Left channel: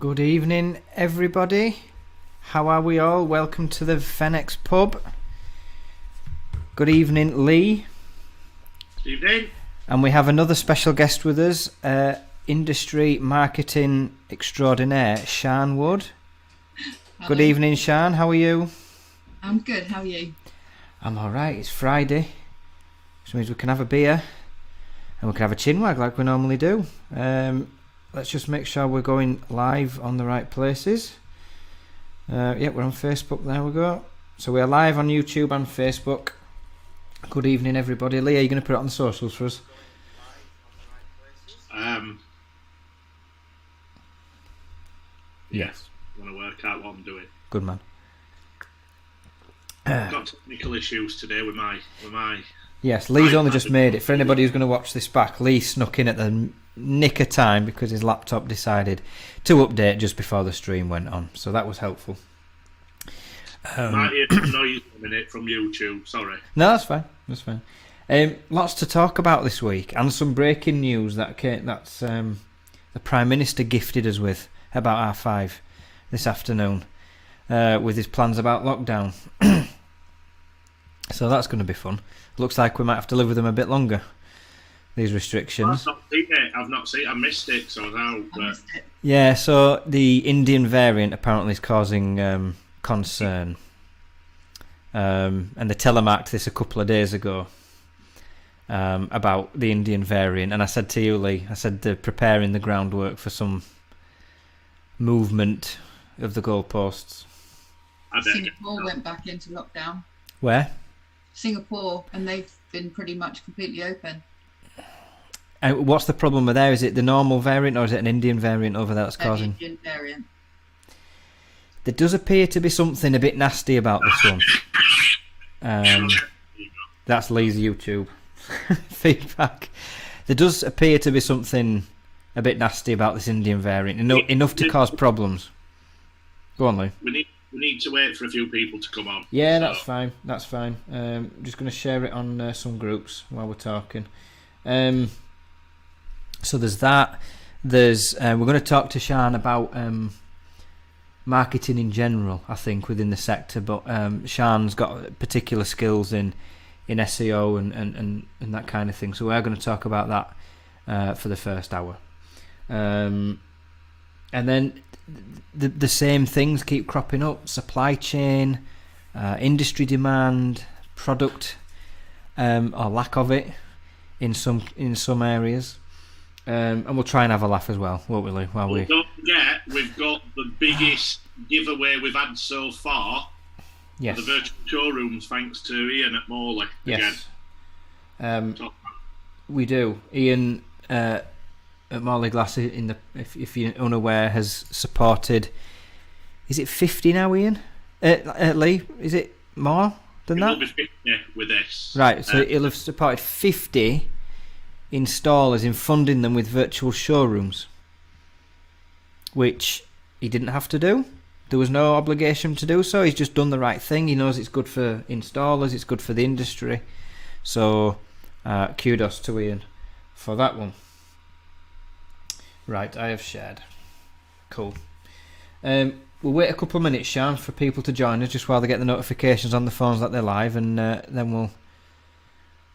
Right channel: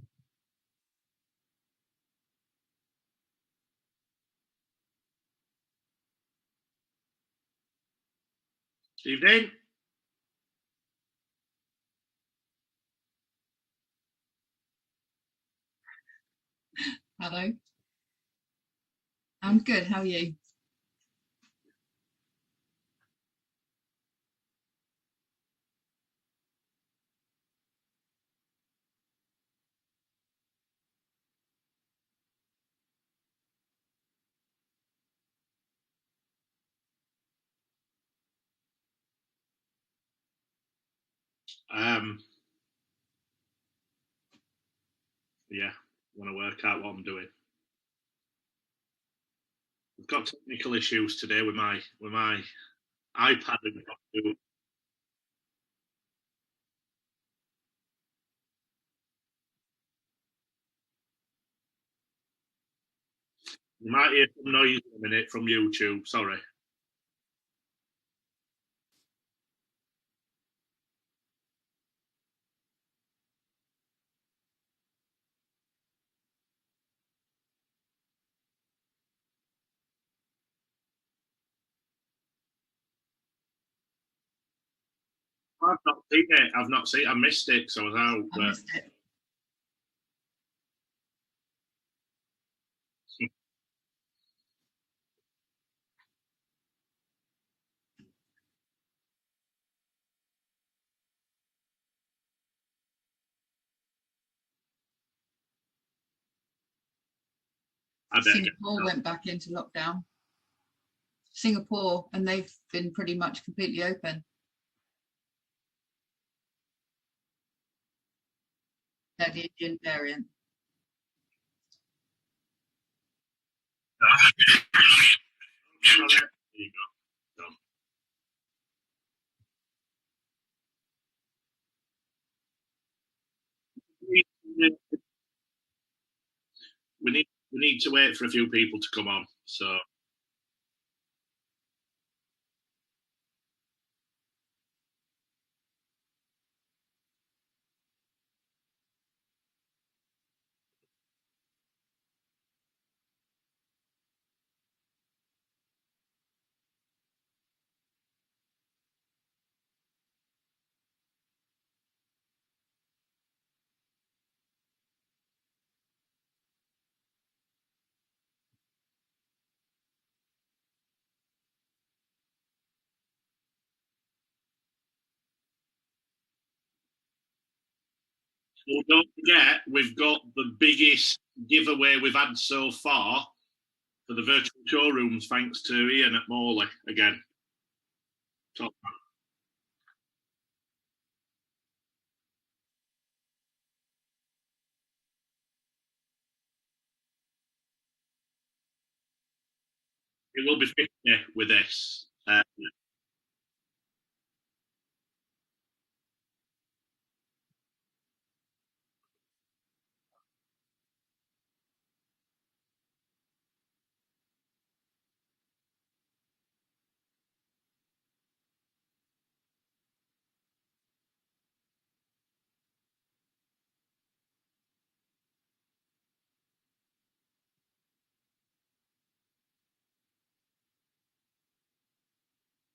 Good evening, everybody. How are we all? Welcome to the Fenix pub. Good evening, Lee. Evening. And we have another special guest with us, industry marketing extraordinaire, Sian Wood. Hello. Good evening, Sian. How are you? I'm good. How are you? I'm all right. It's Friday, which means we can have a beer and we can have a chinwag like we normally do. Let's just make sure we're going live on the right places. Yeah, we're on Facebook. There we go. So we're live on YouTube and Facebook. Good evening, everybody. Lee, are you going to put it on the socials for us? Yes. Want to work out what I'm doing. Good man. Got technical issues today with my. Yes, Lee's only just made it. For anybody who's going to watch this back, Lee snuck in at the nick of time because his laptop decided to update just before the stream went on. So that was helpful. Might hear some noise in a minute from YouTube. Sorry. No, that's fine. That's fine. Lots to talk about this week, and some breaking news that's the Prime Minister gifted us with about R5 this afternoon with his plans about lockdown. So that's going to be fun. Looks like we might have to live with them a bit longer, these restrictions. I've not seen it. I missed it, so I was out. But... Yeah, so the Indian variant apparently is causing concern. And they telemarked this a couple of days ago about the Indian variant. And I said to you, Lee, I said they're preparing the groundwork for some movement of the goalposts. Singapore went back into lockdown. Where? Singapore, and they've been pretty much completely open. And what's the problem with there? Is it the normal variant or is it an Indian variant over there that's causing? The Indian variant. There does appear to be something a bit nasty about this one. That's Lee's YouTube feedback. There does appear to be something a bit nasty about this Indian variant. Enough to cause problems. Go on, Lee. We need to wait for a few people to come on. Yeah, so. That's fine. I'm just going to share it on some groups while we're talking. So there's that. There's we're going to talk to Sian about marketing in general, I think, within the sector. But Sian's got particular skills in SEO and that kind of thing. So we're going to talk about that for the first hour. And then the same things keep cropping up: supply chain, industry demand, product or lack of it in some areas, and we'll try and have a laugh as well, won't we, Lee? Don't forget, we've got the biggest giveaway we've had so far. Yes. For the virtual showrooms, thanks to Ian at Morley again. Yes. We do. Ian at Morley Glass, if you're unaware, has supported. Is it 50 now, Ian? Lee, is it more than that? It will be 50 with this. Right, so he'll have supported 50 installers in funding them with virtual showrooms, which he didn't have to do. There was no obligation to do so. He's just done the right thing. He knows it's good for installers, it's good for the industry. So kudos to Ian for that one. Right, I have shared. Cool. We'll wait a couple of minutes, Sian, for people to join us, just while they get the notifications on the phones that they're live, and then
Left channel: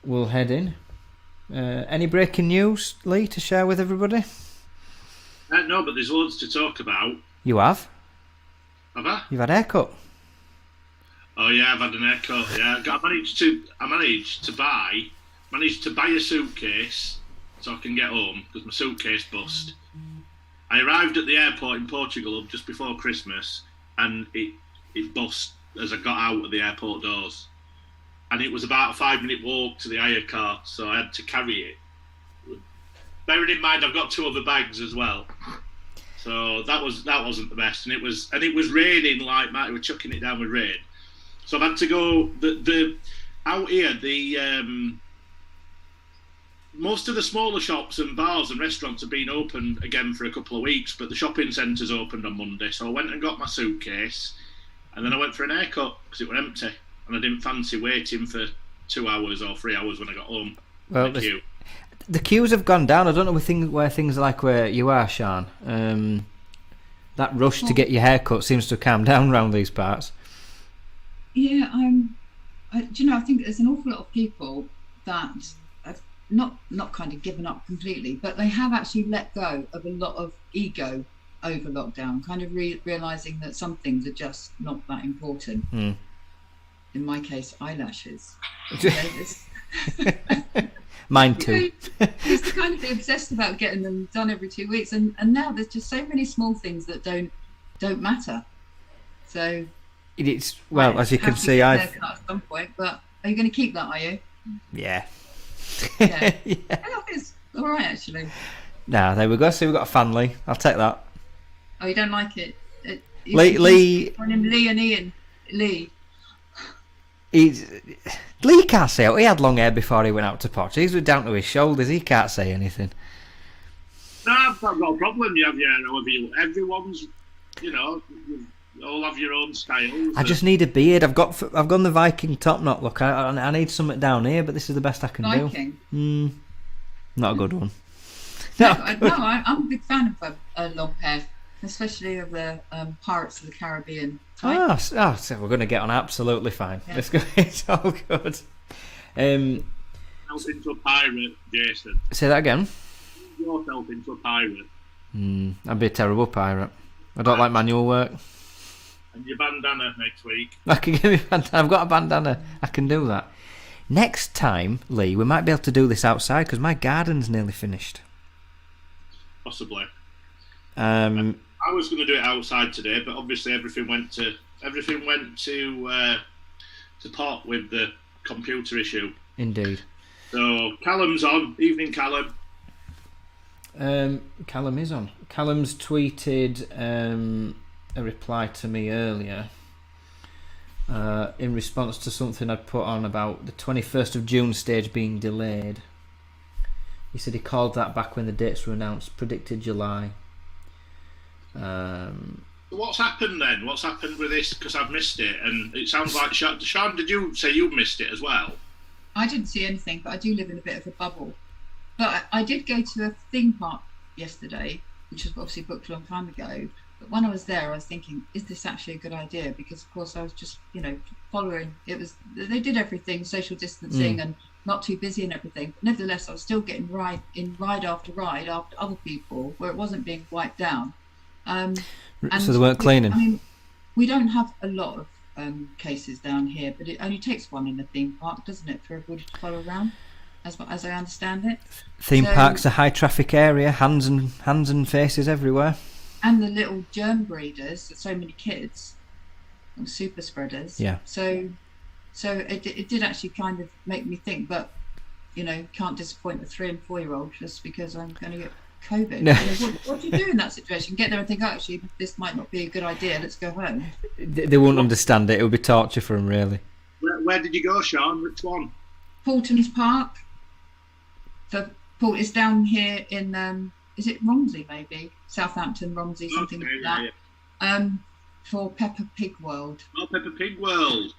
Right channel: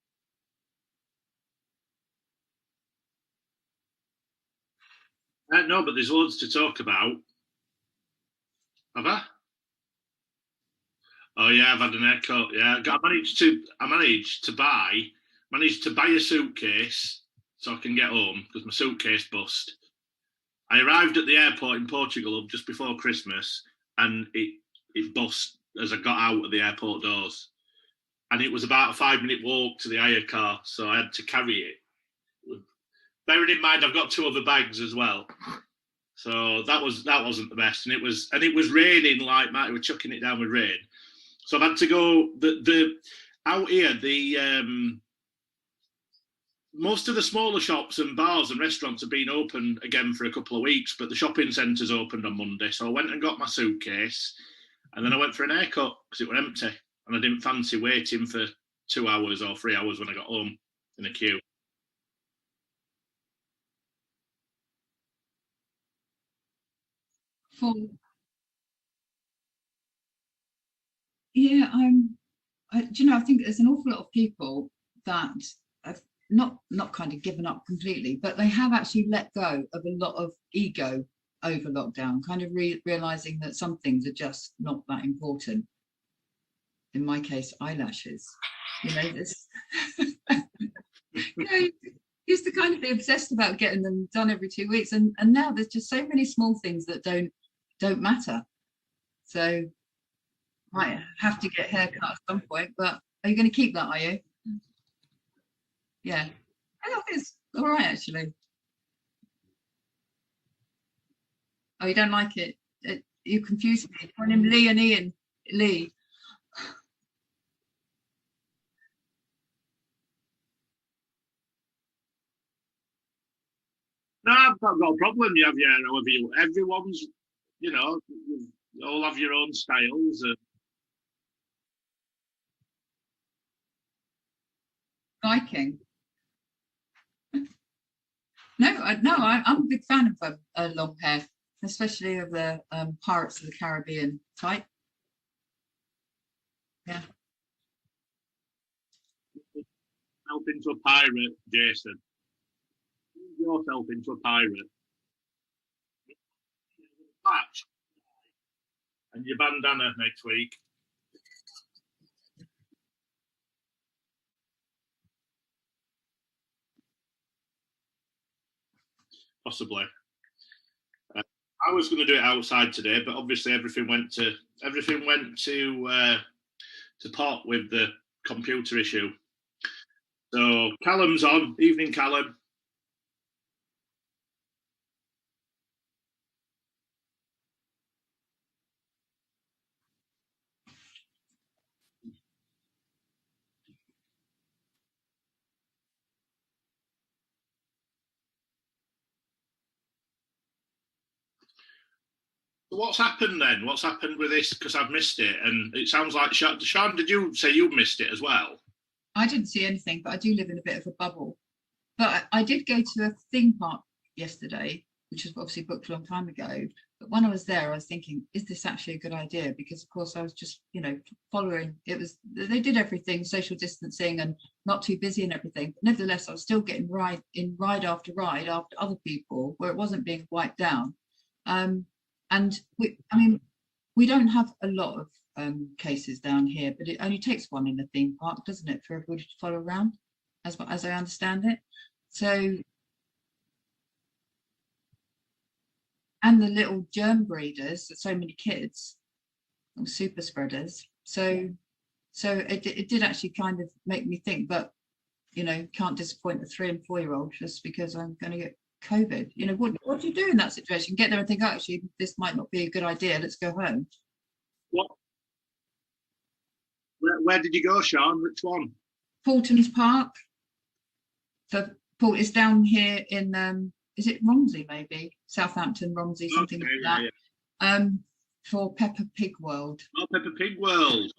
we'll head in. Any breaking news, Lee, to share with everybody? No, but there's loads to talk about. You have? Have I? You've had a haircut. Oh yeah, I've had an haircut. Yeah, I managed to buy a suitcase so I can get home because my suitcase bust. I arrived at the airport in Portugal just before Christmas, and it bust as I got out of the airport doors. And it was about a 5-minute walk to the hire car, so I had to carry it. Bearing in mind, I've got 2 other bags as well, so that wasn't the best. And it was raining like mad. We were chucking it down with rain, so I've had to go. The out here, most of the smaller shops and bars and restaurants have been open again for a couple of weeks, but the shopping centres opened on Monday. So I went and got my suitcase, and then I went for an haircut because it was empty, and I didn't fancy waiting for 2 hours or 3 hours when I got home. Well, the queues have gone down. I don't know where things are like where you are, Sian. That rush to get your hair cut seems to have calmed down around these parts. Yeah, do you know, I think there's an awful lot of people that have not kind of given up completely, but they have actually let go of a lot of ego over lockdown, kind of realizing that some things are just not that important. In my case, eyelashes. Mine too. Used to kind of be obsessed about getting them done every 2 weeks, and now there's just so many small things that don't matter. So it's as you can see, I've haircut at some point. But are you going to keep that? Are you? Yeah. Yeah. I think it's all right actually. Nah, there we go. So we've got a family. I'll take that. Oh, you don't like it? Lee. On him, Lee and Ian. Lee. Lee can't say it. He had long hair before he went out to Poch. He's down to his shoulders. He can't say anything. No, I've not got a problem. You have your hair however you. Everyone's, you all have your own styles. I just need a beard. I've gone the Viking top knot look. I need something down here, but this is the best I can do. Viking? Not a good one. I'm a big fan of long hair, especially of the Pirates of the Caribbean type. So we're going to get on absolutely fine. Yeah. Let's go. It's all good. Yourself into a pirate, Jason. Say that again. Yourself into a pirate. I'd be a terrible pirate. I don't like manual work. And your bandana next week. I can give me bandana. I've got a bandana. I can do that. Next time, Lee, we might be able to do this outside because my garden's nearly finished. Possibly. I was going to do it outside today, but obviously everything went to pot with the computer issue. Indeed. So Callum's on. Evening, Callum. Callum is on. Callum's tweeted a reply to me earlier in response to something I'd put on about the 21st of June stage being delayed. He said he called that back when the dates were announced, predicted July. What's happened then? What's happened with this? Because I've missed it, and it sounds like Sean, did you say you missed it as well? I didn't see anything, but I do live in a bit of a bubble. But I did go to a theme park yesterday, which was obviously booked a long time ago. But when I was there, I was thinking, is this actually a good idea? Because, of course, I was just, following. They did everything, social distancing and not too busy and everything. But nevertheless, I was still getting ride after ride after other people where it wasn't being wiped down. And so they weren't cleaning? I mean, we don't have a lot of cases down here, but it only takes one in a theme park, doesn't it, for everybody to follow around, as I understand it. Theme parks, a high traffic area, hands and faces everywhere. And the little germ breeders, so many kids, super spreaders. Yeah. So it did actually kind of make me think, but can't disappoint a 3 and 4 year old just because I'm going to get COVID. No. What do you do in that situation? Get there and think, actually, this might not be a good idea. Let's go home. They won't understand it. It would be torture for them, really. Where did you go, Sean? Which one? Paulton's Park. It's down here in is it Romsey, maybe Southampton, Romsey, something like that. Yeah. For Peppa Pig World. Oh, Peppa Pig World.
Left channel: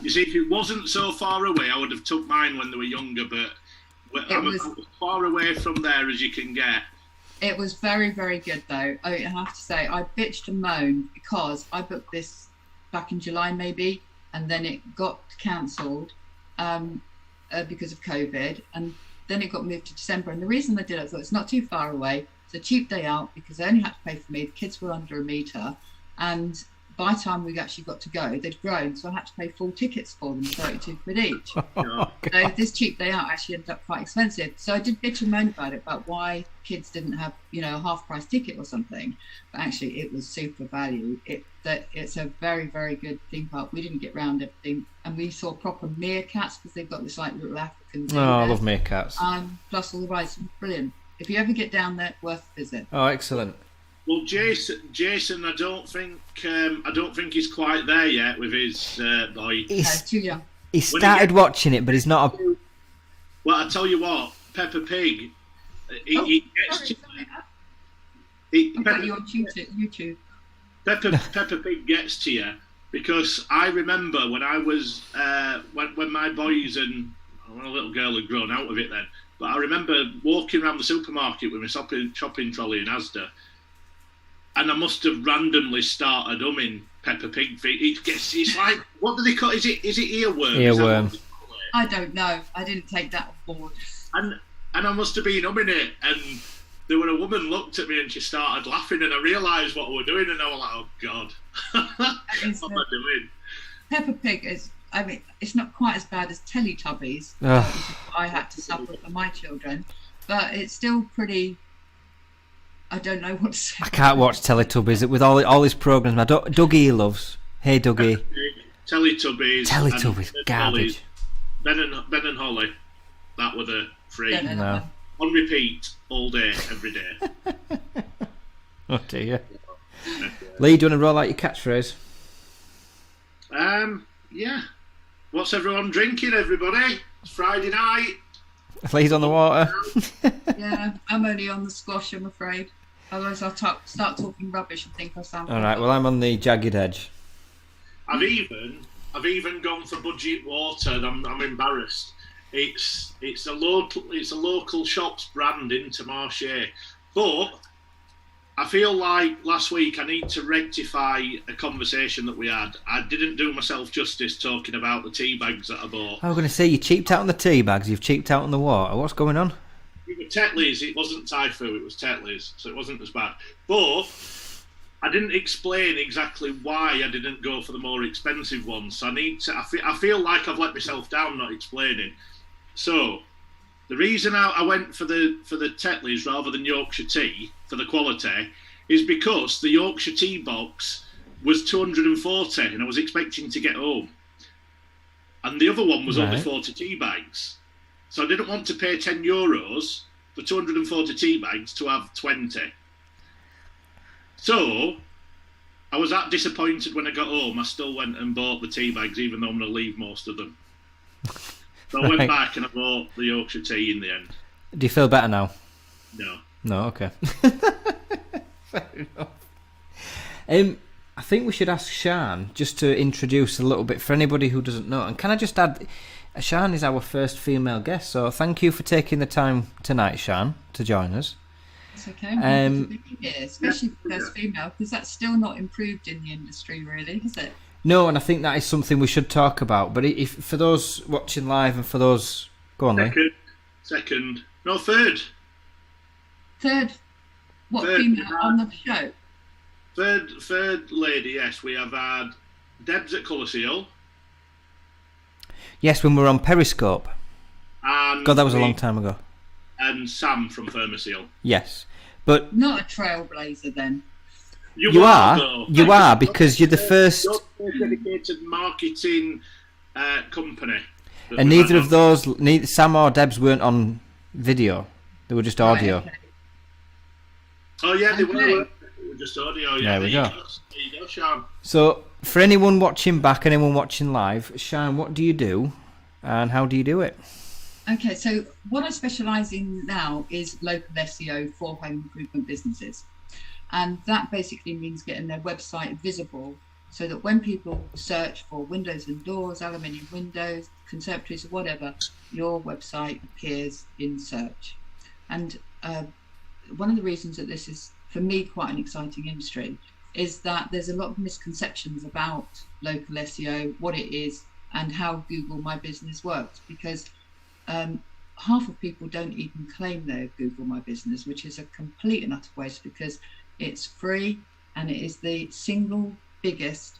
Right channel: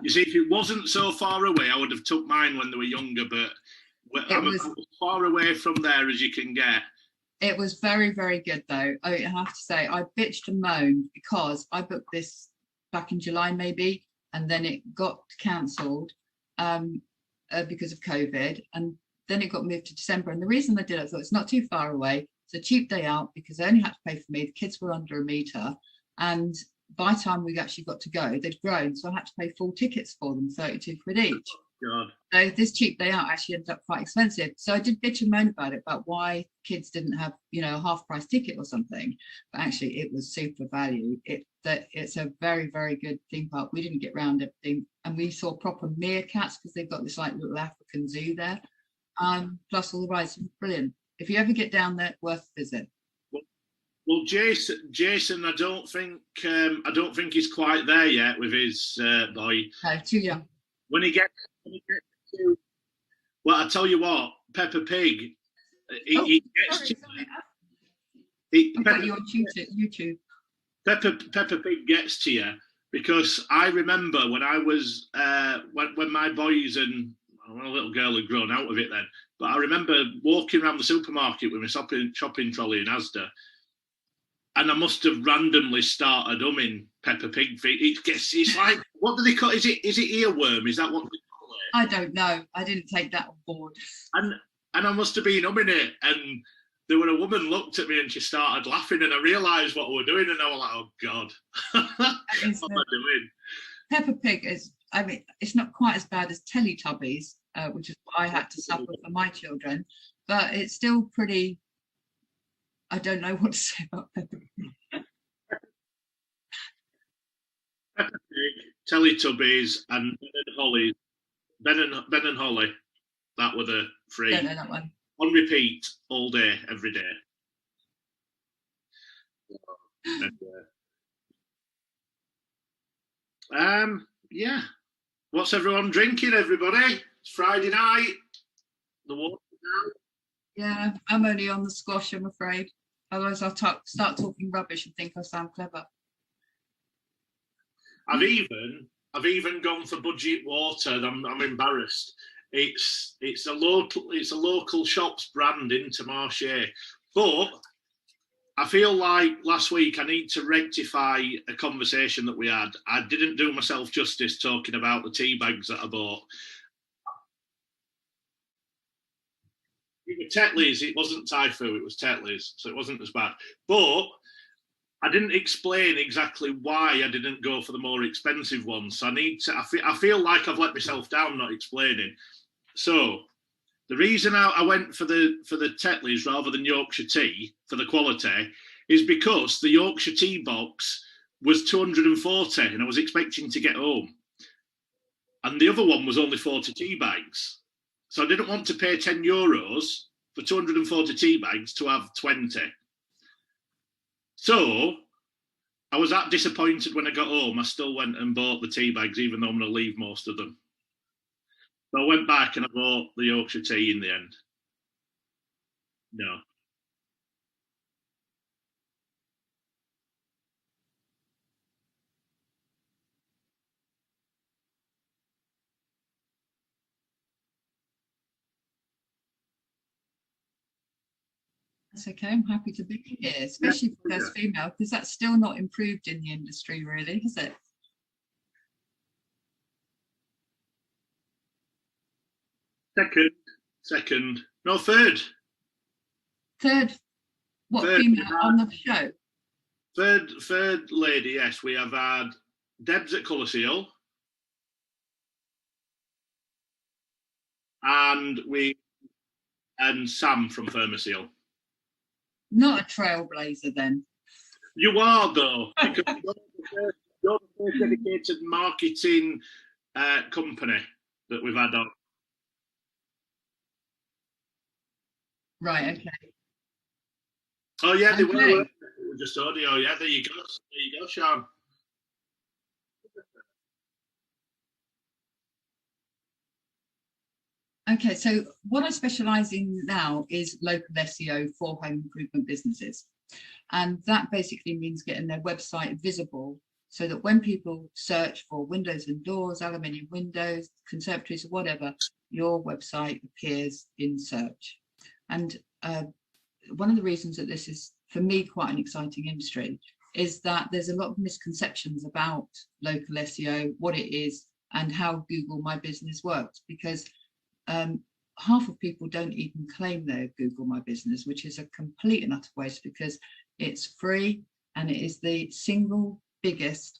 You see, if it wasn't so far away, I would have took mine when they were younger, but I'm as far away from there as you can get. It was very, very good, though. I have to say, I bitched and moaned because I booked this back in July, maybe, and then it got cancelled because of COVID, and then it got moved to December. And the reason I did it, I thought it's not too far away. It's a cheap day out because they only had to pay for me. The kids were under a metre, and by the time we actually got to go, they'd grown, so I had to pay full tickets for them, 32 quid each. Oh, so this cheap day out actually ended up quite expensive. So I did bitch and moan about why kids didn't have, a half price ticket or something. But actually, it was super value. It's a very, very good theme park. We didn't get round everything, and we saw proper meerkats because they've got this like little African zoo there. I love meerkats. Plus all the rides, brilliant. If you ever get down there, worth a visit. Oh, excellent. Well, Jason, I don't think he's quite there yet with his boy. He's too young. He started watching it, but he's not. Well, I tell you what, Peppa Pig. He gets to. I've got you on YouTube. Peppa Pig gets to you because I remember when I was when my boys and my little girl had grown out of it then, But I remember walking around the supermarket with my shopping trolley in Asda, and I must have randomly started humming Peppa Pig. It's like, what do they call it? Is it earworm? Is that what they call it? I don't know. I didn't take that on board. And I must have been humming it, and there was a woman looked at me and she started laughing, and I realised what we were doing, and I was like, oh God, what am I doing? Peppa Pig is, I mean, it's not quite as bad as Teletubbies, which is what I had to suffer for my children, but it's still pretty, I don't know what to say. I can't watch Teletubbies with all his programmes. Dougie loves. Hey Dougie. Teletubbies, garbage. Ben and Holly, that were the three. No. On repeat all day, every day. Oh dear. Lee, do you want to roll out your catchphrase? Yeah. What's everyone drinking, everybody? It's Friday night. Lee's on the water. Yeah, I'm only on the squash, I'm afraid. Otherwise I'll start talking rubbish and think I sound all right, well, I'm on the jagged edge. I've even gone for budget water. I'm embarrassed. It's a local shop's brand in Intermarché, but I feel like last week I need to rectify a conversation that we had. I didn't do myself justice talking about the tea bags that I bought. I was going to say, you cheaped out on the tea bags, you've cheaped out on the water. What's going on? It was Tetley's. It wasn't Typhoo, it was Tetley's, so it wasn't as bad. But I didn't explain exactly why I didn't go for the more expensive ones. So I feel like I've let myself down not explaining. So the reason I went for the Tetley's rather than Yorkshire tea for the quality is because the Yorkshire tea box was 240 and I was expecting to get home. And the other one was only 40 tea bags. So I didn't want to pay €10 for 240 tea bags to have 20. So I was that disappointed when I got home. I still went and bought the tea bags, even though I'm going to leave most of them. So I went back and I bought the Yorkshire tea in the end. Do you feel better now? No. No, okay. Fair enough. I think we should ask Sian just to introduce a little bit for anybody who doesn't know. And can I just add, Sian is our first female guest, so thank you for taking the time tonight, Sian, to join us. It's okay. I'm happy to be here, especially for first female, because that's still not improved in the industry, really, is it? No, and I think that is something we should talk about. But if for those watching live and for those... Go on, Third. Third? What, Third, female on the show? Third lady, yes. We have had Debs at Colour Seal. Yes, when we were on Periscope. And God, that was a long time ago. And Sam from Thermoseal. Yes. But not a trailblazer, then. You are, though. You are, because you're the first... You're the dedicated marketing company. And neither of those, neither Sam or Debs weren't on video. They were just audio. Right, okay. Oh, yeah, they were just audio. Yeah, There you go, Sian. So, for anyone watching back, anyone watching live, Sian, what do you do and how do you do it? Okay, so what I specialise in now is local SEO for home improvement businesses. And that basically means getting their website visible so that when people search for windows and doors, aluminium windows, conservatories, or whatever, your website appears in search. And one of the reasons that this is, for me, quite an exciting industry is that there's a lot of misconceptions about local SEO, what it is, and how Google My Business works, because half of people don't even claim they're Google My Business, which is a complete and utter waste because it's free and it is the single biggest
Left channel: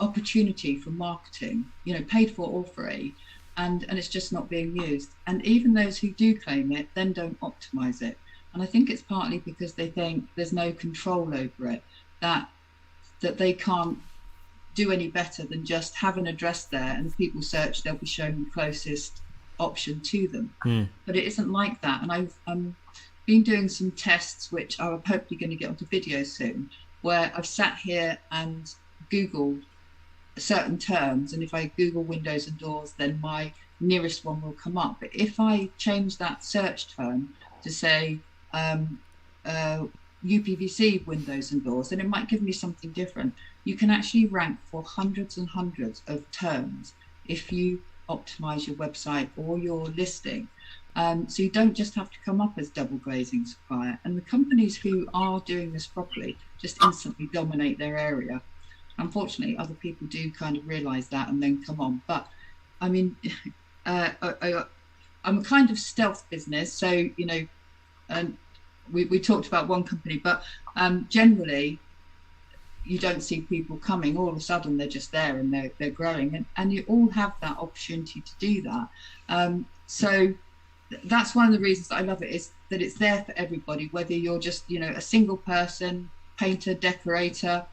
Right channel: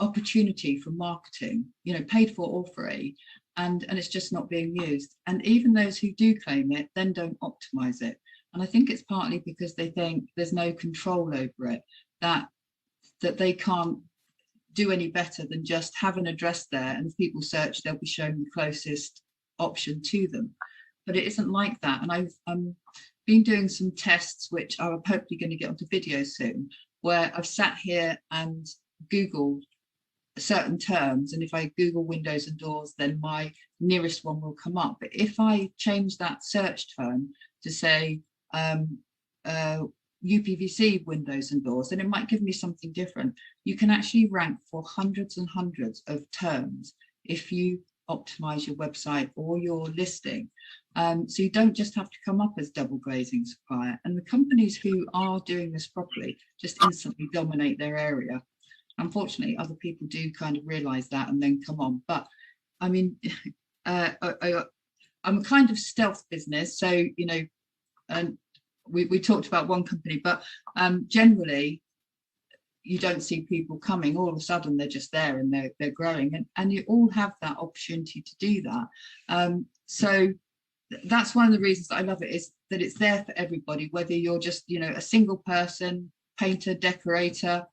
opportunity for marketing, paid for or free, and it's just not being used. And even those who do claim it then don't optimize it. And I think it's partly because they think there's no control over it, that they can't do any better than just have an address there, and if people search, they'll be shown the closest option to them. But it isn't like that. And I've been doing some tests, which I'm hopefully going to get onto video soon, where I've sat here and Googled certain terms, and if I Google windows and doors, then my nearest one will come up. But if I change that search term to say UPVC windows and doors, then it might give me something different. You can actually rank for hundreds and hundreds of terms if you optimize your website or your listing. So you don't just have to come up as double glazing supplier. And the companies who are doing this properly just instantly dominate their area. Unfortunately, other people do kind of realize that and then come on. But I mean, I'm a kind of stealth business. So, you know, and we talked about one company, but generally, you don't see people coming. All of a sudden, they're just there and they're growing. And you all have that opportunity to do that. So that's one of the reasons that I love it, is that it's there for everybody, whether you're just, you know, a single person, painter, decorator,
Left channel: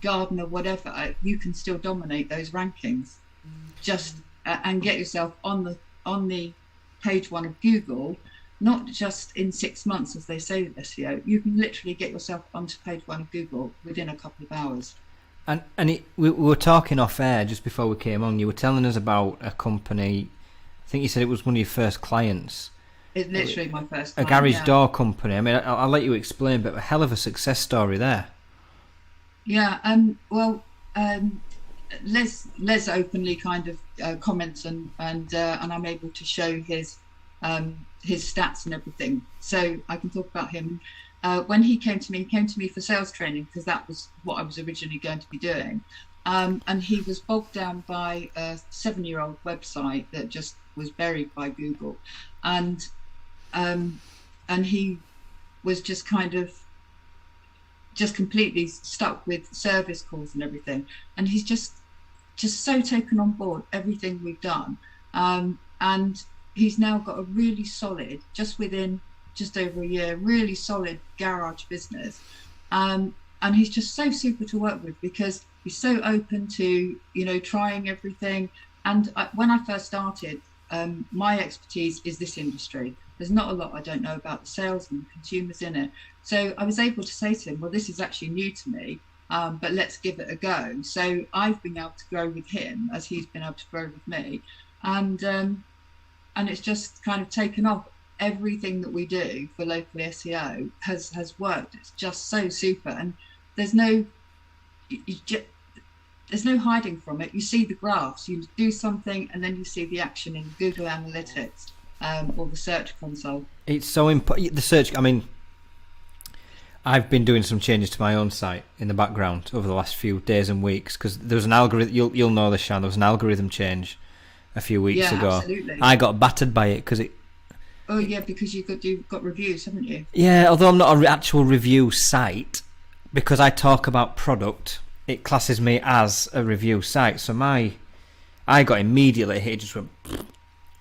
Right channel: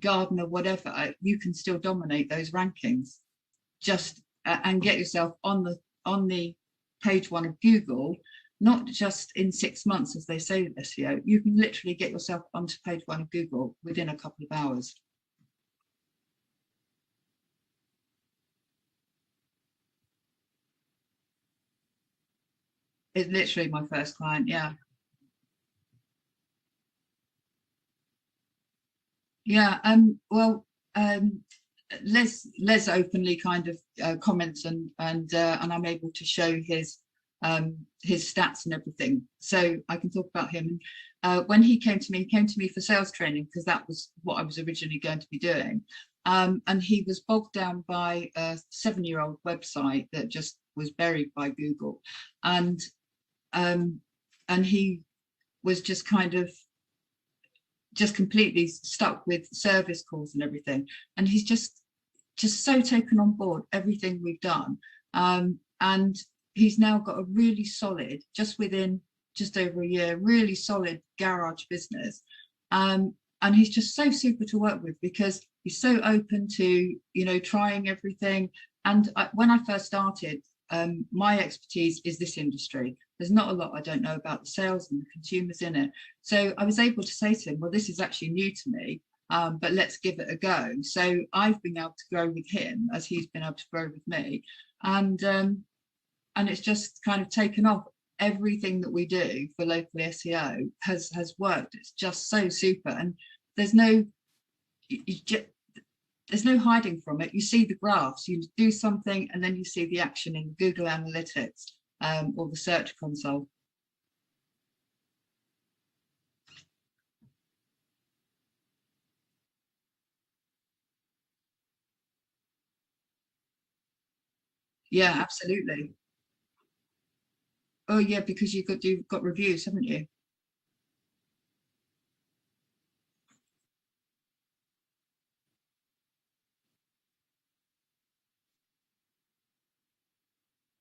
gardener, whatever. You can still dominate those rankings, just and get yourself on the page one of Google, not just in 6 months as they say with SEO. You can literally get yourself onto page one of Google within a couple of hours. And we were talking off air just before we came on. You were telling us about a company. I think you said it was one of your first clients. It's literally my first client, a garage door company. I mean, I'll let you explain, but a hell of a success story there. Yeah. Well, Les openly kind of comments and I'm able to show his stats and everything, so I can talk about him. When he came to me for sales training, because that was what I was originally going to be doing. And he was bogged down by a 7-year-old website that just was buried by Google, and he was just kind of completely stuck with service calls and everything. And he's just so taken on board everything we've done, and he's now got a really solid, within just over a year, really solid garage business. And he's just so super to work with, because he's so open to, you know, trying everything. And when I first started, my expertise is this industry. There's not a lot I don't know about the sales and the consumers in it. So I was able to say to him, well, this is actually new to me, but let's give it a go. So I've been able to grow with him as he's been able to grow with me. And it's just kind of taken off. Everything that we do for local SEO has worked. It's just so super. And there's no hiding from it. You see the graphs, you do something, and then you see the action in Google Analytics or the Search Console. It's so important. The search, I mean, I've been doing some changes to my own site in the background over the last few days and weeks, because there was an algorithm, you'll know this, Sian, there was an algorithm change a few weeks ago. Absolutely. I got battered by it because it... Oh, yeah, because you've got reviews, haven't you? Yeah, although I'm not an actual review site, because I talk about product, it classes me as a review site. So I got immediately hit, it just went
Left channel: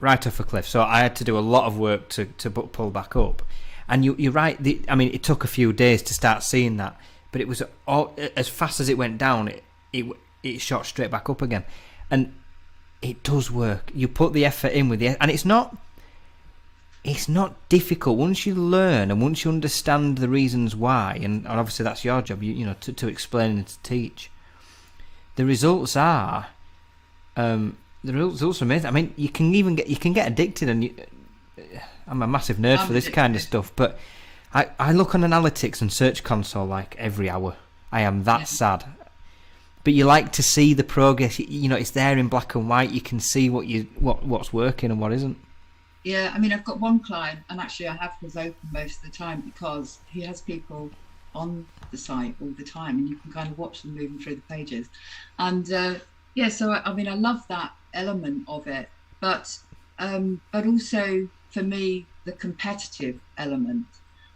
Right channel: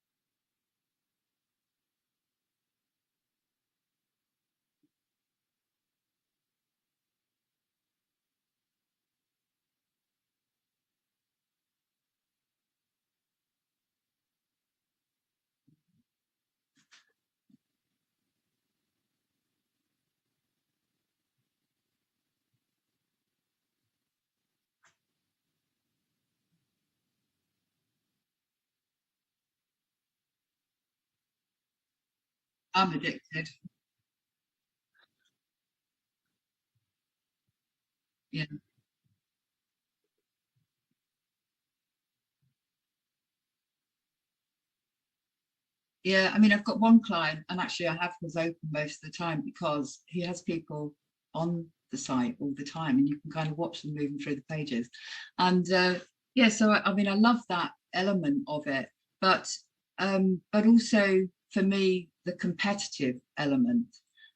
right off a cliff. So I had to do a lot of work to pull back up. And you're right, I mean, it took a few days to start seeing that, but it was as fast as it went down, it shot straight back up again. And it does work. You put the effort in with and it's not difficult once you learn and once you understand the reasons why, and obviously that's your job, you know, to explain and to teach. The results are amazing. I mean, you can get addicted, and I'm a massive nerd for this addicted. Kind of stuff, but I look on analytics and Search Console like every hour. I am that sad. But you like to see the progress. You know, it's there in black and white. You can see what's working and what isn't. Yeah, I mean, I've got one client, and actually I have his open most of the time, because he has people on the site all the time, and you can kind of watch them moving through the pages. And so I mean, I love that element of it, but also for me, the competitive element.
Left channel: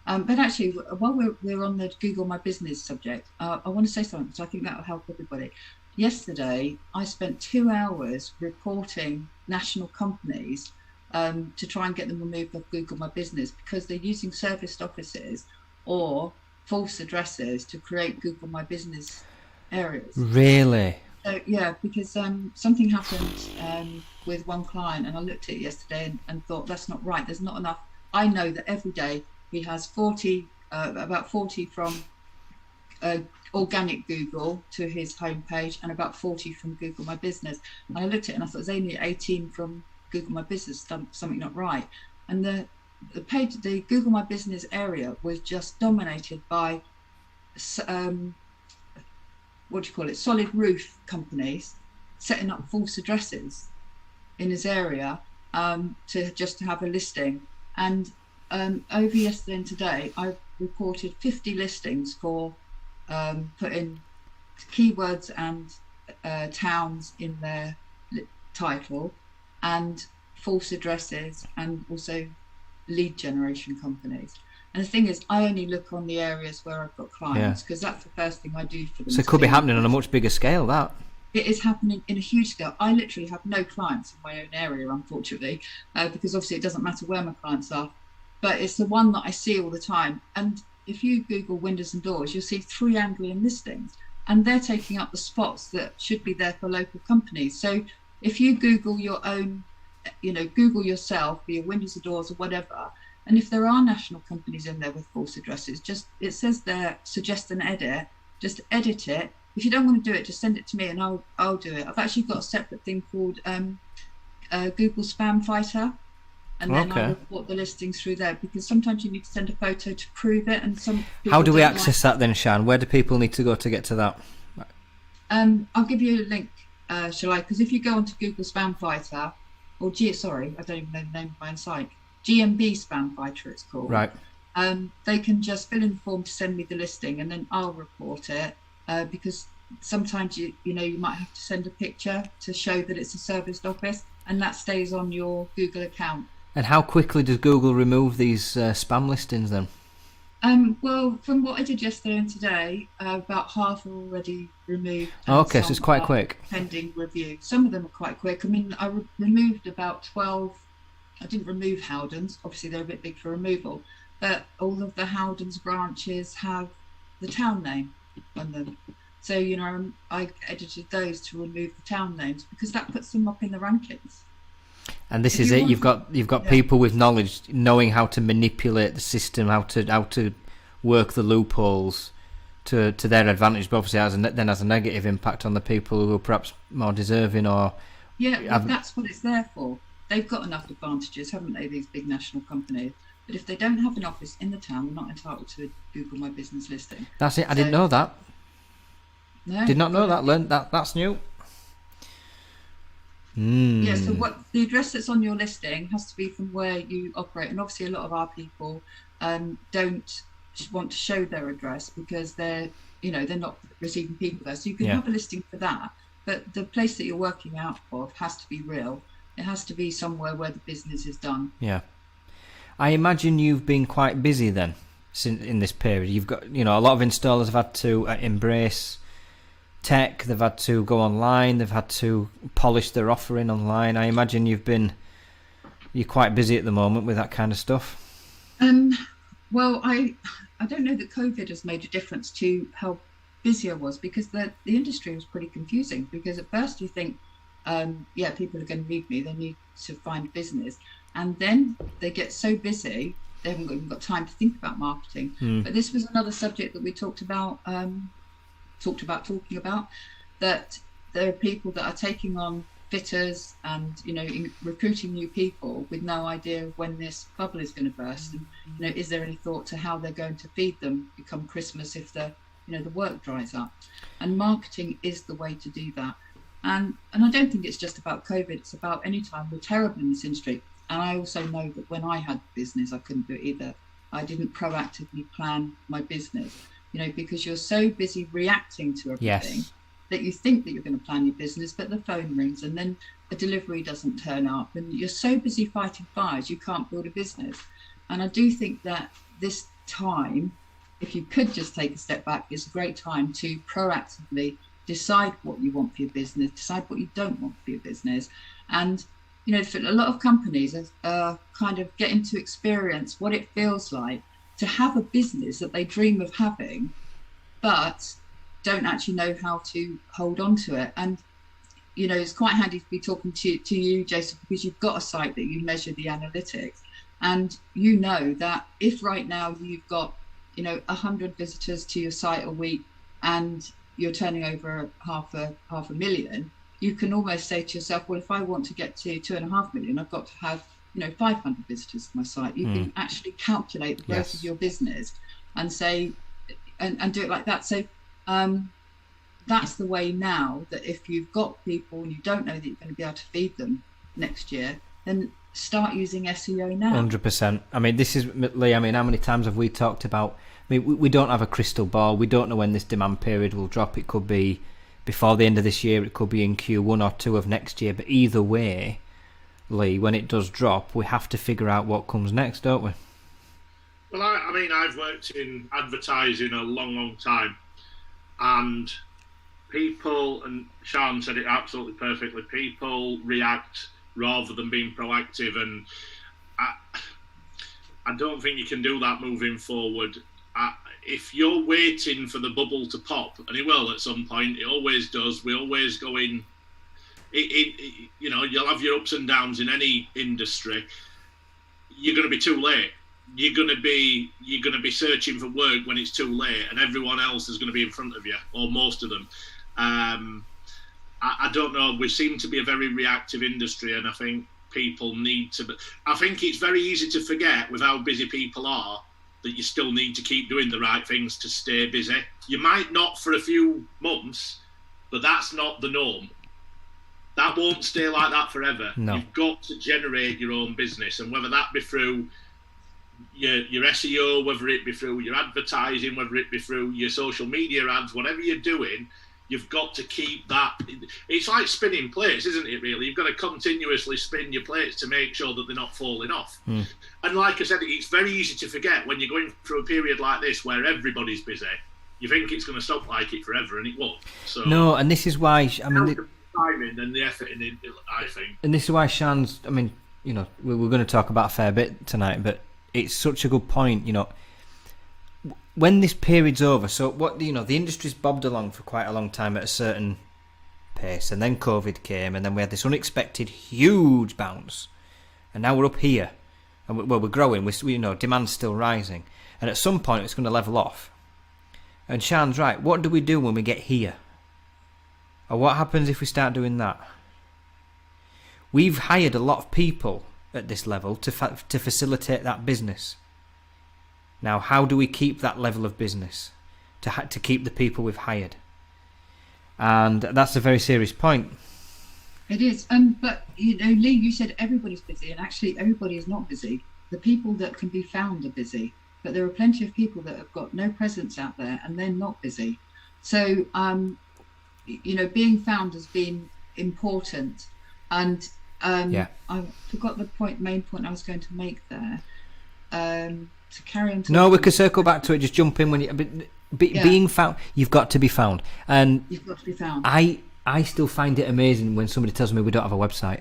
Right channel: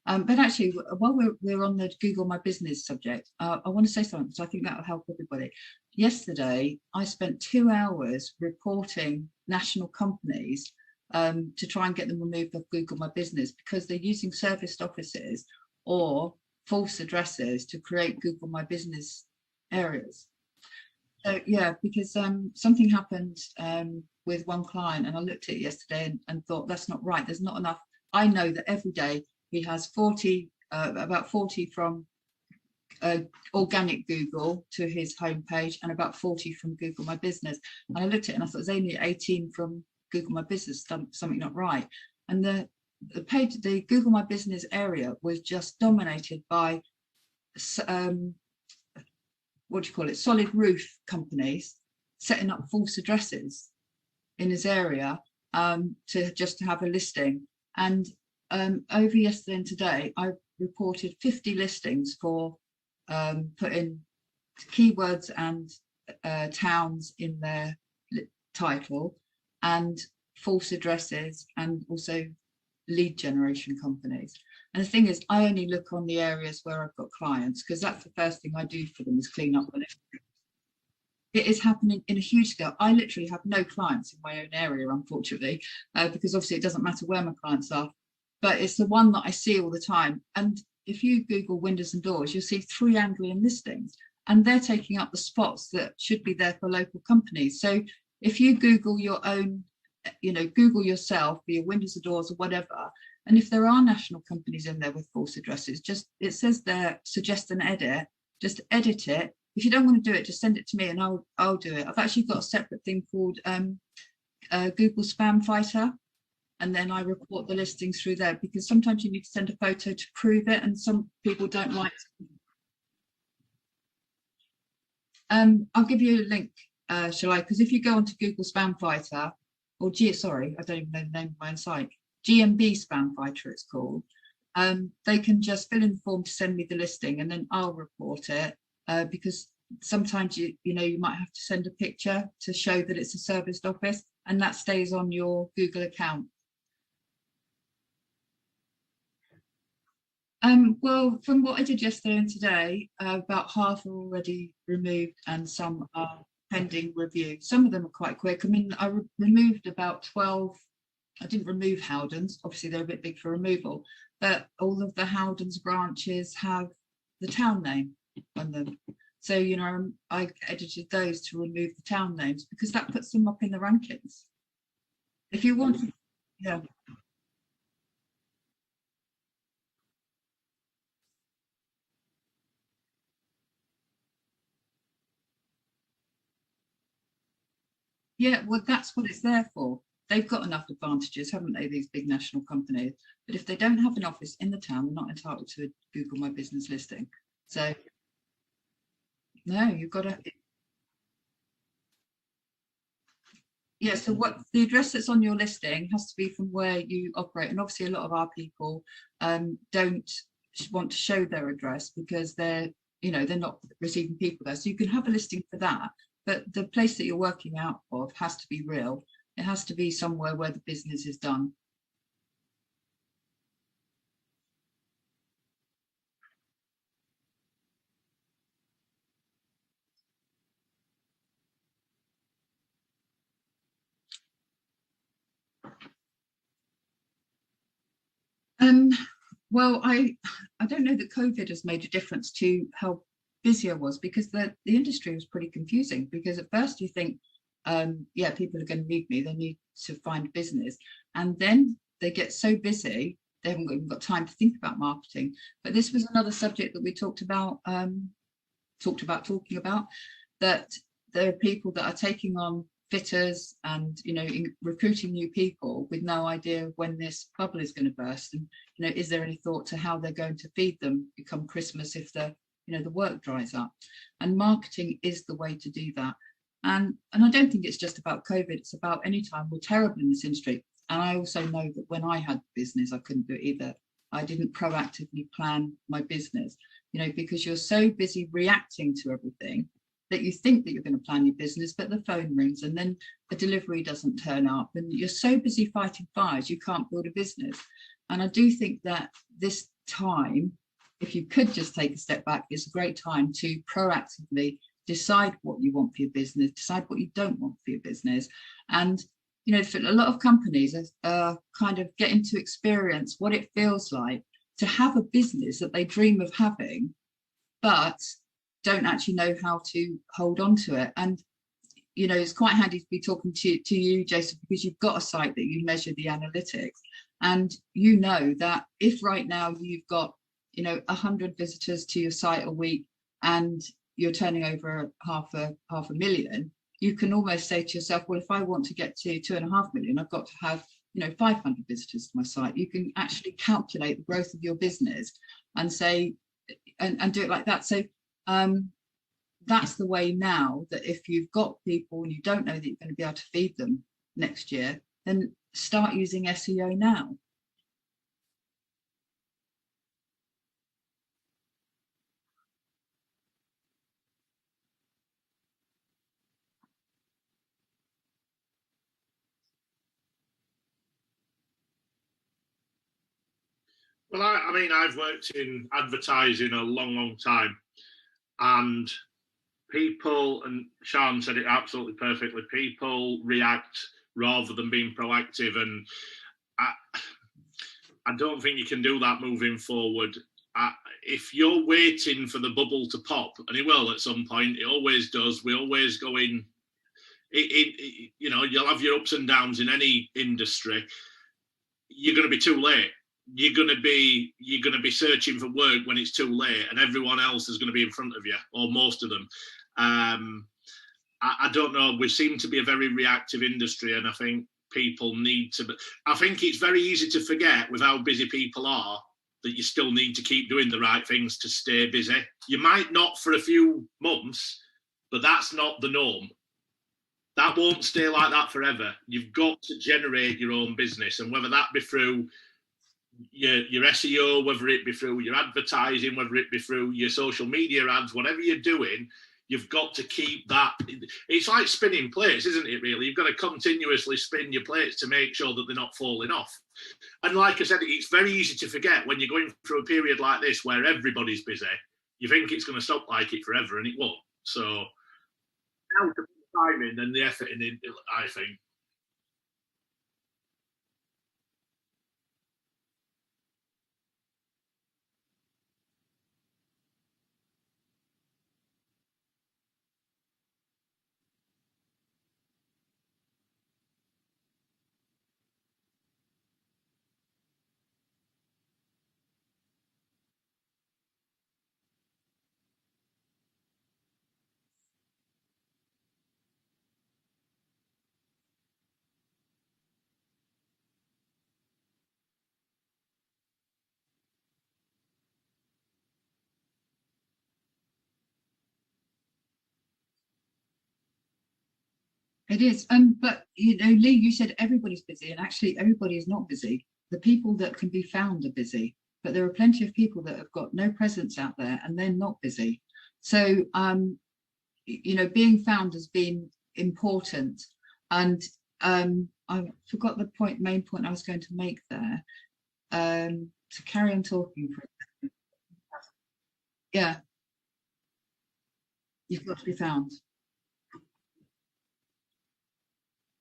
But actually, while we're on the Google My Business subject, I want to say something, because I think that will help everybody. Yesterday, I spent 2 hours reporting national companies to try and get them removed off Google My Business, because they're using serviced offices or false addresses to create Google My Business areas. Really? Yeah, because something happened with one client, and I looked at it yesterday and thought, that's not right. There's not enough. I know that every day he has about 40 from organic Google to his homepage, and about 40 from Google My Business. And I looked at it and I thought, there's only 18 from Google My Business, something not right. And the Google My Business area was just dominated by solid roof companies setting up false addresses in his area to have a listing. And over yesterday and today, I reported 50 listings for putting keywords and towns in their title, and false addresses, and also lead generation companies. And the thing is, I only look on the areas where I've got clients, because that's the first thing I do for them. So it could be happening on a much bigger scale, that. It is happening in a huge scale. I literally have no clients in my own area, unfortunately, because obviously it doesn't matter where my clients are, but it's the one that I see all the time. And if you Google windows and doors, you'll see 3 Anglian listings, and they're taking up the spots that should be there for local companies. So if you Google your own, Google yourself for your windows and doors or whatever, and if there are national companies in there with false addresses, it says there, suggest an edit, just edit it. If you don't want to do it, just send it to me and I'll do it. I've actually got a separate thing called Google Spam Fighter, and then I report the listings through there, because sometimes you need to send a photo to prove it, and some people How do we access that then, Sian? Where do people need to go to get to that? I'll give you a link, shall I? Because if you go onto Google Spam Fighter, or I don't even know the name of my own site, GMB Spam Fighter it's called. Right. They can just fill in the form to send me the listing, and then I'll report it, because sometimes you might have to send a picture to show that it's a serviced office, and that stays on your Google account. And how quickly does Google remove these spam listings then? Well, from what I did yesterday and today, about half are already removed. And so it's quite quick. Pending review. Some of them are quite quick. I mean, I removed about 12. I didn't remove Howdens. Obviously, they're a bit big for removal. But all of the Howdens branches have the town name on them. So, I edited those to remove the town names, because that puts them up in the rankings. And this is it. You've got people with knowledge, knowing how to manipulate the system, how to work the loopholes to their advantage. But obviously, has a negative impact on the people who are perhaps more deserving. That's what it's there for. They've got enough advantages, haven't they? These big national companies. But if they don't have an office in the town, they're not entitled to a Google My Business listing. That's it. I didn't know that. No, did not know that. Learned that. That's new. Yeah, so the address that's on your listing has to be from where you operate, and obviously a lot of our people don't want to show their address because they're not receiving people there. So you can have a listing for that, but the place that you're working out of has to be real. It has to be somewhere where the business is done. Yeah, I imagine you've been quite busy then, since in this period. You've got a lot of installers have had to embrace tech, they've had to go online, they've had to polish their offering online. I imagine you're quite busy at the moment with that kind of stuff. Well, I don't know that COVID has made a difference to how busy I was, because the industry was pretty confusing. Because at first you think, people are going to need me, they need to find business, and then they get so busy they haven't even got time to think about marketing. But this was another subject that we talking about, that there are people that are taking on fitters and recruiting new people with no idea when this bubble is going to burst, and is there any thought to how they're going to feed them come Christmas if the work dries up? And marketing is the way to do that. And I don't think it's just about COVID, it's about any time. We're terrible in this industry. And I also know that when I had business, I couldn't do it either. I didn't proactively plan my business, because you're so busy reacting to everything that you think that you're going to plan your business, but the phone rings and then a delivery doesn't turn up, and you're so busy fighting fires, you can't build a business. And I do think that this time, if you could just take a step back, is a great time to proactively decide what you want for your business, decide what you don't want for your business. And for a lot of companies are kind of getting to experience what it feels like to have a business that they dream of having, but don't actually know how to hold on to it. And it's quite handy to be talking to you, Jason, because you've got a site that you measure the analytics, and that if right now you've got 100 visitors to your site a week and you're turning over half a million, you can almost say to yourself, well, if I want to get to 2.5 million, I've got to have 500 visitors to my site. You can actually calculate the growth of your business and say and do it like that. So that's the way now, that if you've got people and you don't know that you're going to be able to feed them, next year, then start using SEO now. 100%. I mean, this is, Lee, I mean, how many times have we talked about, I mean, we don't have a crystal ball. We don't know when this demand period will drop. It could be before the end of this year. It could be in Q1 or 2 of next year. But either way, Lee, when it does drop, we have to figure out what comes next, don't we? Well, I mean, I've worked in advertising a long, long time. And people, and Sian said it absolutely perfectly, people react rather than being proactive. And I don't think you can do that moving forward. If you're waiting for the bubble to pop, and it will at some point, it always does. We always go in. You know, you'll have your ups and downs in any industry. You're going to be too late. You're going to be searching for work when it's too late, and everyone else is going to be in front of you, or most of them. I don't know. We seem to be a very reactive industry, and I think people need to. I think it's very easy to forget with how busy people are that you still need to keep doing the right things to stay busy. You might not for a few months, but that's not the norm. That won't stay like that forever. No. You've got to generate your own business, and whether that be through your SEO, whether it be through your advertising, whether it be through your social media ads, whatever you're doing, you've got to keep that. It's like spinning plates, isn't it, really? You've got to continuously spin your plates to make sure that they're not falling off. And like I said, it's very easy to forget when you're going through a period like this where everybody's busy. You think it's going to stop like it forever, and it won't. So no, and this is why, I mean, the timing and the effort in it, I think. And this is why Sian's, I mean, you know, we're going to talk about a fair bit tonight, but it's such a good point, you know. When this period's over, so what, you know, the industry's bobbed along for quite a long time at a certain pace, and then COVID came, and then we had this unexpected huge bounce, and now we're up here, and we're growing. We you know, demand's still rising, and at some point it's going to level off. And Sian's right. What do we do when we get here? Or what happens if we start doing that? We've hired a lot of people at this level to facilitate that business. Now, how do we keep that level of business to keep the people we've hired? And that's a very serious point. It is. But, you know, Lee, you said everybody's busy, and actually everybody is not busy. The people that can be found are busy, but there are plenty of people that have got no presence out there and they're not busy. So, you know, being found has been important. And I forgot the main point I was going to make there. To carry on. No, we could circle back to it. Just jump in when you. Being found, you've got to be found, and you've got to be found. I still find it amazing when somebody tells me we don't have a website.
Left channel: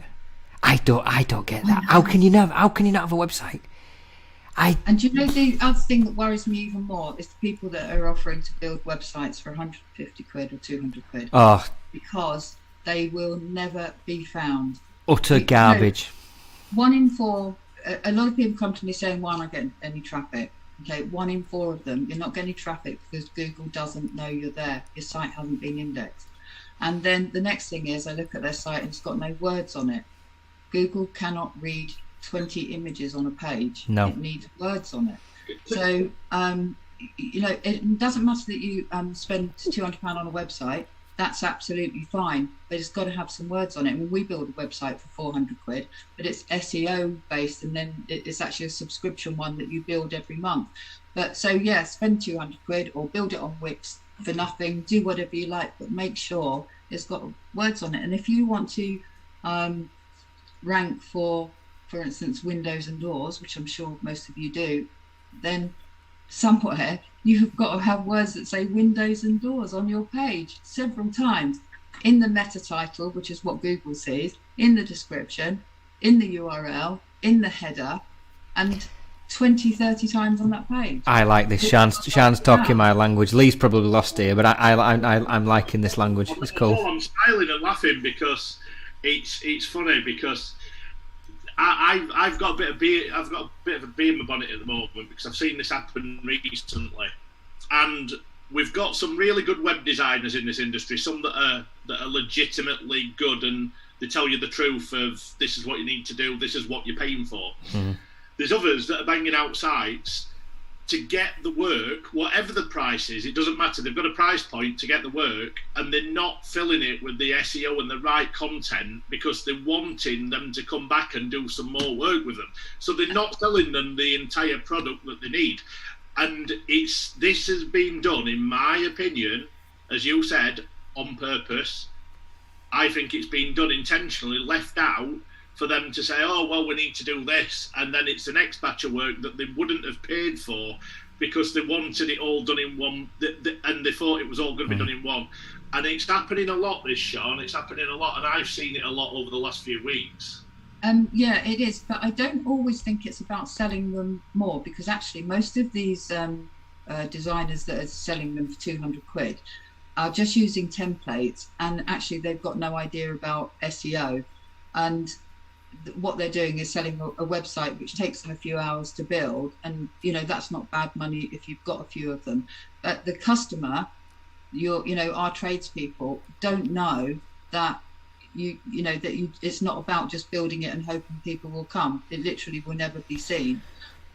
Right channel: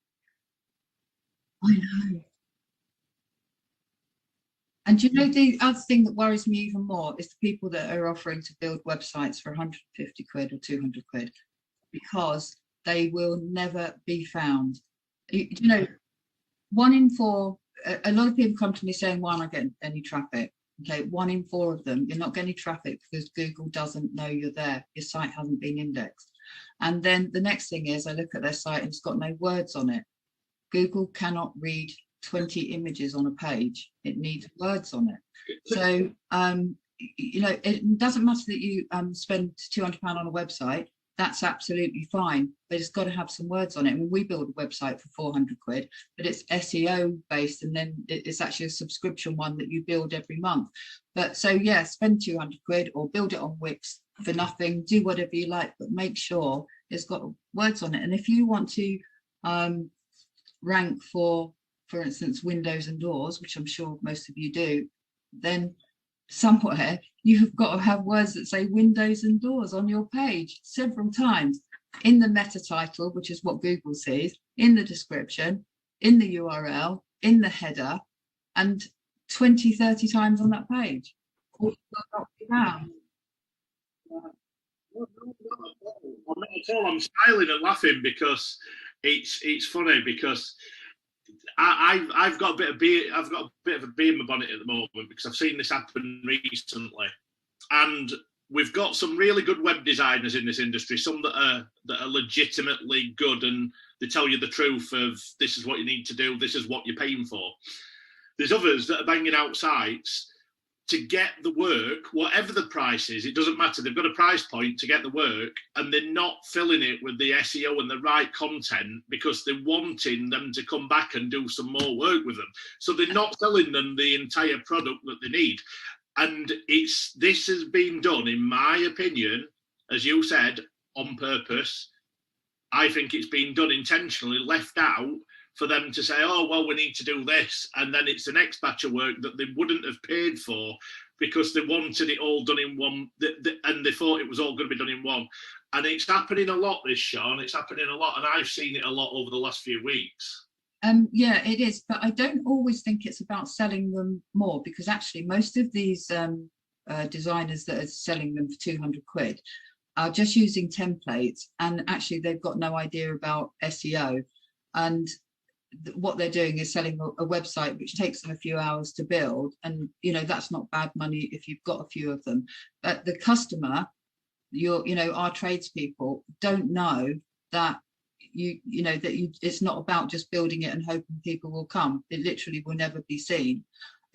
I don't get that. How can you not have a website? And you know, the other thing that worries me even more is the people that are offering to build websites for 150 quid or 200 quid. Oh, because they will never be found. Utter garbage. You know, 1 in 4. A lot of people come to me saying, "Why am I getting any traffic?" Okay, 1 in 4 of them, you're not getting traffic because Google doesn't know you're there. Your site hasn't been indexed. And then the next thing is, I look at their site and it's got no words on it. Google cannot read 20 images on a page. No. It needs words on it. So, you know, it doesn't matter that you spend £200 on a website. That's absolutely fine, but it's got to have some words on it. I mean, we build a website for 400 quid, but it's SEO based, and then it's actually a subscription one that you build every month. But so yeah, spend 200 quid or build it on Wix for nothing, do whatever you like, but make sure it's got words on it. And if you want to rank for instance, windows and doors, which I'm sure most of you do, then somewhere you've got to have words that say windows and doors on your page several times in the meta title, which is what Google sees, in the description, in the URL, in the header, and 20-30 times on that page. I like this. Sian's talking my language. Lee's probably lost here, but I'm liking this language. It's cool. Oh, I'm smiling and laughing because it's funny because I've got a bit of beer. I've got a bit of a bee in my bonnet at the moment because I've seen this happen recently, and we've got some really good web designers in this industry. Some that are legitimately good, and they tell you the truth of this is what you need to do. This is what you're paying for. Mm-hmm. There's others that are banging out sites to get the work, whatever the price is, it doesn't matter. They've got a price point to get the work, and they're not filling it with the SEO and the right content because they're wanting them to come back and do some more work with them. So they're not selling them the entire product that they need. And this has been done, in my opinion, as you said, on purpose. I think it's been done intentionally, left out, for them to say, oh, well, we need to do this. And then it's the next batch of work that they wouldn't have paid for because they wanted it all done in one, and they thought it was all going to be done in one. And it's happening a lot, this, Sean. It's happening a lot, and I've seen it a lot over the last few weeks. Yeah, it is. But I don't always think it's about selling them more, because actually most of these designers that are selling them for 200 quid are just using templates, and actually they've got no idea about SEO. And what they're doing is selling a website which takes them a few hours to build, and that's not bad money if you've got a few of them. But the customer, our tradespeople, don't know that it's not about just building it and hoping people will come. It literally will never be seen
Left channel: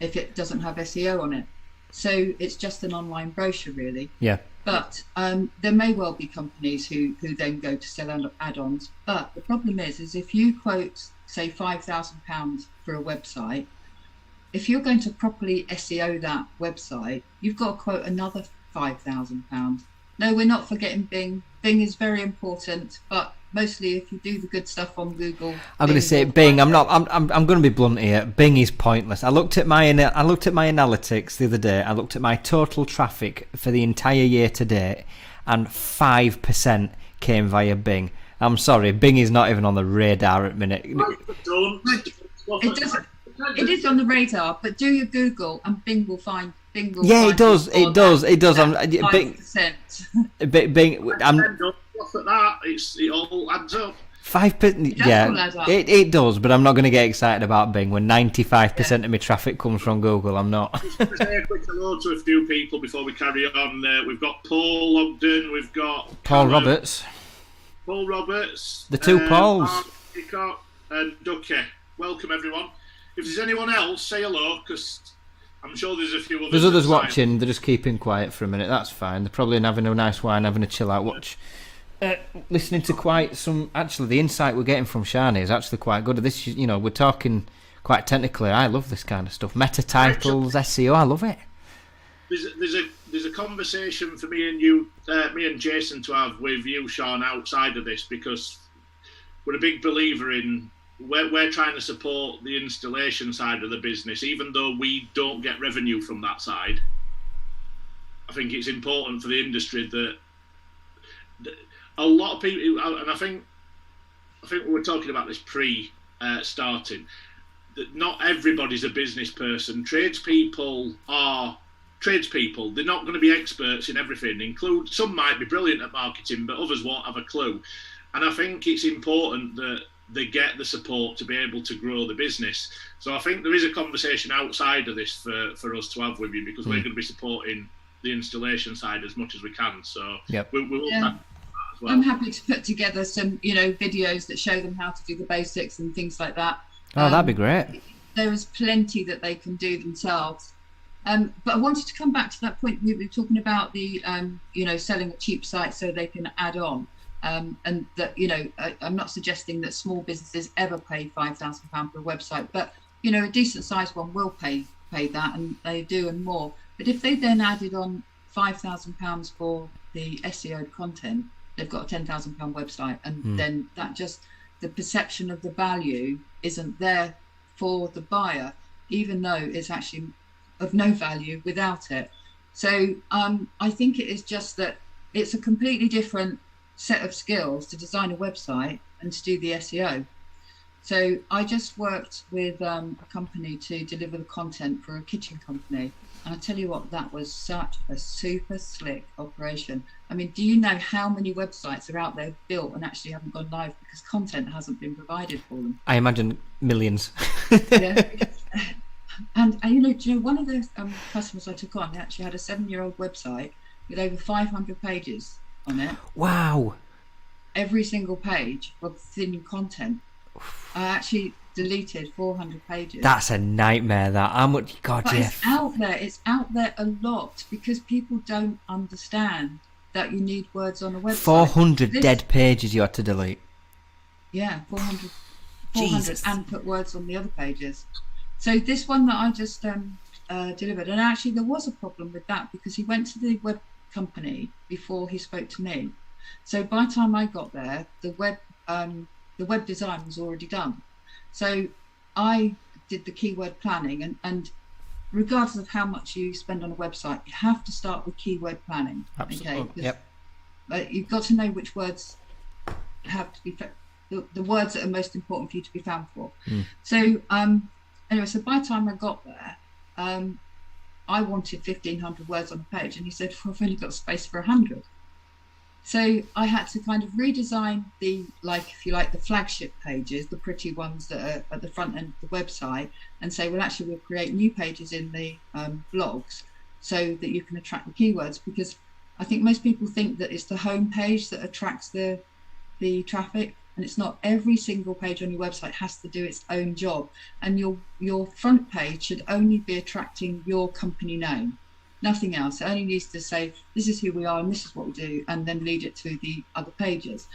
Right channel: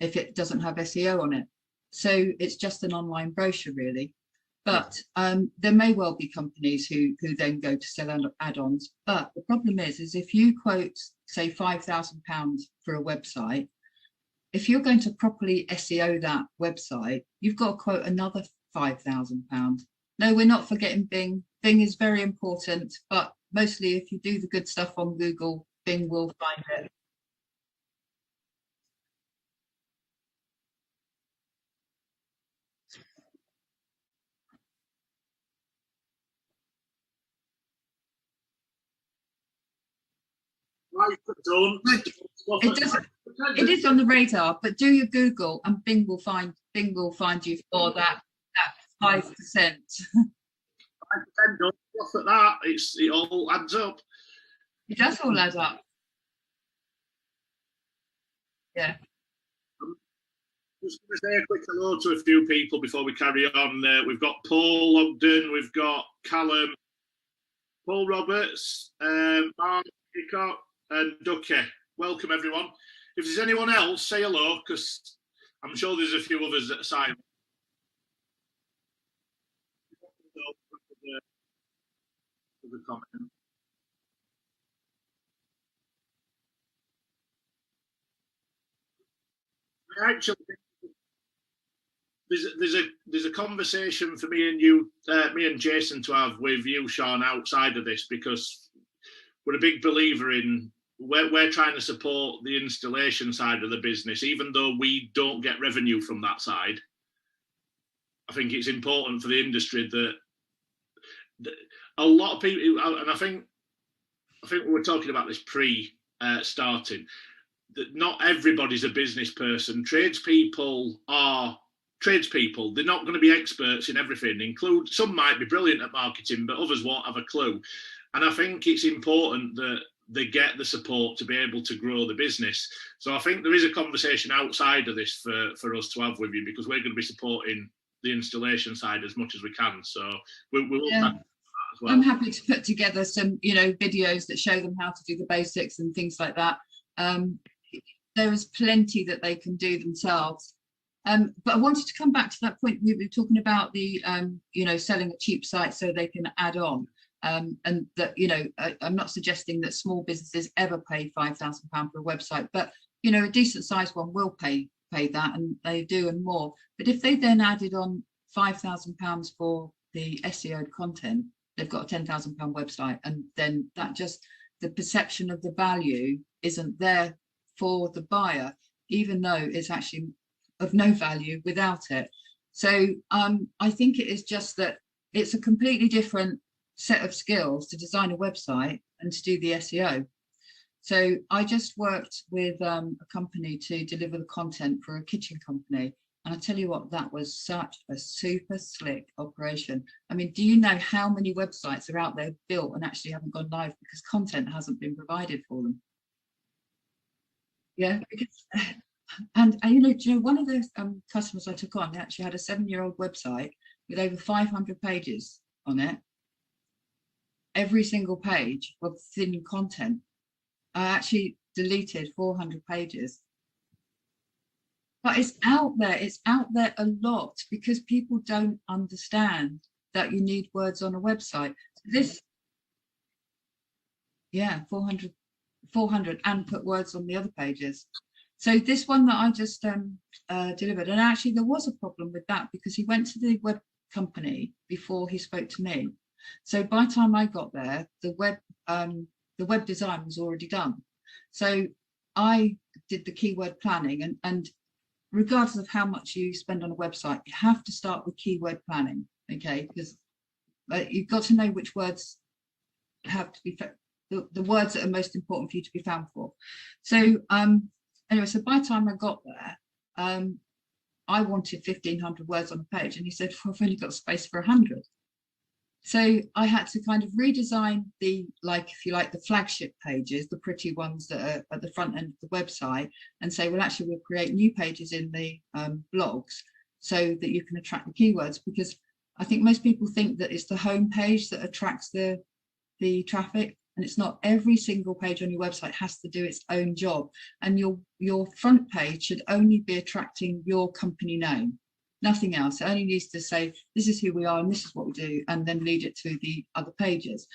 if it doesn't have SEO on it. So it's just an online brochure, really. Yeah. But there may well be companies who then go to sell add-ons. But the problem is if you quote, say, £5,000 for a website, if you're going to properly SEO that website, you've got to quote another £5,000. No, we're not forgetting Bing. Bing is very important, but mostly if you do the good stuff on Google. I'm going to say Bing. I'm going to be blunt here. Bing is pointless. I looked at my analytics the other day. I looked at my total traffic for the entire year to date, and 5% came via Bing. I'm sorry, Bing is not even on the radar at the minute. It is on the radar, but do your Google and Bing will find. Yeah, it does. It does. 5%. Bing. Off at that, it all adds up. 5%. Yeah, it does. But I'm not going to get excited about Bing when 95% of my traffic comes from Google. I'm not. Just to say a quick hello to a few people before we carry on. We've got Paul Ogden. We've got Paul Roberts. Paul Roberts. The two Pauls. Mark Hickok and Ducky. Welcome, everyone. If there's anyone else, say hello, because I'm sure there's a few others. There's others watching. They're just keeping quiet for a minute. That's fine. They're probably having a nice wine, having a chill out watch. Listening to quite some. Actually, the insight we're getting from Shani is actually quite good. This, we're talking quite technically. I love this kind of stuff. Meta titles, SEO. I love it. There's a conversation for me and you, me and Jason, to have with you, Sean, outside of this, because we're a big believer in. We're trying to support the installation side of the business, even though we don't get revenue from that side. I think it's important for the industry that a lot of people, and I think we were talking about this starting, that not everybody's a business person. Tradespeople are tradespeople. They're not going to be experts in everything. Some might be brilliant at marketing, but others won't have a clue. And I think it's important that they get the support to be able to grow the business. So I think there is a conversation outside of this for us to have with you, because we're going to be supporting the installation side as much as we can. So we will as well. I'm happy to put together some, videos that show them how to do the basics and things like that. Oh, that'd be great. There is plenty that they can do themselves. But I wanted to come back to that point. We were talking about the, selling a cheap site so they can add on. And that, I'm not suggesting that small businesses ever pay £5,000 for a website, but, a decent sized one will pay that, and they do, and more. But if they then added on £5,000 for the SEO content, they've got a £10,000 website, and then the perception of the value isn't there for the buyer, even though it's actually of no value without it. So I think it is just that it's a completely different set of skills to design a website and to do the SEO. So I just worked with a company to deliver the content for a kitchen company, and I tell you what, that was such a super slick operation. I mean, do you know how many websites are out there built and actually haven't gone live because content hasn't been provided for them? I imagine millions. Yeah. And do you know, one of the customers I took on, they actually had a 7-year-old website with over 500 pages on it. Wow. Every single page of thin content. I actually deleted 400 pages. That's a nightmare. That how much? God, But yeah. it's out there. It's out there a lot because people don't understand that you need words on a website. 400 dead pages you had to delete. Yeah, 400 Jesus. and put words on the other pages. So this one that I just delivered, and actually there was a problem with that because he went to the web company before he spoke to me. So by the time I got there, the web design was already done. So I did the keyword planning, and regardless of how much you spend on a website, you have to start with keyword planning. Absolutely. Okay, Yep. You've got to know which words have to be the words that are most important for you to be found for. So anyway, so by the time I got there, I wanted 1,500 words on a page, and he said, well, I've only got space for 100. So I had to kind of redesign the, like, if you like, the flagship pages, the pretty ones that are at the front end of the website, and say, well, actually, we'll create new pages in the blogs so that you can attract the keywords. Because I think most people think that it's the home page that attracts the traffic, and it's not. Every single page on your website has to do its own job, and your front page should only be attracting your company name. Nothing else. It only needs to say, this is who we are and this is what we do, and then lead it to the other pages.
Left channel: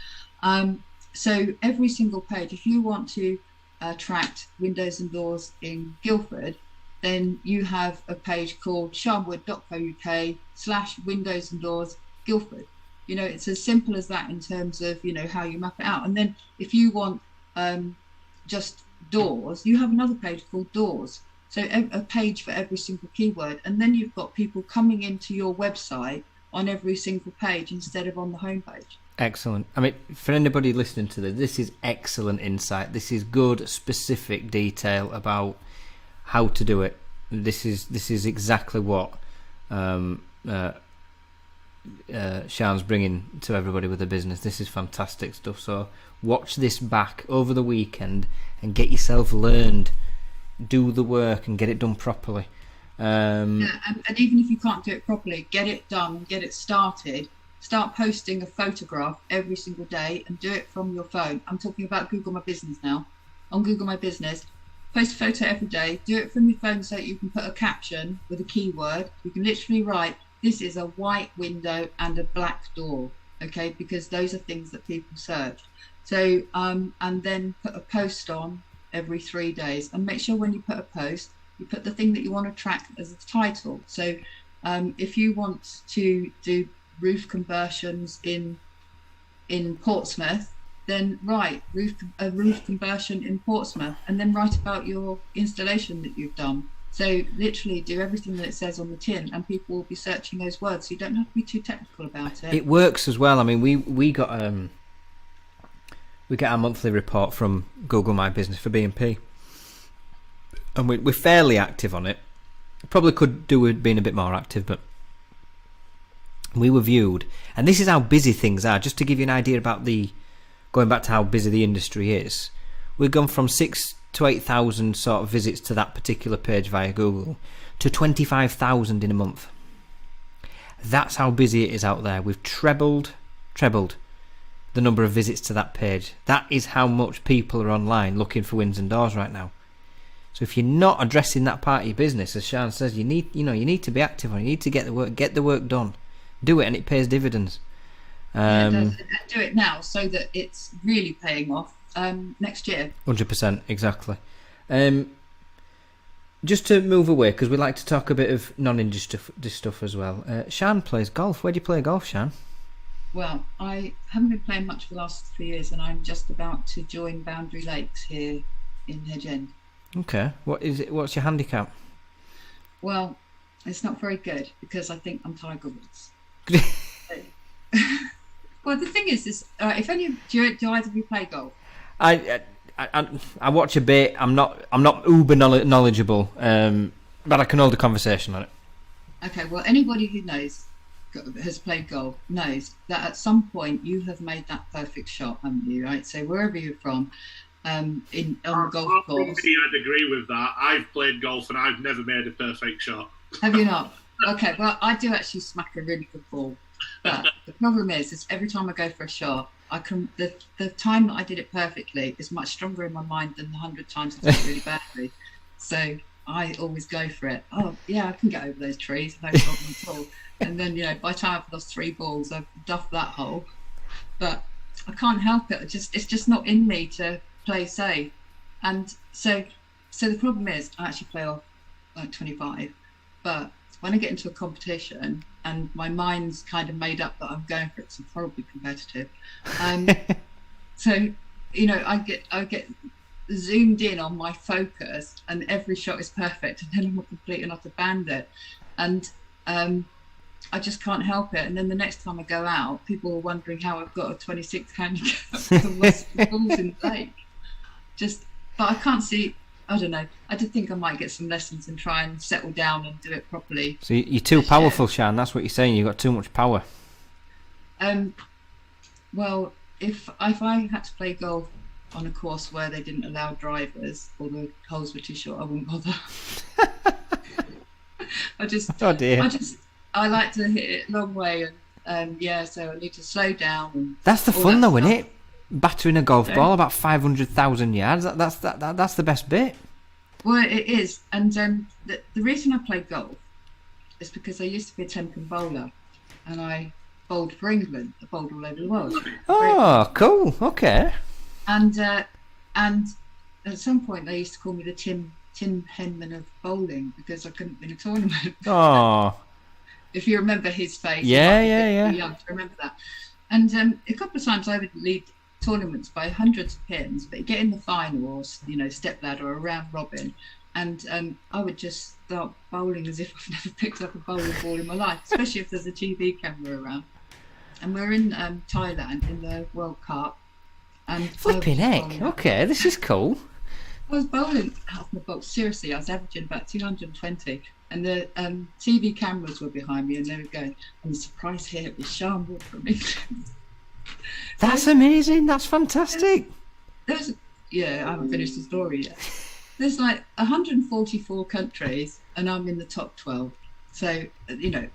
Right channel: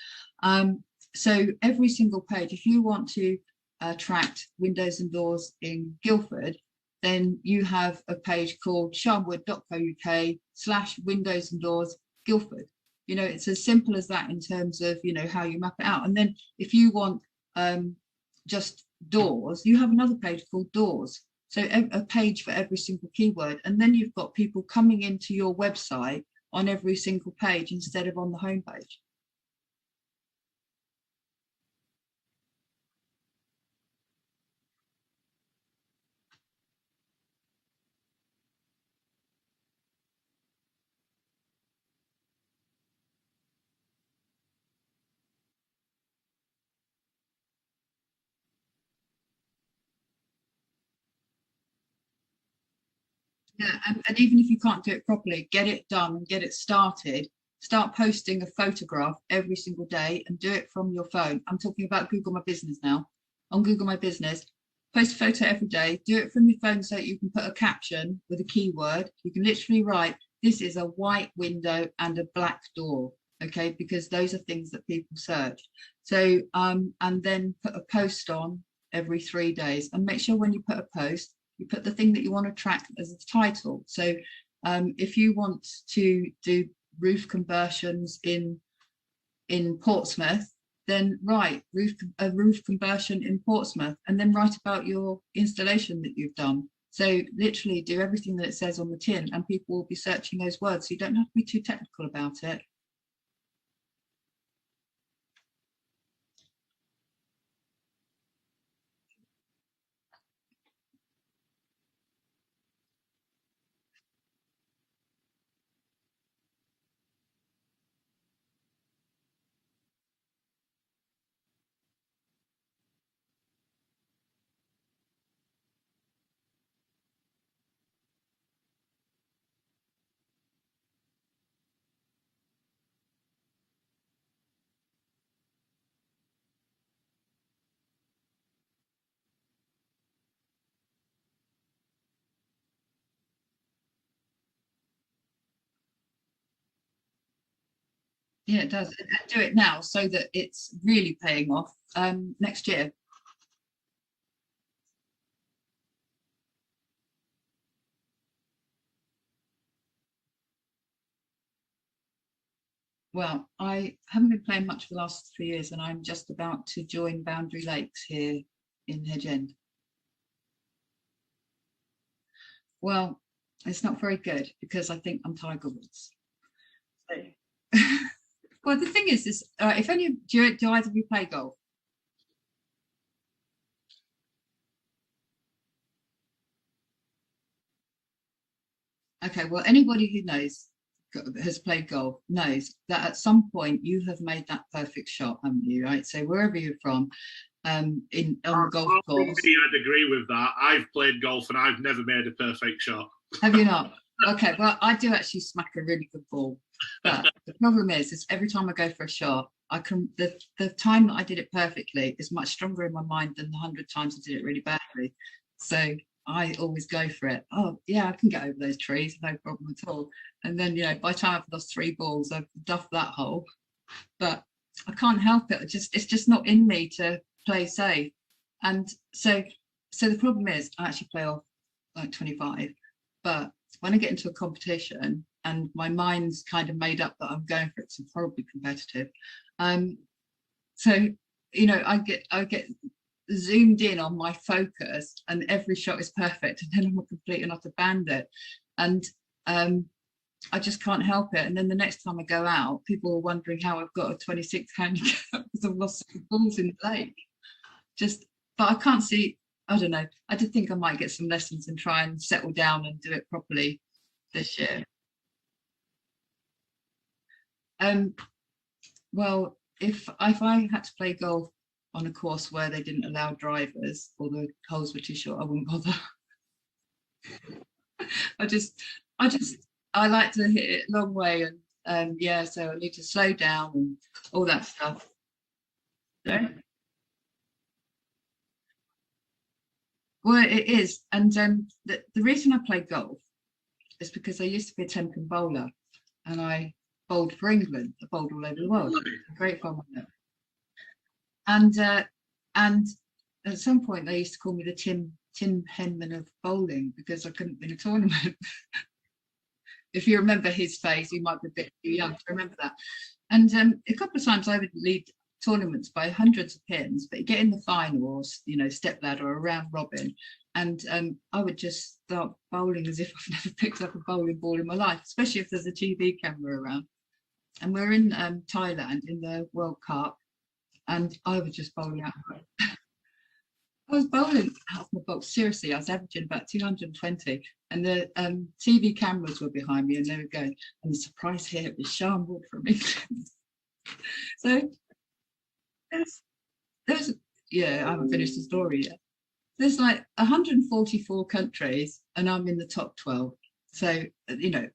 So every single page, if you want to attract windows and doors in Guildford, then you have a page called sianwood.co.uk/windows and doors Guildford. You know, it's as simple as that in terms of, you know, how you map it out. And then if you want just doors, you have another page called doors. So a page for every single keyword, and then you've got people coming into your website on every single page instead of on the homepage. Excellent. I mean, for anybody listening to this is excellent insight. This is good, specific detail about how to do it. This is exactly what Sian's bringing to everybody with a business. This is fantastic stuff. So watch this back over the weekend and get yourself learned. Do the work and get it done properly. And even if you can't do it properly, get it done, get it started. Start posting a photograph every single day and do it from your phone. I'm talking about Google My Business now. On Google My Business, post a photo every day. Do it from your phone so that you can put a caption with a keyword. You can literally write, this is a white window and a black door. Okay, because those are things that people search. So and then put a post on every 3 days, and make sure when you put a post, you put the thing that you want to track as a title. So if you want to do roof conversions in Portsmouth, then write a roof conversion in Portsmouth, and then write about your installation that you've done. So literally do everything that it says on the tin, and people will be searching those words. So you don't have to be too technical about it. It works as well. I mean, we got we get our monthly report from Google My Business for B&P, and we're fairly active on it. Probably could do with being a bit more active, but we were viewed, and this is how busy things are. Just to give you an idea about going back to how busy the industry is, we've gone from 6,000 to 8,000 sort of visits to that particular page via Google to 25,000 in a month. That's how busy it is out there. We've trebled the number of visits to that page. That is how much people are online looking for windows and doors right now. So if you're not addressing that part of your business, as Sian says, you need to be active on it. You need to get the work done. Do it, and it pays dividends. Yeah, it does. And do it now so that it's really paying off next year. 100%, exactly. Just to move away, because we like to talk a bit of non-industry stuff as well. Sian plays golf. Where do you play golf, Sian? Well, I haven't been playing much for the last 3 years, and I'm just about to join Boundary Lakes here in Hedge End. Okay. What's your handicap? Well, it's not very good because I think I'm Tiger Woods. Well, the thing is, if any do either of you play golf? I watch a bit. I'm not uber knowledgeable, but I can hold a conversation on it. Okay. Well, anybody who has played golf knows that at some point you have made that perfect shot, haven't you? Right. So wherever you're from, on the golf course. I'd agree with that. I've played golf and I've never made a perfect shot. Have you not? Okay. Well, I do actually smack a really good ball, but the problem is every time I go for a shot, I can the time that I did it perfectly is much stronger in my mind than the 100 times I did it really badly. So I always go for it. Oh yeah, I can get over those trees, no problem at all. And then by the time I've lost 3 balls, I've duffed that hole. But I can't help it. It's just not in me to play safe. And so the problem is I actually play off like 25, but when I get into a competition and my mind's kind of made up that I'm going for it, so I'm horribly competitive. So I get zoomed in on my focus, and every shot is perfect, and then I'm a complete and utter bandit, and I just can't help it. And then the next time I go out, people are wondering how I've got a 26 handicap because I've lost the balls in the lake. But I can't see. I don't know. I did think I might get some lessons and try and settle down and do it properly. So you're too powerful, Sian. That's what you're saying. You've got too much power. Well, if I had to play golf on a course where they didn't allow drivers or the holes were too short, I wouldn't bother. Oh dear. I like to hit it a long way, and so I need to slow down. And that's the fun, though, isn't it? Battering a golf Yeah. ball about 500,000 yards. That's the best bit. Well, it is, and the reason I play golf is because I used to be a 10-pin bowler, and I bowled for England. I bowled all over the world. Oh, cool. Okay. And at some point they used to call me the Tim Henman of bowling because I couldn't win a tournament. Oh. If you remember his face, Yeah, you might be a bit too young to remember that. And a couple of times I would lead tournaments by hundreds of pins, but you get in the final or step ladder or a round robin, and I would just start bowling as if I've never picked up a bowling ball in my life, especially if there's a TV camera around. And we're in Thailand in the World Cup, and Flipping heck. Okay, this is cool. I was bowling out of my box. Seriously, I was averaging about 220, and the TV cameras were behind me, and they were going, and the surprise hit was Sian Wood from England. That's amazing. That's fantastic. I haven't finished the story yet. There's like 144 countries, and I'm in the top 12. So,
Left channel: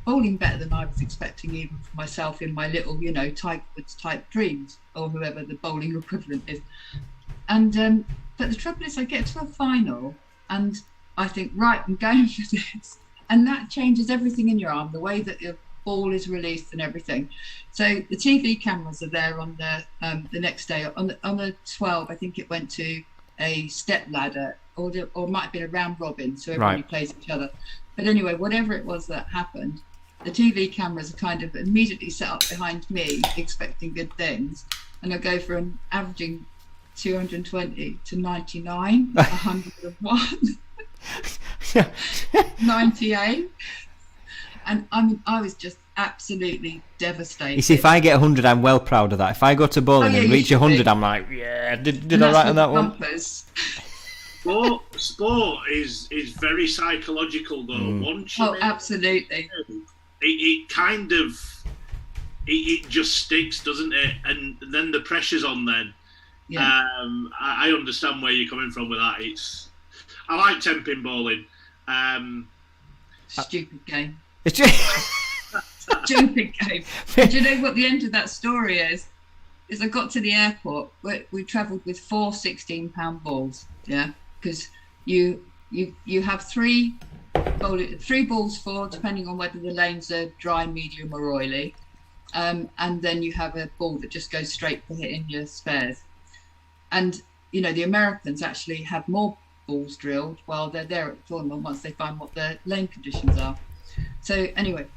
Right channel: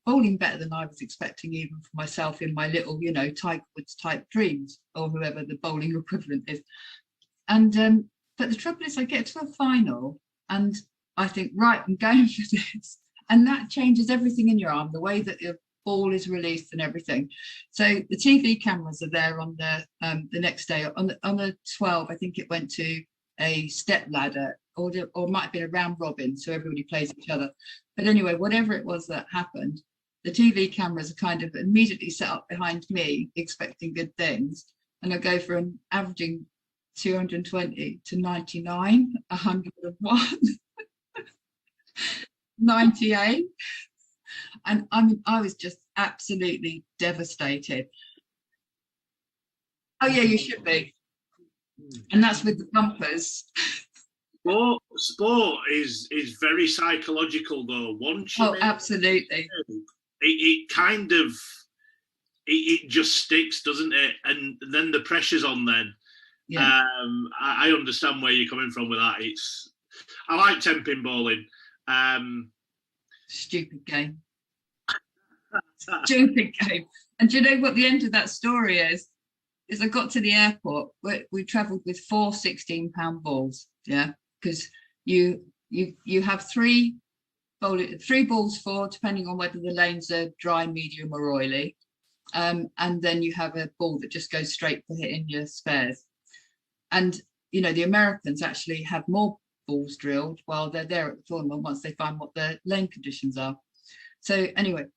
bowling better than I was expecting, even for myself in my little, Tiger Woods type dreams, or whoever the bowling equivalent is. And but the trouble is, I get to a final, and I think, right, I'm going for this, and that changes everything in your arm, the way that your ball is released and everything. So the TV cameras are there on the next day. On the 12, I think it went to a step ladder, or it might have been a round robin, so everybody plays each other. But anyway, whatever it was that happened, the TV cameras are kind of immediately set up behind me, expecting good things, and I go from averaging 220 to 99, 101, 98. And I was just absolutely devastated. You see, if I get 100, I'm well proud of that. If I go to bowling and reach 100, I'm like, yeah, did I right on that one? Sport is very psychological, though. Once you absolutely. It kind of it just sticks, doesn't it? And then the pressure's on. Then I understand where you're coming from with that. I like 10-pin bowling. Stupid game. Stupid game. And do you know what the end of that story is? Is I got to the airport. We travelled with 4 16-pound balls. Yeah, because you have three balls for, depending on whether the lanes are dry, medium, or oily, and then you have a ball that just goes straight for hitting your spares. And the Americans actually have more balls drilled while they're there at the tournament once they find what the lane conditions are. So anyway,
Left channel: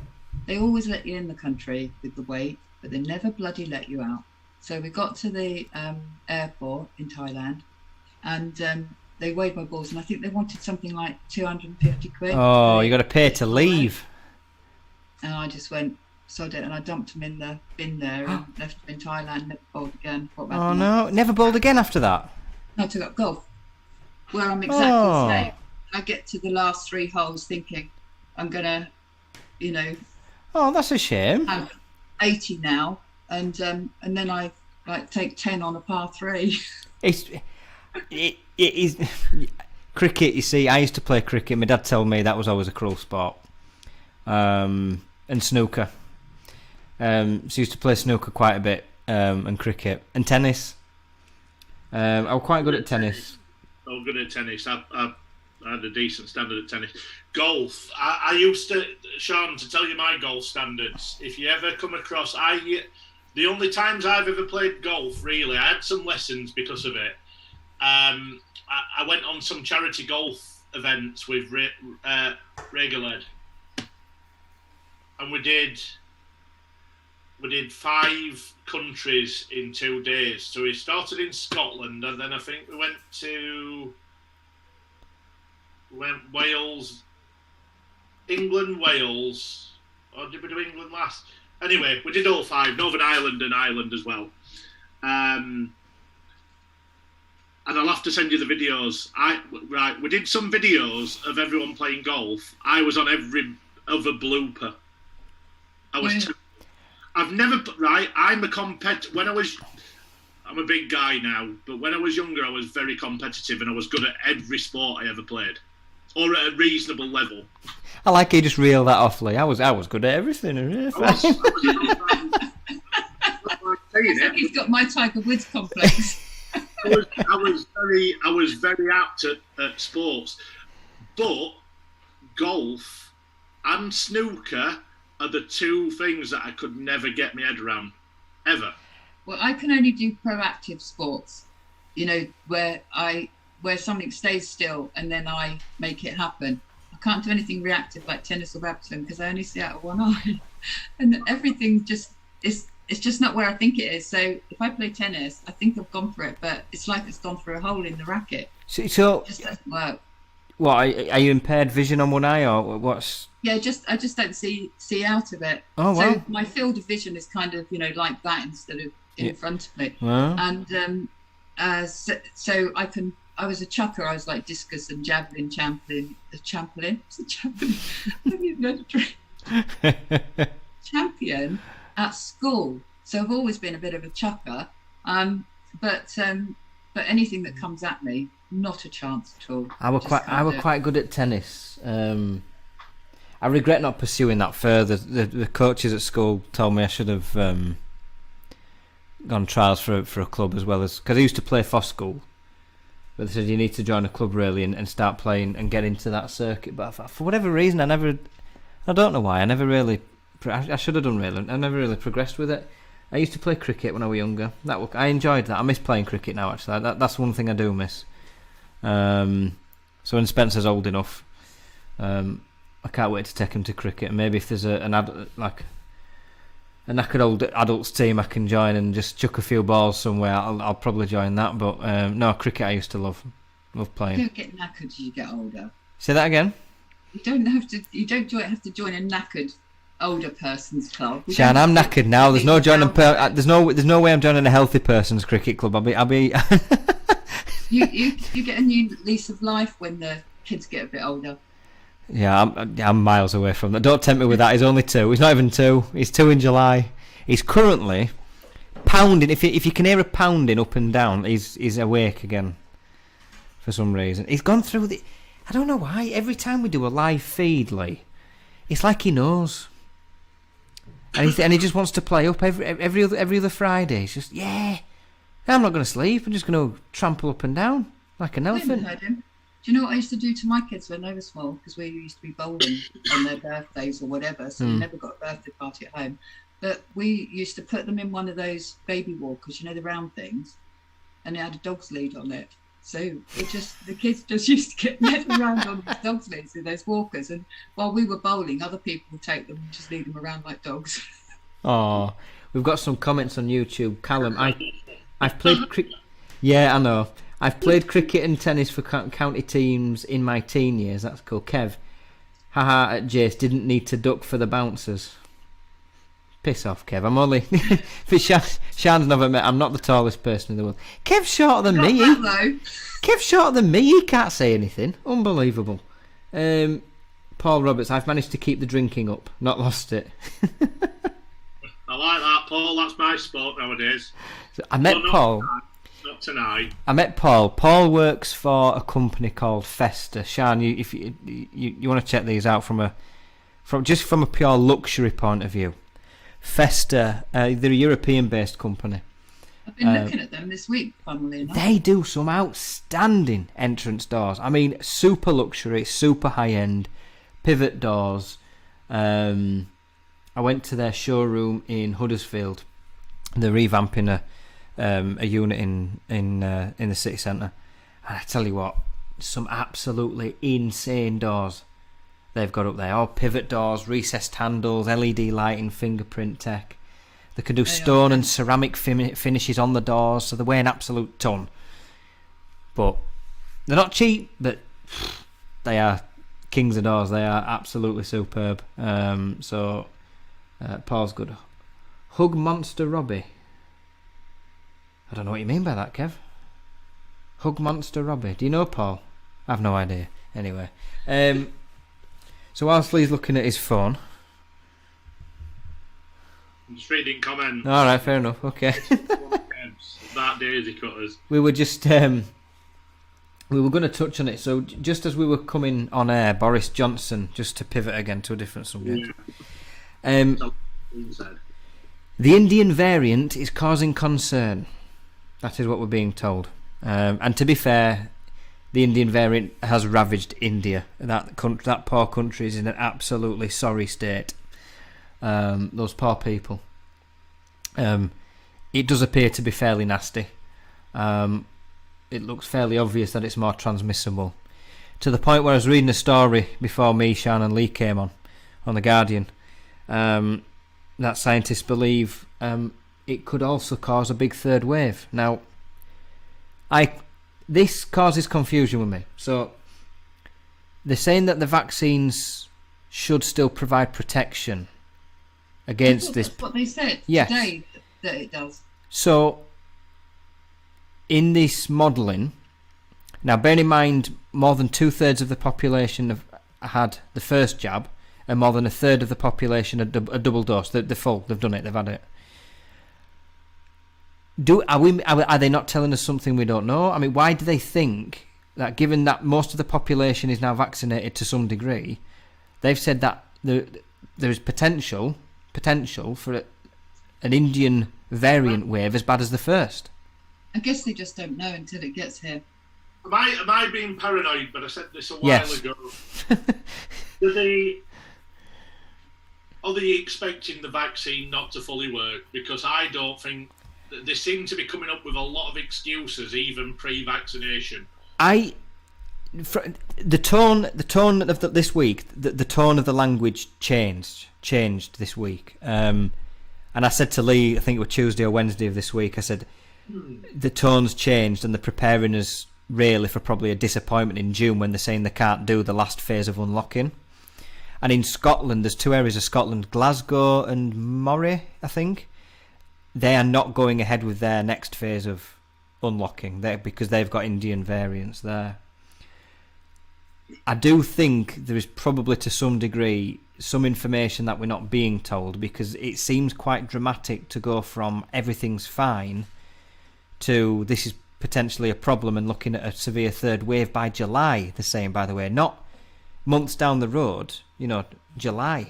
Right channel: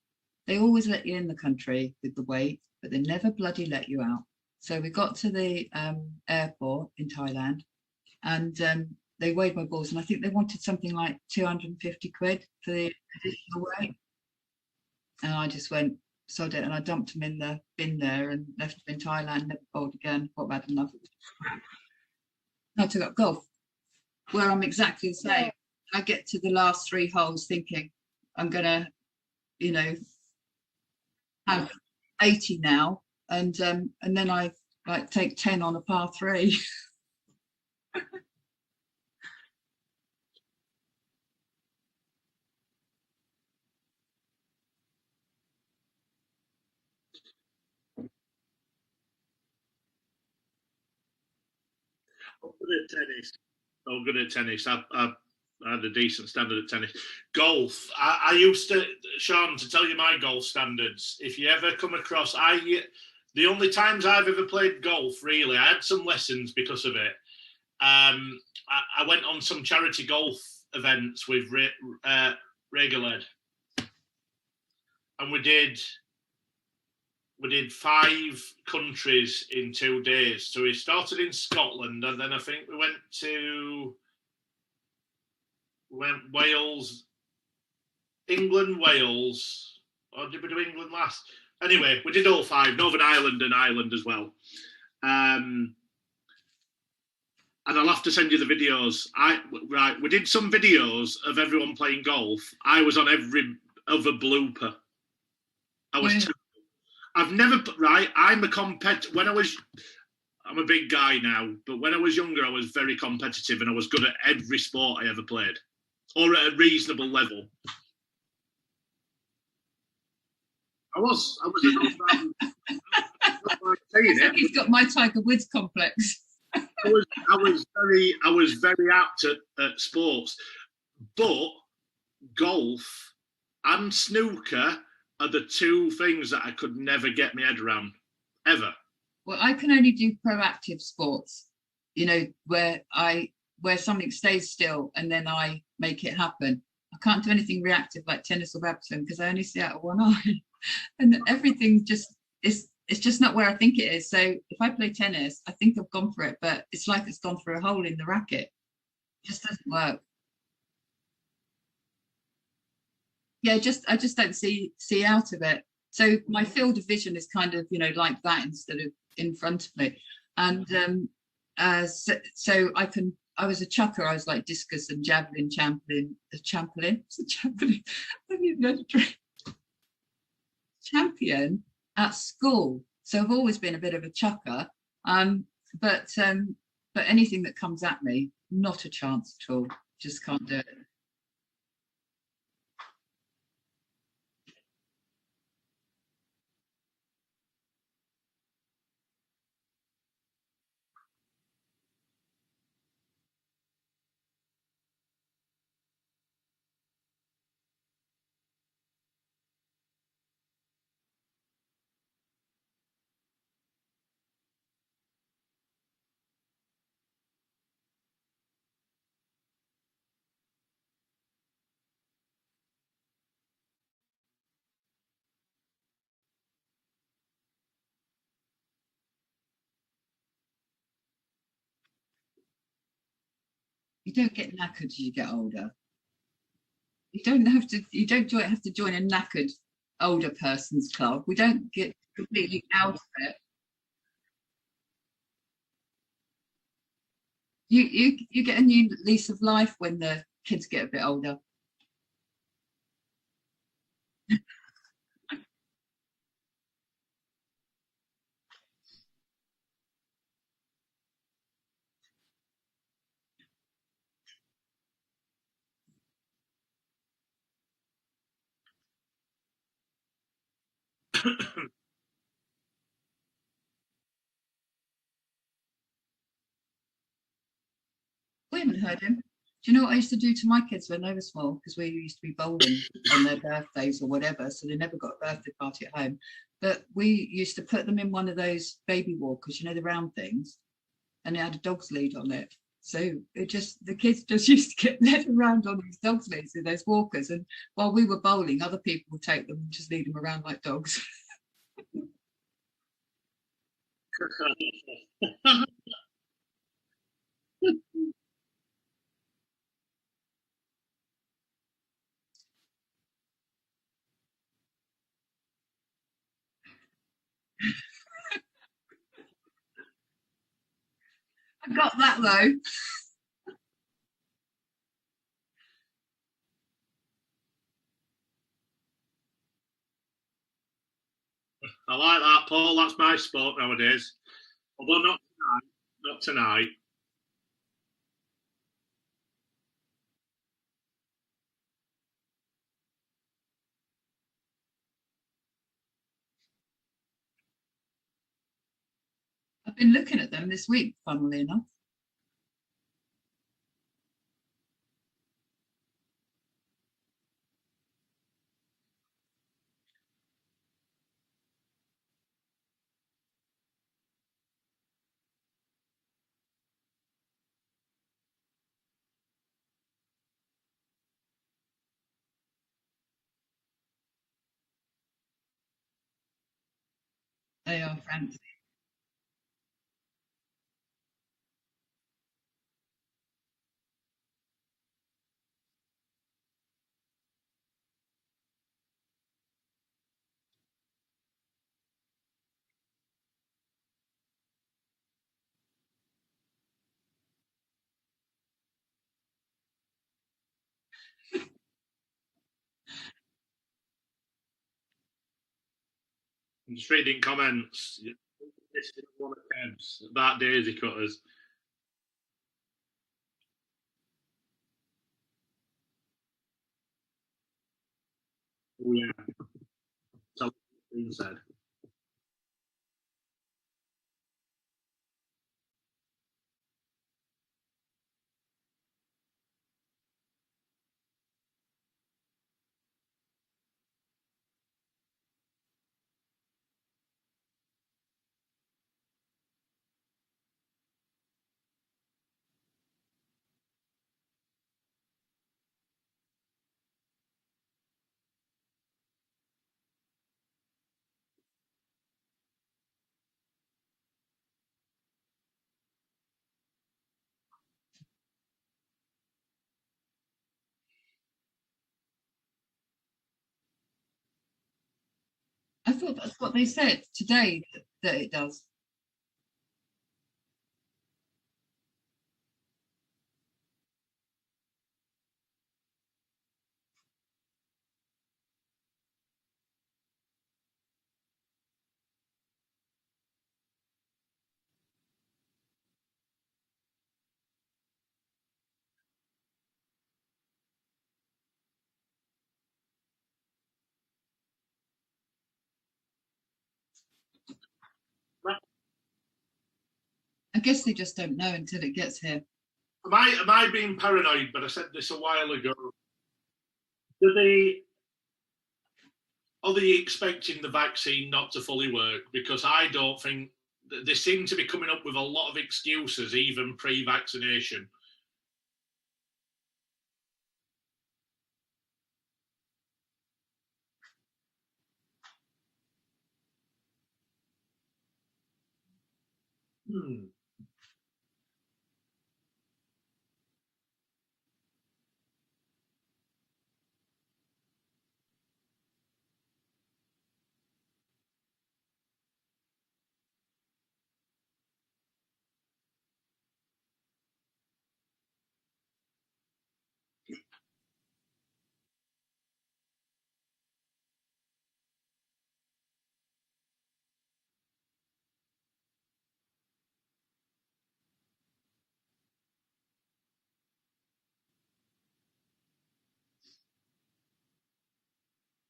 they always let you in the country with the weight, but they never bloody let you out. So we got to the airport in Thailand, and they weighed my balls, and I think they wanted something like 250 quid. Oh, you got to pay to leave. And I just went, sod it, and I dumped them in the bin there and left them in Thailand, never bowled again. Oh no, never bowled again after that? I took up golf, where I'm exactly the same. I get to the last 3 holes thinking I'm going to, Oh, that's a shame. have 80 now, and then I take 10 on a par 3. It is cricket. You see, I used to play cricket. My dad told me that was always a cruel sport. And snooker. So I used to play snooker quite a bit. and cricket and tennis. I was quite good at tennis. I'm good at tennis. I had a decent standard at tennis. Golf. I used to, Sean, to tell you my golf standards. If you ever come across, the only times I've ever played golf, really, I had some lessons because of it. I went on some charity golf events with Regaled, and we did 5 countries in 2 days. So we started in Scotland, and then I think we went Wales, England, Wales, or did we do England last? Anyway, we did all 5, Northern Ireland and Ireland as well. And I'll have to send you the videos. We did some videos of everyone playing golf. I was on every other blooper. I've never, I'm a I'm a big guy now, but when I was younger, I was very competitive and I was good at every sport I ever played, or at a reasonable level. I like you just reel that off, Lee. I was good at everything. He's got my Tiger Woods complex. I was very apt at sports, but golf and snooker are the 2 things that I could never get my head around, ever. Well, I can only do proactive sports, where something stays still and then I make it happen. I can't do anything reactive like tennis or badminton because I only see out of one eye, and everything it's just not where I think it is. So if I play tennis, I think I've gone for it, but it's like it's gone through a hole in the racket. So it just doesn't work. What, are you impaired vision on one eye, or what's? Yeah, I just don't see out of it. Oh, wow. So my field of vision is kind of like that instead of in front of me. Wow. And so I was a chucker. I was like discus and javelin champion. Champion at school. So I've always been a bit of a chucker. But anything that comes at me, not a chance at all. I was quite good at tennis. I regret not pursuing that further. The coaches at school told me I should have gone trials for a club as well, as because I used to play for school. But they said you need to join a club really and start playing and get into that circuit. But for whatever reason, I don't know why. I should have done really. I never really progressed with it. I used to play cricket when I was younger. I enjoyed that. I miss playing cricket now. Actually, that's one thing I do miss. So when Spencer's old enough, I can't wait to take him to cricket. And maybe if there's a knackered old adults team I can join and just chuck a few balls somewhere, I'll probably join that. But no, cricket I used to love playing. You don't get knackered as you get older. Say that again. You don't have to join a knackered older person's club. Shan, I'm knackered now. There's no joining. There's no way I'm joining a healthy person's cricket club. I'll be. You get a new lease of life when the kids get a bit older. Yeah, I'm miles away from that. Don't tempt me with that. He's only 2. He's not even 2. He's 2 in July. He's currently pounding. If you can hear a pounding up and down, he's awake again. For some reason, he's gone through the. I don't know why. Every time we do a live feed, Lee, it's like he knows, and he just wants to play up every other Friday. It's just I'm not going to sleep. I'm just going to trample up and down like an elephant. I haven't heard him. Do you know what I used to do to my kids when they were small? Because we used to be bowling on their birthdays or whatever, so we never got a birthday party at home. But we used to put them in one of those baby walkers, the round things, and it had a dog's lead on it. So the kids just used to get led around on these dog's leads in those walkers, and while we were bowling, other people would take them and just lead them around like dogs. Oh, we've got some comments on YouTube. Callum, I've played cricket. Yeah, I know. I've played cricket and tennis for county teams in my teen years. That's cool. Kev, haha, at Jace, didn't need to duck for the bouncers. Piss off, Kev. I'm only... Shan's never met. I'm not the tallest person in the world. Kev's shorter than me. Kev's shorter than me. He can't say anything. Unbelievable. Paul Roberts, I've managed to keep the drinking up. Not lost it. I like that, Paul. That's my sport nowadays. I met Paul... Not tonight. I met Paul. Paul works for a company called Festa. Shan, if you want to check these out from a pure luxury point of view. Festa. They're a European-based company. I've been looking at them this week, funnily enough. They do some outstanding entrance doors. I mean, super luxury, super high-end, pivot doors. I went to their showroom in Huddersfield. They're revamping a unit in the city centre. And I tell you what, some absolutely insane doors they've got up there. All pivot doors, recessed handles, LED lighting, fingerprint tech. They can do stone and ceramic finishes on the doors, so they weigh an absolute ton. But they're not cheap, but they are kings of doors. They are absolutely superb. Paul's good. Hug Monster Robbie. I don't know what you mean by that, Kev. Hug Monster Robbie. Do you know Paul? I've no idea. Anyway. So whilst Lee's looking at his phone. I'm just reading comments. Alright, fair enough. Okay. That daisy cutters. We were just we were going to touch on it. So just as we were coming on air, Boris Johnson, just to pivot again to a different subject. Yeah. The Indian variant is causing concern. That is what we're being told. And to be fair, the Indian variant has ravaged India. That poor country is in an absolutely sorry state. Those poor people. It does appear to be fairly nasty. It looks fairly obvious that it's more transmissible. To the point where I was reading a story before me, Sian and Lee came on The Guardian. That scientists believe it could also cause a big third wave. Now, this causes confusion with me. So, they're saying that the vaccines should still provide protection against this. That's what they said today, that it does. So, in this modelling, now bear in mind, more than 2/3 of the population have had the first jab, and more than 1/3 of the population a double dose. They've done it, they've had it. Are they not telling us something we don't know? I mean, why do they think that, given that most of the population is now vaccinated to some degree, they've said that there is potential for an Indian variant wave as bad as the first? I guess they just don't know until it gets here. Am I being paranoid? But I said this a while ago. Are they expecting the vaccine not to fully work? Because I don't think they seem to be coming up with a lot of excuses, even pre-vaccination. The tone of this week, the tone of the language changed this week. And I said to Lee, I think it was Tuesday or Wednesday of this week, I said the tone's changed and they're preparing us really for probably a disappointment in June when they're saying they can't do the last phase of unlocking. And in Scotland, there's two areas of Scotland, Glasgow and Moray, I think. They are not going ahead with their next phase of unlocking because they've got Indian variants there. I do think there is probably to some degree some information that we're not being told, because it seems quite dramatic to go from everything's fine to this is potentially a problem and looking at a severe third wave by July, they're saying, by the way, not months down the road, July.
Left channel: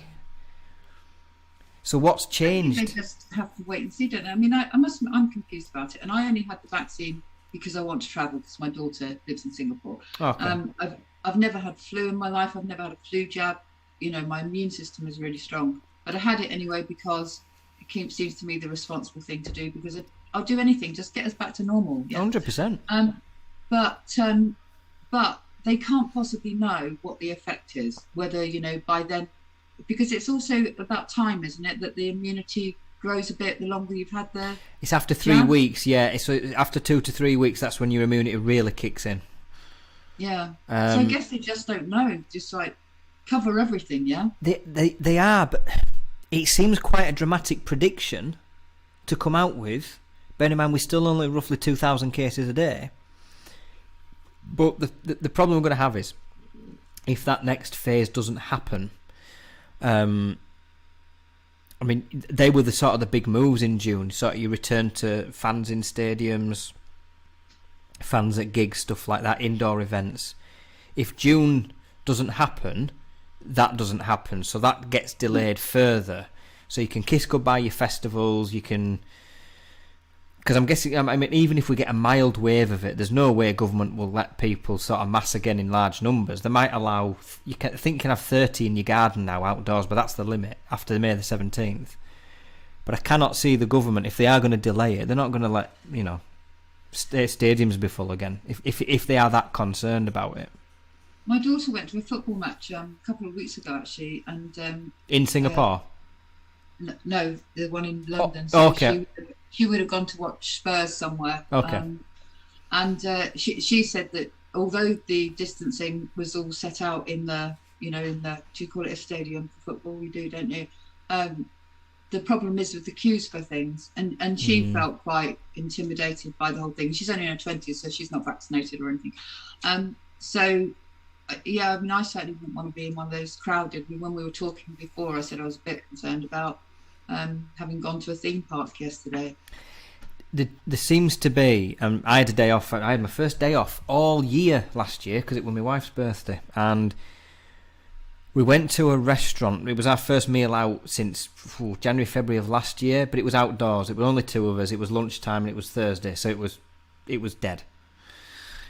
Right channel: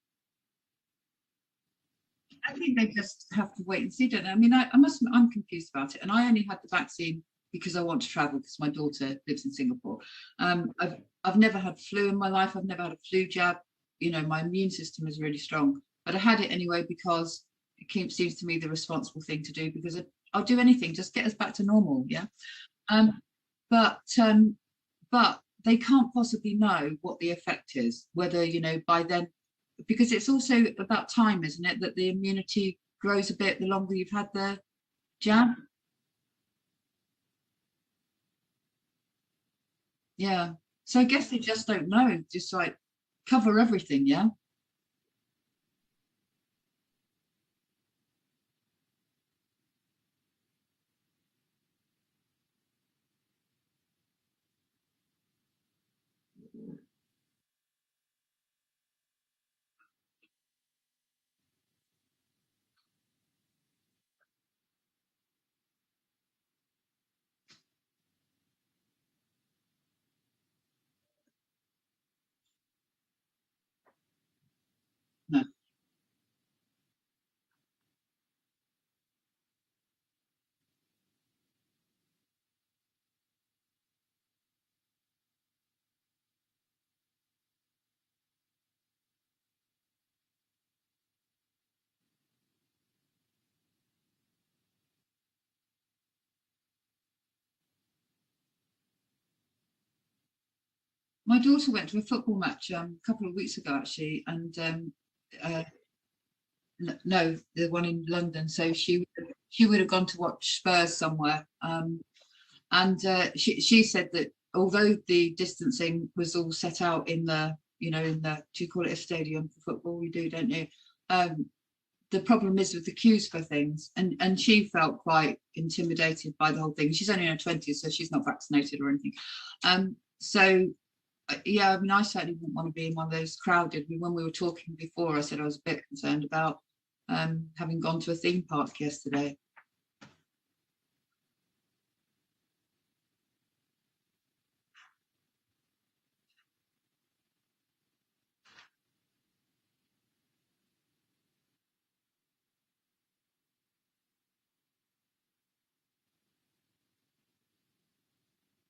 So what's changed? I think they just have to wait and see, don't they? I mean, I'm confused about it, and I only had the vaccine because I want to travel because my daughter lives in Singapore. Okay. I've never had flu in my life. I've never had a flu jab. My immune system is really strong, but I had it anyway because it seems to me the responsible thing to do, because I'll do anything, just get us back to normal. Yeah, 100%. But they can't possibly know what the effect is, whether by then, because it's also about time, isn't it, that the immunity grows a bit the longer you've had the It's after 3 weeks, yeah. So after 2 to 3 weeks, that's when your immunity really kicks in. Yeah. So I guess they just don't know. Just like cover everything, yeah. They are, but it seems quite a dramatic prediction to come out with. Bear in mind, we're still only roughly 2,000 cases a day. But the problem we're going to have is, if that next phase doesn't happen, I mean, they were the sort of the big moves in June. Sort of you return to fans in stadiums, fans at gigs, stuff like that, indoor events. If June doesn't happen, that doesn't happen. So that gets delayed further. So you can kiss goodbye your festivals, you can... Because I'm guessing, I mean, even if we get a mild wave of it, there's no way government will let people sort of mass again in large numbers. They might allow, I think you can have 30 in your garden now outdoors, but that's the limit after May the 17th. But I cannot see the government, if they are going to delay it, they're not going to let, stadiums be full again, if they are that concerned about it. My daughter went to a football match a couple of weeks ago, actually, and in Singapore? No, the one in London. Okay. She would have gone to watch Spurs somewhere. Okay. And she said that although the distancing was all set out in the, do you call it a stadium for football? You do, don't you? The problem is with the queues for things. And she felt quite intimidated by the whole thing. She's only in her 20s, so she's not vaccinated or anything. Yeah, I mean, I certainly wouldn't want to be in one of those crowded. When we were talking before, I said I was a bit concerned about having gone to a theme park yesterday. There seems to be, I had a day off. I had my first day off all year last year because it was my wife's birthday, and we went to a restaurant. It was our first meal out since January, February of last year, but it was outdoors. It was only two of us. It was lunchtime and it was Thursday, so it was dead.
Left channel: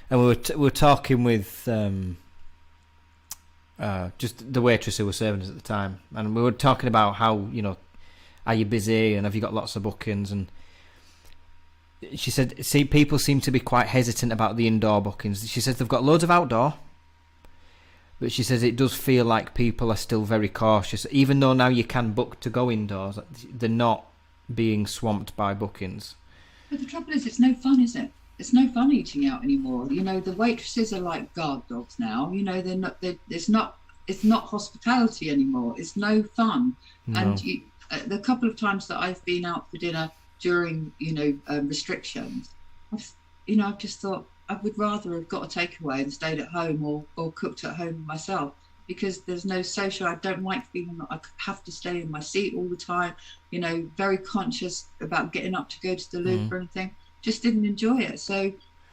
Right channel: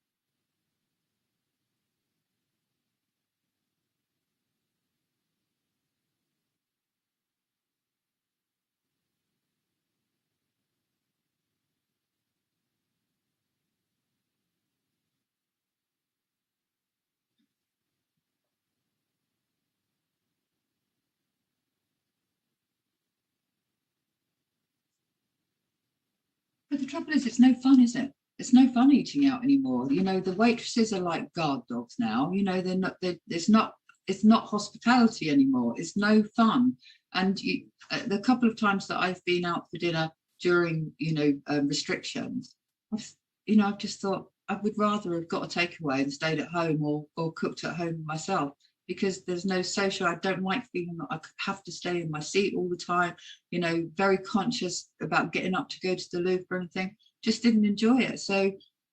And we were talking with just the waitress who was serving us at the time, and we were talking about how, are you busy and have you got lots of bookings? And she said, see, people seem to be quite hesitant about the indoor bookings. She says they've got loads of outdoor, but she says it does feel like people are still very cautious. Even though now you can book to go indoors, they're not being swamped by bookings. But the trouble is, it's no fun, is it? It's no fun eating out anymore. The waitresses are like guard dogs now. They're not. It's not hospitality anymore. It's no fun. No. And the couple of times that I've been out for dinner during restrictions, I've just thought I would rather have got a takeaway and stayed at home or cooked at home myself, because there's no social. I don't like feeling that I have to stay in my seat all the time. Very conscious about getting up to go to the loo or anything. Just didn't enjoy it. So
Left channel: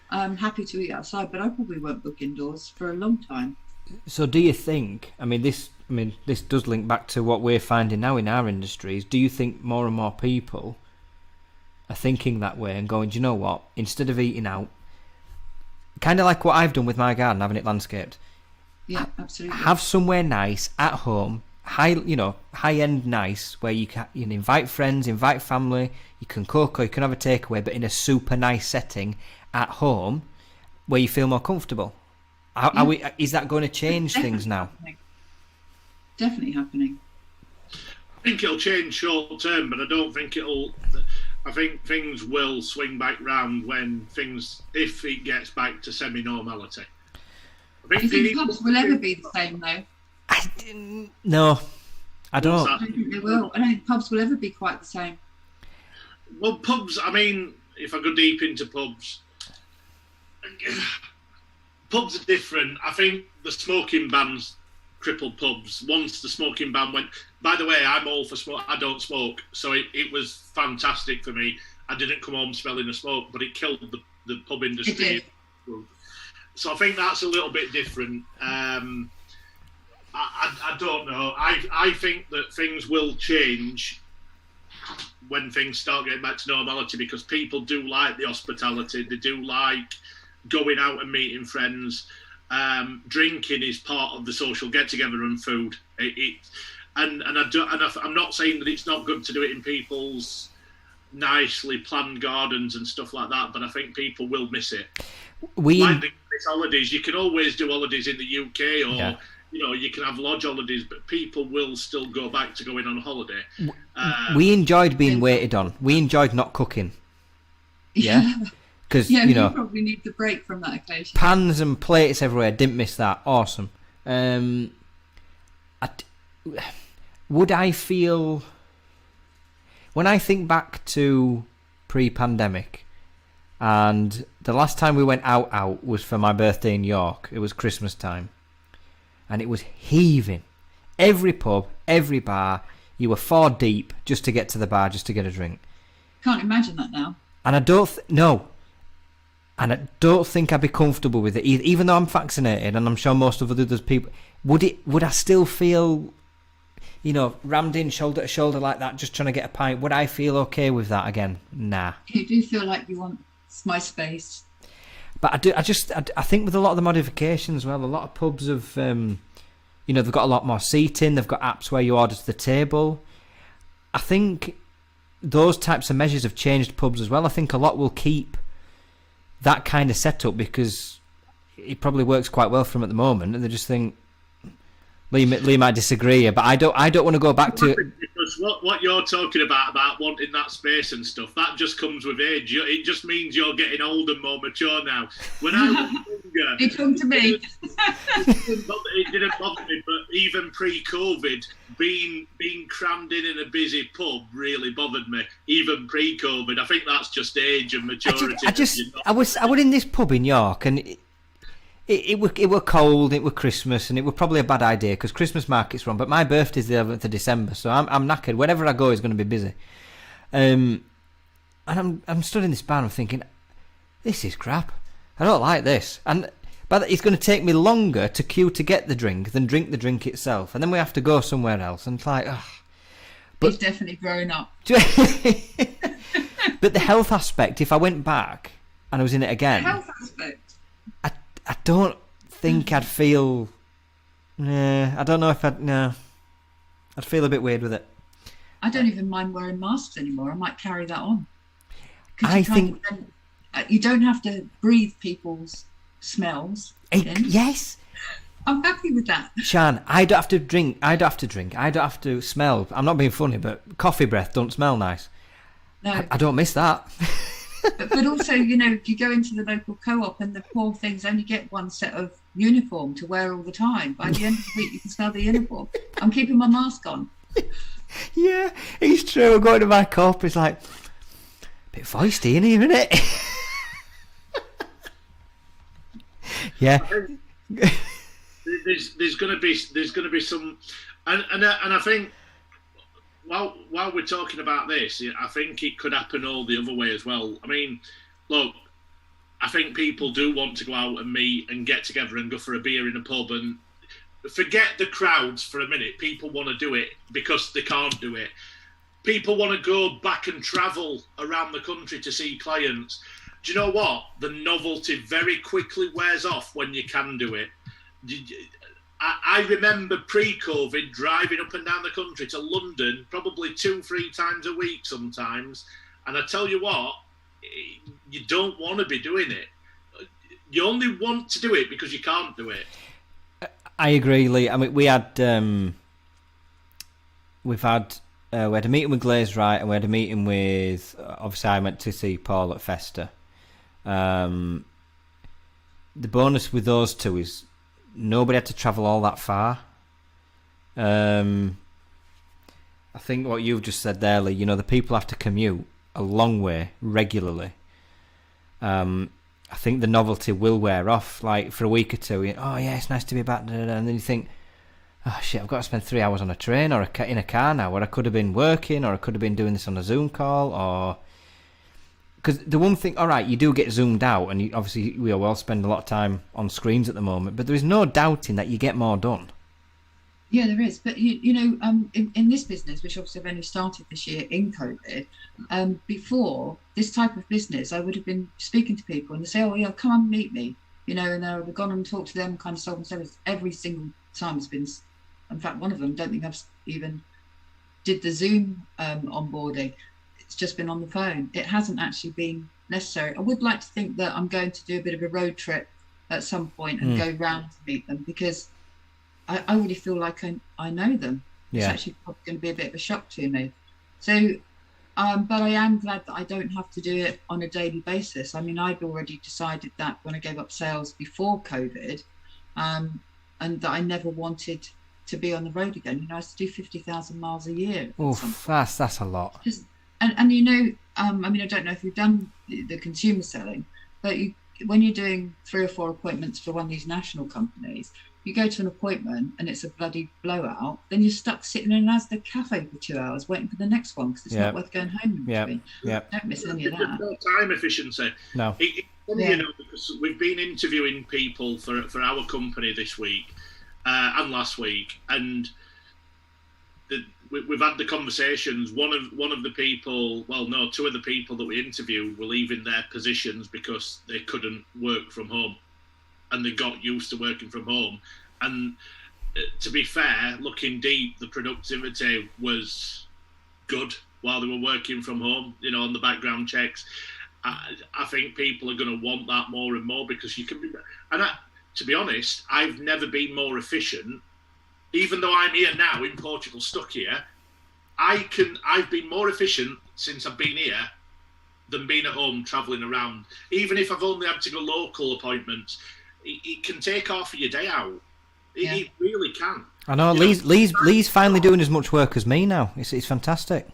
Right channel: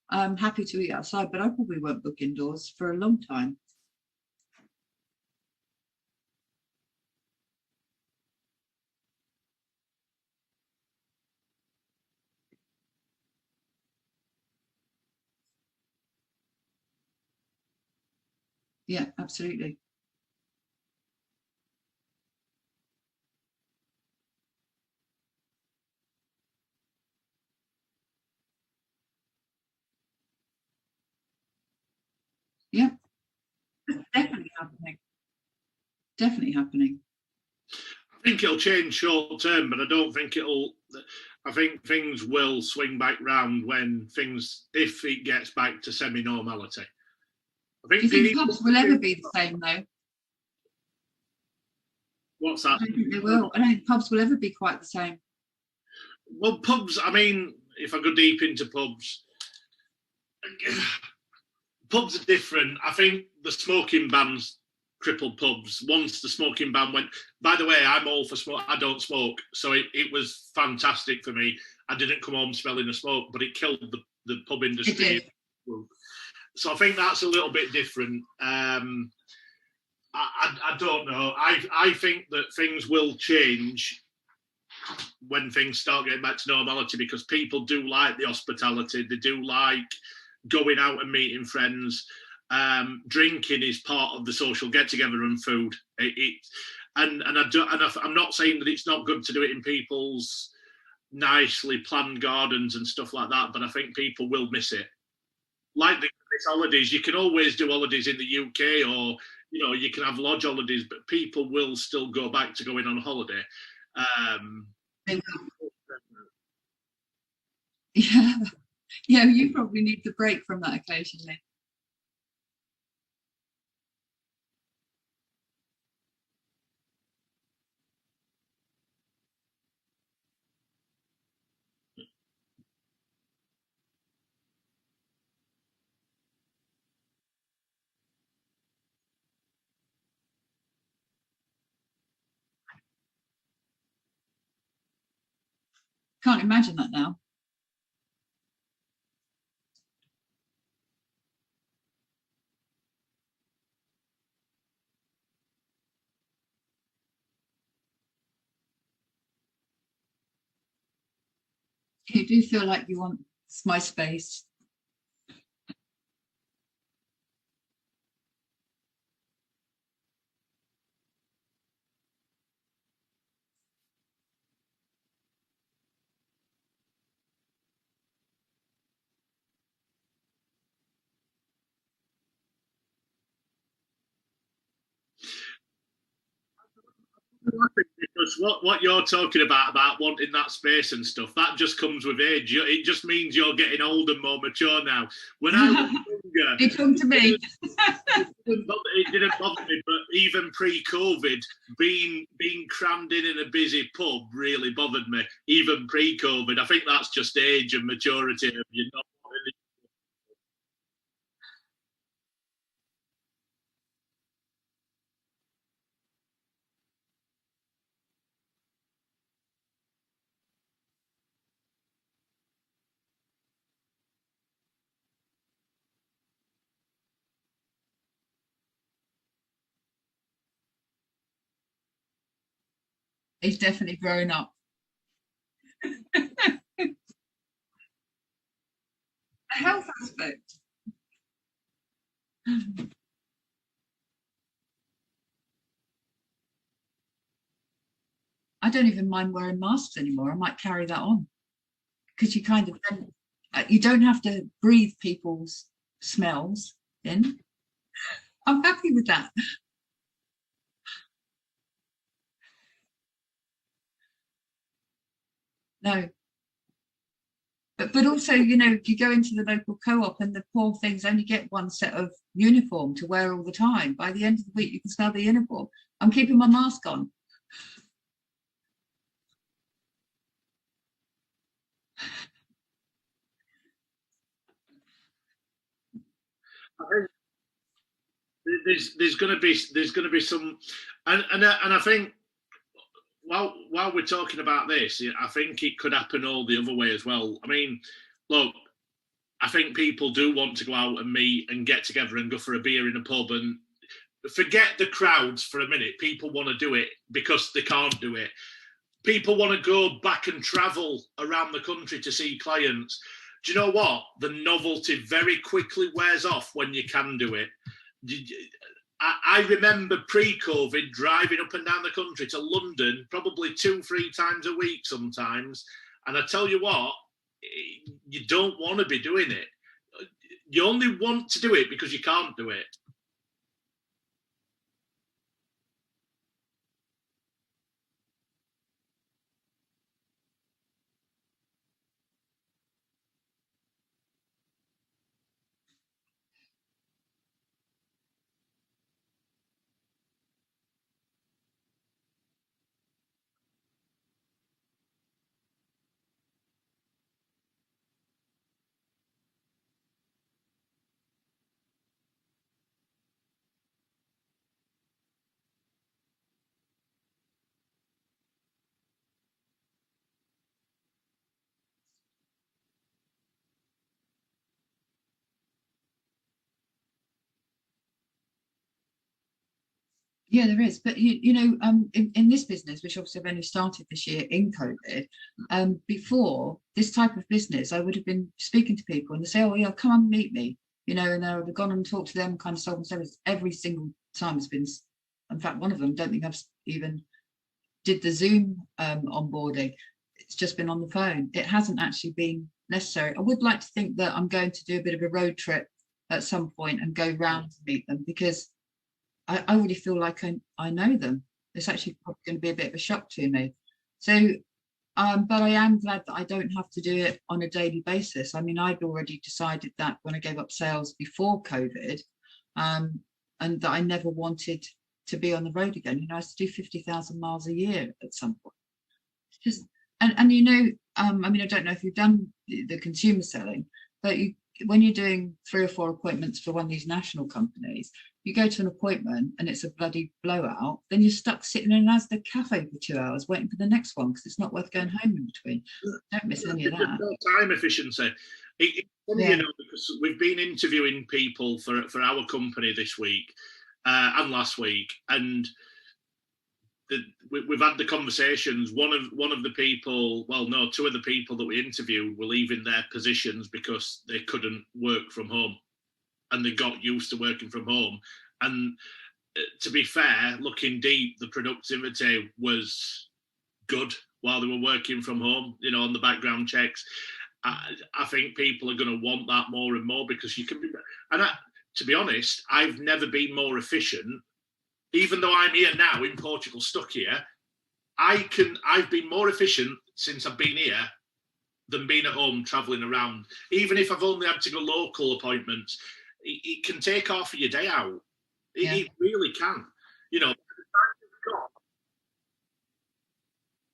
I'm happy to eat outside, but I probably won't book indoors for a long time. So do you think, this does link back to what we're finding now in our industries. Do you think more and more people are thinking that way and going, do you know what, instead of eating out, kind of like what I've done with my garden, having it landscaped. Yeah, absolutely. Have somewhere nice at home, high-end nice, where you can invite friends, invite family, you can cook or you can have a takeaway, but in a super nice setting at home where you feel more comfortable. Is that going to change things now? Definitely happening. I think it'll change short term, but I don't think it'll. I think things will swing back round if it gets back to semi-normality. Do you think pubs will ever be the same, though? No, I don't. I don't think they will. I don't think pubs will ever be quite the same. Well, pubs, if I go deep into pubs are different. I think the smoking ban's crippled pubs. Once the smoking ban went, by the way, I'm all for smoke. I don't smoke, so it was fantastic for me. I didn't come home smelling of smoke, but it killed the pub industry. So I think that's a little bit different. I don't know. I think that things will change when things start getting back to normality, because people do like the hospitality. They do like going out and meeting friends. Drinking is part of the social get-together, and food. I'm not saying that it's not good to do it in people's nicely planned gardens and stuff like that, but I think people will miss it. Like the holidays, you can always do holidays in the UK, or you can have lodge holidays, but people will still go back to going on holiday. We enjoyed being waited on. We enjoyed not cooking. Yeah. Because you probably need the break from that occasion. Pans and plates everywhere. Didn't miss that. Awesome. Would I feel, when I think back to pre-pandemic, and the last time we went out was for my birthday in York. It was Christmas time, and it was heaving. Every pub, every bar, you were 4 deep just to get to the bar, just to get a drink. Can't imagine that now. And I don't think I'd be comfortable with it, even though I'm vaccinated, and I'm sure most of the other people would I still feel. rammed in shoulder to shoulder like that, just trying to get a pint. Would I feel okay with that again? Nah. You do feel like you want my space. But I think with a lot of the modifications, well, a lot of pubs have, they've got a lot more seating. They've got apps where you order to the table. I think those types of measures have changed pubs as well. I think a lot will keep that kind of setup because it probably works quite well for them at the moment, and they just think Lee might disagree here, but I don't want to go back to because what you're talking about wanting that space and stuff, that just comes with age. It just means you're getting old and more mature now. When I was younger, You come to me. it didn't bother me, but even pre-COVID, being crammed in a busy pub really bothered me. Even pre-COVID, I think that's just age and maturity. I was in this pub in York, and it were cold, it were Christmas, and it were probably a bad idea because Christmas market's wrong. But my birthday's the 11th of December, so I'm knackered. Wherever I go is going to be busy. And I'm stood in this bar and I'm thinking, this is crap. I don't like this. But it's going to take me longer to queue to get the drink than drink the drink itself. And then we have to go somewhere else. And it's like, ugh. He's definitely grown up. But the health aspect, if I went back and I was in it again... The health aspect? I don't think I'd feel... I don't know if I'd... No. I'd feel a bit weird with it. I don't even mind wearing masks anymore. I might carry that on. Because you don't have to breathe people's smells. Yes. I'm happy with that. Sian, I don't have to drink. I don't have to smell. I'm not being funny, but coffee breath don't smell nice. No. I don't miss that. But also, if you go into the local co-op and the poor things only get one set of uniform to wear all the time. By the end of the week, you can smell the uniform. I'm keeping my mask on. Yeah, it's true. I'm going to my co-op. It's like, a bit feisty in here, isn't it? Yeah. There's going to be some, and I think while we're talking about this, I think it could happen all the other way as well. I mean, look, I think people do want to go out and meet and get together and go for a beer in a pub and forget the crowds for a minute. People want to do it because they can't do it. People want to go back and travel around the country to see clients. Do you know what? The novelty very quickly wears off when you can do it. I remember pre-COVID driving up and down the country to London probably 2-3 times a week sometimes. And I tell you what, you don't want to be doing it. You only want to do it because you can't do it. I agree, Lee. I mean, we had a meeting with Glaze Right, and we had a meeting with, obviously I went to see Paul at Festa. The bonus with those two is nobody had to travel all that far. I think what you've just said there, Lee, the people have to commute a long way regularly. I think the novelty will wear off, like for a week or two. Oh yeah, it's nice to be back, and then you think, oh shit, I've got to spend 3 hours on a train or in a car now, where I could have been working, or I could have been doing this on a Zoom call, or because the one thing, all right, you do get zoomed out, and obviously we all spend a lot of time on screens at the moment, but there is no doubting that you get more done. Yeah, there is. But, in this business, which obviously I've only started this year in COVID, before this type of business, I would have been speaking to people and they say, oh, yeah, come and meet me, and I would have gone and talked to them, kind of sold and service. Every single time has been, in fact, one of them, don't think I've even did the Zoom onboarding. It's just been on the phone. It hasn't actually been necessary. I would like to think that I'm going to do a bit of a road trip at some point and go round to meet them, because I really feel like I know them. Yeah. It's actually probably going to be a bit of a shock to me. So, but I am glad that I don't have to do it on a daily basis. I mean, I'd already decided that when I gave up sales before COVID, and that I never wanted to be on the road again. I used to do 50,000 miles a year. That's a lot. And I mean, I don't know if you've done the consumer selling, but when you're doing 3 or 4 appointments for one of these national companies, you go to an appointment and it's a bloody blowout, then you're stuck sitting in an Asda cafe for 2 hours waiting for the next one because it's not worth going home in between. Don't miss any of that. No time efficiency. No. It's funny, because we've been interviewing people for our company this week and last week, and we've had the conversations. One of the people, well, no, two of the people that we interviewed were leaving their positions because they couldn't work from home, and they got used to working from home. And to be fair, looking deep, the productivity was good while they were working from home. You know, on the background checks, I think people are going to want that more and more because you can be. And to be honest, I've never been more efficient. Even though I'm here now in Portugal, stuck here, I've been more efficient since I've been here than being at home travelling around. Even if I've only had to go local appointments, it can take half of your day out. It really can. I know. Lee's finally doing as much work as me now. It's fantastic.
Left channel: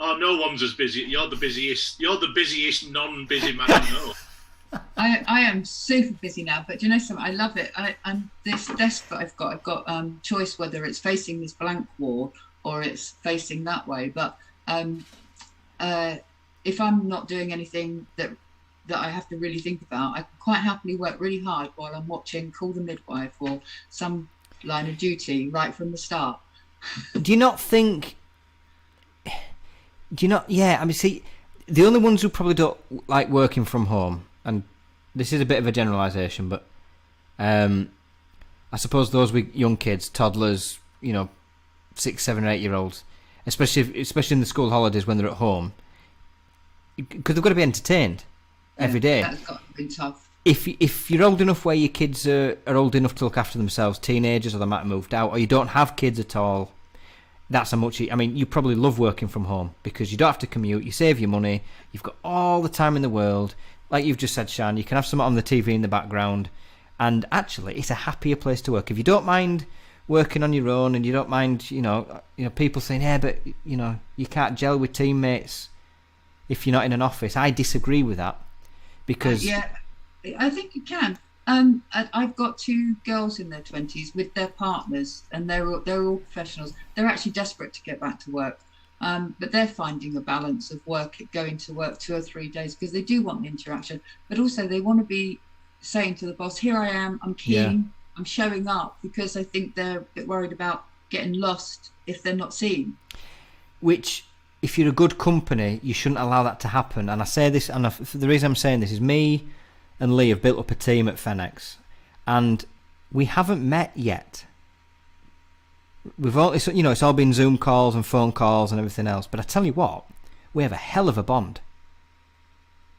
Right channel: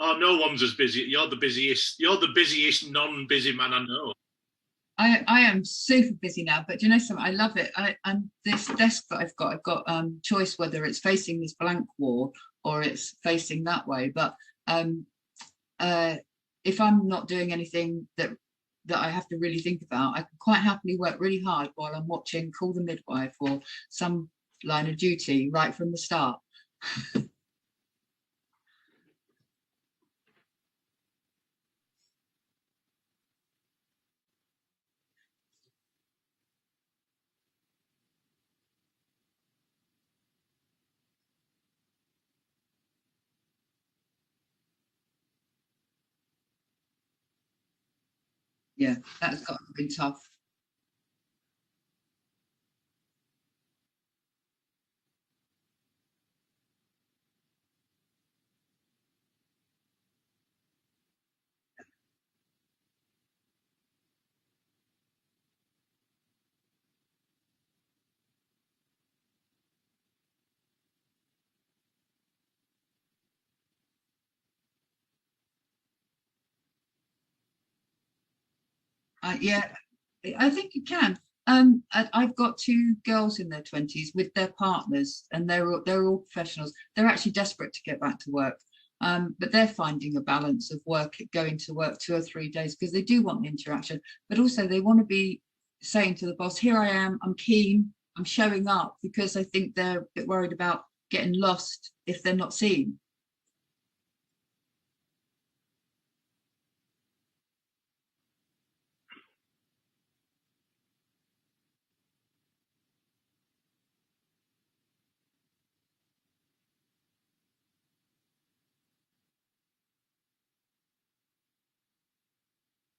Oh, no one's as busy. You're the busiest. You're the busiest non-busy man I know. I am super busy now, but do you know something? I love it. And this desk that I've got choice whether it's facing this blank wall or it's facing that way. But if I'm not doing anything that I have to really think about, I can quite happily work really hard while I'm watching Call the Midwife or some Line of Duty right from the start. Do you not think? Yeah, I mean, see, the only ones who probably don't like working from home, and this is a bit of a generalisation, but I suppose those with young kids, toddlers, 6, 7, 8-year-olds, especially in the school holidays when they're at home, because they've got to be entertained every day. That's got to be tough. If you're old enough where your kids are old enough to look after themselves, teenagers, or they might have moved out, or you don't have kids at all, that's how much. I mean, you probably love working from home because you don't have to commute, you save your money, you've got all the time in the world. Like you've just said, Sian, you can have something on the TV in the background, and actually, it's a happier place to work. If you don't mind working on your own, and you don't mind, people saying, "Yeah, but you can't gel with teammates if you're not in an office." I disagree with that because I think you can. I've got 2 girls in their 20s with their partners, and they're all professionals. They're actually desperate to get back to work. But they're finding a balance of going to work 2 or 3 days because they do want the interaction, but also they want to be saying to the boss, "Here I am, I'm keen, I'm showing up," because I think they're a bit worried about getting lost if they're not seen. Which, if you're a good company, you shouldn't allow that to happen. And I say this, and the reason I'm saying this is me and Lee have built up a team at Fenix, and we haven't met yet. We've all, it's all been Zoom calls and phone calls and everything else. But I tell you what, we have a hell of a bond,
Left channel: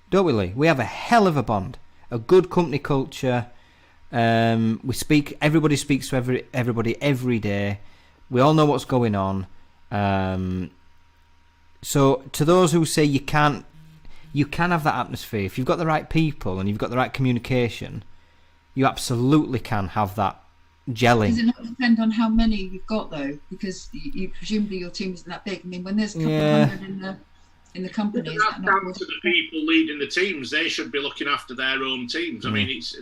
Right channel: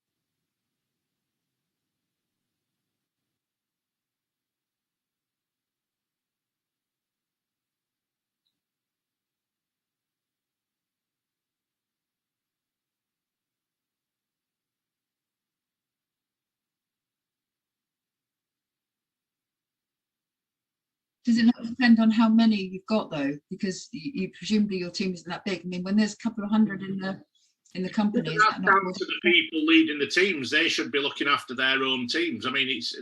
don't we, Lee? We have a hell of a bond, a good company culture. Everybody speaks to everybody every day. We all know what's going on. So to those who say you can have that atmosphere if you've got the right people and you've got the right communication. You absolutely can have that gelling. Does it not depend on how many you've got though? Because you presumably your team isn't that big. I mean, when there's a couple of hundred in the company, that's down to the people leading the teams. They should be looking after their own teams. I mean, it's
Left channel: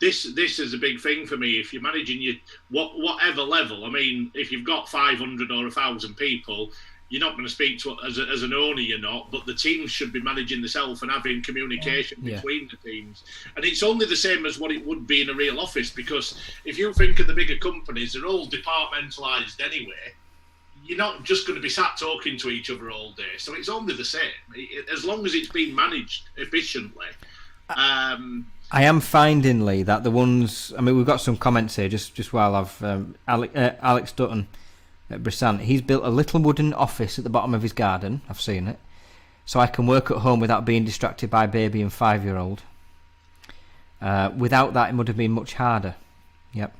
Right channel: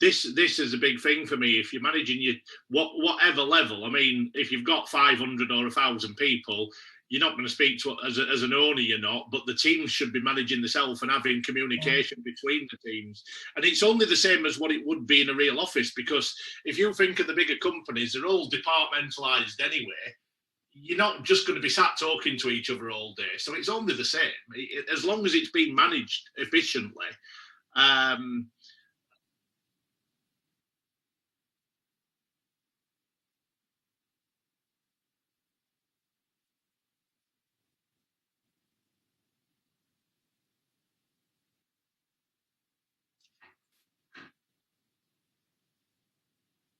this is a big thing for me. If you're managing whatever level, I mean, if you've got 500 or 1,000 people, you're not going to speak to as an owner. You're not, but the teams should be managing themselves and having communication between the teams. And it's only the same as what it would be in a real office, because if you think of the bigger companies, they're all departmentalised anyway. You're not just going to be sat talking to each other all day. So it's only the same, as long as it's being managed efficiently. I am finding, Lee, that the ones... I mean, we've got some comments here, just while I've... Alex Dutton at Brisant, he's built a little wooden office at the bottom of his garden. I've seen it. So I can work at home without being distracted by baby and 5-year-old. Without that, it would have been much harder. Yep.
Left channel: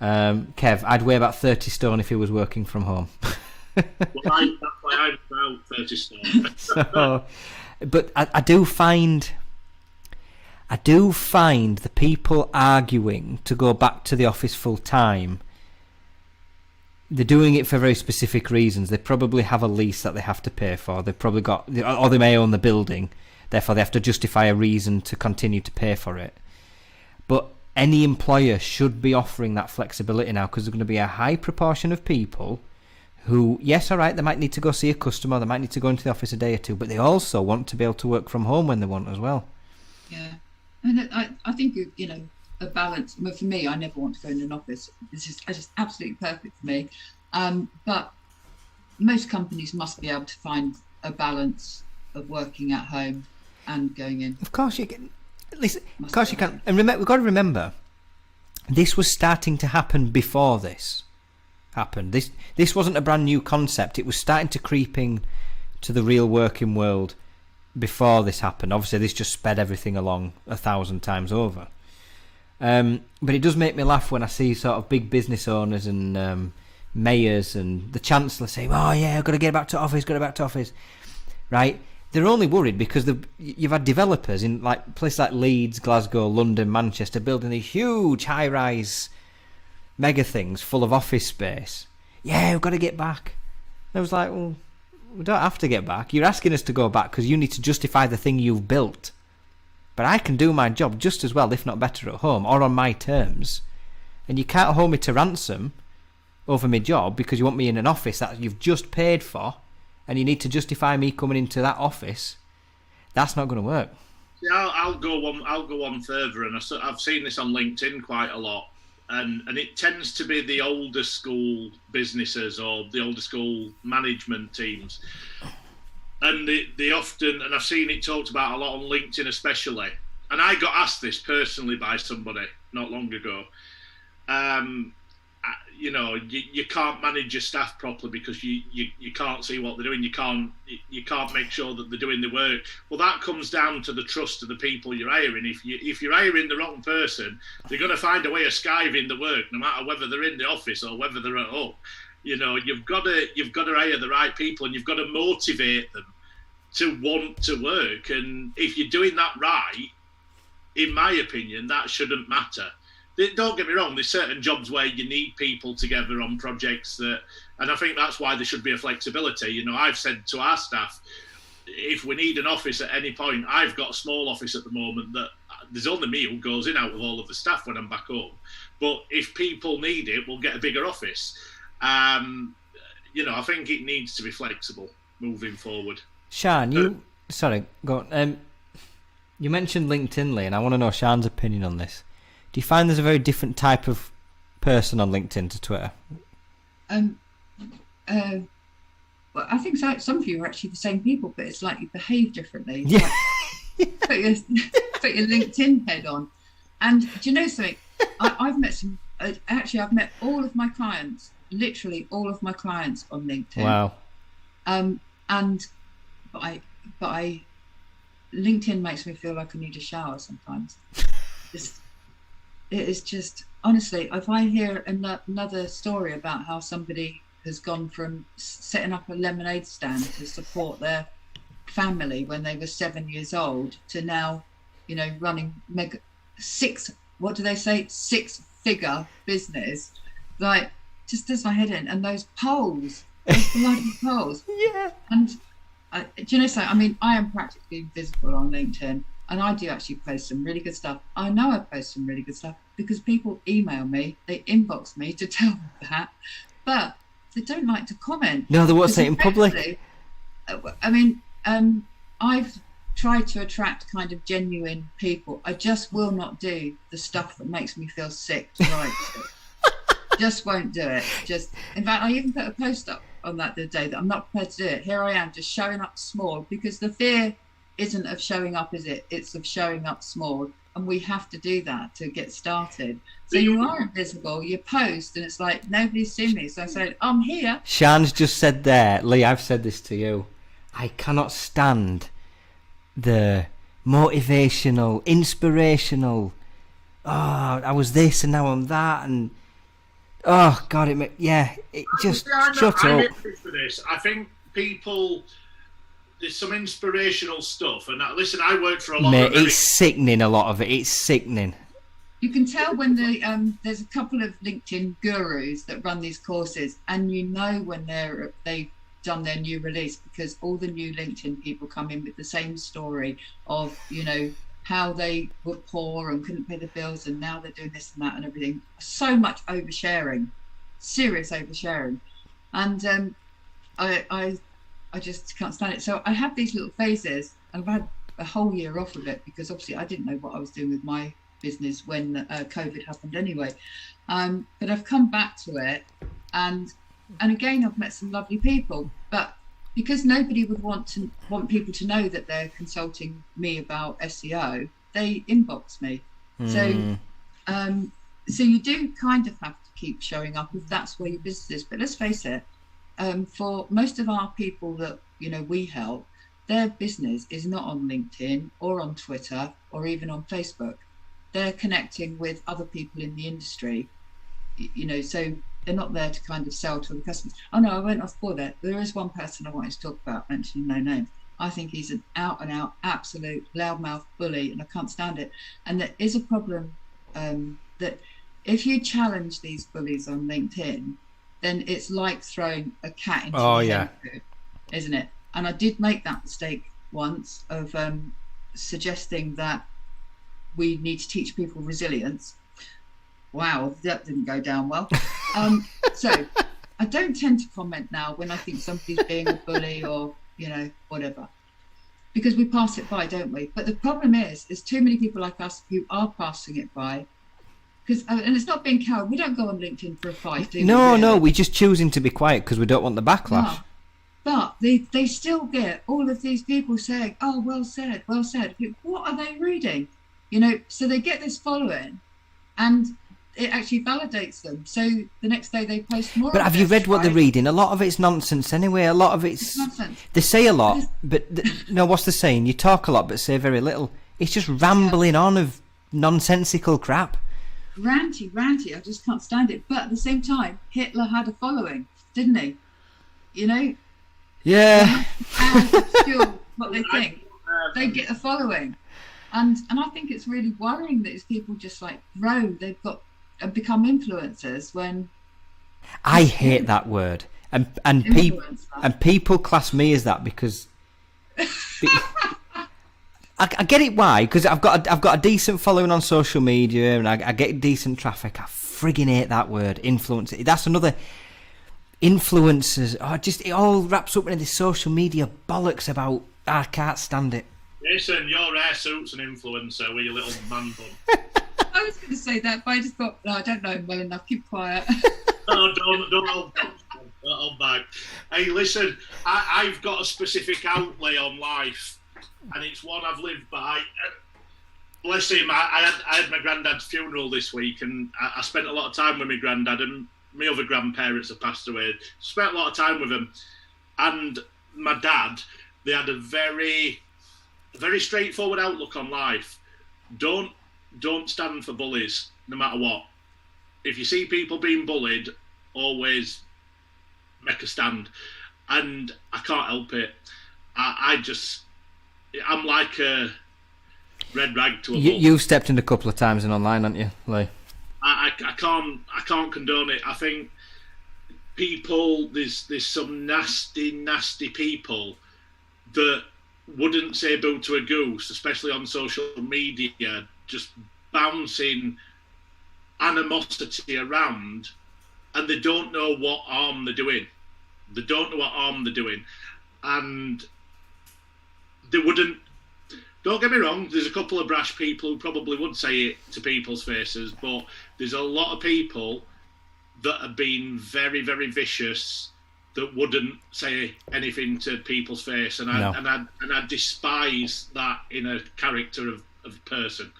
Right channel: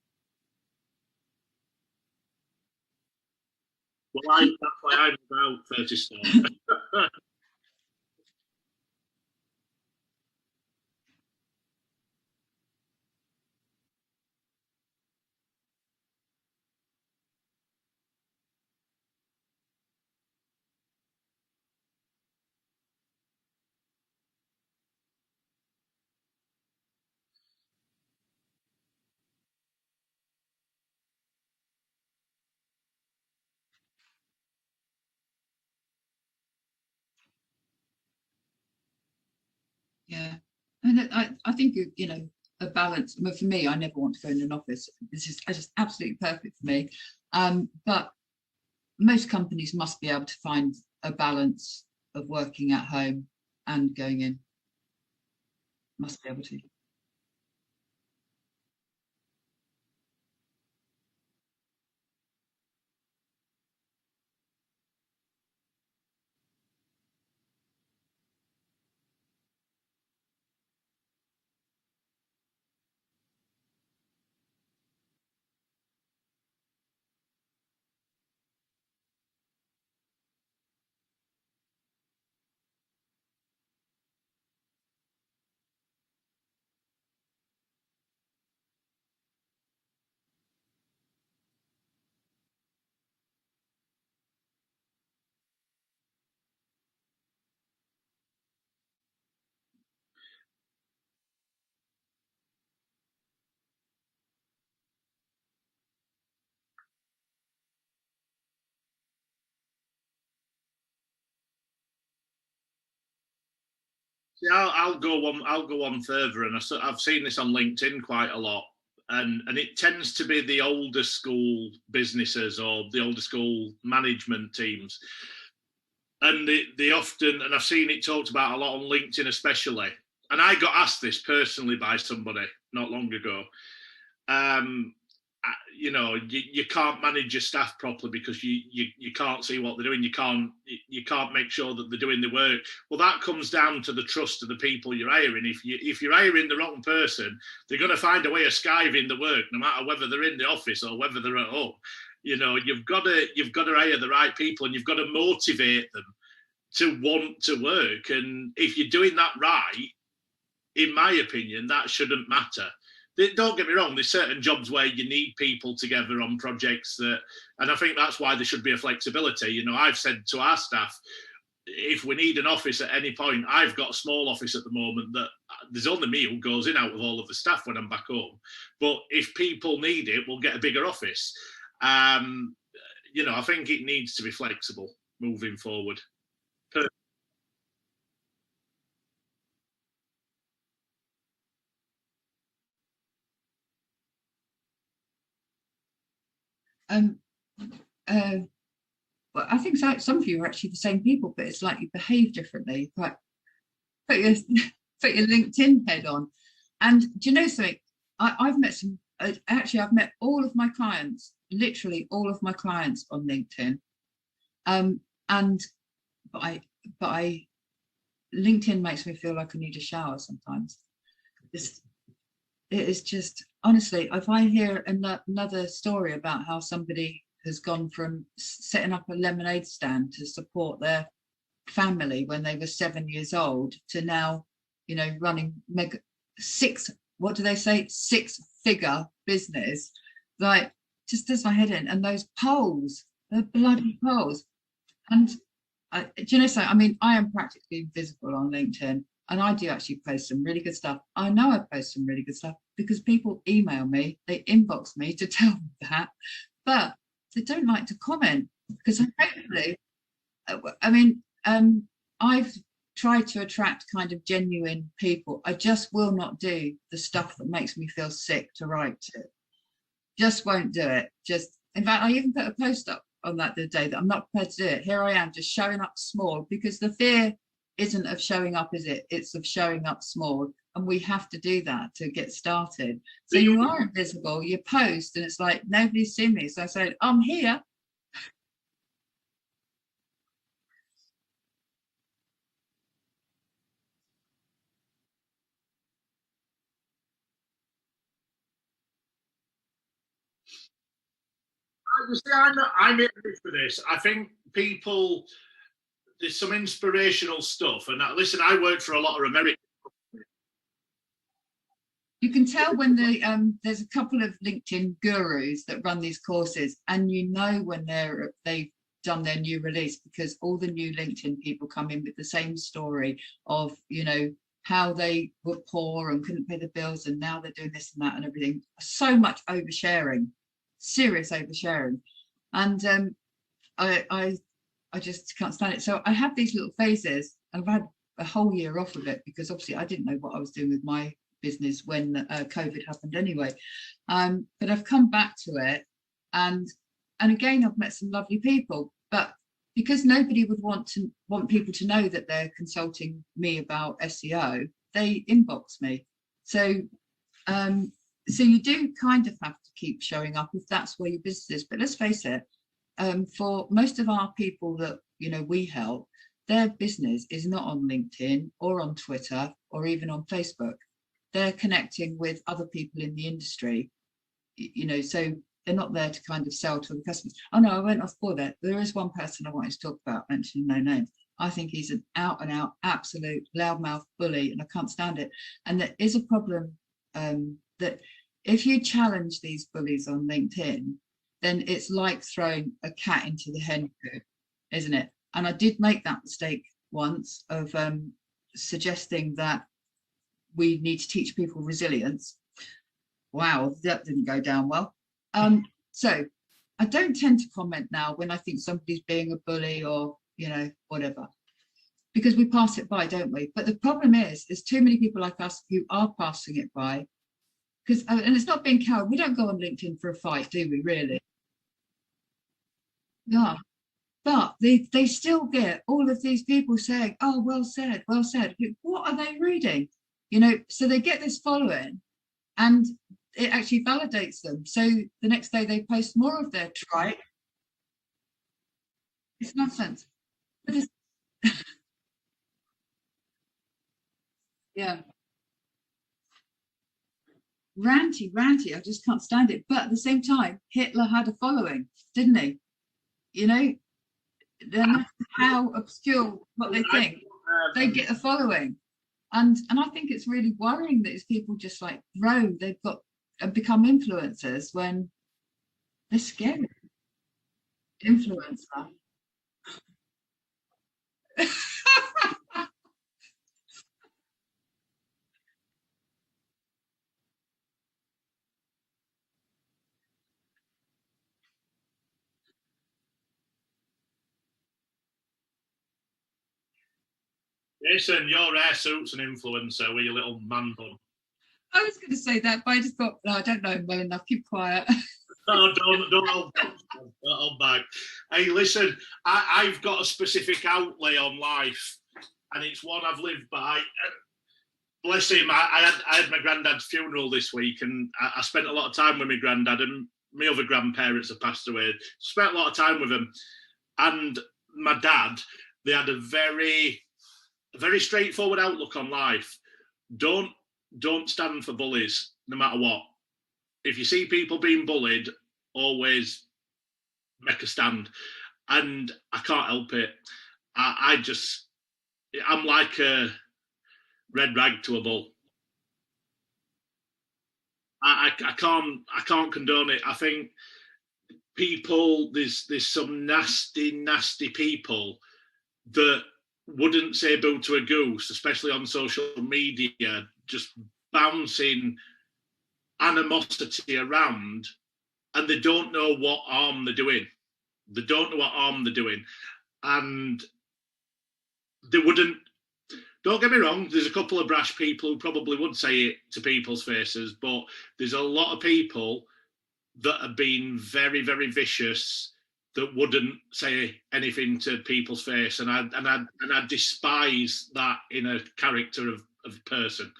Kev, I'd weigh about 30 stone if he was working from home. Well, that's why I'm about 30 stone. But I do find the people arguing to go back to the office full time, they're doing it for very specific reasons. They probably have a lease that they have to pay for. They've probably got, or they may own the building, therefore they have to justify a reason to continue to pay for it. But any employer should be offering that flexibility now, because there's going to be a high proportion of people who, yes, all right, they might need to go see a customer, they might need to go into the office a day or two, but they also want to be able to work from home when they want as well. Yeah, and I think a balance. But for me, I never want to go in an office. It's just absolutely perfect for me. But most companies must be able to find a balance of working at home and going in. Of course you can. Listen, of course you can. And we've got to remember, this was starting to happen before this happened. This wasn't a brand new concept. It was starting to creeping to the real working world before this happened. Obviously, this just sped everything along 1,000 times over. But it does make me laugh when I see sort of big business owners and mayors and the chancellor saying, "Oh yeah, I've got to get back to office, right? They're only worried because you've had developers in like places like Leeds, Glasgow, London, Manchester building these huge high-rise mega things full of office space. Yeah, we've got to get back. And I was like, well, we don't have to get back. You're asking us to go back because you need to justify the thing you've built. But I can do my job just as well, if not better, at home or on my terms. And you can't hold me to ransom over my job because you want me in an office that you've just paid for and you need to justify me coming into that office. That's not going to work. Yeah, I'll go one further, and I've seen this on LinkedIn quite a lot. And it tends to be the older school businesses or the older school management teams. And they often, and I've seen it talked about a lot on LinkedIn especially, and I got asked this personally by somebody not long ago. You can't manage your staff properly because you can't see what they're doing. You can't make sure that they're doing the work. Well, that comes down to the trust of the people you're hiring. If you're hiring the wrong person, they're going to find a way of skiving the work, no matter whether they're in the office or whether they're at home. You've got to hire the right people, and you've got to motivate them to want to work. And if you're doing that right, in my opinion, that shouldn't matter. Don't get me wrong, there's certain jobs where you need people together on projects and I think that's why there should be a flexibility. I've said to our staff, if we need an office at any point, I've got a small office at the moment that there's only me who goes in out with all of the staff when I'm back home. But if people need it, we'll get a bigger office. I think it needs to be flexible moving forward. Sian, sorry, go on. You mentioned LinkedIn, Lee, and I want to know Sian's opinion on this. Do you find there's a very different type of person on LinkedIn to Twitter? Well, I think some of you are actually the same people, but it's like you behave differently. Yeah. Like, put your LinkedIn head on. And do you know something? I've met I've met all of my clients, literally all of my clients on LinkedIn. Wow. But LinkedIn makes me feel like I need a shower sometimes. It is just, honestly, if I hear another story about how somebody has gone from setting up a lemonade stand to support their family when they were 7 years old to now, running six-figure business, like, just does my head in. And those polls, those bloody polls. Yeah. And do you know something? I mean, I am practically invisible on LinkedIn. And I do actually post some really good stuff. I know I post some really good stuff because people email me, they inbox me to tell me that, but they don't like to comment. No, they won't say it in public. I mean, I've tried to attract kind of genuine people. I just will not do the stuff that makes me feel sick to write to. Just won't do it. In fact, I even put a post up on that the other day that I'm not prepared to do it. Here I am, just showing up small, because the fear isn't of showing up, is it? It's of showing up small, and we have to do that to get started. So you are invisible, you post, and it's like, nobody's seen me. So I said, I'm here. Sian's just said there, Lee, I've said this to you. I cannot stand the motivational, inspirational, I was this and now I'm that, and oh God, it just shut up. I'm interested for this. I think people, there's some inspirational stuff, and listen, I work for a lot of. It's sickening. A lot of it. It's sickening. You can tell when there's a couple of LinkedIn gurus that run these courses, and you know when they've done their new release, because all the new LinkedIn people come in with the same story of how they were poor and couldn't pay the bills, and now they're doing this and that and everything. So much oversharing, serious oversharing, and I just can't stand it. So I have these little phases, and I've had a whole year off of it because obviously I didn't know what I was doing with my business when COVID happened anyway. But I've come back to it, and again, I've met some lovely people, but because nobody would want people to know that they're consulting me about SEO, they inbox me. So you do kind of have to keep showing up if that's where your business is. But let's face it, for most of our people that we help, their business is not on LinkedIn or on Twitter or even on Facebook. They're connecting with other people in the industry, so they're not there to kind of sell to the customers. Oh no, I went off for that. There is one person I wanted to talk about, mentioning no names. I think he's an out and out absolute loudmouth bully, and I can't stand it. And there is a problem that if you challenge these bullies on LinkedIn, then it's like throwing a cat into a hen coop, isn't it? And I did make that mistake once of suggesting that we need to teach people resilience. Wow, that didn't go down well. So I don't tend to comment now when I think somebody's being a bully or, whatever, because we pass it by, don't we? But the problem is, there's too many people like us who are passing it by. And it's not being coward. We don't go on LinkedIn for a fight, do we? No, we're just choosing to be quiet because we don't want the backlash. No. But they still get all of these people saying, "Oh, well said, well said." What are they reading? So they get this following, and it actually validates them. So the next day they post more. But have you read what they're reading? A lot of it's nonsense anyway. A lot of it's nonsense. They say a lot, but what's the saying? You talk a lot, but say very little. It's just rambling on of nonsensical crap. Ranty, I just can't stand it. But at the same time, Hitler had a following, didn't he? Yeah. How obscure what they think. They get a following. And I think it's really worrying that these people just grow. They've got and become influencers when I hate that word. And people class me as that because I get it why, because I've got a decent following on social media and I get decent traffic. I friggin' hate that word, influencer. That's another influencers. It all wraps up into this social media bollocks about. I can't stand it. Jason, your hair suit's an influencer with your little man bun. I was going to say that, but I just thought, no, I don't know him well enough. Keep quiet. No, don't hold back. Hey, listen, I've got a specific outlay on life, and it's one I've lived by. Bless him, I had my granddad's funeral this week, and I spent a lot of time with my granddad, and my other grandparents have passed away. Spent a lot of time with them, and my dad. They had a very straightforward outlook on life. Don't stand for bullies, no matter what. If you see people being bullied, always make a stand. And I can't help it. I'm like a red rag to a bull. You've stepped in a couple of times in online, haven't you, Lee? I can't condone it. I think there's some nasty people that wouldn't say boo to a goose, especially on social media, just bouncing animosity around, and they don't know what harm they're doing. And they wouldn't. Don't get me wrong, there's a couple of brash people who probably would say it to people's faces, but there's a lot of people that have been very, very vicious that wouldn't say anything to people's face, and I despise that in a character of a person.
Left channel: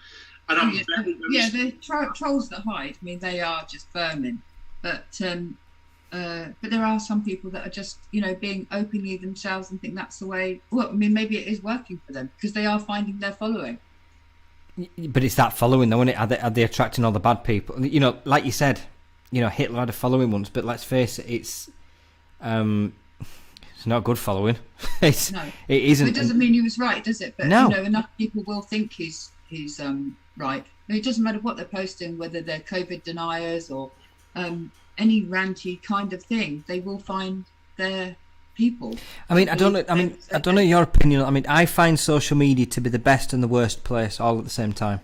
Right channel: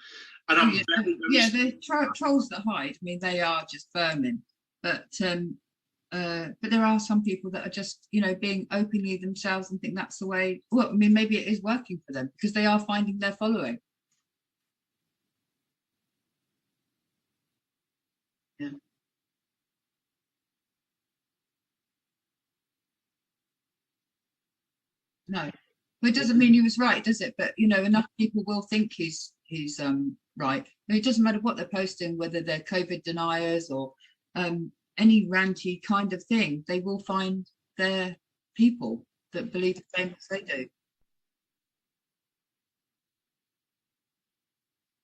And I'm the trolls that hide. I mean, they are just vermin. But there are some people that are just being openly themselves and think that's the way. Well, I mean, maybe it is working for them because they are finding their following. But it's that following, though, isn't it? Are they attracting all the bad people? Like you said, Hitler had a following once, but let's face it, it's not a good following. It isn't. It doesn't mean he was right, does it? But no. Enough people will think he's right. It doesn't matter what they're posting, whether they're COVID deniers or any ranty kind of thing. They will find their people. I mean, I don't know your opinion. I mean, I find social media to be the best and the worst place all at the same time.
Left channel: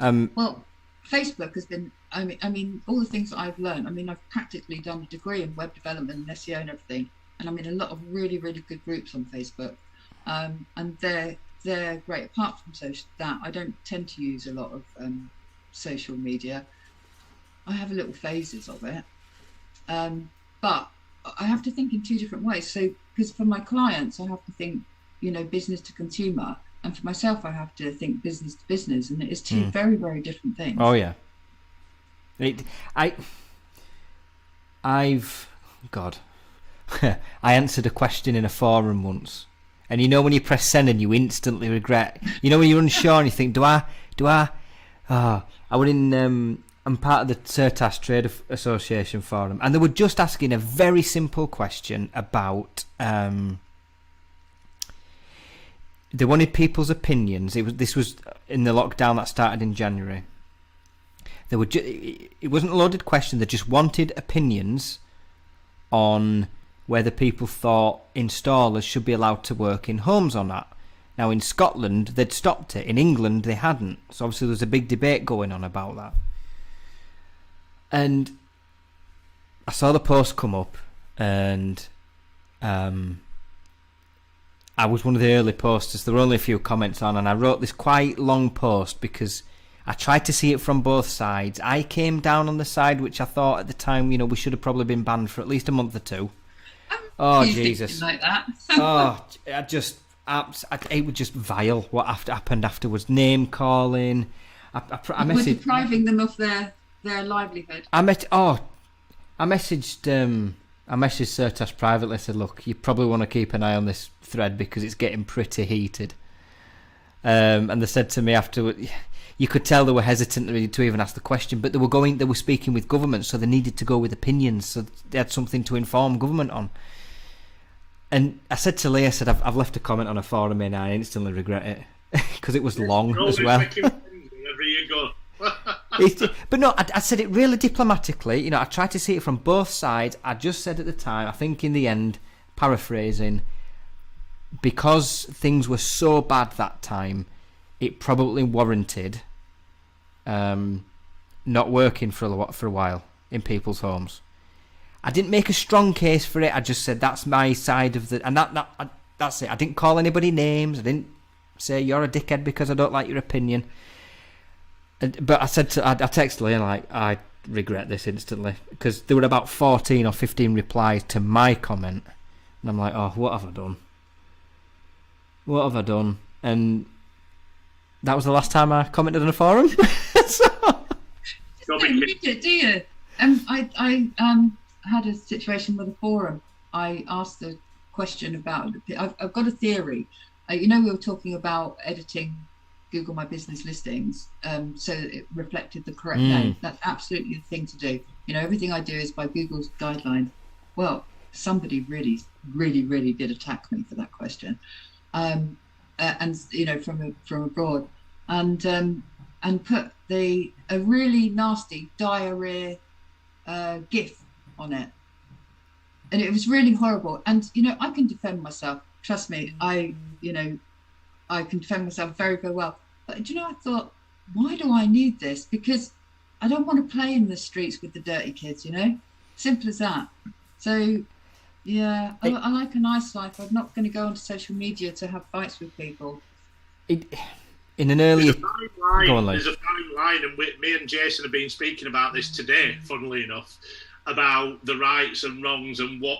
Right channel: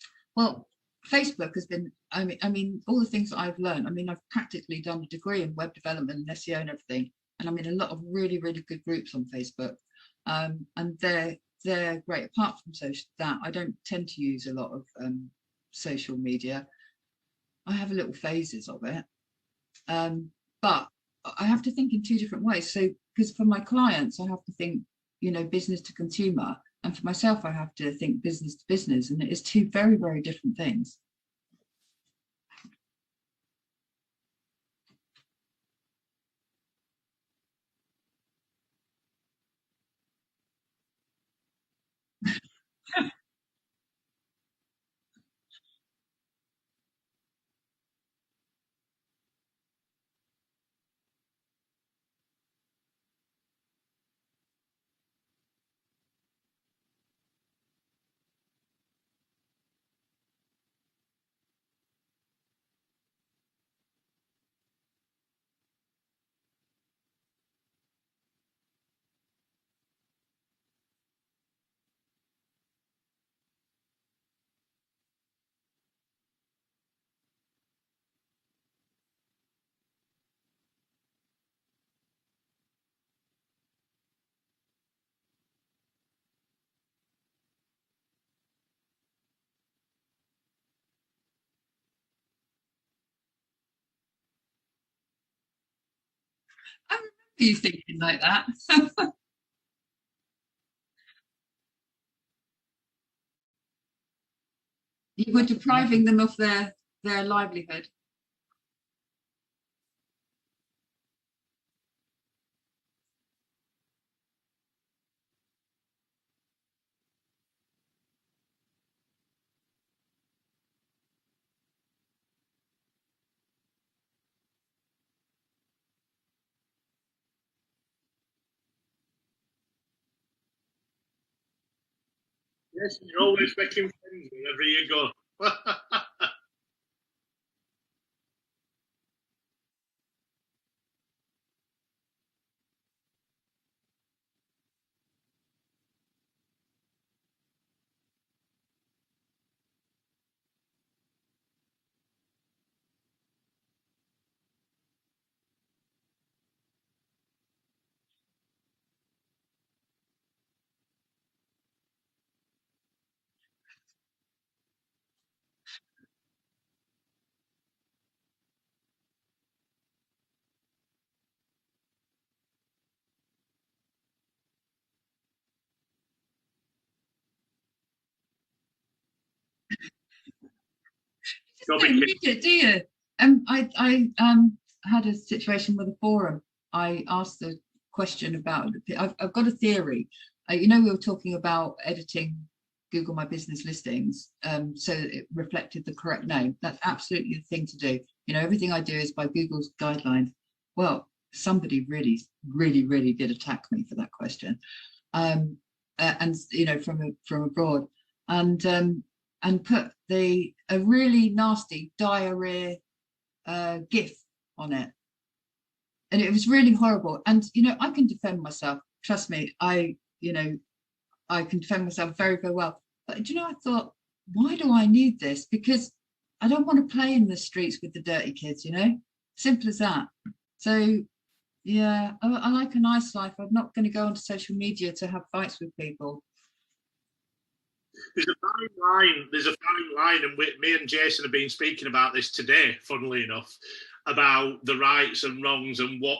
Well, Facebook has been. I mean, all the things that I've learned. I mean, I've practically done a degree in web development and SEO and everything, and I'm in a lot of really, really good groups on Facebook. And they're they're great. Apart from that, I don't tend to use a lot of social media. I have little phases of it, but I have to think in two different ways. So, because for my clients, I have to think, business to consumer, and for myself, I have to think business to business, and it is two very, very different things. Oh yeah. I answered a question in a forum once, and when you press send and you instantly regret. When you're unsure and you think, do I? I was in. I'm part of the Certas Trade Association forum, and they were just asking a very simple question about. They wanted people's opinions. This was in the lockdown that started in January. It wasn't a loaded question. They just wanted opinions on whether people thought installers should be allowed to work in homes or not. Now, in Scotland, they'd stopped it. In England, they hadn't. So obviously, there was a big debate going on about that. And I saw the post come up, and I was one of the early posters. There were only a few comments on, and I wrote this quite long post because I tried to see it from both sides. I came down on the side which I thought at the time, we should have probably been banned for at least a month or two. Oh, Jesus. Like that. It was just vile what happened afterwards. Name calling. We're depriving them of their livelihood. I messaged Certas privately. I said, look, you probably want to keep an eye on this thread because it's getting pretty heated. And they said to me afterwards, you could tell they were hesitant to even ask the question, but they were speaking with government, so they needed to go with opinions, so they had something to inform government on. And I said to Lee, I've left a comment on a forum and I instantly regret it because it was long as well. Wherever you go. But no, I said it really diplomatically. I tried to see it from both sides. I just said at the time, I think in the end, paraphrasing, because things were so bad that time, it probably warranted not working for a while in people's homes. I didn't make a strong case for it. I just said that's my side of the, and that's it. I didn't call anybody names. I didn't say you're a dickhead because I don't like your opinion. But I texted Lee and I regret this instantly because there were about 14 or 15 replies to my comment, and I'm like, oh, what have I done? What have I done? And that was the last time I commented on a forum. So, you don't read it, do you? I had a situation with a forum. I asked the question about. I've got a theory. We were talking about editing Google My Business listings, so that it reflected the correct name. That's absolutely the thing to do. Everything I do is by Google's guidelines. Well, somebody really, really, really did attack me for that question, and from abroad, and put a really nasty diarrhea GIF on it, and it was really horrible. And I can defend myself. Trust me, I can defend myself very, very well. But I thought, why do I need this? Because I don't want to play in the streets with the dirty kids. Simple as that. So yeah, I like a nice life. I'm not going to go onto social media to have fights with people. In an early, there's a fine line, and me and Jason have been speaking about this today, funnily enough, about the rights and wrongs and what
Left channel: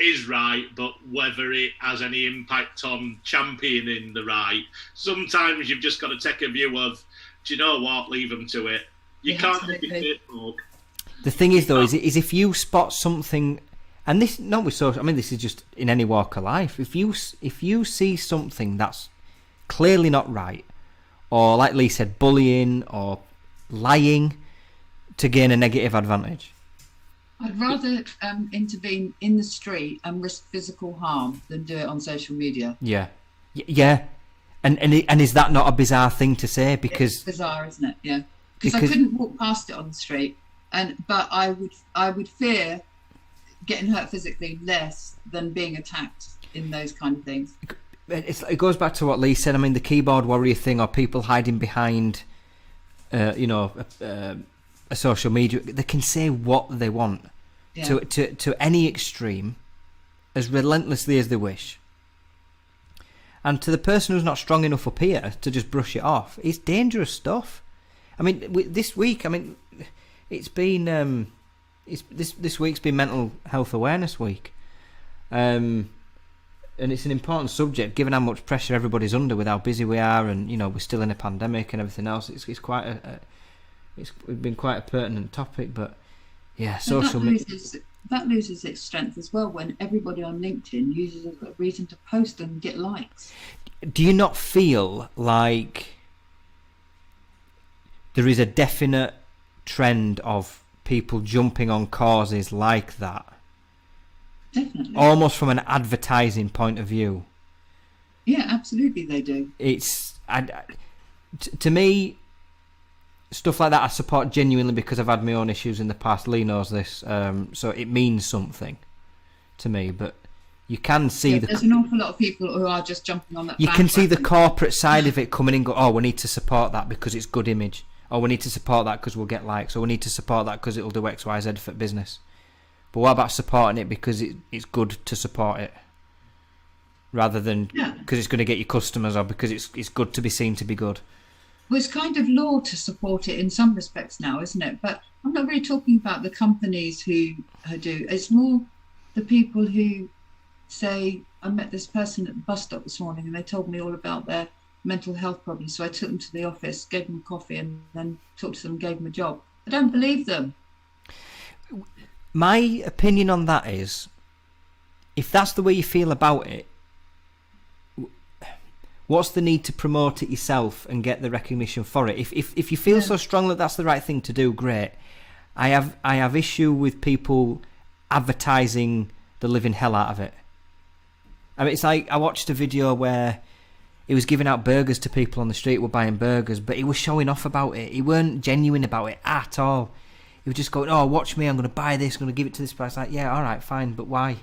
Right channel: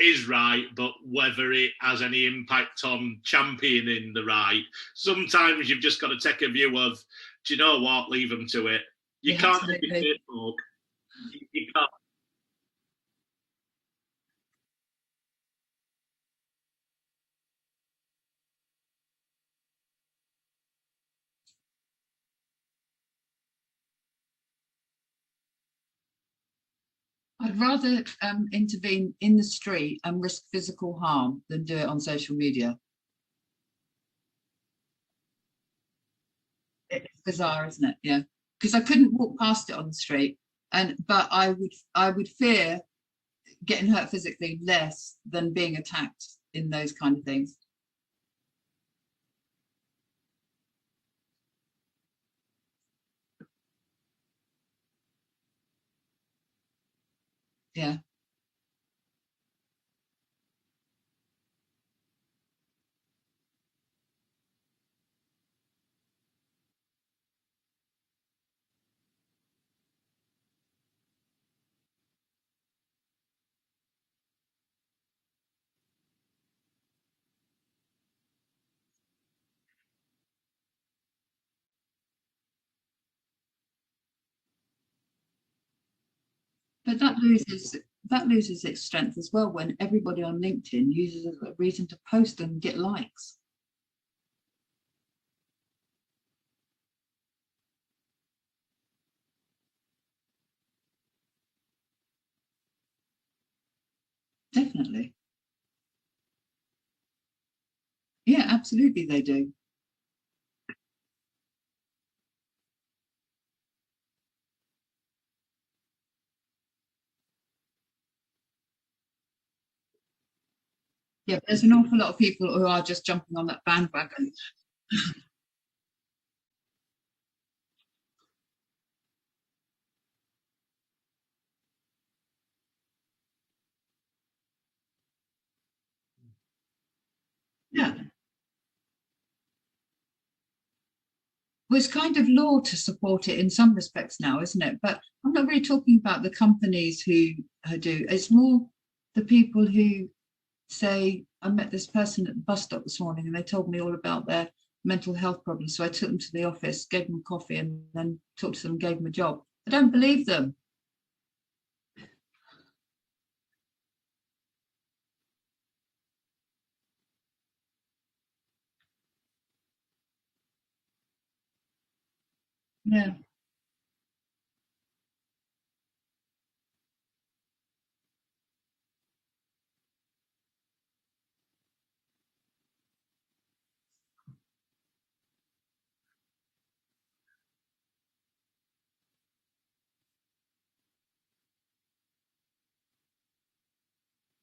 is right, but whether it has any impact on championing the right. Sometimes you've just got to take a view of, do you know what, leave them to it. You can't dictate folk. The thing is, though, is if you spot something, and this not with social, I mean, this is just in any walk of life. If you see something that's clearly not right, or like Lee said, bullying or lying to gain a negative advantage, I'd rather intervene in the street and risk physical harm than do it on social media. Yeah. And is that not a bizarre thing to say? Because it's bizarre, isn't it? Yeah. Because I couldn't walk past it on the street, but I would fear getting hurt physically less than being attacked in those kind of things. It goes back to what Lee said. I mean, the keyboard warrior thing, or people hiding behind, a social media. They can say what they want to any extreme, as relentlessly as they wish. And to the person who's not strong enough up here to just brush it off, it's dangerous stuff. I mean, this week, it's been this week's been Mental Health Awareness Week, and it's an important subject given how much pressure everybody's under with how busy we are, and we're still in a pandemic and everything else. It's quite it's been quite a pertinent topic, but yeah, that loses its strength as well when everybody on LinkedIn uses it as a reason to post and get likes. Do you not feel like there is a definite trend of people jumping on causes like that? Definitely. Almost from an advertising point of view. Yeah, absolutely they do. It's to me, stuff like that I support genuinely because I've had my own issues in the past. Lee knows this, so it means something to me. But you can see there's an awful lot of people who are just jumping on that. You can see the corporate side of it coming in. Oh, we need to support that because it's good image. Or we need to support that because we'll get likes. Or we need to support that because it'll do X, Y, Z for business. But what about supporting it because it's good to support it, rather than because it's going to get you customers, or because it's good to be seen to be good? Well, it's kind of law to support it in some respects now, isn't it? But I'm not really talking about the companies who do. It's more the people who say, I met this person at the bus stop this morning and they told me all about their mental health problems. So I took them to the office, gave them coffee, and then talked to them, gave them a job. I don't believe them. My opinion on that is, if that's the way you feel about it, what's the need to promote it yourself and get the recognition for it? If you feel so strong that that's the right thing to do, great. I have issue with people advertising the living hell out of it. I mean, it's like I watched a video where he was giving out burgers to people on the street, were buying burgers, but he was showing off about it. He weren't genuine about it at all. He was just going, oh, watch me, I'm going to buy this, I'm going to give it to this price. Like, yeah, all right, fine, but why?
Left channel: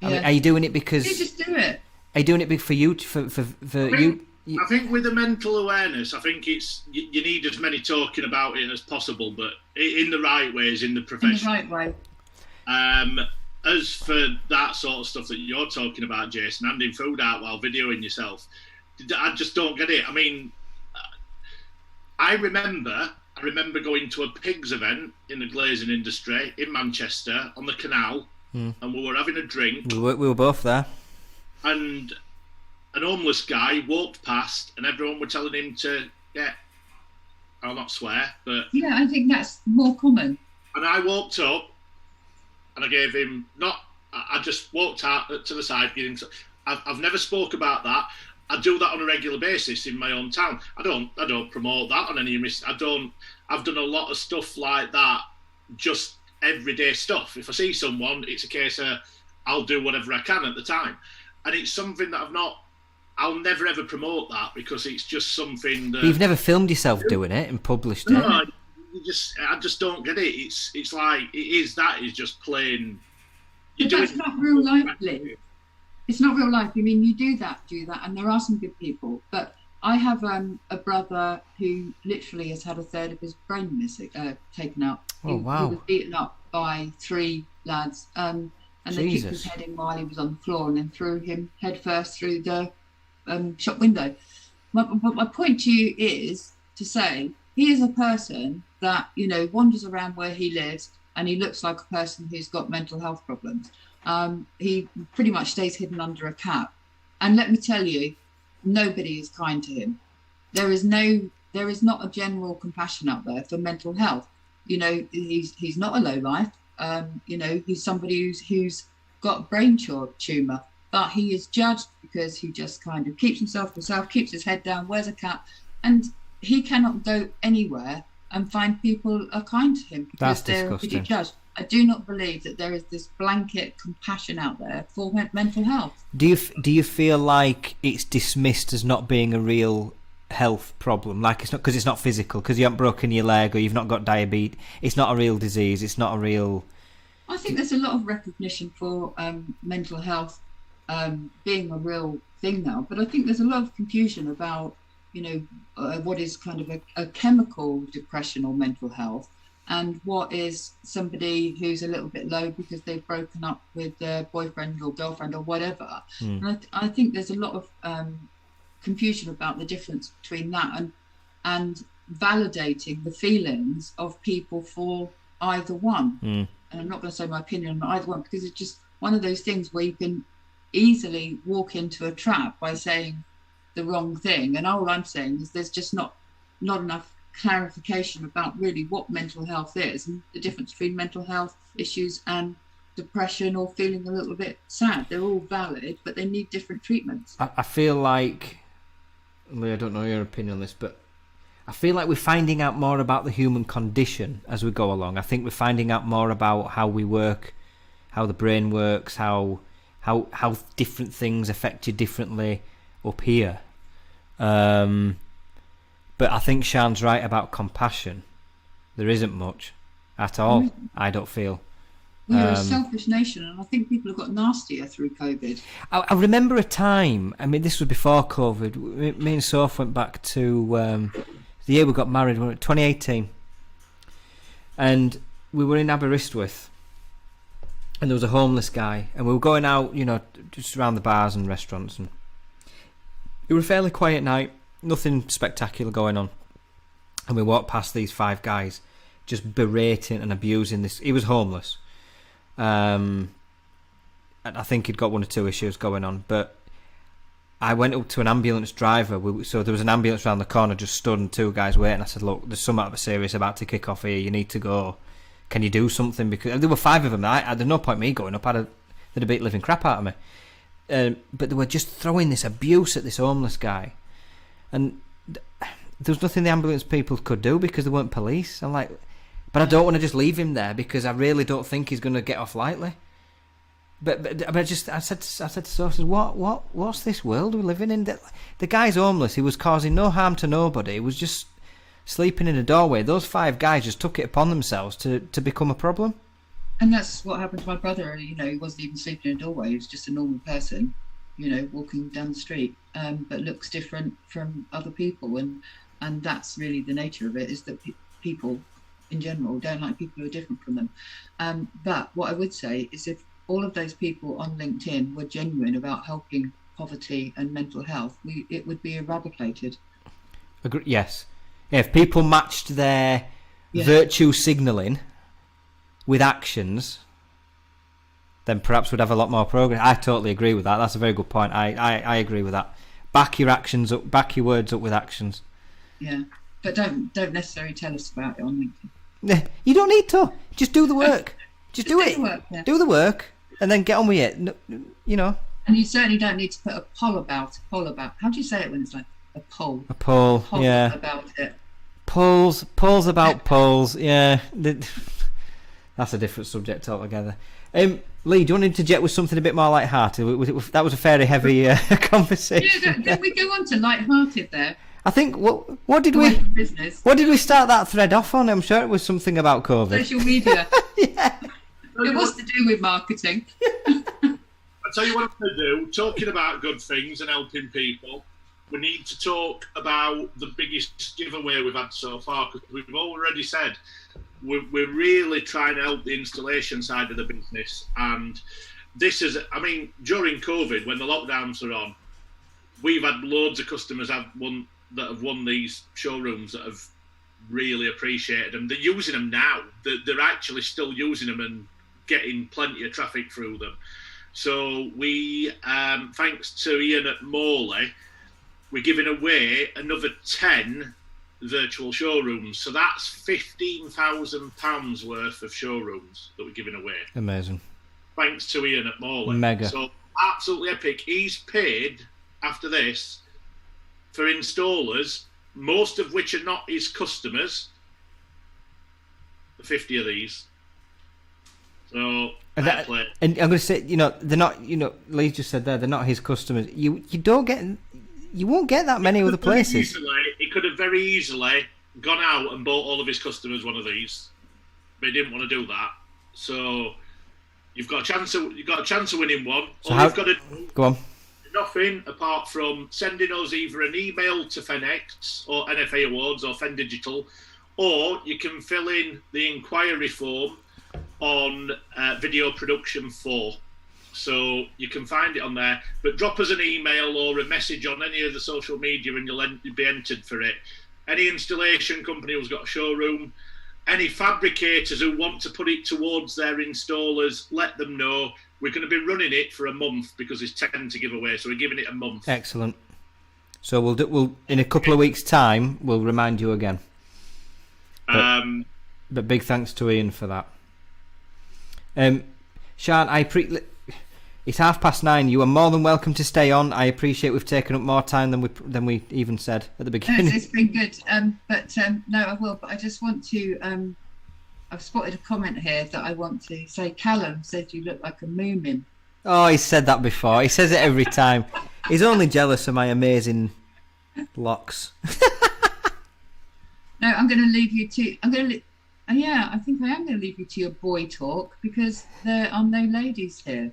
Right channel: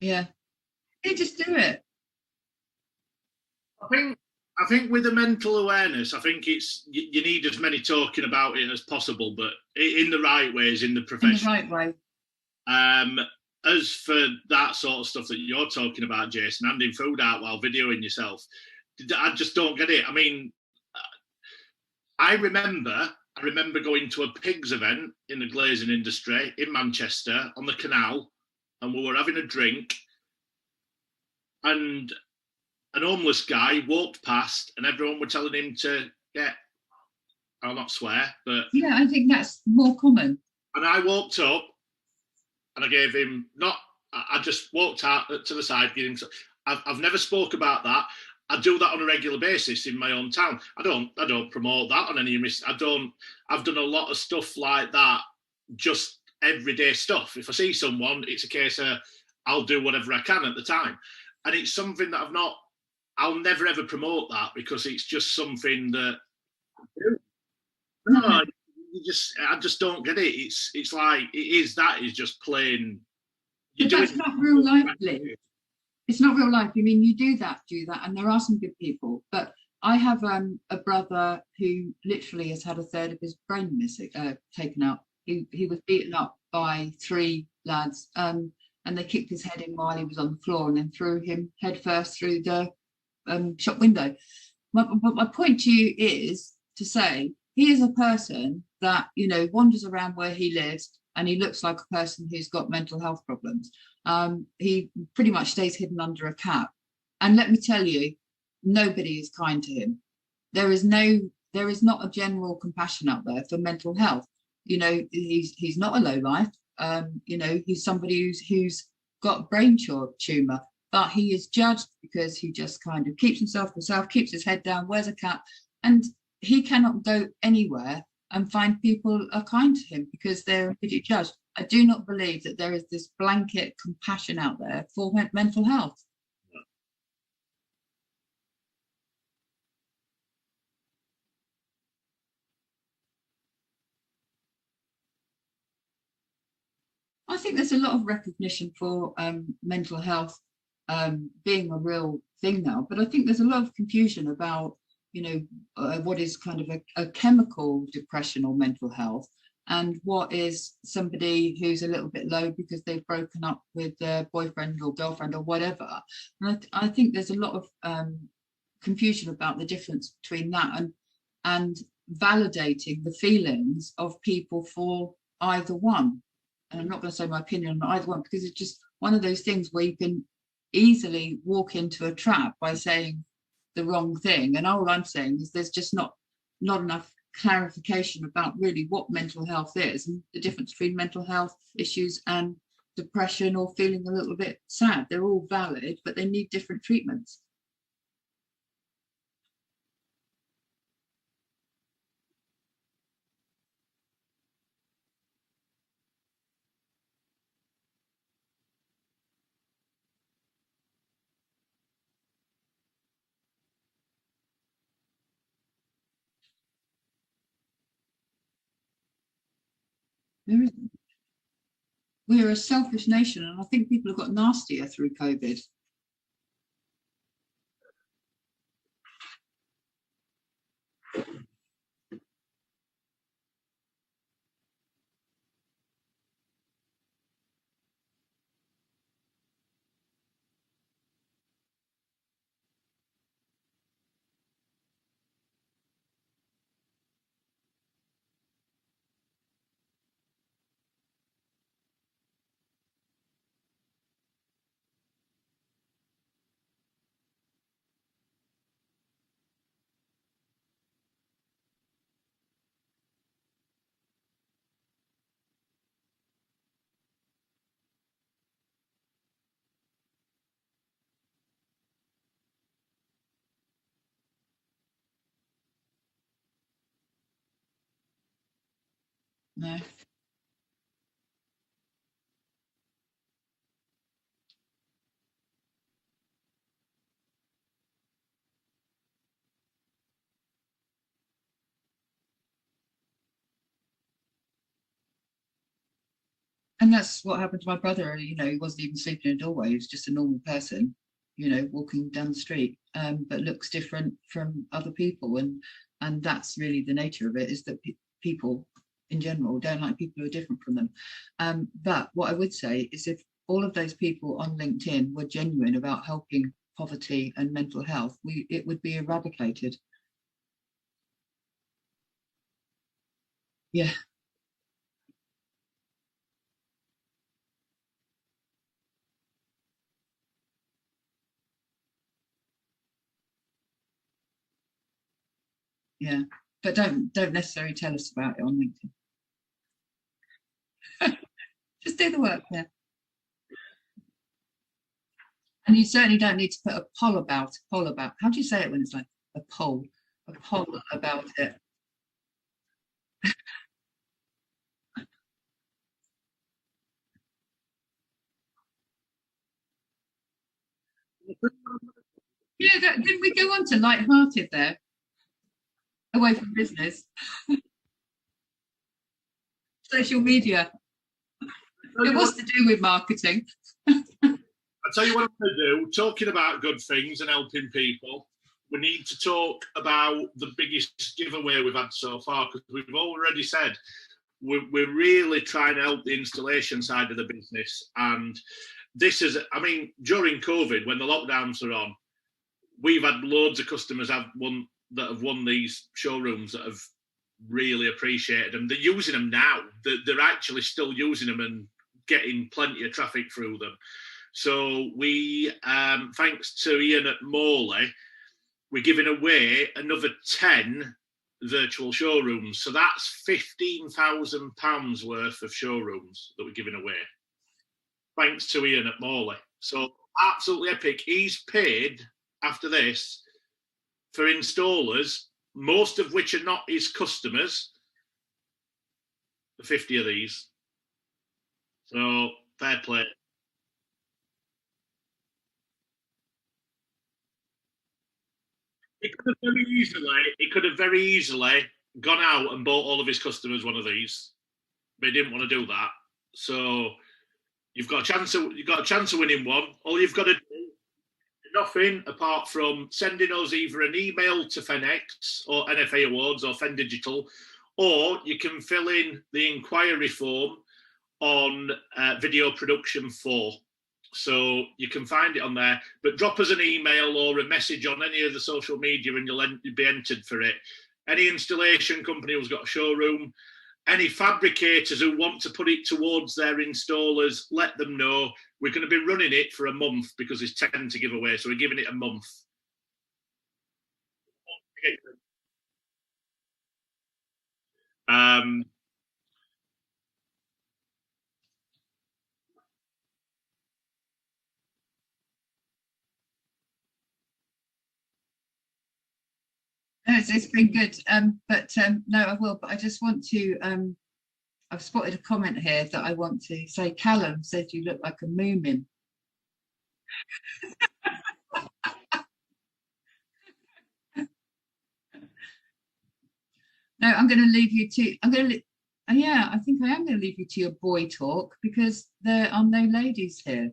Yeah. I mean, are you doing it because... You just do it. Are you doing it for you? I think with the mental awareness, I think it's you need as many talking about it as possible, but in the right ways, in the profession. In the right way. As for that sort of stuff that you're talking about, Jason, handing food out while videoing yourself, I just don't get it. I mean, I remember going to a pigs event in the glazing industry in Manchester on the canal, and we were having a drink. We were both there. And an homeless guy walked past, and everyone were telling him to get, I'll not swear, but... Yeah, I think that's more common. And I walked up, and I gave him, I just walked out to the side, giving... I've never spoke about that. I do that on a regular basis in my own town. I don't promote that on any... I've done a lot of stuff like that, just everyday stuff. If I see someone, it's a case of I'll do whatever I can at the time. And it's something that I'll never ever promote that, because it's just something that... You've never filmed yourself doing it and published it? No, I just don't get it. It's like, that is just plain... But that's not real life, Lee. It's not real life. I mean, you do that, and there are some good people. But I have a brother who literally has had a third of his brain taken out. He was beaten up by 3 lads, and they kicked his head in while he was on the floor and then threw him headfirst through the shop window. My point to you is to say he is a person that, wanders around where he lives, and he looks like a person who's got mental health problems. He pretty much stays hidden under a cap. And let me tell you, nobody is kind to him. There is not a general compassion out there for mental health. He's not a lowlife. He's somebody who's got brain tumour, but he is judged because he just kind of keeps himself to himself, keeps his head down, wears a cap, and he cannot go anywhere and find people are kind to him because they're judged. I do not believe that there is this blanket compassion out there for mental health. Do you feel like it's dismissed as not being a real health problem? Like it's not because it's not physical, because you haven't broken your leg or you've not got diabetes. It's not a real disease. It's not a real... I think there's a lot of recognition for mental health being a real thing now, but I think there's a lot of confusion about, what is kind of a chemical depression or mental health, and what is somebody who's a little bit low because they've broken up with their boyfriend or girlfriend or whatever. And I think there's a lot of confusion about the difference between that and validating the feelings of people for either one. And I'm not going to say my opinion on either one, because it's just one of those things where you can easily walk into a trap by saying the wrong thing. And all I'm saying is there's just not enough clarification about really what mental health is and the difference between mental health issues and depression or feeling a little bit sad. They're all valid, but they need different treatments. I feel like, Lee, I don't know your opinion on this, but I feel like we're finding out more about the human condition as we go along. I think we're finding out more about how we work, how the brain works, how different things affect you differently up here. But I think Sian's right about compassion. There isn't much at all, I don't feel. We're a selfish nation, and I think people have got nastier through COVID. I remember a time, I mean, this was before COVID, me and Soph went back to the year we got married, 2018. And we were in Aberystwyth, and there was a homeless guy, and we were going out, just around the bars and restaurants, and it was a fairly quiet night. Nothing spectacular going on. And we walked past these 5 guys just berating and abusing this. He was homeless. And I think he'd got 1 or 2 issues going on. But I went up to an ambulance driver. So there was an ambulance around the corner, just stood, and 2 guys waiting. I said, look, there's something serious about to kick off here. You need to go. Can you do something? Because there were 5 of them. There's no point me going up. They'd have beat living crap out of me. But they were just throwing this abuse at this homeless guy. And there was nothing the ambulance people could do because they weren't police. I'm like, but I don't want to just leave him there because I really don't think he's going to get off lightly. But I said to Sophie, what's this world we're living in? The guy's homeless. He was causing no harm to nobody. He was just sleeping in a doorway. Those 5 guys just took it upon themselves to become a problem. And that's what happened to my brother. He wasn't even sleeping in a doorway. He was just a normal person, walking down the street, but looks different from other people. And that's really the nature of it, is that people in general don't like people who are different from them. But what I would say is, if all of those people on LinkedIn were genuine about helping poverty and mental health, it would be eradicated. Yes. Yeah, if people matched their virtue signalling with actions, then perhaps we'd have a lot more progress. I totally agree with that. That's a very good point. I agree with that. Back your actions up, back your words up with actions. Yeah, but don't necessarily tell us about it on LinkedIn. You don't need to. Just do the work. Just do it. The work, yeah. Do the work, and then get on with it. And you certainly don't need to put a poll about. How do you say it when it's like a poll? A poll. Yeah. About it. Polls about polls. Yeah. That's a different subject altogether. Lee, do you want to interject with something a bit more light-hearted? That was a fairly heavy conversation. Yeah, did we go on to light-hearted there? I think what did we start that thread off on? I'm sure it was something about COVID. Social media. Yeah. It was to do with marketing. I'll tell you what I'm going to do. Talking about good things and helping people, we need to talk about the biggest giveaway we've had so far, because we've already said we're really trying to help the installation side of the business. And this is, during COVID, when the lockdowns are on, we've had loads of customers that have won these showrooms that have really appreciated them. They're using them now. They're actually still using them and getting plenty of traffic through them. So we, thanks to Ian at Morley, we're giving away another 10 virtual showrooms. So that's £15,000 worth of showrooms that we're giving away. Amazing. Thanks to Ian at Morley. Mega. So absolutely epic. He's paid, after this, for installers, most of which are not his customers, 50 of these. So, fair play. And I'm going to say, they're not, Lee just said there, they're not his customers. You won't get that many other places. He could have very easily gone out and bought all of his customers one of these, but he didn't want to do that. So you've got a chance of winning one. You've got to do, go on, nothing apart from sending us either an email to FenX or NFA Awards or Fen Digital, or you can fill in the inquiry form on Video Production 4. So you can find it on there, but drop us an email or a message on any of the social media and you'll be entered for it. Any installation company who's got a showroom, any fabricators who want to put it towards their installers, let them know. We're going to be running it for a month because there's 10 to give away, so we're giving it a month. Excellent. So we'll in a couple of weeks' time, we'll remind you again. But big thanks to Ian for that. Sian, it's 9:30. You are more than welcome to stay on. I appreciate we've taken up more time than we even said at the beginning. It's been good. No, I will. But I just want to. I've spotted a comment here that I want to say. Callum said you look like a moomin. Oh, he's said that before. He says it every time. He's only jealous of my amazing locks. No, I'm going to leave you to. I think I am going to leave you to your boy talk because there are no ladies here.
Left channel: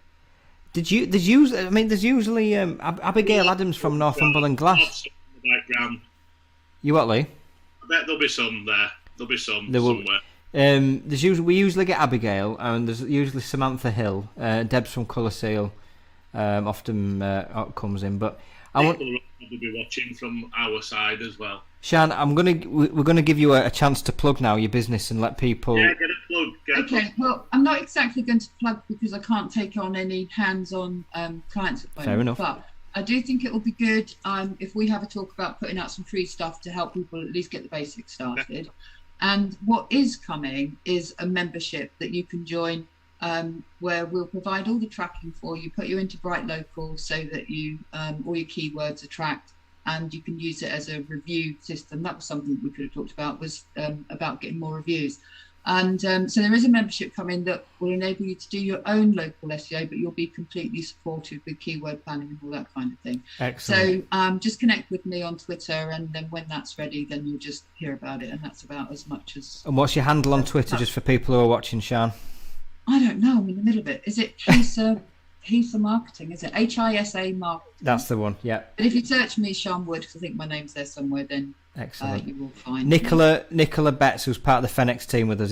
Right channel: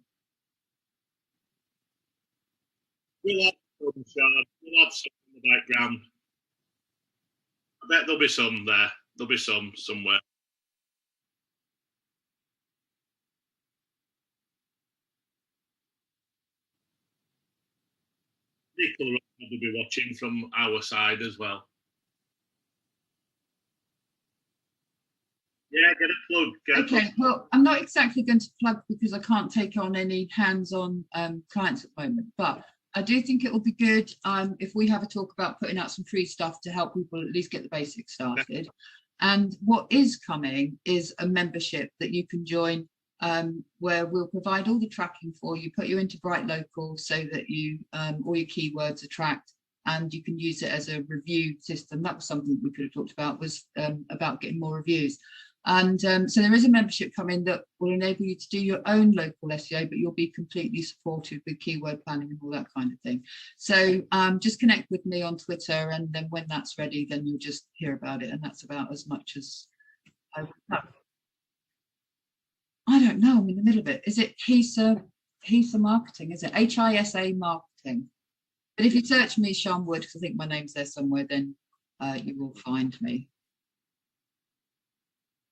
There's usually Abigail Adams from Northumberland Glass. In the background. You what, Lee? I bet there'll be some there. There'll be some somewhere. We usually get Abigail, and there's usually Samantha Hill. Deb's from Colour Seal often comes in, but People will probably be watching from our side as well. Sian, we're gonna give you a chance to plug now your business and let people. Yeah, get a plug. Well, I'm not exactly going to plug because I can't take on any hands-on clients at the moment. Fair enough. But I do think it will be good if we have a talk about putting out some free stuff to help people at least get the basics started. And what is coming is a membership that you can join where we'll provide all the tracking for you, put you into Bright Local so that you all your keywords are tracked and you can use it as a review system. That was something we could have talked about, was about getting more reviews. And so there is a membership coming that will enable you to do your own local SEO, but you'll be completely supported with keyword planning and all that kind of thing. Excellent. So just connect with me on Twitter, and then when that's ready, then you'll just hear about it. And that's about as much as... And what's your handle on Twitter, just for people who are watching, Sian? I don't know. I'm in the middle of it. Is it Hisa Marketing? Is it HISA Marketing? That's the one, yeah. But if you search me, Sian Wood, because I think my name's there somewhere, then... Excellent. You will find Nicola Betts, who's part of the Fenix team with us.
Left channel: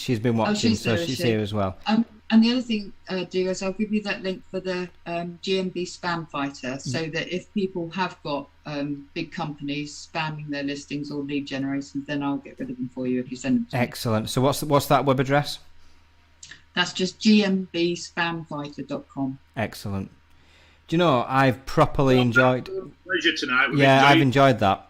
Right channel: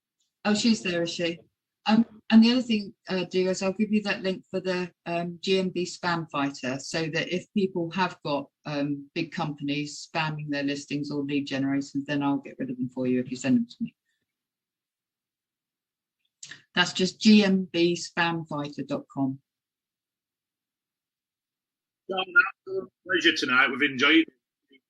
She's been watching, she's here as well. And the other thing, do is I'll give you that link for the GMB Spam Fighter, so that if people have got big companies spamming their listings or lead generations, then I'll get rid of them for you if you send them to me. Excellent. So what's that web address? That's just gmbspamfighter.com. Excellent. Do you know, I've properly enjoyed... Pleasure tonight. I've enjoyed that.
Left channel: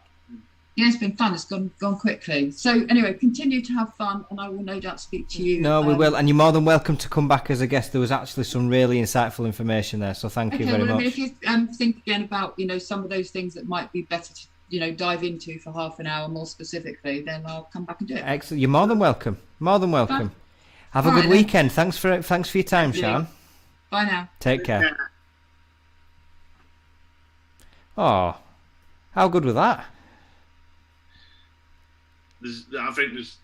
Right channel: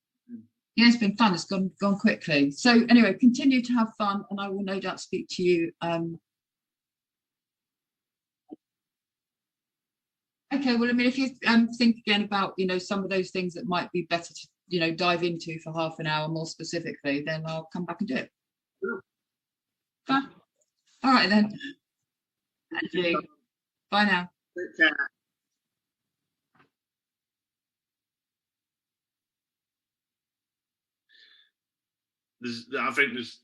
Yeah, it's been fun. It's gone quickly. So anyway, continue to have fun, and I will no doubt speak to you. No, we will, and you're more than welcome to come back as a guest. There was actually some really insightful information there, so thank you very much. I mean, if you think again about some of those things that might be better to dive into for half an hour more specifically, then I'll come back and do it. Excellent. You're more than welcome. More than welcome. Have a good weekend. Thanks for your time, Sian. Bye now. Take care. Oh, how good was that? I think there's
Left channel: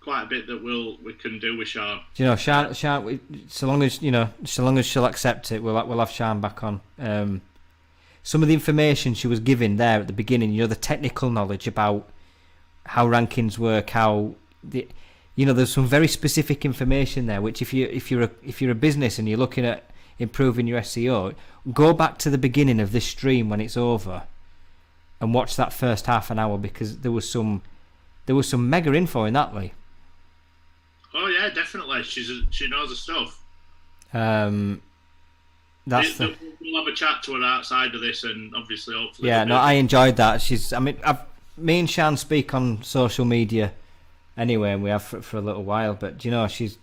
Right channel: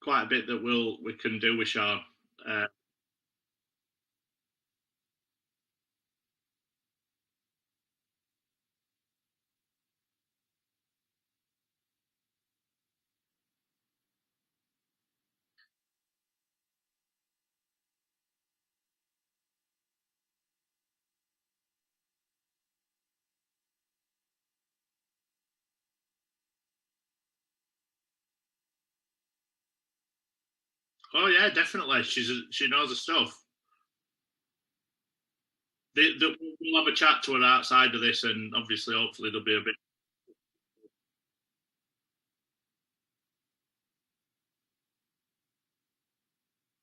quite a bit that we can do with Sian. Do you know, Sian, so long as she'll accept it, we'll have Sian back on. Some of the information she was giving there at the beginning, the technical knowledge about how rankings work, there's some very specific information there. Which if you're a business and you're looking at improving your SEO, go back to the beginning of this stream when it's over, and watch that first half an hour, because there was some mega info in that, Lee. Oh yeah, definitely. She knows her stuff. We'll have a chat to her outside of this, and obviously, hopefully. Yeah, no, I enjoyed that. Me and Sian speak on social media anyway, and we have for a little while. But she's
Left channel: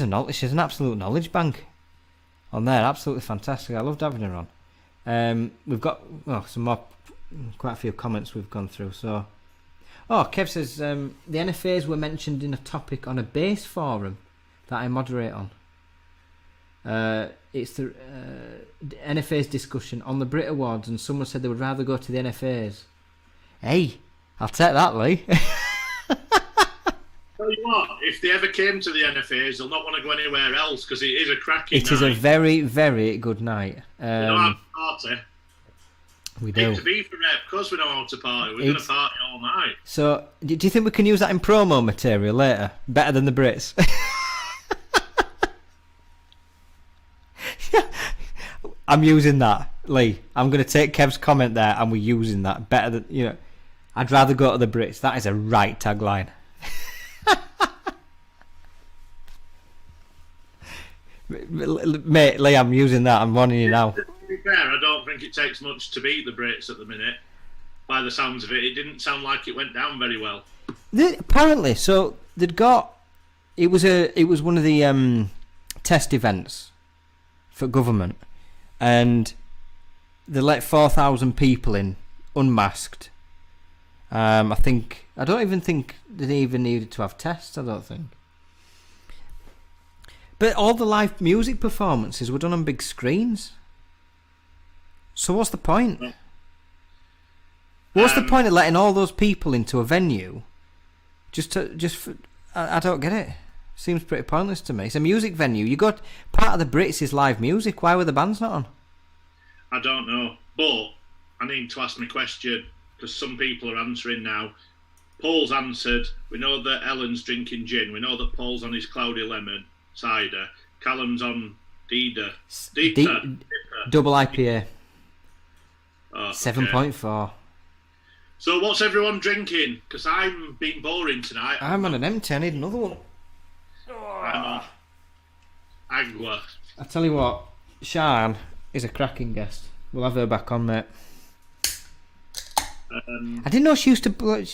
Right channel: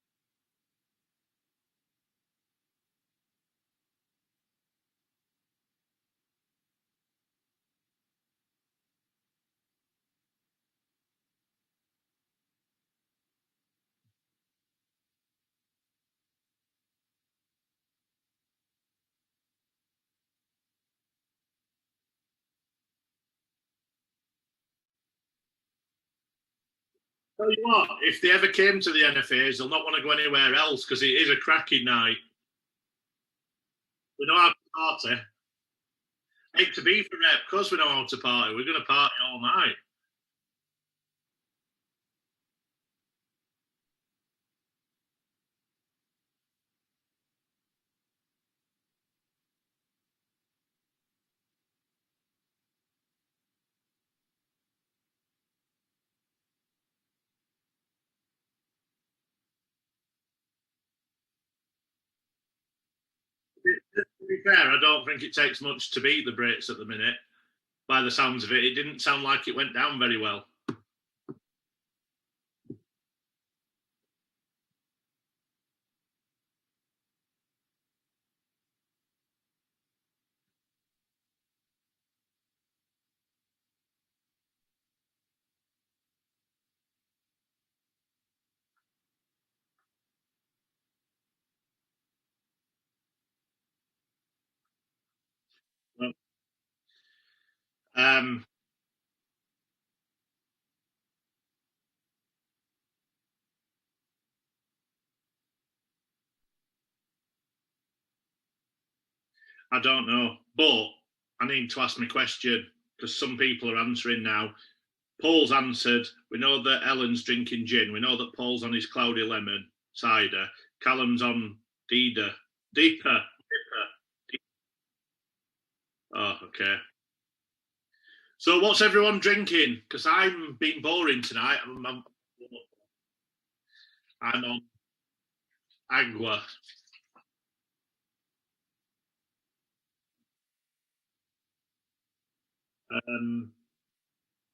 an absolute knowledge bank on there. Absolutely fantastic. I loved having her on. We've got some more, quite a few comments we've gone through. So. Oh, Kev says the NFAs were mentioned in a topic on a base forum that I moderate on. It's the NFAs discussion on the Brit Awards, and someone said they would rather go to the NFAs. Hey, I'll take that, Lee. Tell you what, if they ever came to the NFAs, they'll not want to go anywhere else, because it is a cracking night. It is a very, very good night. Party. We do. To be for rep, of course we know how to party. We're going to party all night. So, do you think we can use that in promo material later? Better than the Brits? I'm using that, Lee. I'm going to take Kev's comment there, and we're using that. Better than, you know, I'd rather go to the Brits. That is a right tagline. Mate, Lee, I'm using that. I'm warning you now. To be fair, I don't think it takes much to beat the Brits at the minute. By the sounds of it, it didn't sound like it went down very well. Apparently, so they'd got. It was one of the test events for government, and they let 4,000 people in unmasked. I don't even think they even needed to have tests. I don't think. But all the live music performances were done on big screens. So what's the point? What's the point of letting all those people into a venue? I don't get it. Seems pretty pointless to me. It's a music venue. You got part of the Brits is live music. Why were the bands not on? I don't know, but I need to ask my question because some people are answering now. Paul's answered. We know that Ellen's drinking gin. We know that Paul's on his cloudy lemon cider. Callum's on Dipper. Double IPA. Oh, 7.4. So what's everyone drinking? Because I'm being boring tonight. I'm on an empty. I need another one. I'm on Agua. I tell you what, Sian is a cracking guest. We'll have her back on, mate. I didn't know she used to.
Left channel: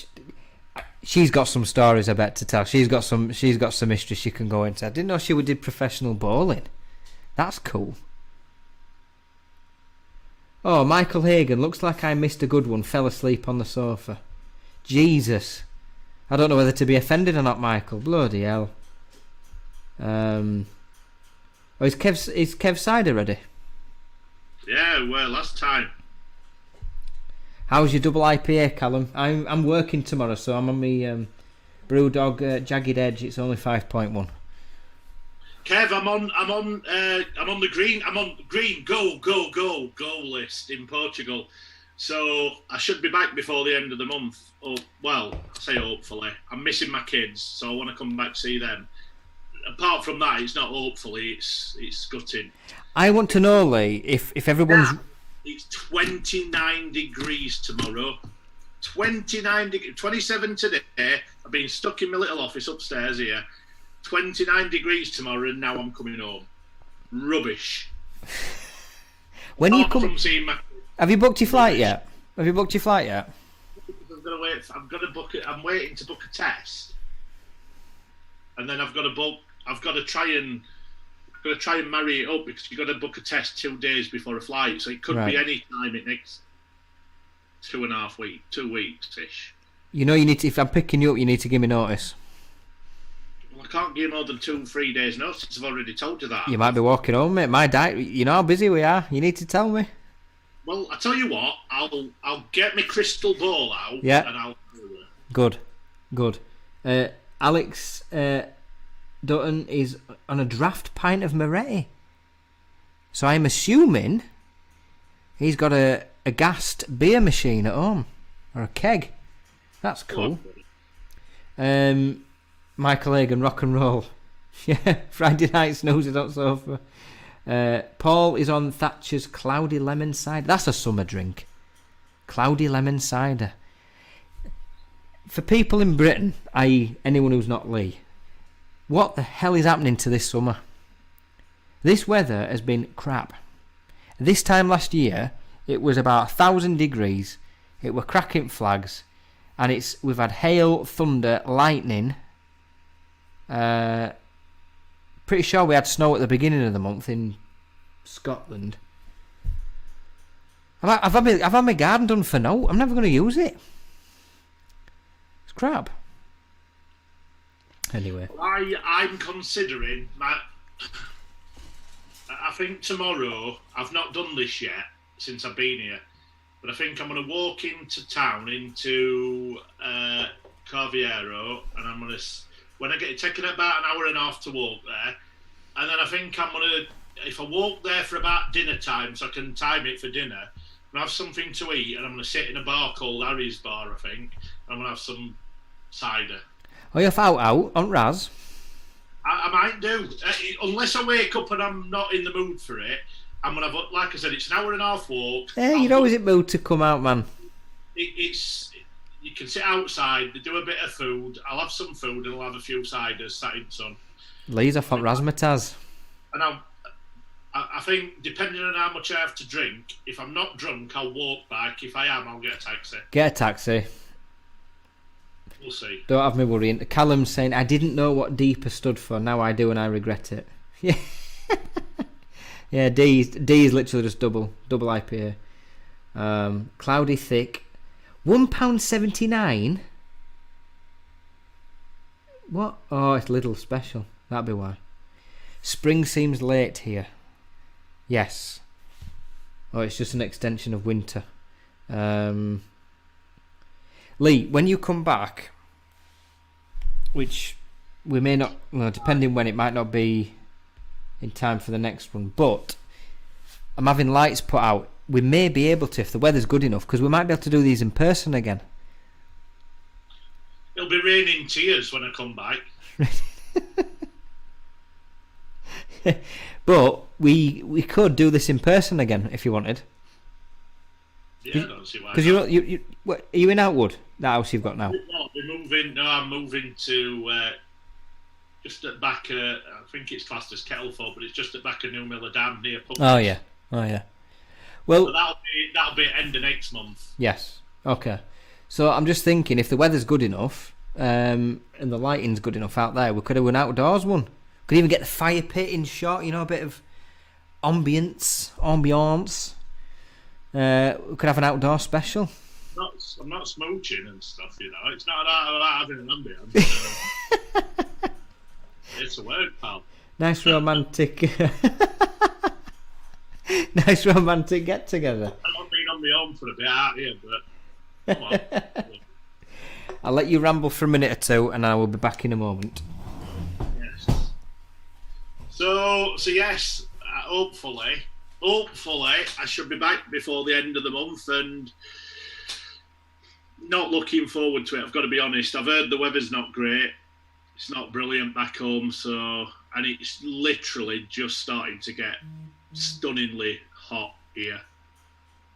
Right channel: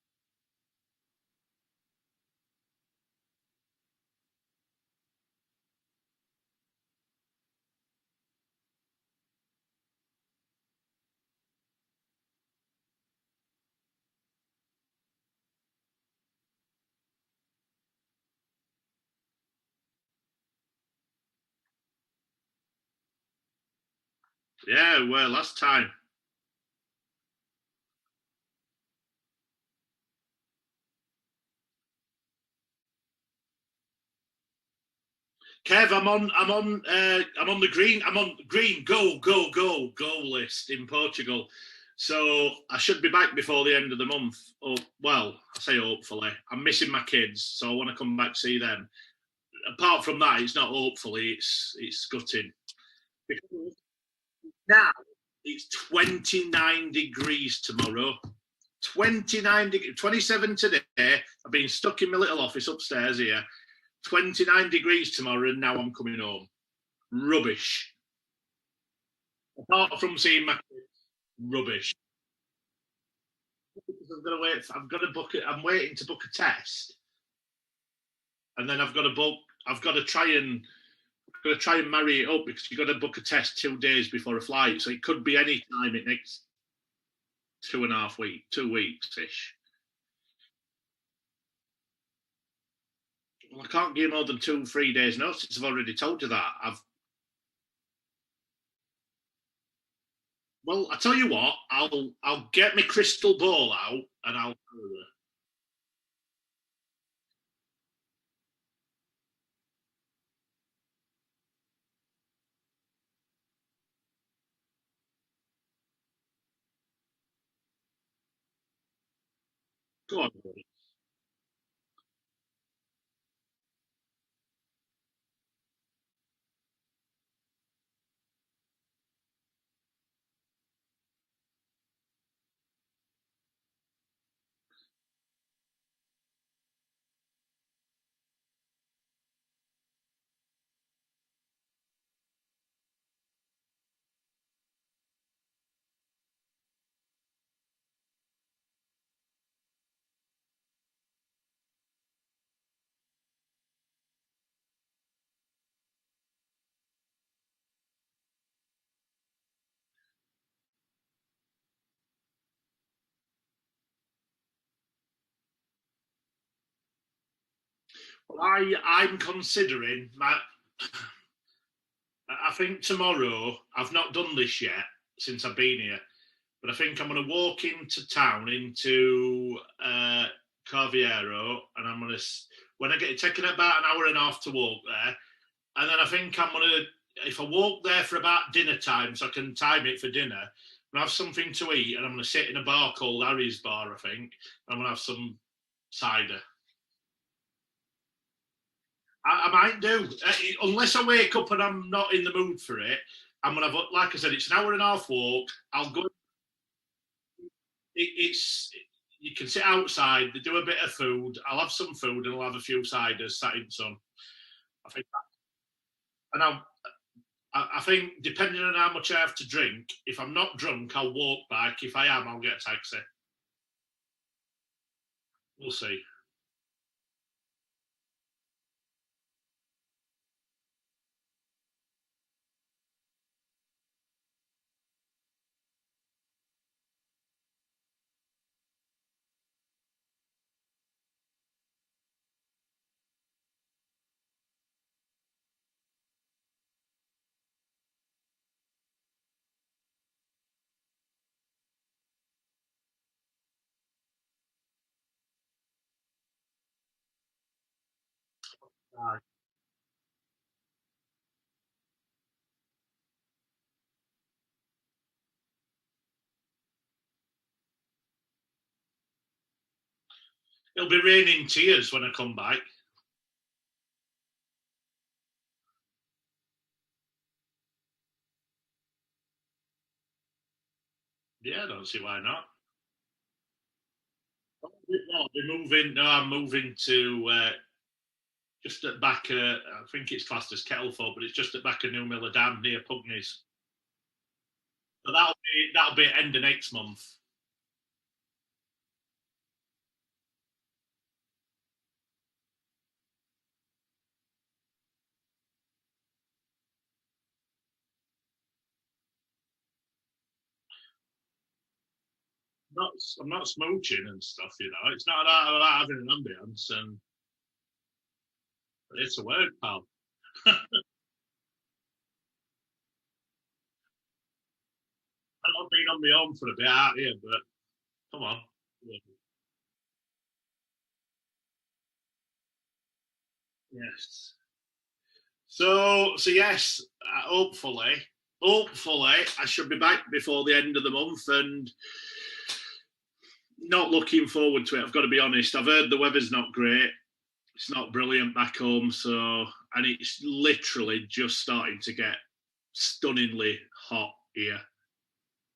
She's got some stories, I bet, to tell. She's got some history she can go into. I didn't know she did professional bowling. That's cool. Oh, Michael Hagan, looks like I missed a good one. Fell asleep on the sofa. Jesus. I don't know whether to be offended or not, Michael. Bloody hell. Is Kev cider ready? Yeah, well, last time. How's your double IPA, Callum? I'm working tomorrow, so I'm on my Brewdog Jagged Edge. It's only 5.1. Kev, I'm on the green go list in Portugal. So I should be back before the end of the month. Oh, well, I say hopefully. I'm missing my kids, so I want to come back to see them. Apart from that, it's not hopefully. It's gutting. I want to know, Lee, if everyone's. Yeah. It's 29 degrees tomorrow. 29 degrees. 27 today. I've been stuck in my little office upstairs here. 29 degrees tomorrow, and now I'm coming home. Rubbish. When you come, from seeing my. Have you booked your flight Rubbish. yet? I'm gonna wait. I'm gonna book it. I'm waiting to book a test, and then I've got to book. I've got to try and marry it up because you've got to book a test 2 days before a flight. So it could be any time in next 2.5 weeks, 2 weeks ish. You know, you need to. If I'm picking you up, you need to give me notice. Well, I can't give more than 2-3 days notice. I've already told you that. You might be walking home, mate. My diet. You know how busy we are. You need to tell me. Well, I tell you what. I'll get my crystal ball out. Yeah. And I'll. Good. Alex Dutton is on a draft pint of Moretti. So I'm assuming he's got a gassed beer machine at home or a keg. That's cool. Michael Hagan, rock and roll. Yeah, Friday night snoozes on sofa. Paul is on Thatcher's cloudy lemon cider. That's a summer drink. Cloudy lemon cider. For people in Britain, i.e. anyone who's not Lee, what the hell is happening to this summer? This weather has been crap. This time last year, it was about 1,000 degrees. It were cracking flags, and we've had hail, thunder, lightning. Pretty sure we had snow at the beginning of the month in Scotland. I've had my garden done for now. I'm never going to use it. It's crap. Anyway, I'm considering I think tomorrow. I've not done this yet since I've been here, but I think I'm going to walk into town into Carviero, and I'm going to. When I get taking about an hour and a half to walk there, and then I think I'm gonna. If I walk there for about dinner time, so I can time it for dinner, going to have something to eat, and I'm going to sit in a bar called Harry's Bar, I think. I'm going to have some cider. Oh, you're out on Raz? I might do. Unless I wake up and I'm not in the mood for it, I'm going to have, like I said, it's an hour and a half walk. Hey, you're always in the mood to come out, man. You can sit outside, they do a bit of food, I'll have some food and I'll have a few ciders sat in the sun. Lee's off on razzmatazz. And I think, depending on how much I have to drink, if I'm not drunk, I'll walk back. If I am, I'll get a taxi. Get a taxi. We'll see. Don't have me worrying. Callum's saying, I didn't know what deeper stood for. Now I do and I regret it. Yeah. Yeah, D is literally just double IPA. Cloudy thick. £1.79. What? Oh, it's Lidl special. That'd be why. Spring seems late here. Yes. Oh, it's just an extension of winter. Lee, when you come back, which we may not, well, depending when, it might not be in time for the next one, but I'm having lights put out. We may be able to, if the weather's good enough, because we might be able to do these in person again. It'll be raining tears when I come back. But we could do this in person again if you wanted. Yeah, I don't see why. Because are you in Outwood? That house you've got now? I'm moving to just at back. I think it's classed as Kettleford, but it's just at back of New Miller Dam near Pump. Oh yeah. Well, so that'll be end of next month. Yes. Okay. So I'm just thinking, if the weather's good enough and the lighting's good enough out there, we could have an outdoors one. Could even get the fire pit in shot. You know, a bit of ambience. We could have an outdoor special. I'm not smooching and stuff, you know. It's not about having an ambience. It's a word, pal. Nice romantic. Nice romantic get together. I've been on my own for a bit out here, but come on. I'll let you ramble for a minute or two, and I will be back in a moment. Yes. So yes, hopefully, I should be back before the end of the month, and not looking forward to it. I've got to be honest. I've heard the weather's not great. It's not brilliant back home, and it's literally just starting to get stunningly hot here.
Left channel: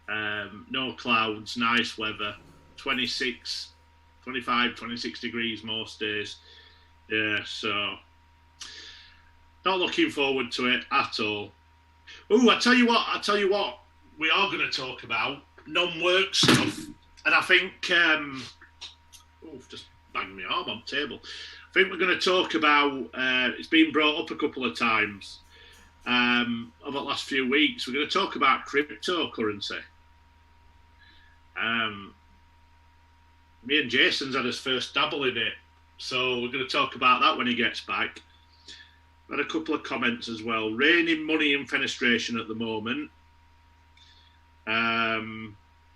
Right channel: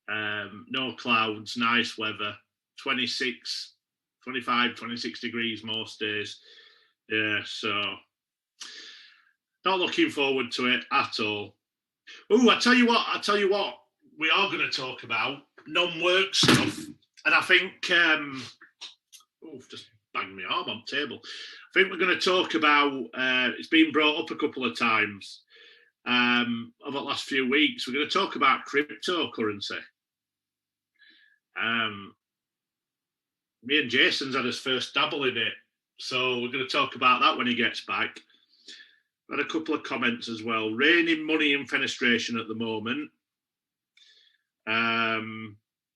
No clouds, nice weather, 26 degrees most days. Yeah, so not looking forward to it at all. Oh, I tell you what, we are going to talk about non-work stuff, and I think just banged my arm on the table. I think we're going to talk about. It's been brought up a couple of times over the last few weeks. We're going to talk about cryptocurrency. Me and Jason's had his first dabble in it, so we're going to talk about that when he gets back. Had a couple of comments as well. Raining money and fenestration at the moment.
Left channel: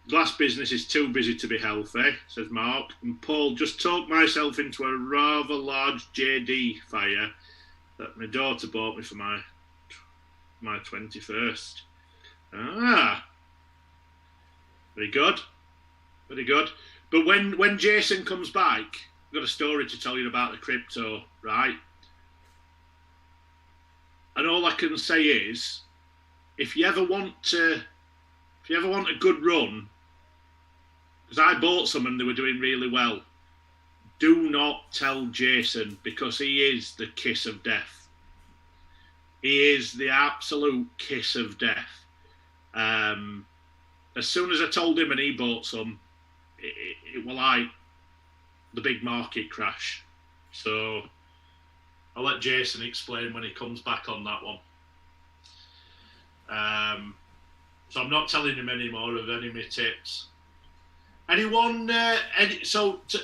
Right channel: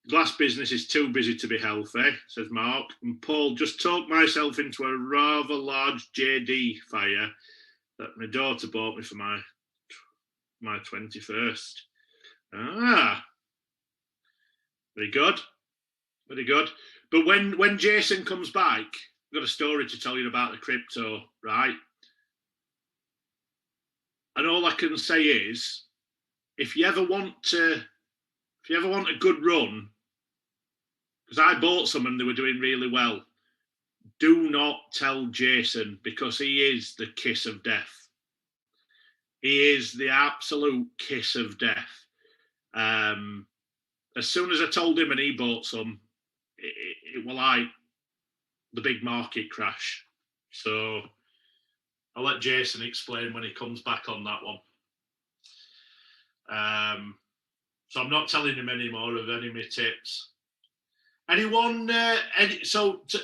Glass business is too busy to be healthy, says Mark. And Paul, just talked myself into a rather large JD fire that my daughter bought me for my 21st. Very good. But when Jason comes back, I've got a story to tell you about the crypto, right? And all I can say is, if you ever want a good run, because I bought some and they were doing really well, do not tell Jason, because he is the kiss of death. He is the absolute kiss of death. As soon as I told him and he bought some, it was like the big market crash. So I'll let Jason explain when he comes back on that one. So I'm not telling him any more of any of my tips. Anyone?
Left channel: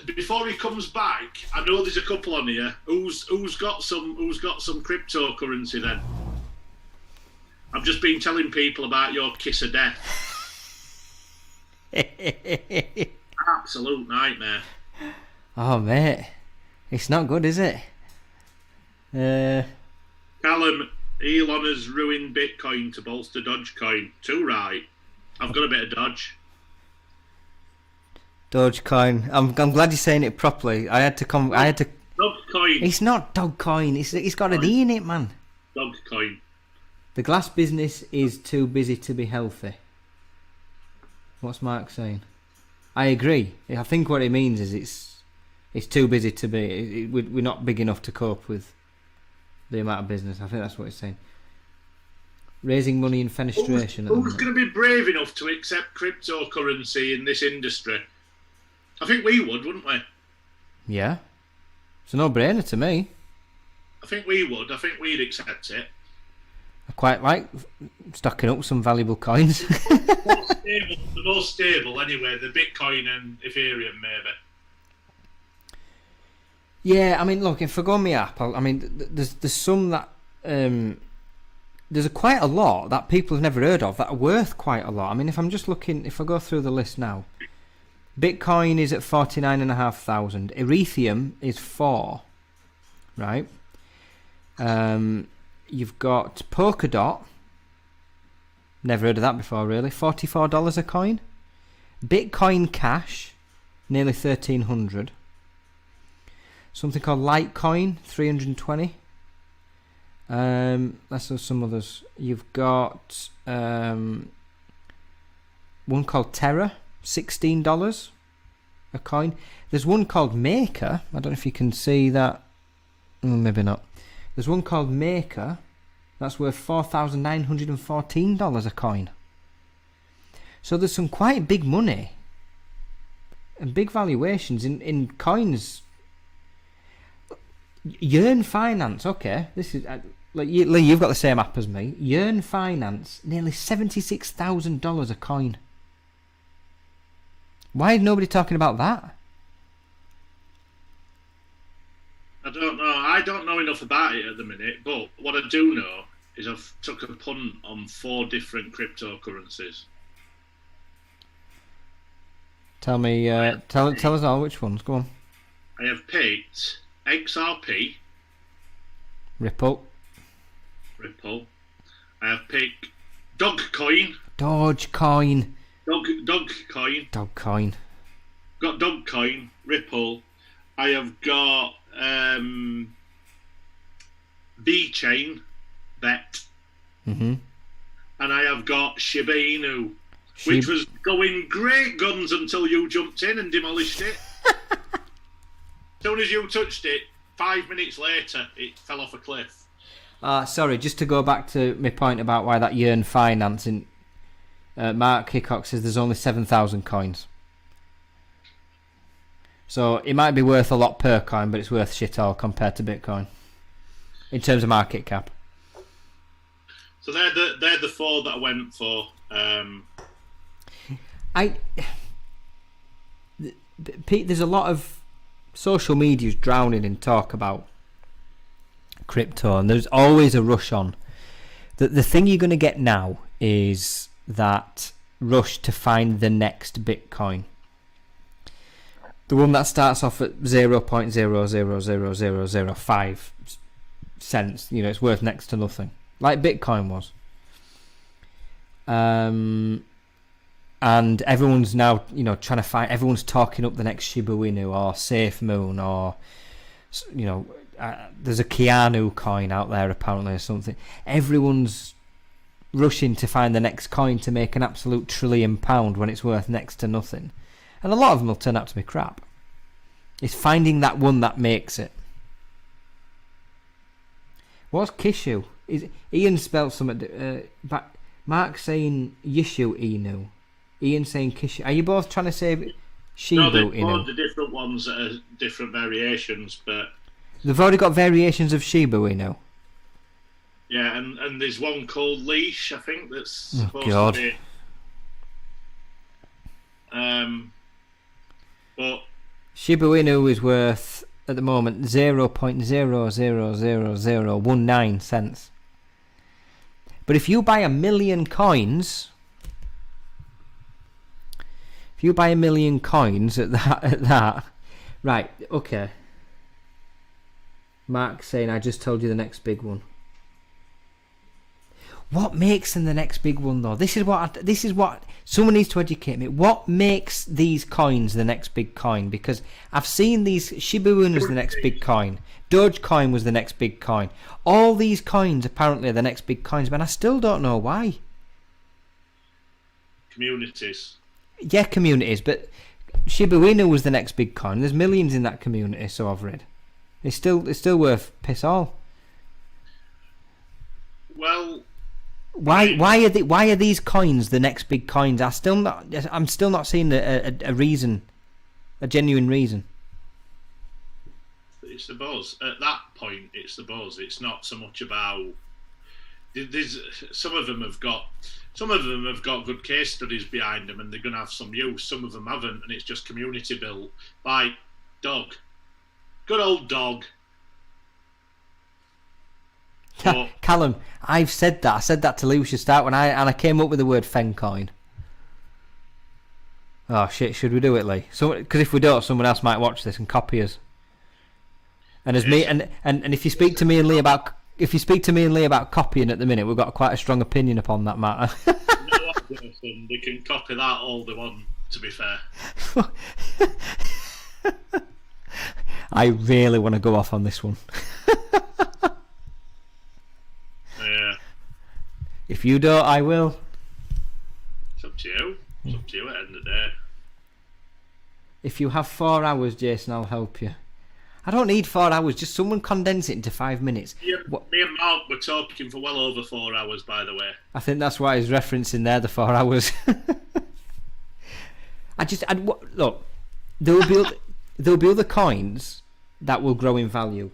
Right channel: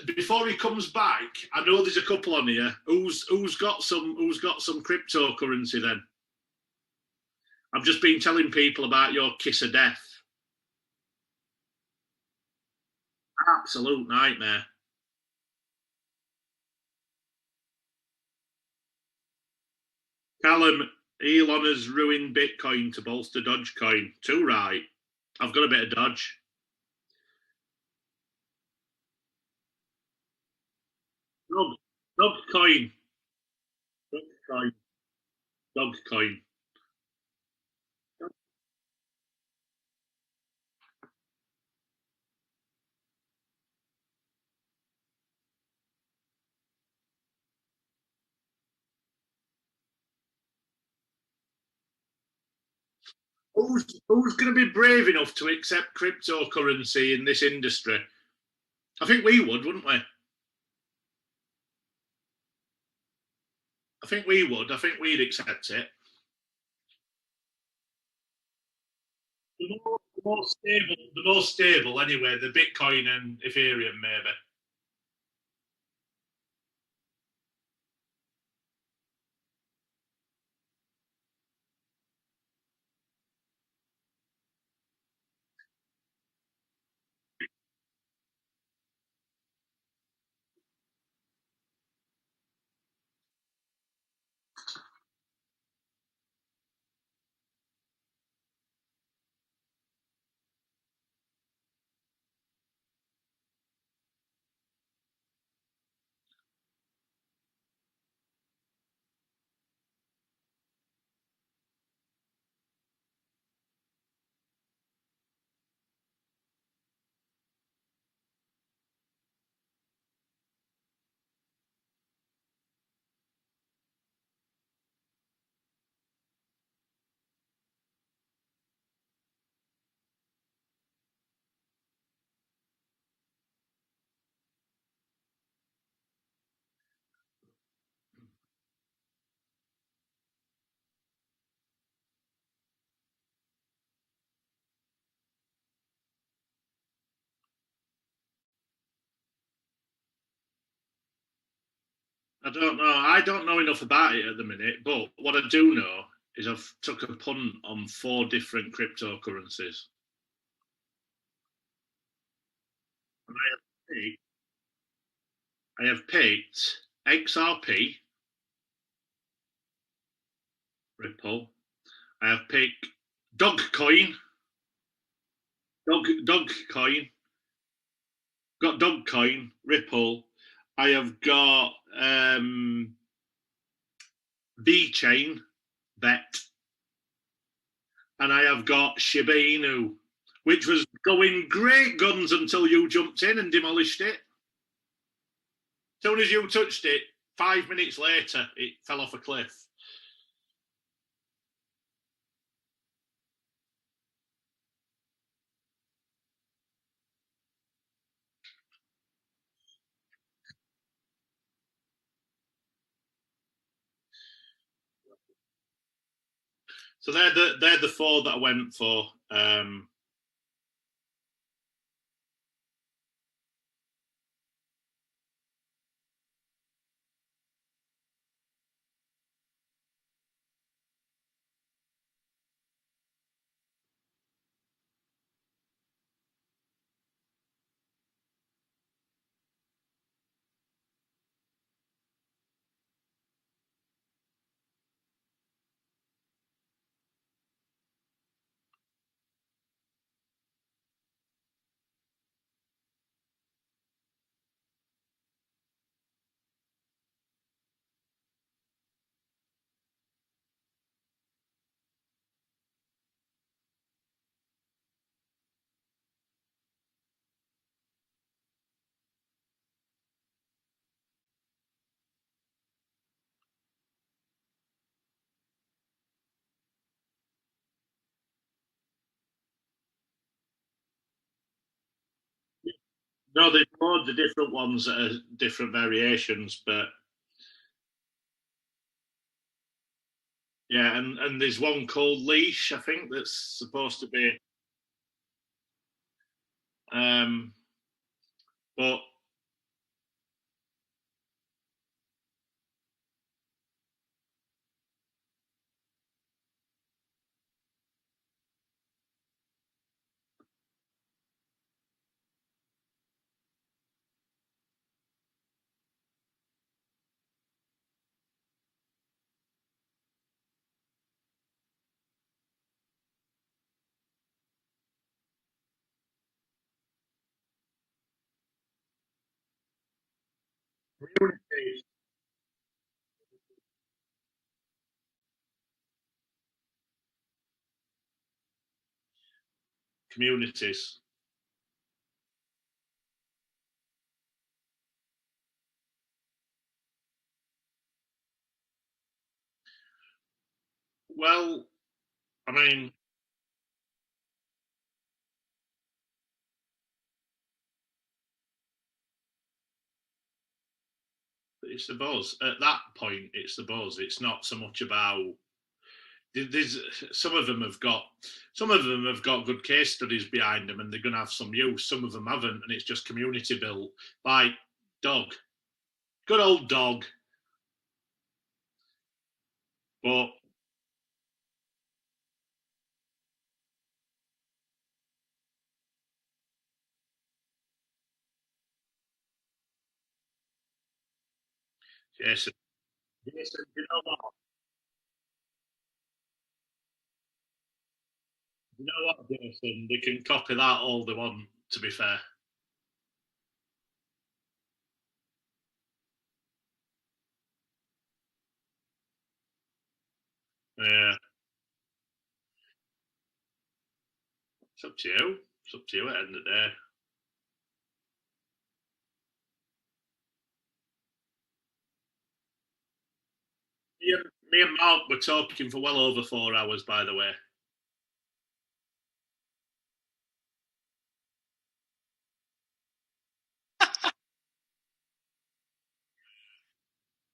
Before he comes back, I know there's a couple on here. Who's got some cryptocurrency then? I've just been telling people about your kiss of death. Absolute nightmare. Oh mate, it's not good, is it? Callum, Elon has ruined Bitcoin to bolster Dogecoin. Too right. I've got a bit of Dodge. Dogecoin. I'm glad you're saying it properly. I had to come. I had to. Dogcoin. It's not Dogecoin. It's got an E in it, man. Dogcoin. The glass business is too busy to be healthy. What's Mark saying? I agree. I think what it means is it's too busy to be. We're not big enough to cope with the amount of business. I think that's what he's saying. Raising money in fenestration. Who's going to be brave enough to accept cryptocurrency in this industry? I think we would, wouldn't we? Yeah. It's a no-brainer to me. I think we would. I think we'd accept it. I quite like stocking up some valuable coins. The most stable, anyway, the Bitcoin and Ethereum, maybe. Yeah, I mean, look, if I go on my app, I mean, there's some that there's quite a lot that people have never heard of that are worth quite a lot. I mean, if I'm just looking, if I go through the list now, Bitcoin is at 49,500. Ethereum is 4, right? You've got Polkadot. Never heard of that before, really. $44 a coin. Bitcoin Cash, nearly 1,300. Something called Litecoin, 320. Let's have some others. You've got one called Terra, $16 a coin. There's one called Maker. I don't know if you can see that. Maybe not. There's one called Maker. That's worth $4,914 a coin. So there's some quite big money and big valuations in coins. Yearn Finance, okay. This is Lee, you've got the same app as me. Yearn Finance, nearly $76,000 a coin. Why is nobody talking about that? I don't know. I don't know enough about it at the minute, but what I do know is I've took a punt on 4 different cryptocurrencies. Tell me, tell us all which ones. Go on. I have picked XRP, Ripple. I have picked Dogecoin. Dogecoin. Dogecoin. Got Dogecoin, Ripple. I have got VeChain, Bet. Mm-hmm. And I have got Shiba Inu, which was going great guns until you jumped in and demolished it. As soon as you touched it, 5 minutes later, it fell off a cliff. Sorry, just to go back to my point about why that Yearn Financing, Mark Hickok says there's only 7,000 coins. So it might be worth a lot per coin, but it's worth shit all compared to Bitcoin in terms of market cap. So they're the 4 that I went for. Pete, there's a lot of social media's drowning in talk about crypto, and there's always a rush on. The thing you're going to get now is that rush to find the next Bitcoin. The one that starts off at 0.000005 cents, it's worth next to nothing, like Bitcoin was. And everyone's now, trying to find. Everyone's talking up the next Shiba Inu or SafeMoon or, there's a Keanu coin out there apparently or something. Everyone's rushing to find the next coin to make an absolute £1 trillion when it's worth next to nothing. And a lot of them will turn out to be crap. It's finding that one that makes it. What's Kishu? Ian spelled something. Mark saying Yishu Inu. Ian saying Kishu. Are you both trying to say Shibu No, they've Inu? got the different ones that are different variations, but They've already got variations of Shiba Inu. yeah, and there's one called Leash, I think, that's supposed to be. But Shiba Inu is worth at the moment 0.0000019 cents. But if you buy 1 million coins, at that, right? Okay. Mark's saying I just told you the next big one. What makes them the next big one though? This is what Someone needs to educate me. What makes these coins the next big coin? Because I've seen these. Shiba Inu was the next big coin. Dogecoin was the next big coin. All these coins apparently are the next big coins, but I still don't know why. Communities. Yeah, communities, but Shiba Inu was the next big coin. There's millions in that community, so I've read. It's still worth piss all. Well, why are these coins the next big coins? I'm still not seeing a reason, a genuine reason. It's the buzz. At that point, it's the buzz. It's not so much about. Some of them have got good case studies behind them, and they're going to have some use. Some of them haven't, and it's just community built. Like dog, good old dog. But, Callum, I've said that. I said that to Lucia Start when I came up with the word Fencoin. Oh shit! Should we do it, Lee? Because if we don't, someone else might watch this and copy us. And as me and if you speak to me and Lee about copying at the minute, we've got quite a strong opinion upon that matter. No objection. They can copy that all they want. To be fair. I really want to go off on this one. Yeah. If you don't, I will. It's up to you. It's up to you at the end of the day. If you have 4 hours, Jason, I'll help you. I don't need 4 hours. Just someone condense it into 5 minutes. Me and Mark were talking for well over 4 hours, by the way. I think that's why he's referencing there the 4 hours. Look. There'll be other coins that will grow in value.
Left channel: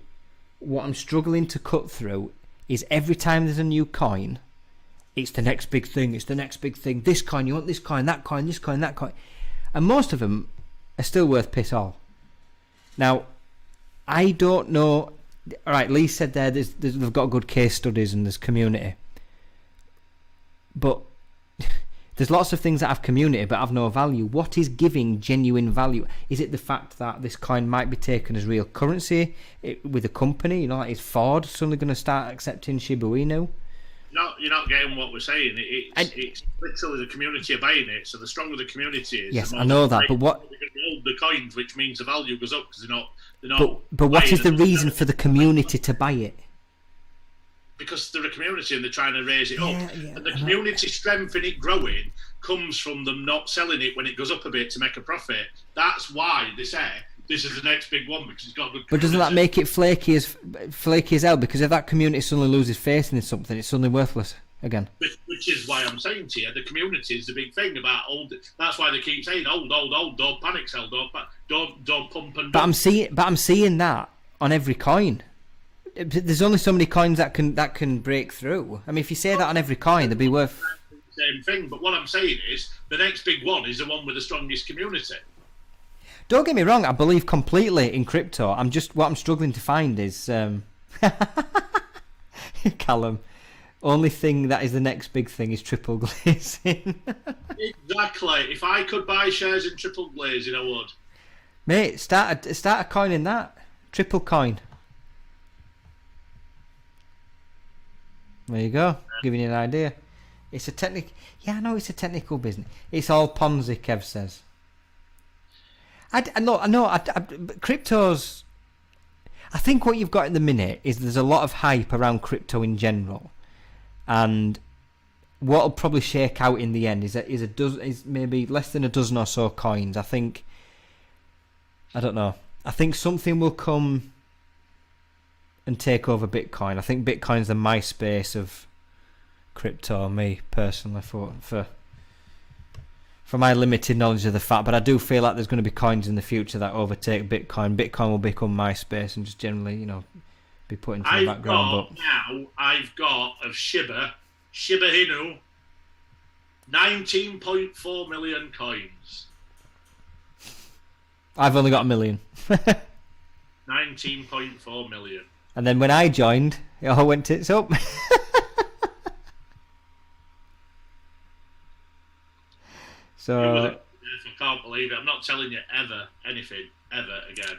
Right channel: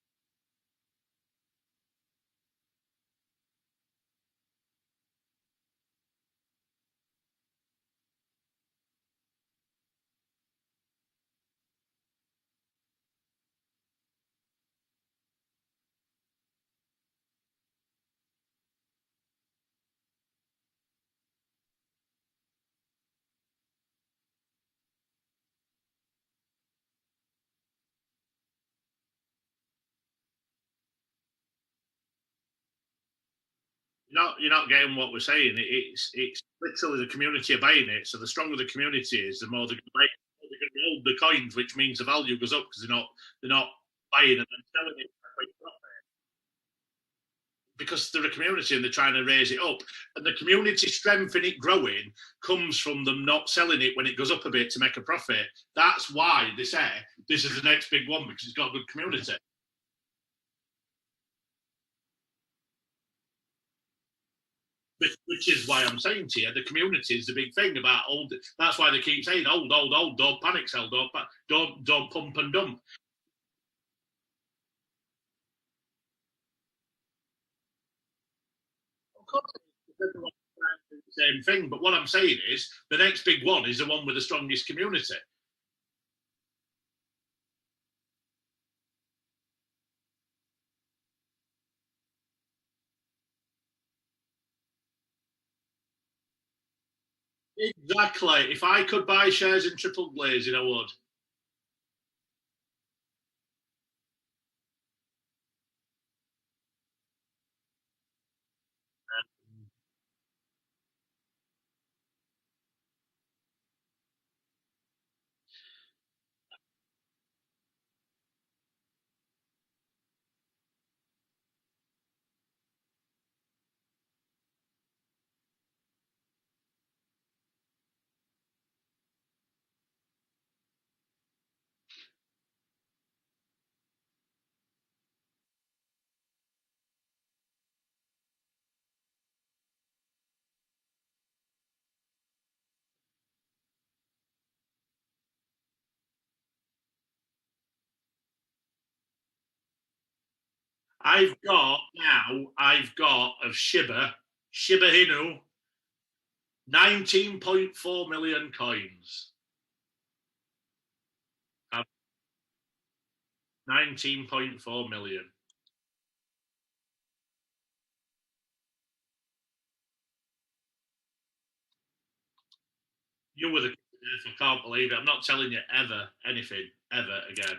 What I'm struggling to cut through is every time there's a new coin, it's the next big thing. It's the next big thing. This coin, you want this coin, that coin, this coin, that coin, and most of them are still worth piss all. Now, I don't know. All right, Lee said they've got good case studies and there's community, but there's lots of things that have community but have no value. What is giving genuine value? Is it the fact that this coin might be taken as real currency with a company? You know, like is Ford suddenly going to start accepting Shiba Inu? You're not getting what we're saying. It's literally the community are buying it. So the stronger the community is, yes, the more I know that. But what? They're going to hold the coins, which means the value goes up because they're not. But what is the reason for the community to buy it? Because they're a community and they're trying to raise it up. Yeah, and the community strength in it growing comes from them not selling it when it goes up a bit to make a profit. That's why they say this is the next big one, because it's got good community. But doesn't that make it flaky as hell? Because if that community suddenly loses faith in something, it's suddenly worthless again. Which is why I'm saying to you, the community is the big thing about old. That's why they keep saying old, don't panic sell, don't pump and dump. But I'm seeing that on every coin. There's only so many coins that can break through. I mean, if you say that on every coin, they'd be worth same thing. But what I'm saying is, the next big one is the one with the strongest community. Don't get me wrong. I believe completely in crypto. What I'm struggling to find is Callum. Only thing that is the next big thing is triple glazing. Exactly. If I could buy shares in triple glazing, I would. Mate, start a coin in that triple coin. There you go. Giving you an idea. It's a technical. Yeah, I know it's a technical business. It's all Ponzi, Kev says. I know. Cryptos. I think what you've got in the minute is there's a lot of hype around crypto in general, and what'll probably shake out in the end is maybe less than a dozen or so coins. I think. I don't know. I think something will come and take over Bitcoin. I think Bitcoin's the MySpace of crypto, me personally, for my limited knowledge of the fact. But I do feel like there's going to be coins in the future that overtake Bitcoin. Bitcoin will become MySpace and just generally, be put into the background. I've got of Shiba Inu, 19.4 million coins. I've only got 1 million. 19.4 million. And then when I joined, it all went tits up. So I can't believe it. I'm not telling you anything ever again.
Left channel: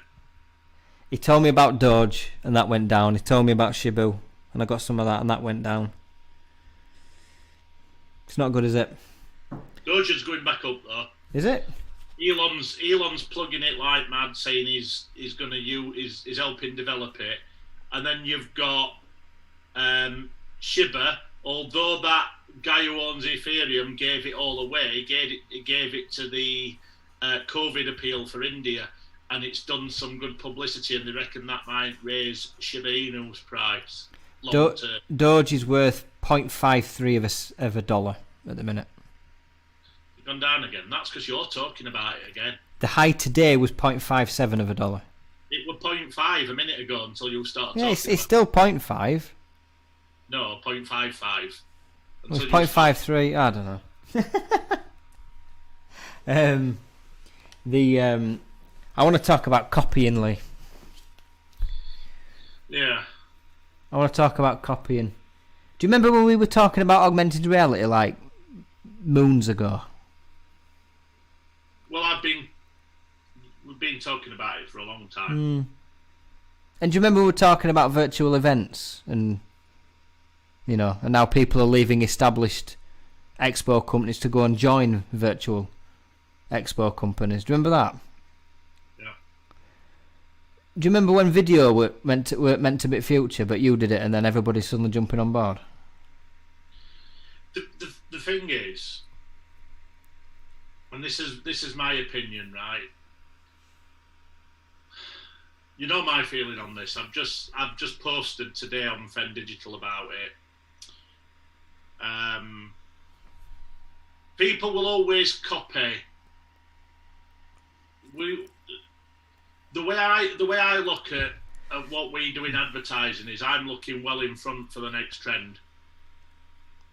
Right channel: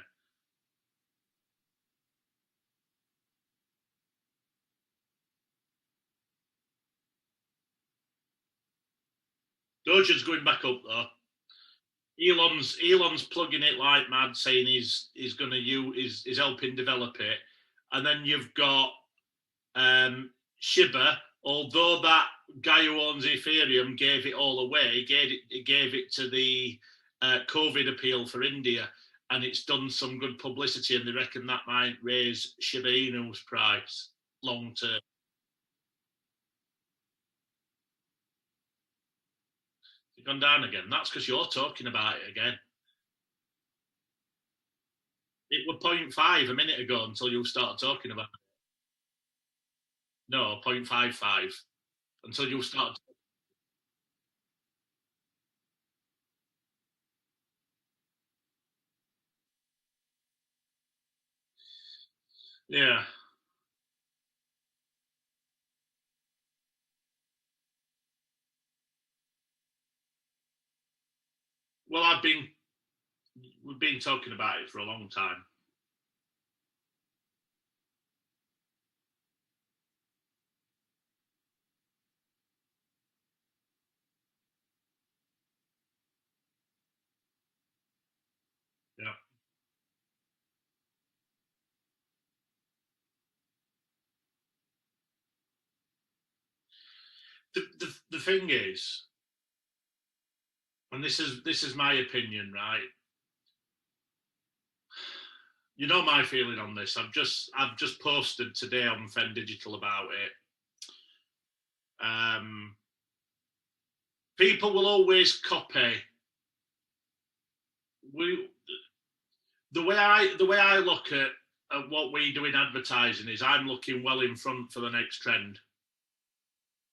He told me about Doge and that went down. He told me about Shibu and I got some of that and that went down. It's not good, is it? Doja's going back up though. Is it? Elon's plugging it like mad, saying he's going to is helping develop it, and then you've got Shiba. Although that guy who owns Ethereum gave it all away, he gave it to the COVID appeal for India, and it's done some good publicity, and they reckon that might raise Shiba Inu's price long term. Doge is worth 0.53 of a dollar at the minute. It's gone down again. That's because you're talking about it again. The high today was 0.57 of a dollar. It was 0.5 a minute ago until you started talking about it. It's still 0.5. No, 0.55. It's 0.53. I don't know. I want to talk about copying, Lee. Yeah. I want to talk about copying. Do you remember when we were talking about augmented reality like moons ago? Well, we've been talking about it for a long time. And do you remember we were talking about virtual events and and now people are leaving established expo companies to go and join virtual expo companies. Do you remember that? Yeah. Do you remember when video were meant to be future, but you did it, and then everybody's suddenly jumping on board? The thing is, and this is my opinion, right? You know my feeling on this. I've just posted today on Fen Digital about it. People will always copy. The way I look at what we do in advertising is I'm looking well in front for the next trend,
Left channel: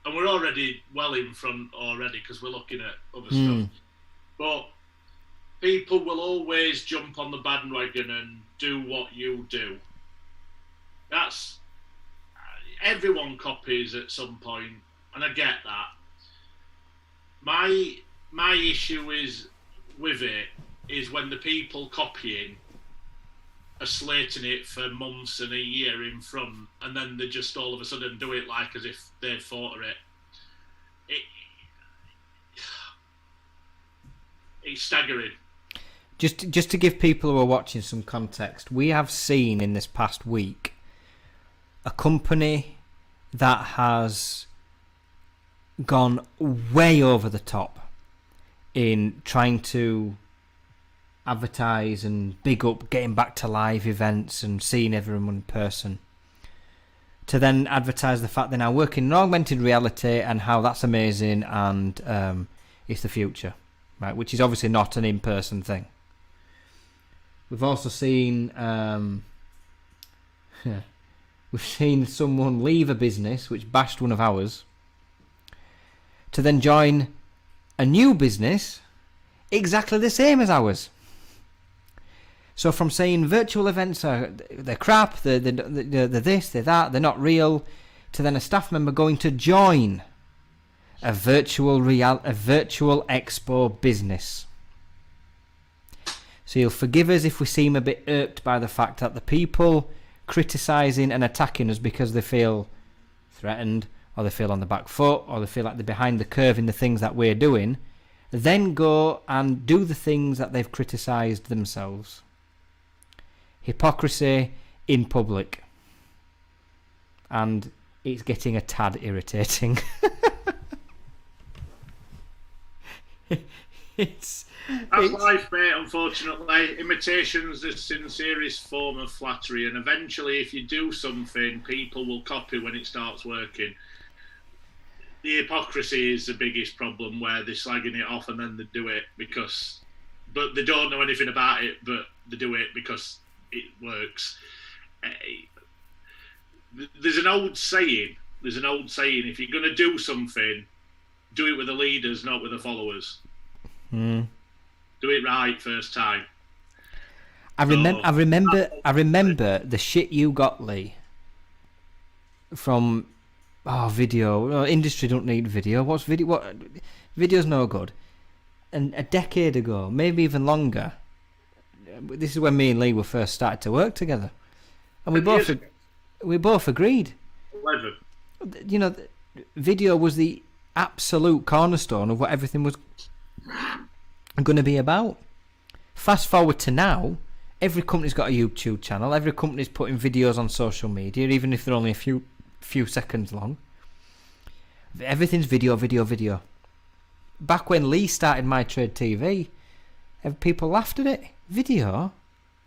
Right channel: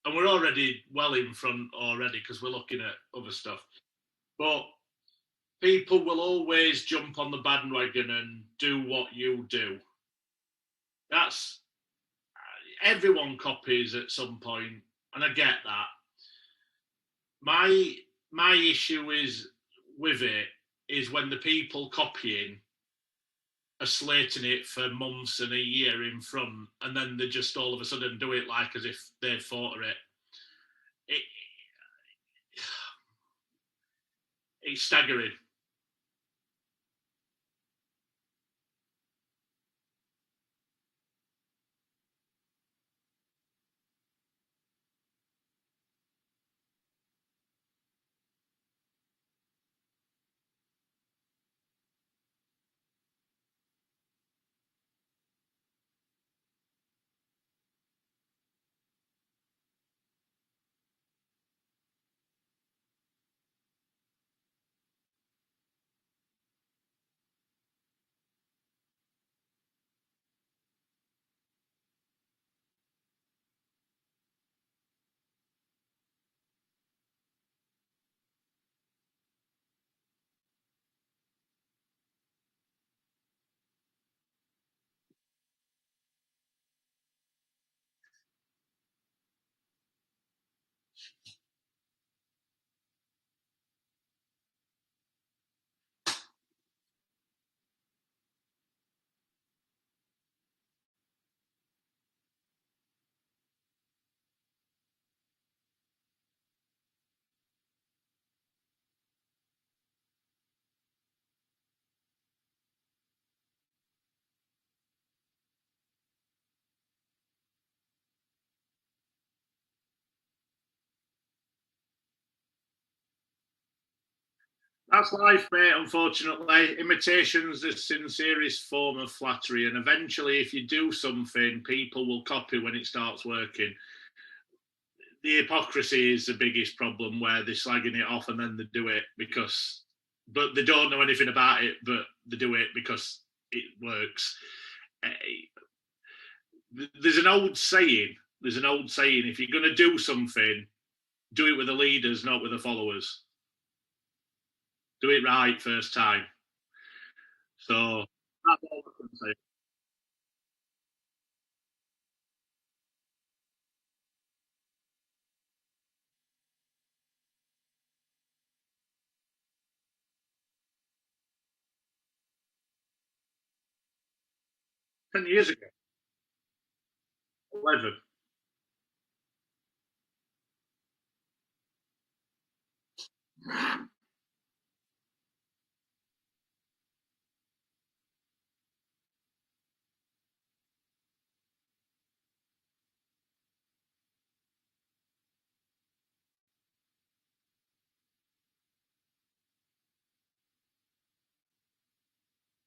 and we're already well in front already because we're looking at other stuff. But people will always jump on the bandwagon and do what you do. That's everyone copies at some point, and I get that. My issue is with it is when the people copying are slating it for months and a year in front, and then they just all of a sudden do it like as if they've thought of it. It's staggering. Just to give people who are watching some context, we have seen in this past week a company that has gone way over the top in trying to advertise and big up getting back to live events and seeing everyone in person, to then advertise the fact they're now working in augmented reality and how that's amazing and it's the future, right? Which is obviously not an in-person thing. We've also seen we've seen someone leave a business which bashed one of ours to then join a new business exactly the same as ours. So from saying virtual events they're crap, they're this, they're that, they're not real, to then a staff member going to join a virtual expo business. So you'll forgive us if we seem a bit irked by the fact that the people criticising and attacking us because they feel threatened, or they feel on the back foot, or they feel like they're behind the curve in the things that we're doing, then go and do the things that they've criticised themselves. Hypocrisy in public. And it's getting a tad irritating. That's life, mate, unfortunately. Imitation's the sincerest form of flattery, and eventually if you do something, people will copy when it starts working. The hypocrisy is the biggest problem, where they're slagging it off and then they do it but they don't know anything about it, but they do it because it works. There's an old saying, if you're going to do something, do it with the leaders, not with the followers. Do it right first time. I remember the shit you got, Lee, from video. Industry don't need video. What's video? What? Video's no good. And a decade ago, maybe even longer, this is when me and Lee were first started to work together, and we both agreed. 11. Video was the absolute cornerstone of what everything was going to be about. Fast forward to now, every company's got a YouTube channel. Every company's putting videos on social media, even if they're only a few seconds long. Everything's video. Back when Lee started My Trade TV, people laughed at it. Video?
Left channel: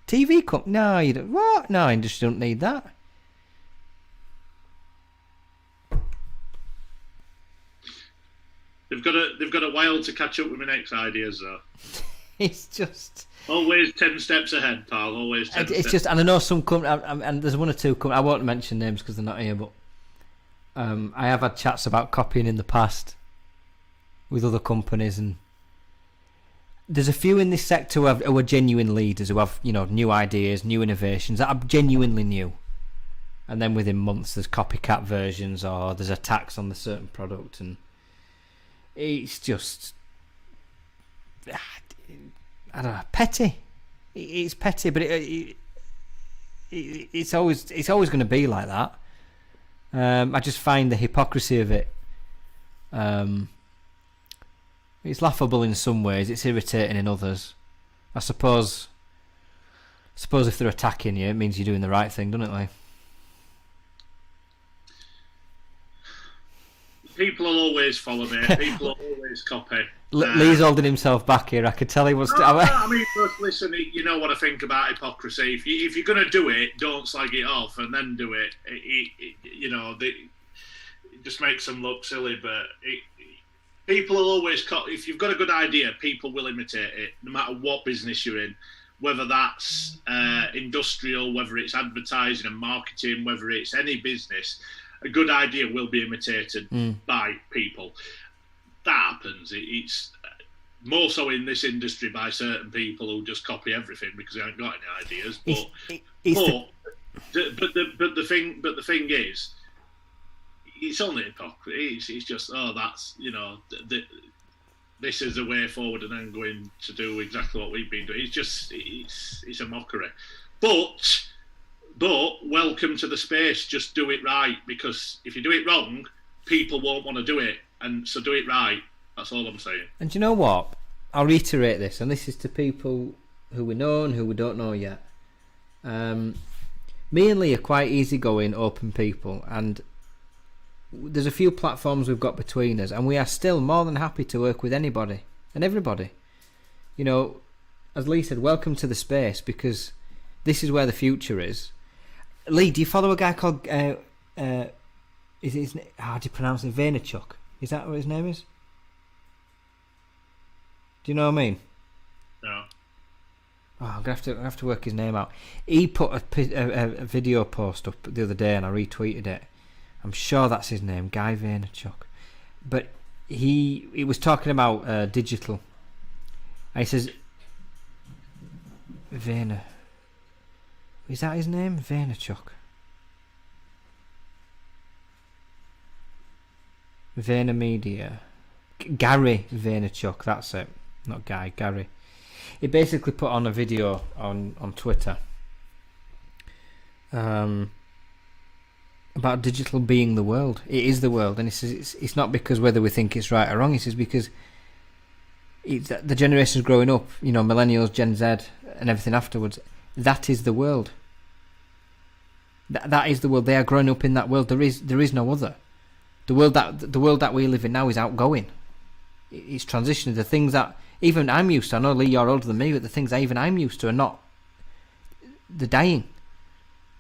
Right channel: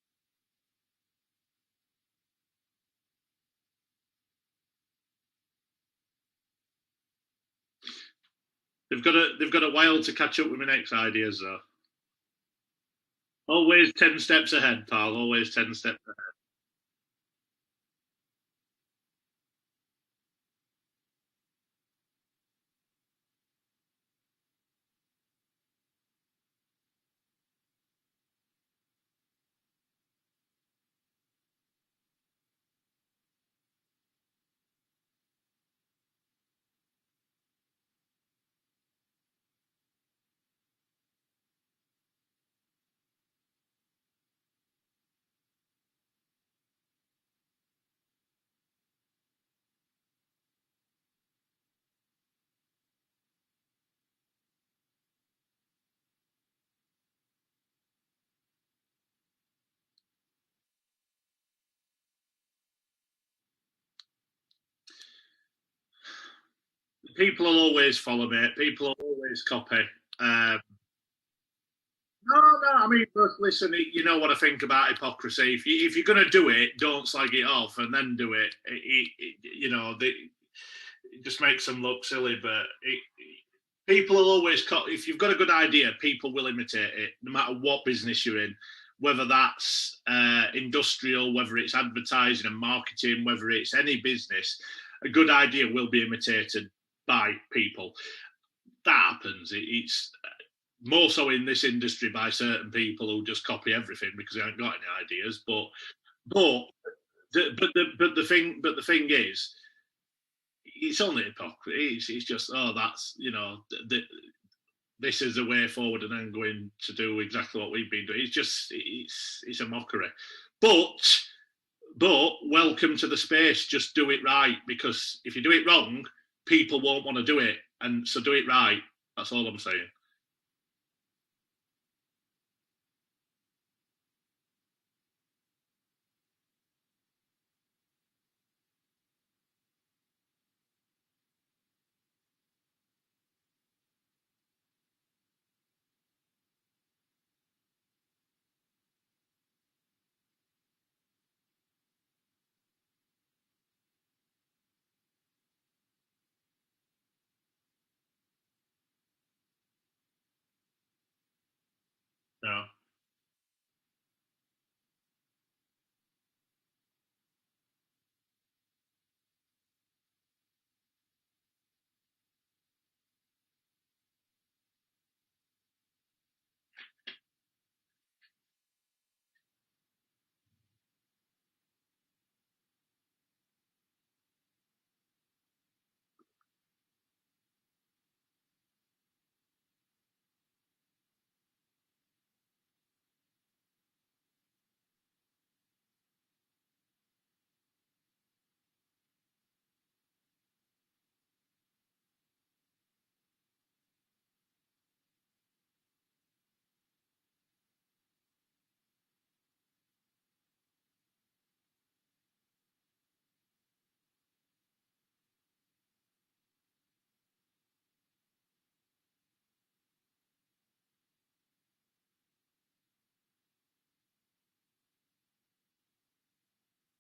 TV company? No, you don't. What? No, industry don't need that. They've got a while to catch up with my next ideas, though. It's just always 10 steps ahead, pal. Always 10 steps. It's just, and I know some companies, and there's one or two companies, I won't mention names because they're not here, but I have had chats about copying in the past with other companies, and there's a few in this sector who are genuine leaders, who have, you know, new ideas, new innovations that are genuinely new. And then within months, there's copycat versions, or there's a tax on the certain product, and it's just, I don't know, petty. It's petty, but it's always going to be like that. I just find the hypocrisy of it. It's laughable in some ways. It's irritating in others. I suppose if they're attacking you, it means you're doing the right thing, doesn't it, Lee? People will always follow me. People will always copy. Lee's holding himself back here. I could tell he was. No, I mean, listen. You know what I think about hypocrisy. If you're going to do it, don't slag it off and then do it. It just makes them look silly. But people will always. If you've got a good idea, people will imitate it, no matter what business you're in. Whether that's industrial, whether it's advertising and marketing, whether it's any business. A good idea will be imitated by people. That happens. It's more so in this industry by certain people who just copy everything because they haven't got any ideas. But the thing is, it's only hypocrisy. It's just that's this is the way forward, and then going to do exactly what we've been doing. It's just it's a mockery, but. But welcome to the space. Just do it right, because if you do it wrong, people won't want to do it. And so do it right. That's all I'm saying. And do you know what? I'll reiterate this, and this is to people who we know and who we don't know yet. Me and Lee are quite easygoing, open people, and there's a few platforms we've got between us, and we are still more than happy to work with anybody and everybody. You know, as Lee said, welcome to the space, because this is where the future is. Lee, do you follow a guy called is his, how do you pronounce it? Vaynerchuk? Is that what his name is? Do you know what I mean? No. Oh, I'm gonna have to work his name out. He put a video post up the other day, and I retweeted it. I'm sure that's his name, Guy Vaynerchuk. But he was talking about digital. And he says Vayner. Is that his name? Vaynerchuk. VaynerMedia. Gary Vaynerchuk, that's it. Not Guy, Gary. He basically put on a video on Twitter about digital being the world. It is the world, and he says it's not because whether we think it's right or wrong. He says because it's the generations growing up, you know, millennials, Gen Z, and everything afterwards. That is the world. That is the world. They are growing up in that world. There is no other. The world that we live in now is outgoing. It's transitioning. The things that even I'm used to. I know, Lee, you're older than me, but the things I'm used to are not. They're dying.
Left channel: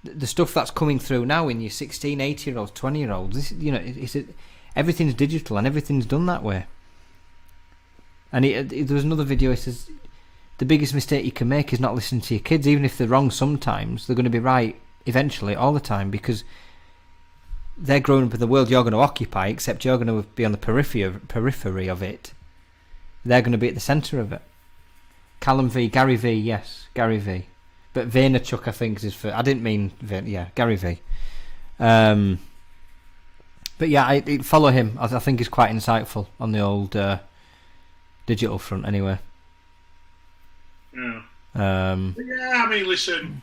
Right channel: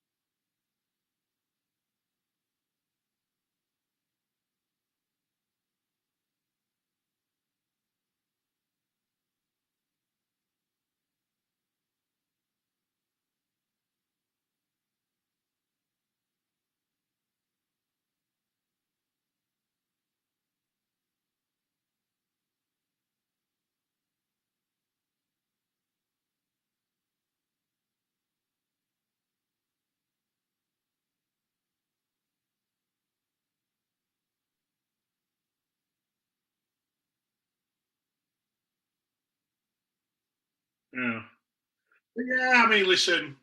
The stuff that's coming through now in your 16, 18-year-olds, 20-year-olds. Everything's digital and everything's done that way. And there was another video. It says the biggest mistake you can make is not listening to your kids, even if they're wrong. Sometimes they're going to be right eventually, all the time, because they're growing up in the world you're going to occupy, except you're going to be on the periphery of it. They're going to be at the centre of it. Gary V, yes, Gary V. But Vaynerchuk, I think, is for. I didn't mean Gary V. But yeah, I follow him. I think he's quite insightful on the old digital front, anyway. Yeah. I mean, listen.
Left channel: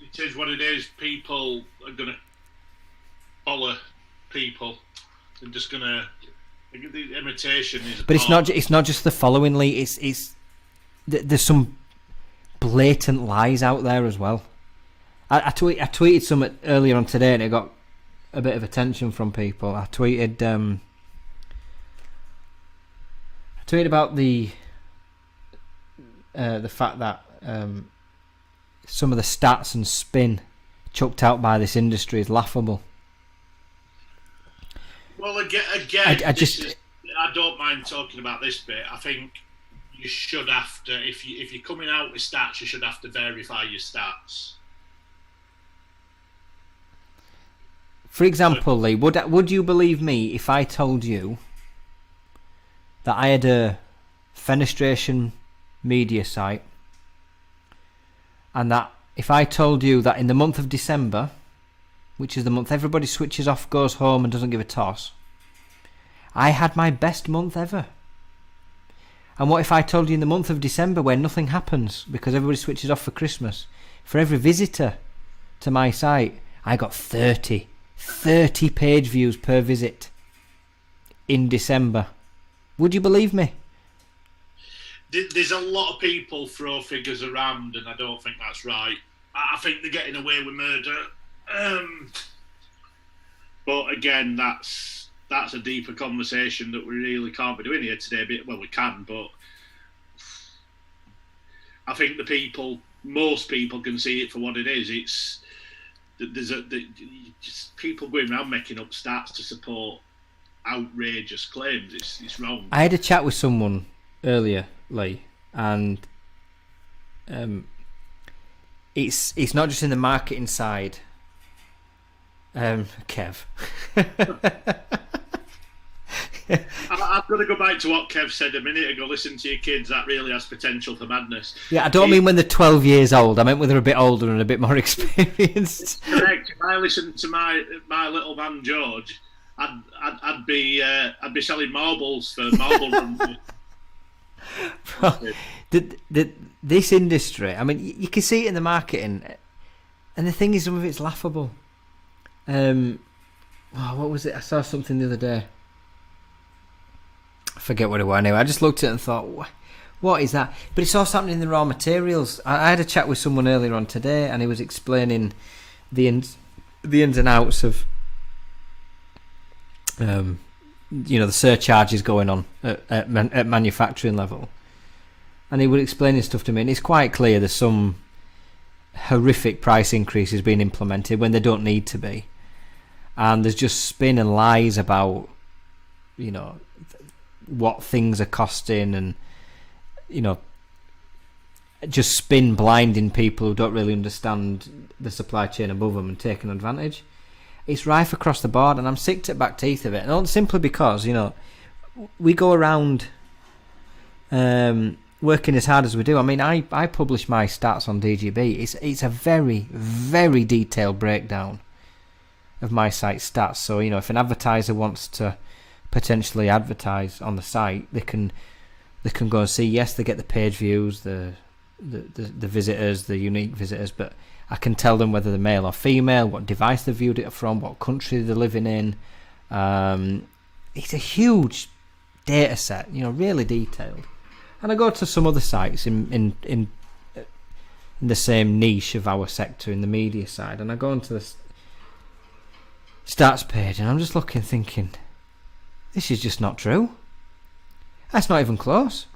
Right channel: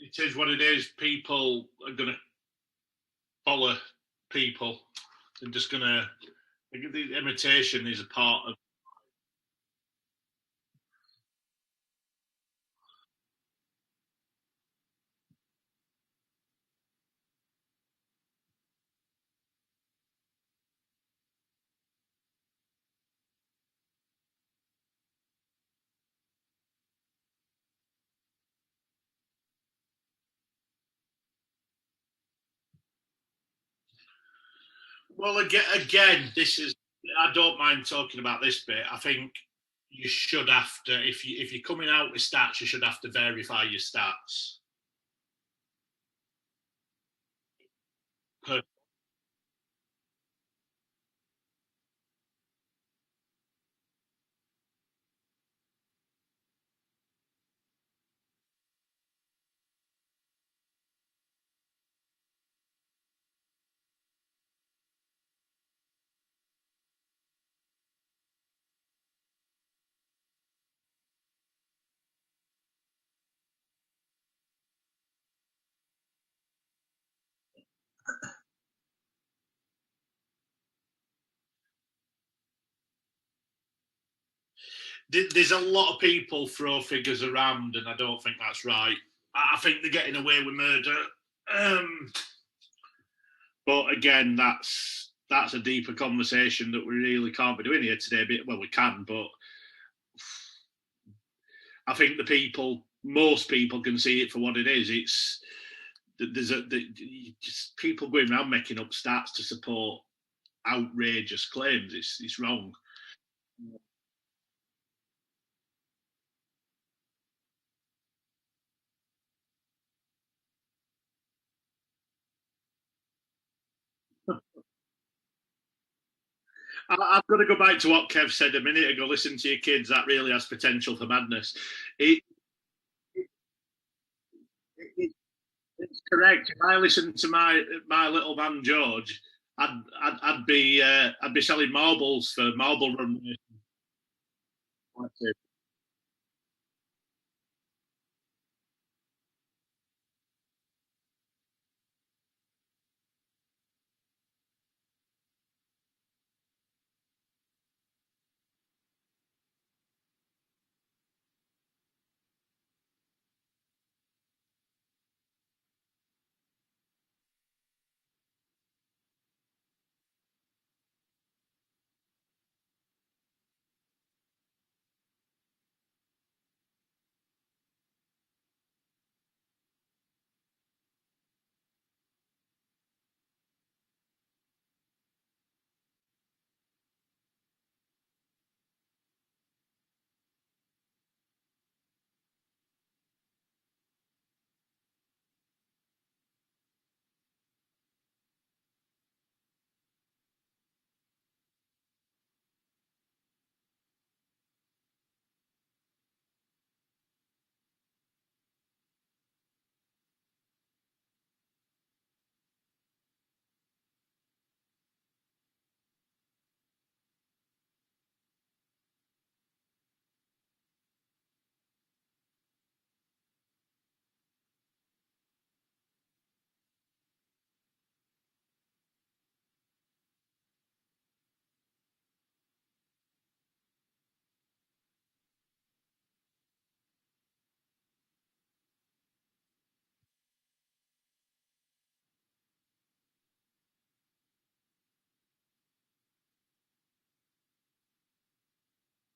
It is what it is. People are going to follow people. They're just gonna. The imitation is. But it's not just the following, Lee. It's there's some blatant lies out there as well. I tweeted some earlier on today, and it got a bit of attention from people. I tweeted about the fact that some of the stats and spin chucked out by this industry is laughable. Well, again, I don't mind talking about this bit. I think you should have to, if you're coming out with stats, you should have to verify your stats. For example, Lee, would you believe me if I told you that I had a fenestration media site, and that if I told you that in the month of December, which is the month everybody switches off, goes home and doesn't give a toss, I had my best month ever? And what if I told you in the month of December, where nothing happens because everybody switches off for Christmas, for every visitor to my site, I got 30 page views per visit in December? Would you believe me? There's a lot of people throw figures around, and I don't think that's right. I think they're getting away with murder. But again, that's a deeper conversation that we really can't be doing here today. Well, we can, but I think most people can see it for what it is. There's just people going around making up stats to support outrageous claims. It's wrong. I had a chat with someone earlier, Lee, and it's not just in the marketing side. Kev. I've got to go back to what Kev said a minute ago. Listen to your kids. That really has potential for madness. Yeah, I don't mean when they're 12 years old. I meant when they're a bit older and a bit more experienced. Correct. If I listened to my little man George, I'd be selling marbles for marble run. Well, this industry, I mean, you can see it in the marketing, and the thing is, some of it's laughable. What was it? I saw something the other day. I forget what it was. Anyway, I just looked at it and thought, what is that? But it's also happening in the raw materials. I had a chat with someone earlier on today, and he was explaining the ins and outs of the surcharges going on at manufacturing level, and he was explaining stuff to me, and it's quite clear there's some horrific price increases being implemented when they don't need to be, and there's just spin and lies about what things are costing, and just spin blinding people who don't really understand the supply chain above them and taking advantage. It's rife across the board, and I'm sick to the back teeth of it. And not simply because, we go around working as hard as we do. I mean, I publish my stats on DGB. It's a very, very detailed breakdown of my site stats. So, if an advertiser wants to potentially advertise on the site, they can go and see, yes, they get the page views, the visitors, the unique visitors, but I can tell them whether they're male or female, what device they viewed it from, what country they're living in. It's a huge data set, really detailed. And I go to some other sites in the same niche of our sector in the media side, and I go onto the stats page, and I'm just looking, thinking, this is just not true. That's not even close.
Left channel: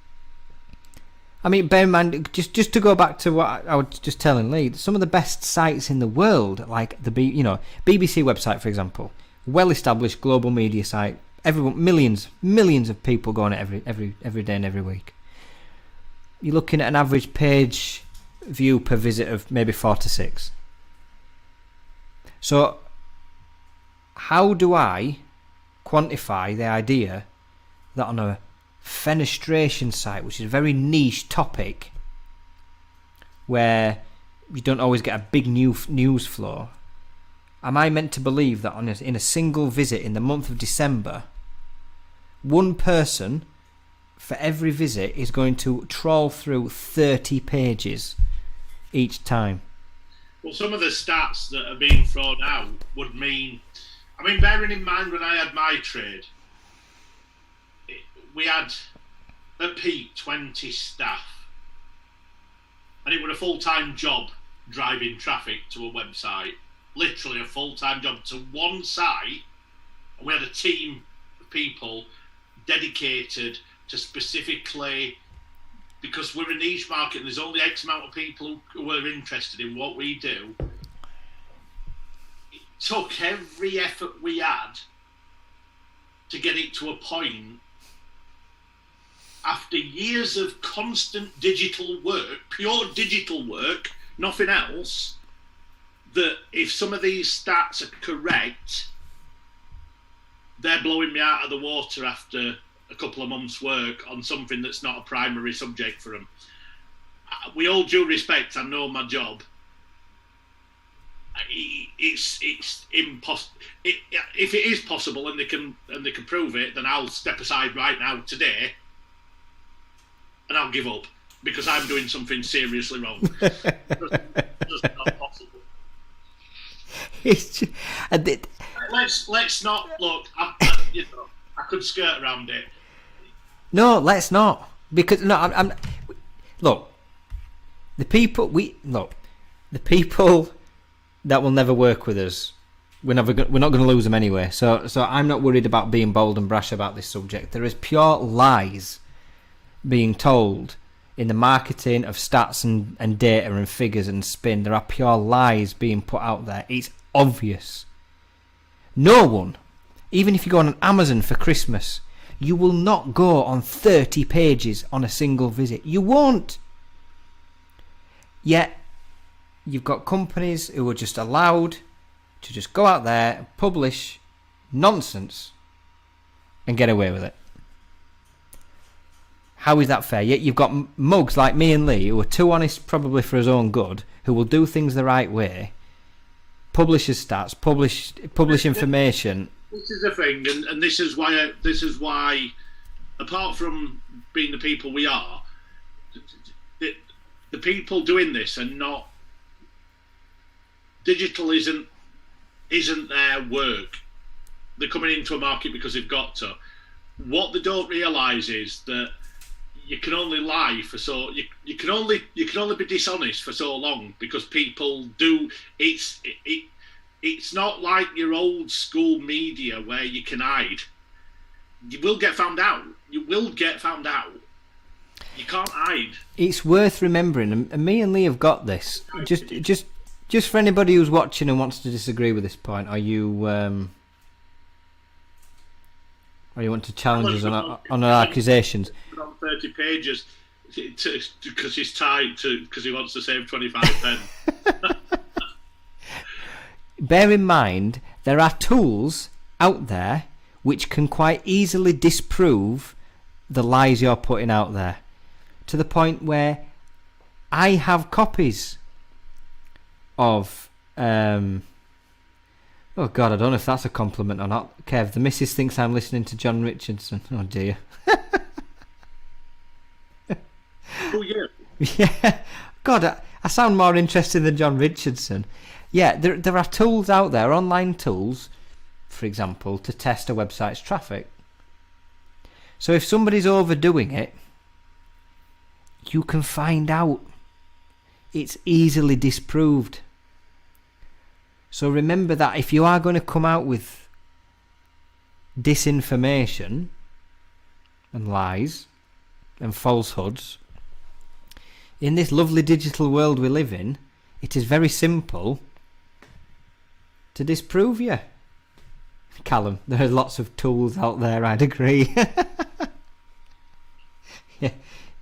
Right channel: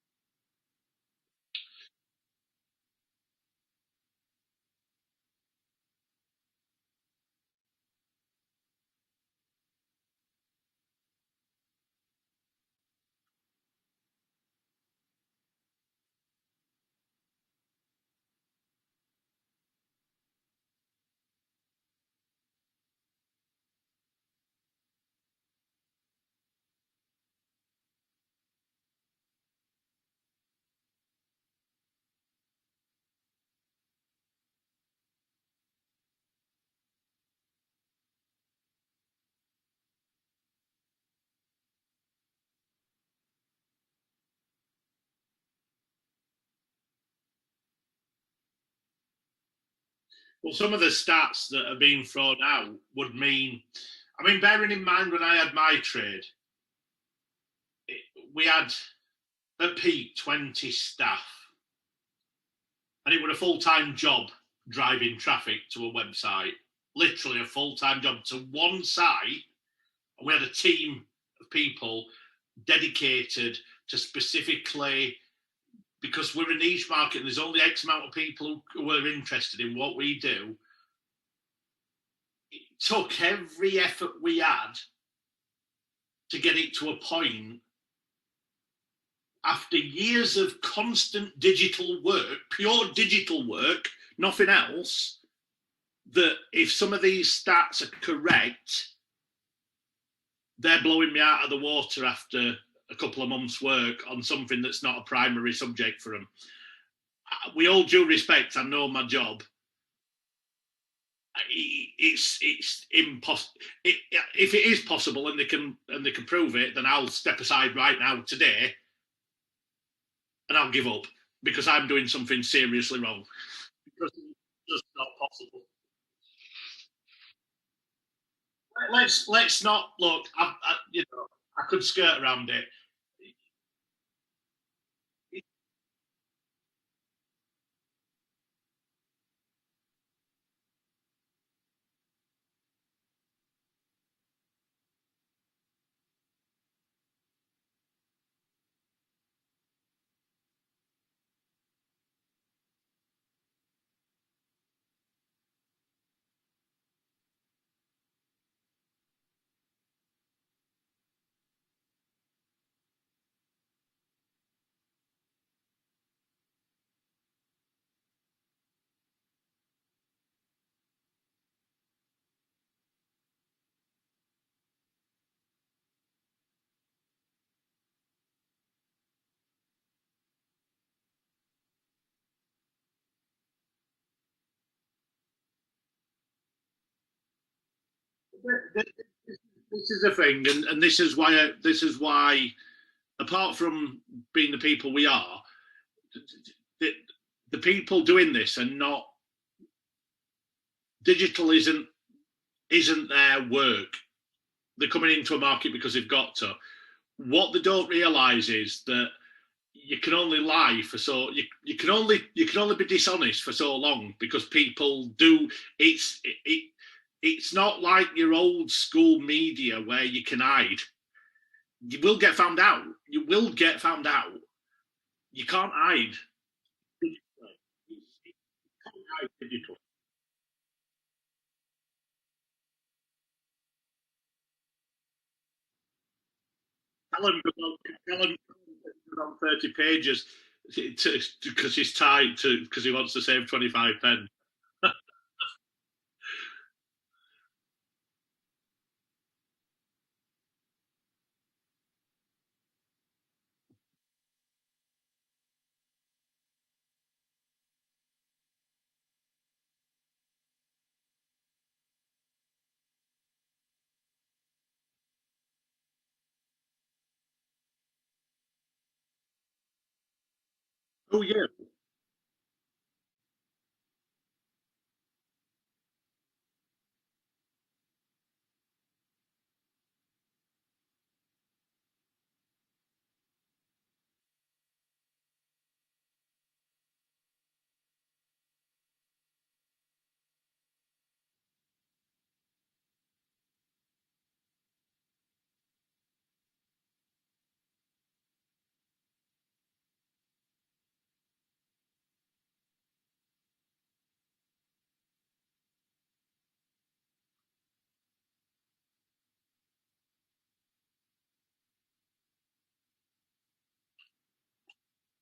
I mean, bear in mind, just to go back to what I was just telling Lee, some of the best sites in the world, like the BBC website, for example, well-established global media site, millions of people go on it every day and every week. You're looking at an average page view per visit of maybe 4 to 6. So, how do I quantify the idea that on a fenestration site, which is a very niche topic, where you don't always get a big news flow, am I meant to believe that in a single visit in the month of December, one person for every visit is going to trawl through 30 pages each time? Well, some of the stats that are being thrown out would mean I mean, bearing in mind when I had my trade, we had at peak 20 staff, and it was a full-time job driving traffic to a website. Literally a full-time job to one site, and we had a team of people dedicated to specifically, because we're a niche market and there's only X amount of people who are interested in what we do. It took every effort we had to get it to a point, after years of constant digital work, pure digital work, nothing else, that if some of these stats are correct, they're blowing me out of the water after a couple of months' work on something that's not a primary subject for them. With all due respect, I know my job. It's impossible. If it is possible and they can prove it, then I'll step aside right now today, and I'll give up because I'm doing something seriously wrong. It's just not possible. It's just, Let's not look. I could skirt around it. No, let's not, because no, I'm look. The people that will never work with us, we're not going to lose them anyway. So I'm not worried about being bold and brash about this subject. There is pure lies being told in the marketing of stats and data and figures and spin. There are pure lies being put out there. It's obvious. No one, even if you go on Amazon for Christmas, you will not go on 30 pages on a single visit. You won't. Yet, you've got companies who are just allowed to just go out there and publish nonsense and get away with it. How is that fair? Yet you've got mugs like me and Lee who are too honest probably for his own good, who will do things the right way, publish his stats, publish information. This is the thing, and this is why, apart from being the people we are, the people doing this are not. Digital isn't their work. They're coming into a market because they've got to. What they don't realise is that you can only lie for so you can only be dishonest for so long, because people do. It's not like your old school media where you can hide. You will get found out. You can't hide. It's worth remembering, and me and Lee have got this. Just for anybody who's watching and wants to disagree with this point, or you want to challenge us on our accusations. On 30 pages because he's tied to because he wants to save 25 pence. Bear in mind, there are tools out there which can quite easily disprove the lies you're putting out there, to the point where I have copies of oh God, I don't know if that's a compliment or not. Kev, the missus thinks I'm listening to John Richardson. Oh dear. Oh yeah. Yeah. God, I sound more interested than John Richardson. Yeah, there are tools out there, online tools, for example, to test a website's traffic. So if somebody's overdoing it, you can find out. It's easily disproved. So remember that if you are going to come out with disinformation and lies and falsehoods, in this lovely digital world we live in, it is very simple to disprove you. Callum, there are lots of tools out there, I'd agree. Yeah,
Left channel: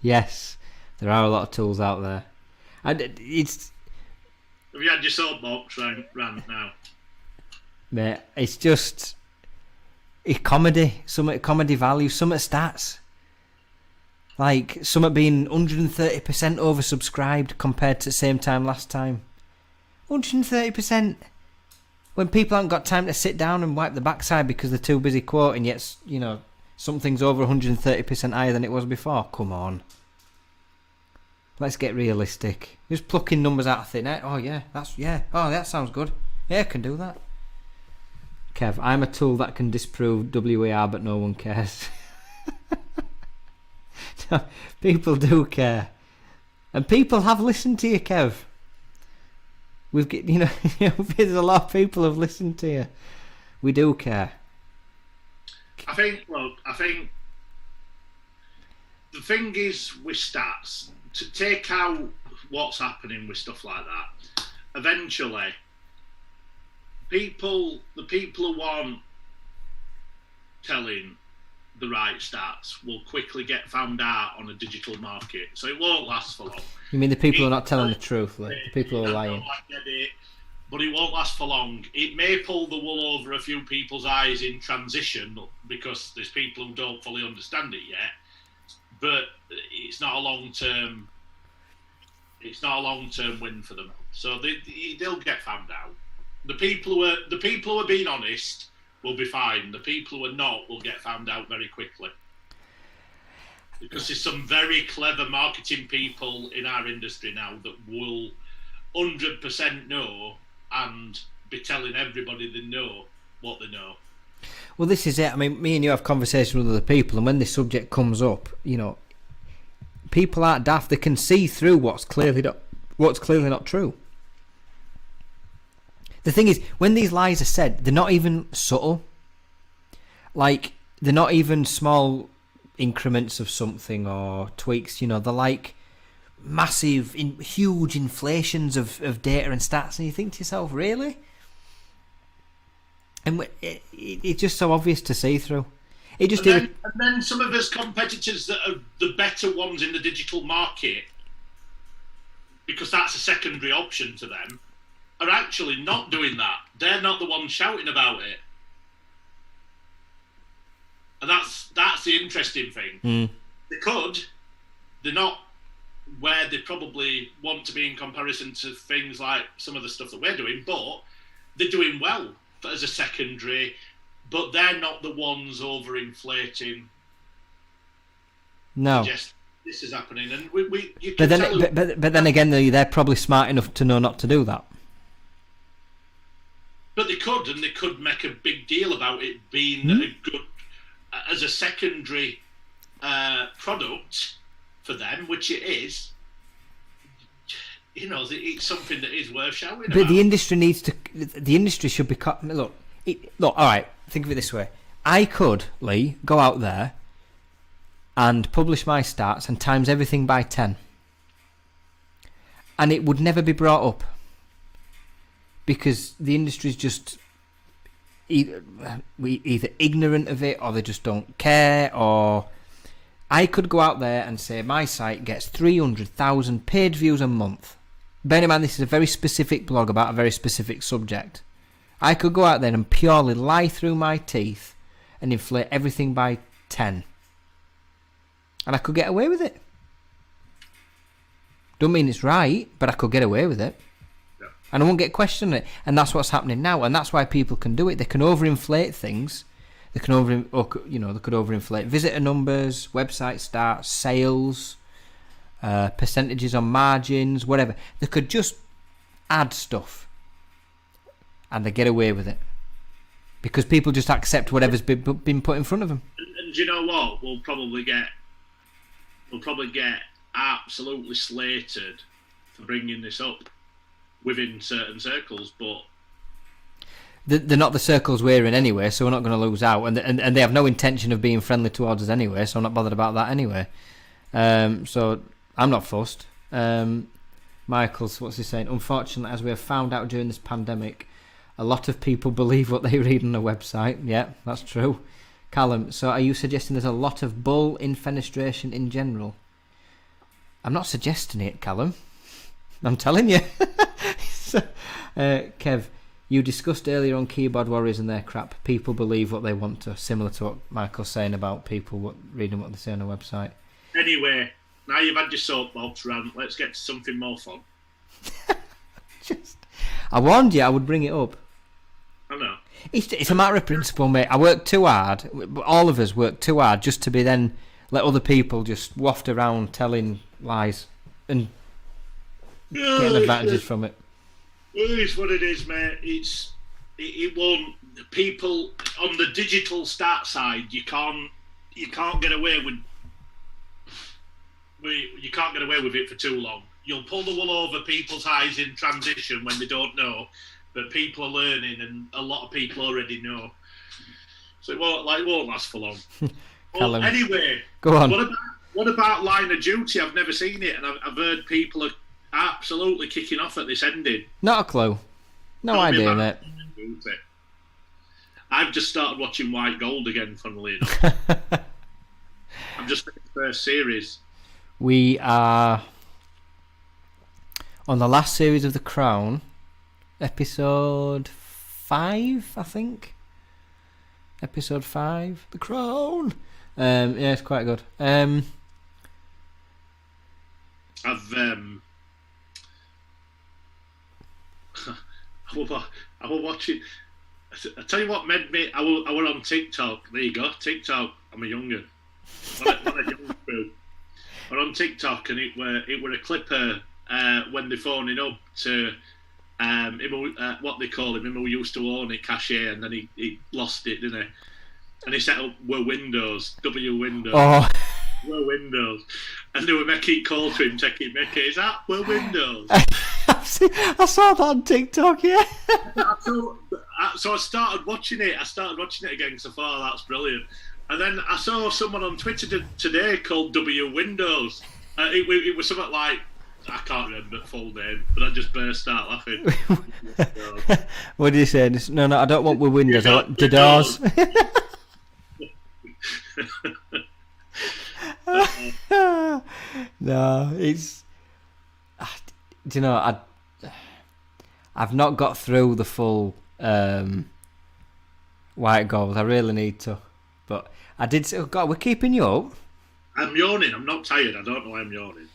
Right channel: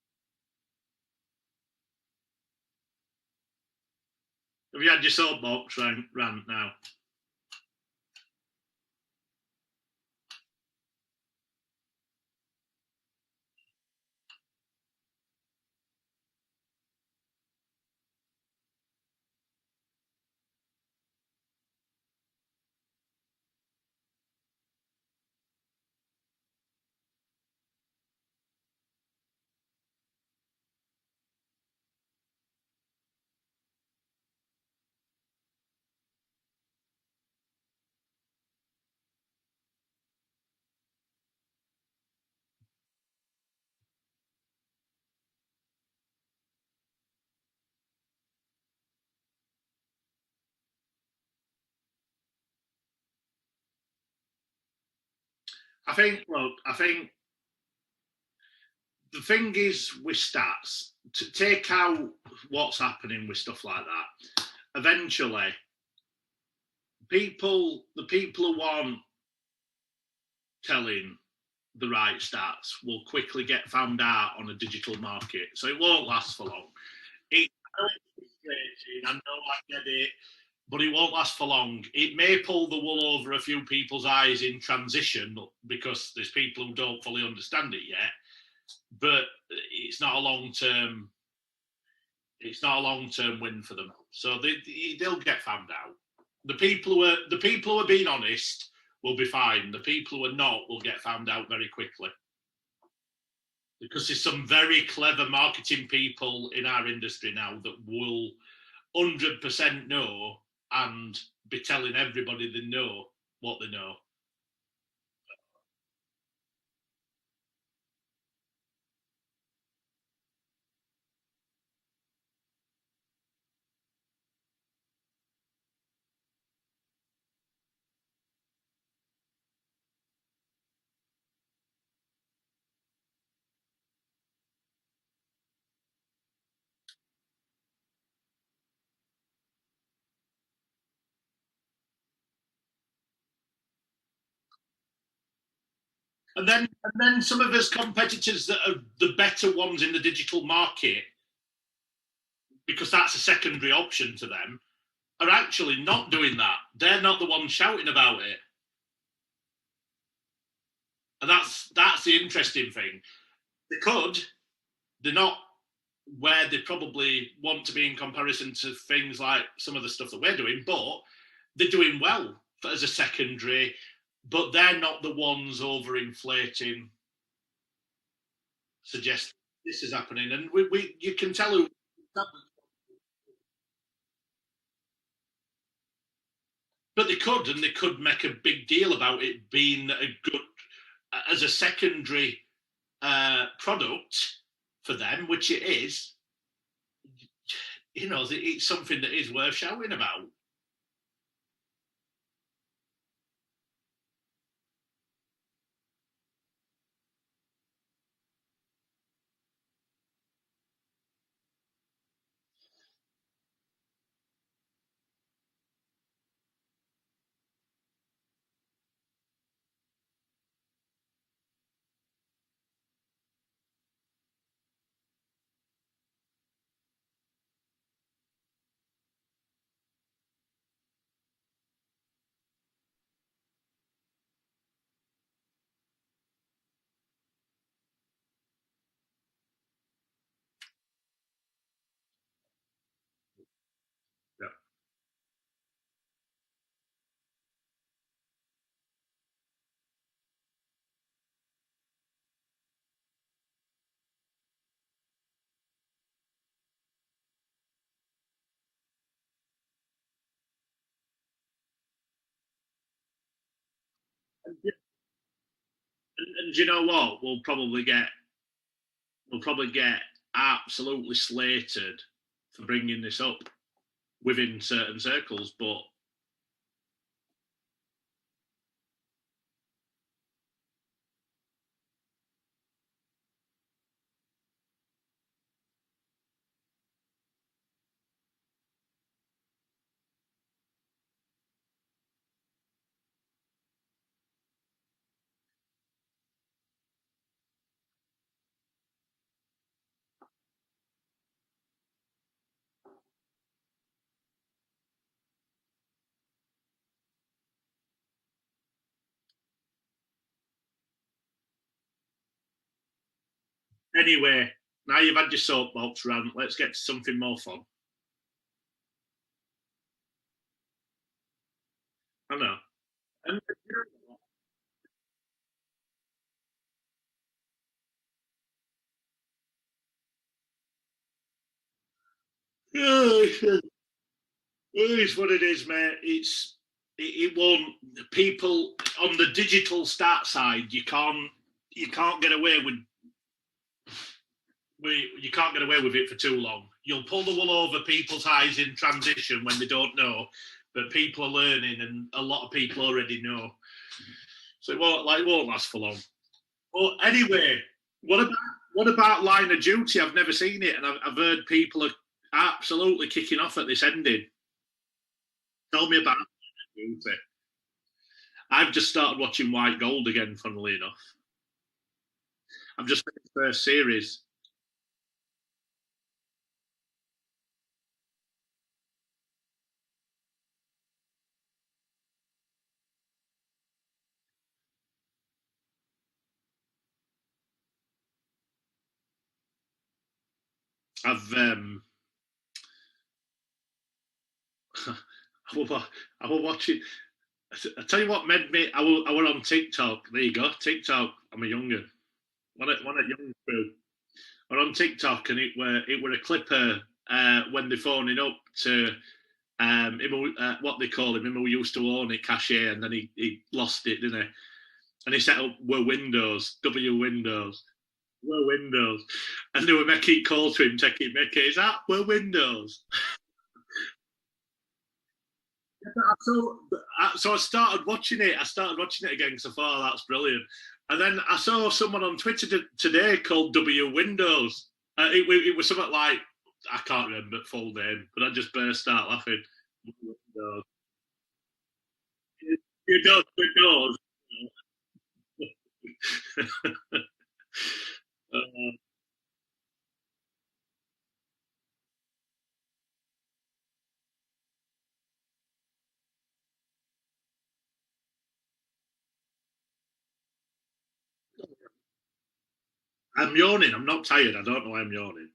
yes, there are a lot of tools out there. It's... Have you had your soapbox rant now? Mate, it's just... It's comedy. Some at comedy value, some at stats. Like, some at being 130% oversubscribed compared to the same time last time. 130%. When people haven't got time to sit down and wipe the backside because they're too busy quoting, yet, something's over 130% higher than it was before. Come on. Let's get realistic. Just plucking numbers out of thin air. Oh yeah, oh that sounds good. Yeah, I can do that. Kev, I'm a tool that can disprove WER, but no one cares. No, people do care, and people have listened to you, Kev. There's a lot of people have listened to you. We do care. I think the thing is with stats, to take out what's happening with stuff like that, eventually the people who aren't telling the right stats will quickly get found out on a digital market, so it won't last for long. You mean the people who are not telling the truth, like the people who are lying? I get it, but it won't last for long. It may pull the wool over a few people's eyes in transition because there's people who don't fully understand it yet, but it's not a long-term win for them. So they'll get found out. The people who are being honest will be fine. The people who are not will get found out very quickly. Because there's some very clever marketing people in our industry now that will 100% know and be telling everybody they know what they know. Well, this is it. I mean, me and you have conversations with other people, and when this subject comes up, people aren't daft. They can see through what's clearly not true. The thing is, when these lies are said, they're not even subtle. Like, they're not even small increments of something or tweaks. They're like massive, huge inflations of data and stats, and you think to yourself, really? And it's just so obvious to see through. And then some of us competitors that are the better ones in the digital market, because that's a secondary option to them, are actually not doing that. They're not the ones shouting about it. And that's the interesting thing. They're not where they probably want to be in comparison to things like some of the stuff that we're doing, but they're doing well as a secondary, but they're not the ones overinflating. No. Suggest this is happening, and you But can tell. But then again, they're probably smart enough to know not to do that. But they could make a big deal about it being a good, as a secondary product for them, which it is. It's something that is worth shouting about. But the industry should be look. All right, think of it this way. I could, Lee, go out there and publish my stats and times everything by 10, and it would never be brought up. Because the industry's just either ignorant of it, or they just don't care. Or I could go out there and say my site gets 300,000 page views a month. Bear in mind, this is a very specific blog about a very specific subject. I could go out there and purely lie through my teeth and inflate everything by 10, and I could get away with it. Don't mean it's right, but I could get away with it. And I won't get questioned it. And that's what's happening now. And that's why people can do it. They can overinflate things. They could overinflate visitor numbers, website starts, sales, percentages on margins, whatever. They could just add stuff, and they get away with it because people just accept whatever's been put in front of them. And you know what? We'll probably get absolutely slated for bringing this up within certain circles, but they're not the circles we're in anyway, so we're not going to lose out, and they have no intention of being friendly towards us anyway, so I'm not bothered about that anyway. So I'm not fussed. Michael's, what's he saying? Unfortunately, as we have found out during this pandemic, a lot of people believe what they read on the website. Yeah, that's true. Callum, so are you suggesting there's a lot of bull in fenestration in general? I'm not suggesting it, Callum. I'm telling you. So, Kev, you discussed earlier on keyboard warriors and their crap. People believe what they want to, similar to what Michael's saying about people reading what they say on a website. Anyway, now you've had your soapbox rant, let's get to something more fun. I warned you I would bring it up. I know. It's a matter of principle, mate. I work too hard. All of us work too hard just to be then let other people just waft around telling lies and getting advantages from it. Well, it's what it is, mate. It's it won't. People on the digital stat side, you can't get away with. You can't get away with it for too long. You'll pull the wool over people's eyes in transition when they don't know, but people are learning, and a lot of people already know. So it won't last for long. Well, anyway, go on. What about Line of Duty? I've never seen it, and I've heard people are absolutely kicking off at this ending. Not a clue. No idea, mate. I've just started watching White Gold again, funnily enough. I've just finished the first series. We are on the last series of The Crown, episode 5, I think. Episode 5, The Crown. Yeah, it's quite good. I was watching. I tell you what made me. I were on TikTok. There you go, TikTok. I'm a younger. One of young crew. We're on TikTok, and it were a clipper when they're phoning up to what they call him who used to own it, Cashier, and then he lost it, didn't he? And he set up Were Windows, W Windows. Oh. Were Windows. And they were making calls to him, taking Mickey. Is that Were Windows? I saw that on TikTok, yeah. So I started watching it. Again because I thought, that's brilliant. And then I saw someone on Twitter today called W Windows. It was something like, I can't remember the full name, but I just burst out laughing. What did you say? No, I don't want Were Windows. I want the doors. No, it's. Do you know? I've not got through the full White Gold. I really need to, but I did say, oh God, we're keeping you up. I'm yawning. I'm not tired. I don't know why I'm yawning.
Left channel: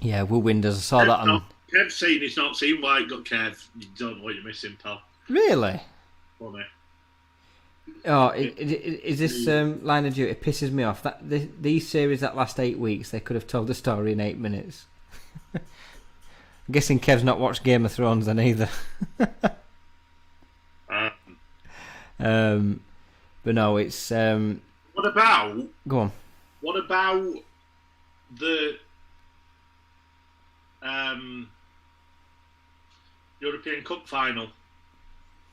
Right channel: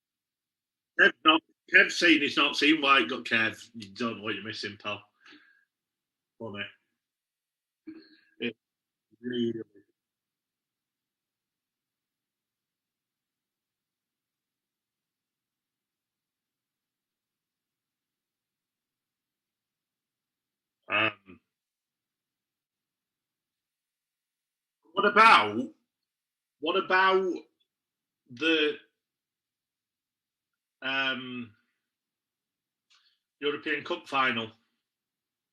Yeah, Were Windows. I saw that on. Kev's saying he's not seen White Gold. Kev, you don't know what you're missing, pal. Really? Funny. Oh, is this Line of Duty? It pisses me off. These series that last 8 weeks, they could have told the story in 8 minutes. I'm guessing Kev's not watched Game of Thrones then either. But no, it's. What about? Go on. What about the European Cup final?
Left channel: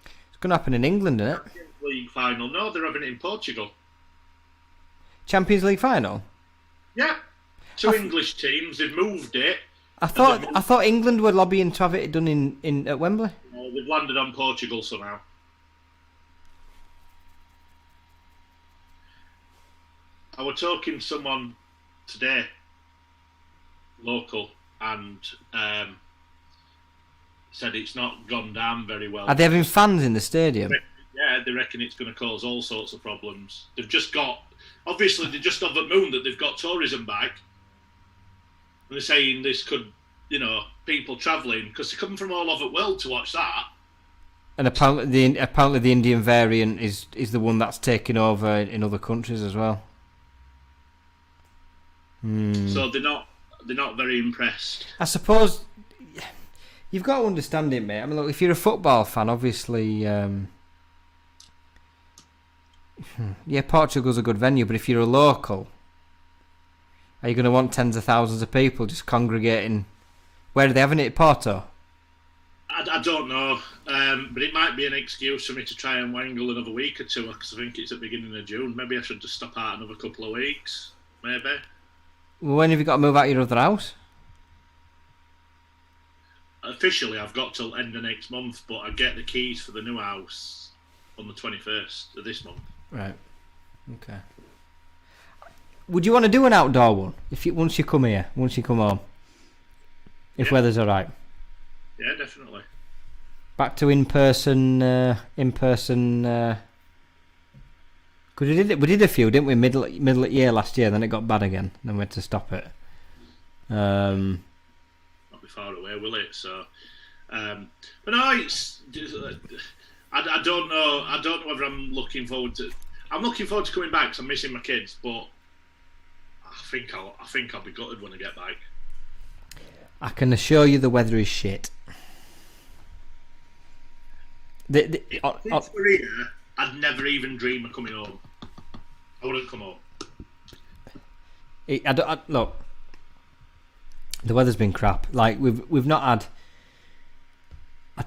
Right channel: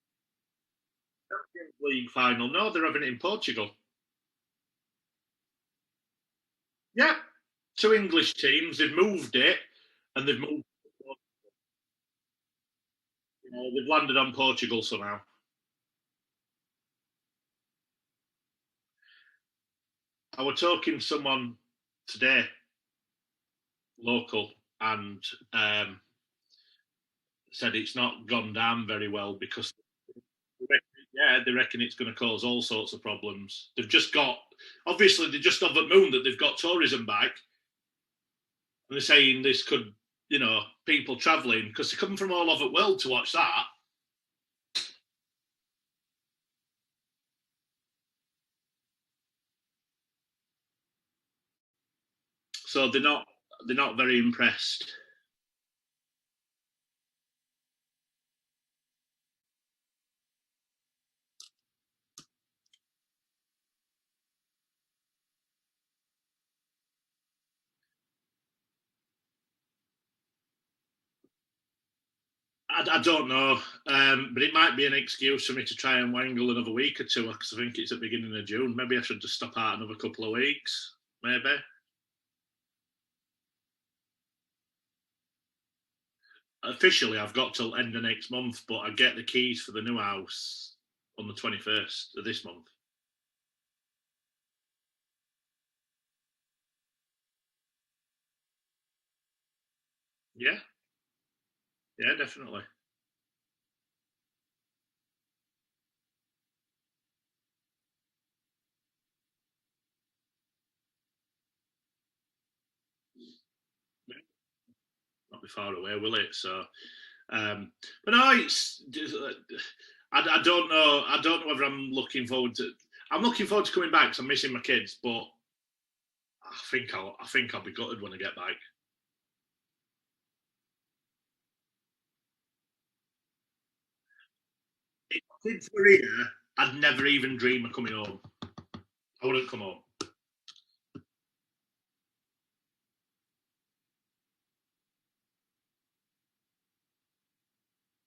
It's going to happen in England, isn't it? Champions League final. No, they're having it in Portugal. Champions League final? Yeah. Two English teams. They've moved it. I thought England were lobbying to have it done in at Wembley. No, they've landed on Portugal somehow. I was talking to someone today, local, and said it's not gone down very well. Are they having fans in the stadium? Yeah, they reckon it's going to cause all sorts of problems. They've just got, obviously, they're just on the moon that they've got tourism back. And they're saying this could, people travelling, because they come from all over the world to watch that. And apparently the Indian variant is the one that's taking over in other countries as well. So they're not very impressed. I suppose you've got to understand it, mate. I mean, look, if you're a football fan, obviously, Portugal's a good venue. But if you're a local, are you going to want tens of thousands of people just congregating? Where are they having it? Porto? I don't know, but it might be an excuse for me to try and wangle another week or two, because I think it's at the beginning of June. Maybe I should just stop out another couple of weeks. Maybe. Well, when have you got to move out your other house? Officially, I've got till end of next month, but I get the keys for the new house on the 21st of this month. Right. Okay. Would you want to do an outdoor one once you come home? If weather's all right. Yeah, definitely. Back to in person. Because we did a few, didn't we? Middle of year last year, then it got bad again. Then we had to stop it. Not be far away, will it? So, but no, it's. I don't know. I don't know whether I'm looking forward to. I'm looking forward to coming back because I'm missing my kids. But I think I'll be gutted when I get back. I can assure you the weather is shit. Since we're here, I'd never even dream of coming home. I wouldn't come home. Look, the weather's been crap. Like we've not had.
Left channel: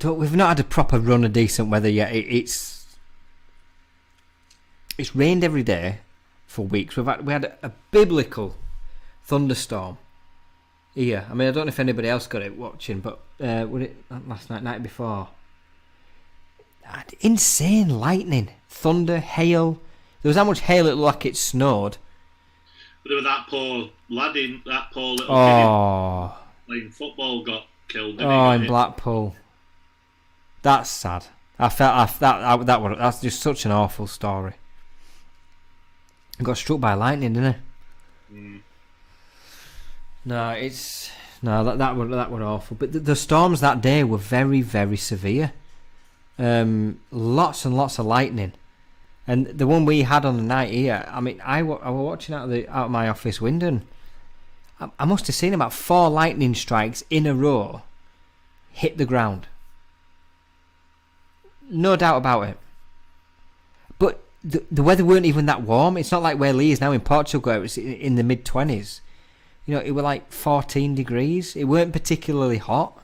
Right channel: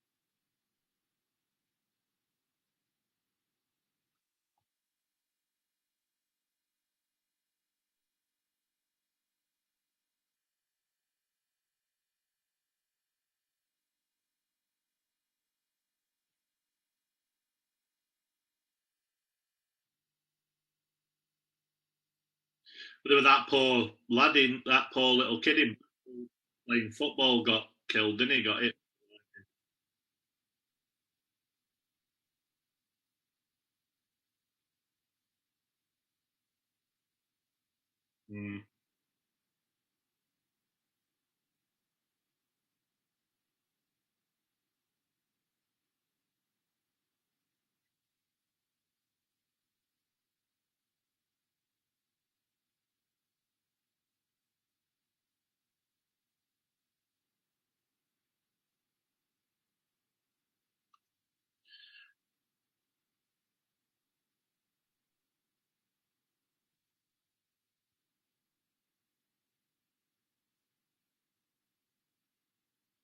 We've not had a proper run of decent weather yet. It's rained every day for weeks. We had a biblical thunderstorm here. I mean, I don't know if anybody else got it watching, but was it last night before? Insane lightning, thunder, hail. There was that much hail it looked like it snowed. But there was that poor lad that poor little kid playing football got killed, didn't he? Oh, in Blackpool. That's sad. That's just such an awful story. He got struck by lightning, didn't he? Mm. That were awful. But the storms that day were very, very severe. Lots and lots of lightning, and the one we had on the night here. I mean, I was watching out of my office window, and I must have seen about 4 lightning strikes in a row hit the ground. No doubt about it. But the weather weren't even that warm. It's not like where Lee is now in Portugal. It was in the mid-20s. You know, it were like 14 degrees. It weren't particularly hot.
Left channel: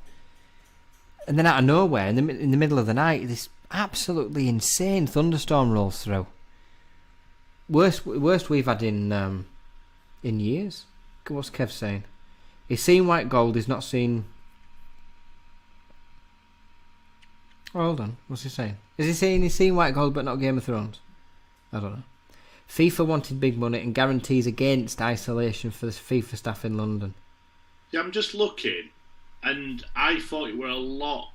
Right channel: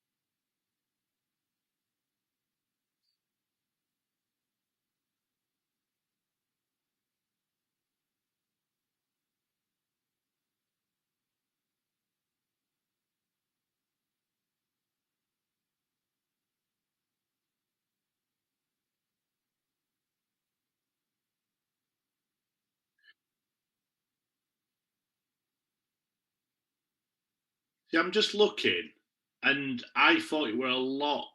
And then out of nowhere, in the middle of the night, this absolutely insane thunderstorm rolls through. Worst we've had in years. What's Kev saying? He's seen white gold. He's not seen. Oh, hold on. What's he saying? Is he saying he's seen white gold but not Game of Thrones? I don't know. FIFA wanted big money and guarantees against isolation for the FIFA staff in London. Yeah, I'm just looking, and I thought it were a lot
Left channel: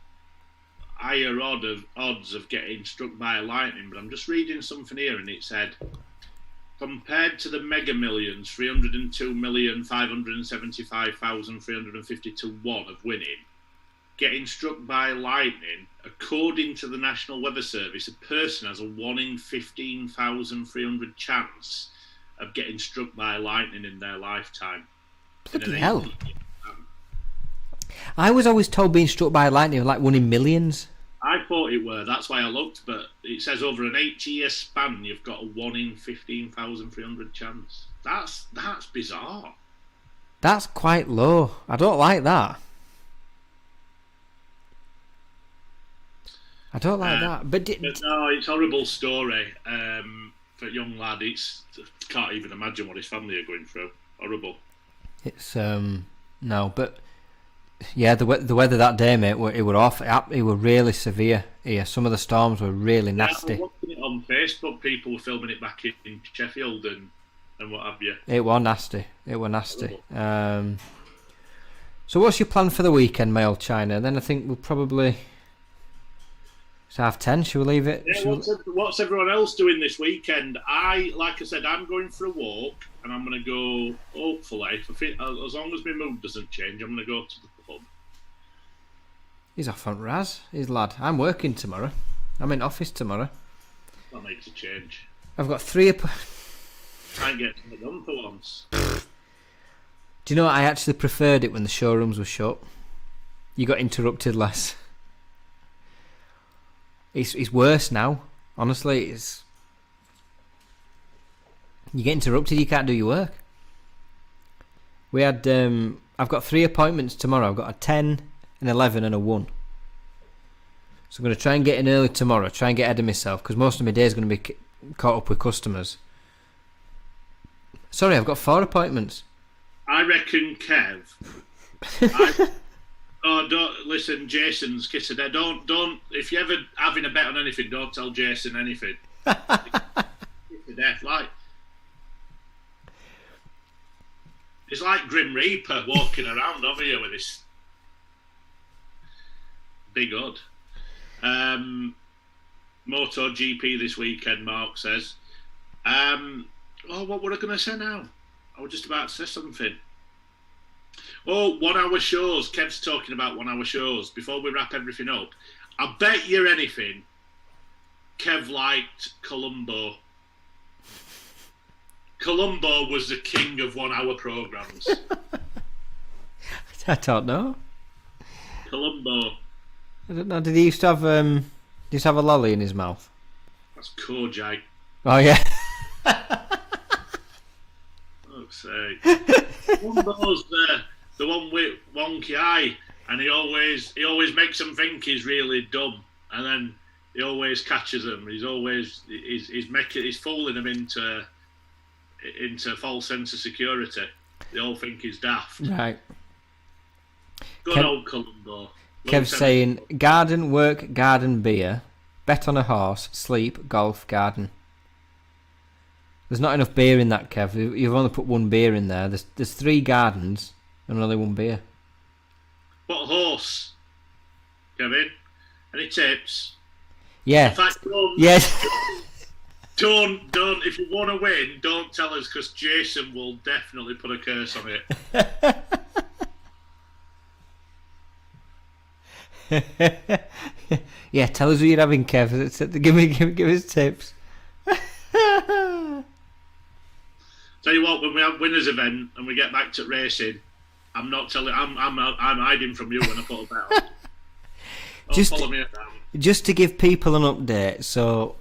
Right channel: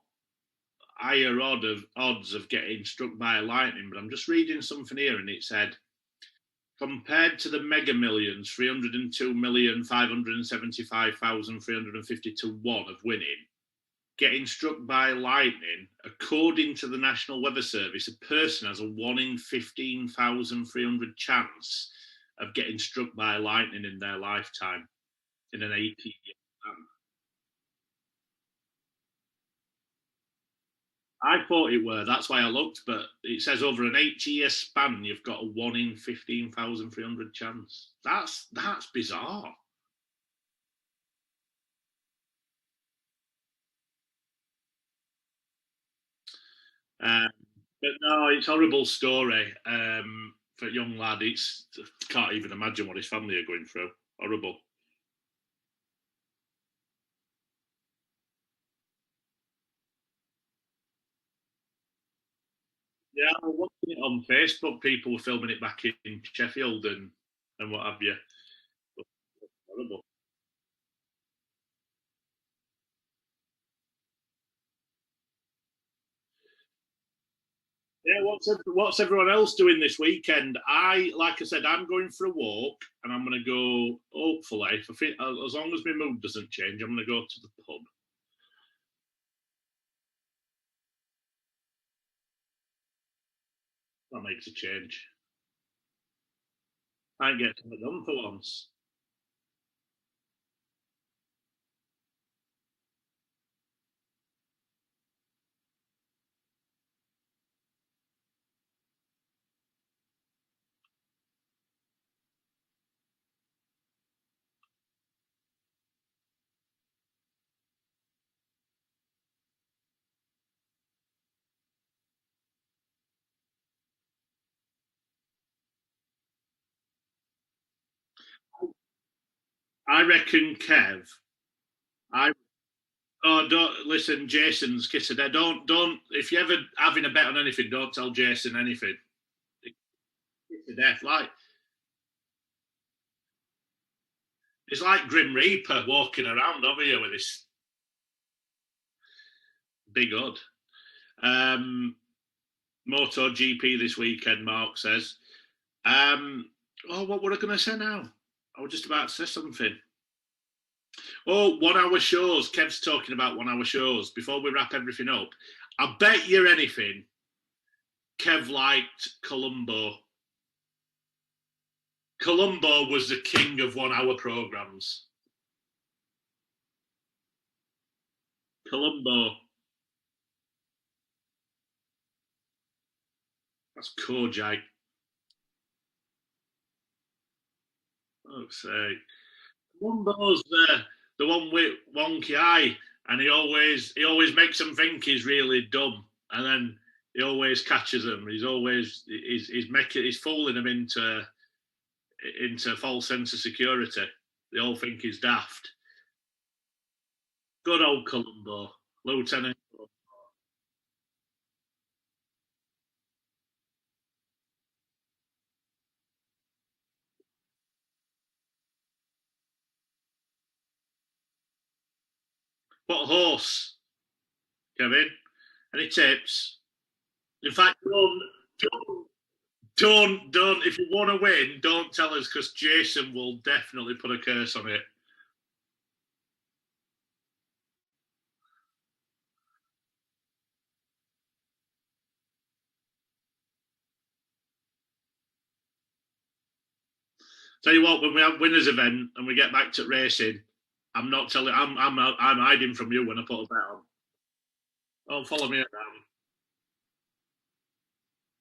higher odds of getting struck by lightning, but I'm just reading something here, and it said, compared to the Mega Millions, 302,575,350 to 1 of winning, getting struck by lightning, according to the National Weather Service, a person has a 1 in 15,300 chance of getting struck by lightning in their lifetime. Bloody hell. I was always told being struck by lightning was like 1 in millions. I thought it were. That's why I looked, but it says over an 8-year span, you've got a 1 in 15,300 chance. That's bizarre. That's quite low. I don't like that. I don't like that. But no, it's a horrible story for a young lad. Can't even imagine what his family are going through. Horrible. It's no, but yeah, the weather that day, mate, it were off. It were really severe. Yeah, some of the storms were really nasty. I was watching it on Facebook. People were filming it back in Sheffield and what have you. It was nasty. So what's your plan for the weekend, my old China? Then I think we'll probably. It's 10:30. Shall we leave it? Yeah. What's everyone else doing this weekend? Like I said, I'm going for a walk, and I'm going to go. Hopefully, as long as my mood doesn't change, I'm going to go to the pub. He's off on Raz. He's lad. I'm working tomorrow. I'm in office tomorrow. That makes a change. I've got 3. Try and get something done for once. Do you know what? I actually preferred it when the showrooms were shut. You got interrupted less. It's worse now. Honestly, you get interrupted. You can't do your work. We had. I've got 3 appointments tomorrow. I've got a 10, an 11, and a 1. So I'm going to try and get in early tomorrow. Try and get ahead of myself because most of my day is going to be caught up with customers. Sorry, I've got 4 appointments. I reckon, Kev. Don't listen. Jason's kissing there. Don't. If you're ever having a bet on anything, don't tell Jason anything. Kiss to death, like it's like Grim Reaper walking around over here with this big hood. MotoGP this weekend. Mark says. What were I going to say now? I was just about to say something. 1 hour shows. Kev's talking about 1 hour shows. Before we wrap everything up, I bet you anything Kev liked Columbo. Columbo was the king of 1 hour programmes. I don't know. Columbo. I don't know. Did he used to have Just have a lolly in his mouth. That's Kojak. Oh yeah. Fuck's sake. Columbo's the one with wonky eye, and he always makes them think he's really dumb, and then he always catches them. He's fooling them into false sense of security. They all think he's daft. Right. Good old Columbo. Kev's saying garden, work, garden, beer, bet on a horse, sleep, golf, garden. There's not enough beer in that, Kev. You've only put one beer in there. There's 3 gardens and only 1 beer. What horse, Kevin? Any tips? Yeah. In fact, Yes. don't. If you want to win, don't tell us, because Jason will definitely put a curse on it. Yeah, tell us who you're having, Kev. Give us tips. Tell you what, when we have winners event and we get back to racing, I'm not telling. I'm hiding from you when I put a bet on. Don't follow me around. Just to give people an update, so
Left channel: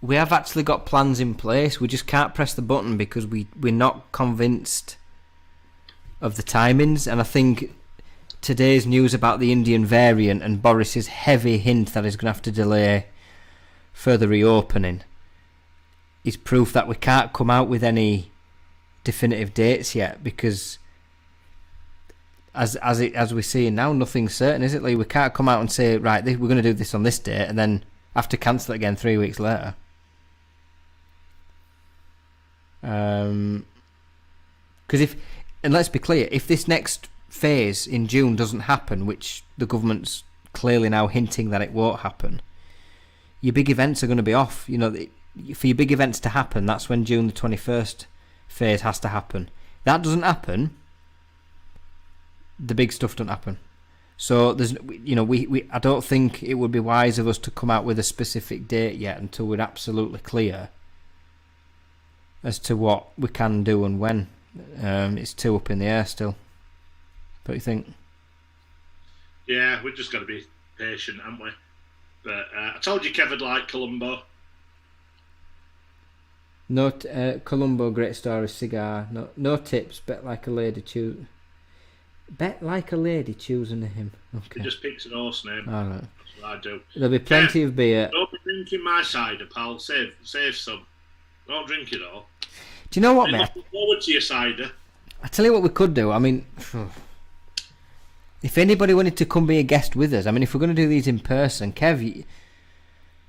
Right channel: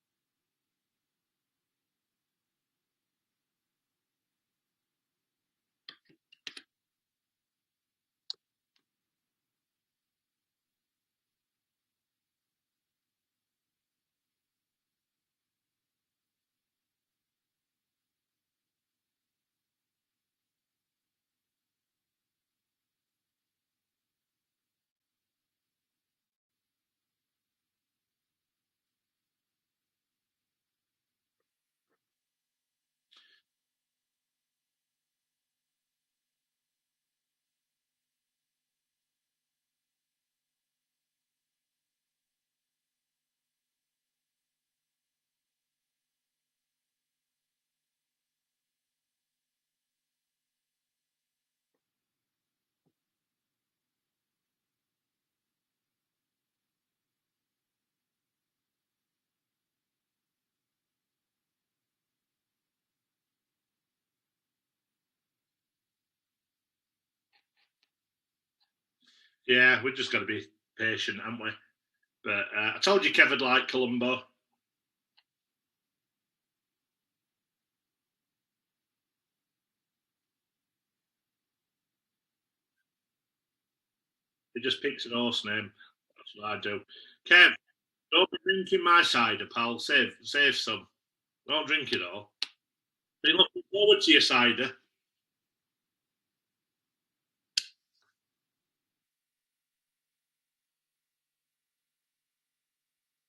we have actually got plans in place. We just can't press the button because we're not convinced of the timings, and I think today's news about the Indian variant and Boris's heavy hint that he's going to have to delay further reopening is proof that we can't come out with any definitive dates yet, because as we're seeing now, nothing's certain, is it, Lee? We can't come out and say, right, we're going to do this on this date and then have to cancel it again 3 weeks later. Because and let's be clear, if this next phase in June doesn't happen, which the government's clearly now hinting that it won't happen, your big events are going to be off. You know, for your big events to happen, that's when June the 21st phase has to happen. That doesn't happen, the big stuff doesn't happen. So there's, I don't think it would be wise of us to come out with a specific date yet until we're absolutely clear as to what we can do and when. It's too up in the air still. What do you think? Yeah, we've just got to be patient, haven't we? But I told you Kev would like Columbo. No, Columbo, great story, cigar. No tips. Bet like a lady choosing him. Okay. He just picks an horse name. All right. That's what I do. There'll be plenty Kev, of beer. Don't be drinking my cider, pal. Save some. Don't drink it all. Do you know what, I'm mate? looking forward to your cider. I tell you what we could do. I mean, if anybody wanted to come be a guest with us, I mean, if we're going to do these in person, Kev,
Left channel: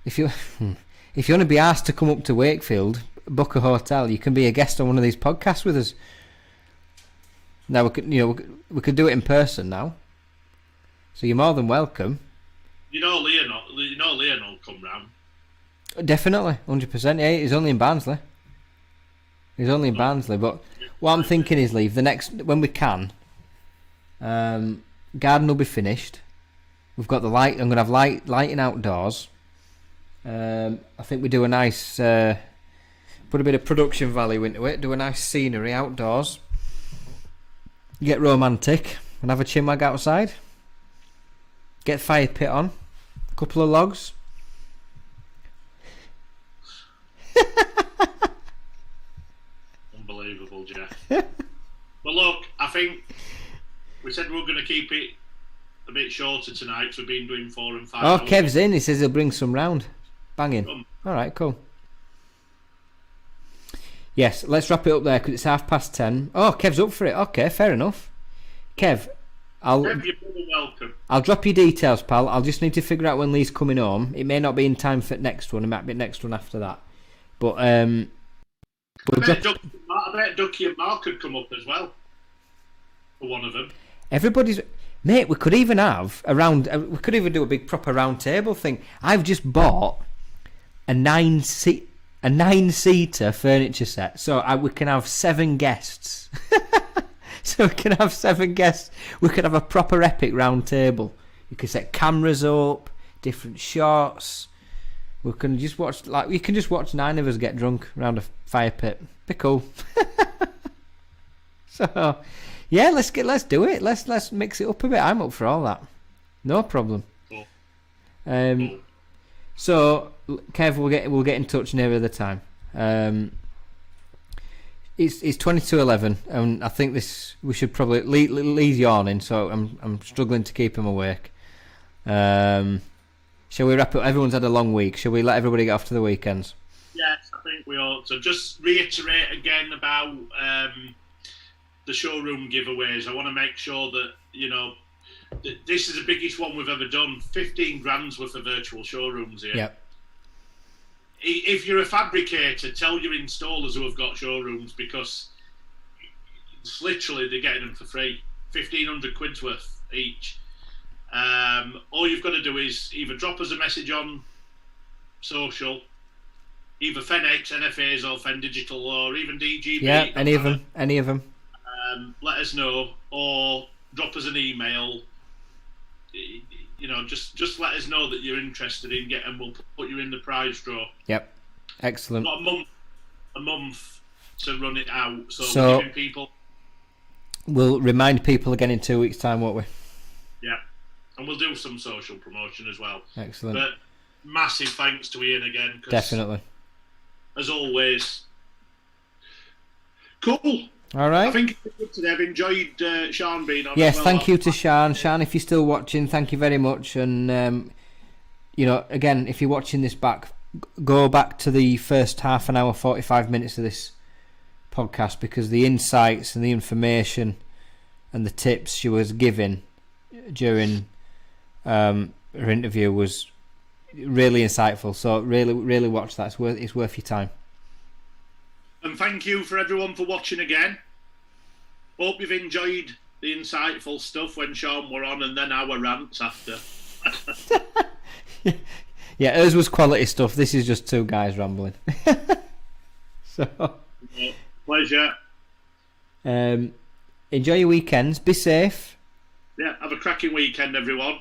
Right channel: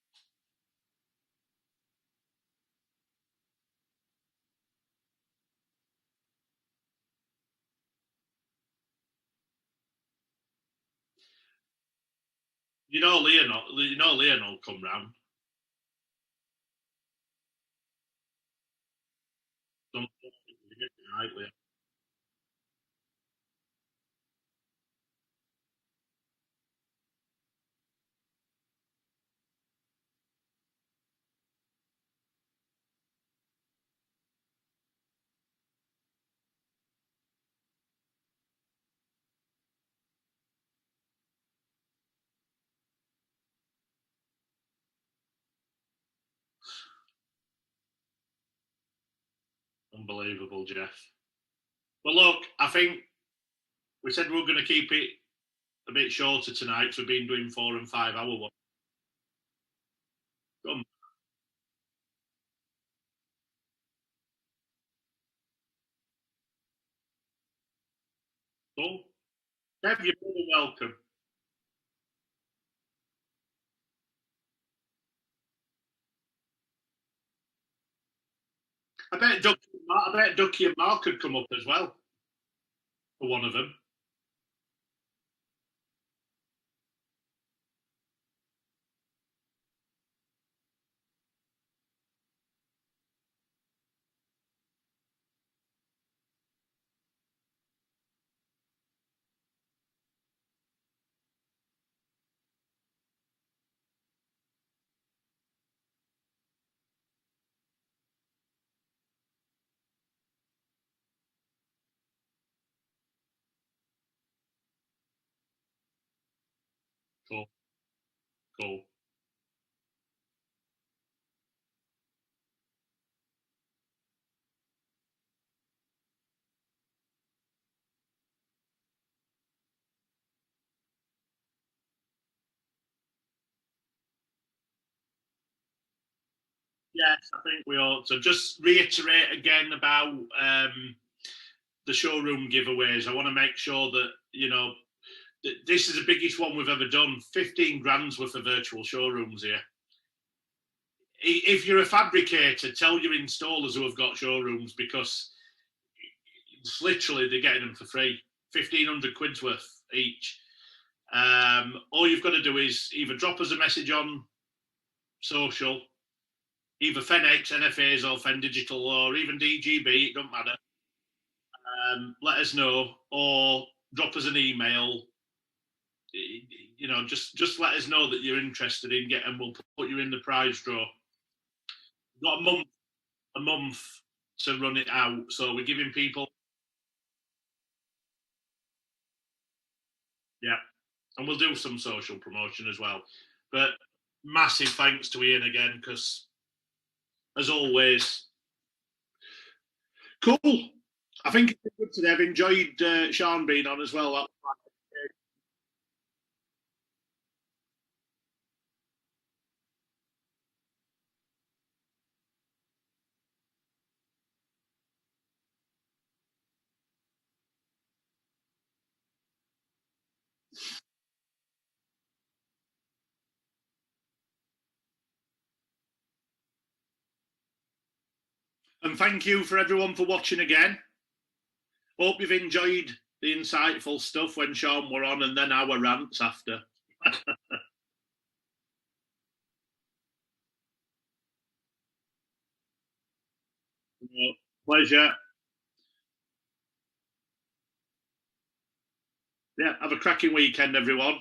if you want to be asked to come up to Wakefield, book a hotel, you can be a guest on one of these podcasts with us. Now we could do it in person now, so you're more than welcome. Leon will come round. Definitely, 100%. Yeah, he's only in Barnsley. But what I'm thinking is, leave the next when we can. Garden will be finished. We've got the light. I'm going to have lighting outdoors. I think we do a nice put a bit of production value into it. Do a nice scenery outdoors. Get romantic and have a chinwag outside. Get fire pit on. A couple of logs. Unbelievable, Jeff. Well, look, I think we said we were going to keep it a bit shorter tonight, so we've been doing 4 and 5 Oh, hours. Kev's in. He says he'll bring some round. Banging. All right, cool. Yes, let's wrap it up there because it's 10:30. Oh, Kev's up for it. Okay, fair enough. Kev, Kev, you're more welcome. I'll drop you details, pal. I'll just need to figure out when Lee's coming home. It may not be in time for next one. It might be next one after that. But I bet Ducky and Mark could come up as well. For one of them. Everybody's... Mate, we could even have we could even do a big proper round table thing. I've just bought a 9-seater furniture set, so we can have 7 guests. So we can have 7 guests. We could have a proper epic round table. You can set cameras up, different shots. We can just watch, you can just watch 9 of us get drunk around a fire pit. Be cool. So, yeah, let's do it. Let's mix it up a bit. I'm up for all that. No problem. Cool. Cool. So, Kev, we'll get in touch nearer the time. It's 22:11, and I think we should probably Lee's yawning, so I'm struggling to keep him awake. Shall we wrap up? Everyone's had a long week. Shall we let everybody get off to the weekends? Yes, I think we ought to. Just reiterate again about the showroom giveaways. I want to make sure that, this is the biggest one we've ever done. 15 grand's worth of virtual showrooms here. Yep. If you're a fabricator, tell your installers who have got showrooms, because it's literally they're getting them for free. 1,500 quid's worth each. All you've got to do is either drop us a message on social, either FenX, NFAs, or Fen Digital, or even DGB. Yeah, any of them. Let us know, or drop us an email. Just let us know that you're interested in getting. We'll put you in the prize draw. Yep, excellent. Got a month to run it out, so we're giving people. We'll remind people again in 2 weeks' time, won't we? Yeah, and we'll do some social promotion as well. Excellent. But massive thanks to Ian again. Definitely. As always. Cool. All right. I think it's good today. I've enjoyed Sean being on. Yes, as well. thank you to Sian. Sian, if you're still watching, thank you very much. And again, if you're watching this back, go back to the first half an hour, 45 minutes of this podcast, because the insights and the information and the tips she was giving during her interview was really insightful. So really watch that. It's worth your time. And thank you for everyone for watching again. Hope you've enjoyed the insightful stuff when Sean were on, and then our rants after. Yeah, hers was quality stuff. This is just two guys rambling. So, yeah, pleasure. Enjoy your weekends. Be safe. Yeah, have a cracking weekend, everyone.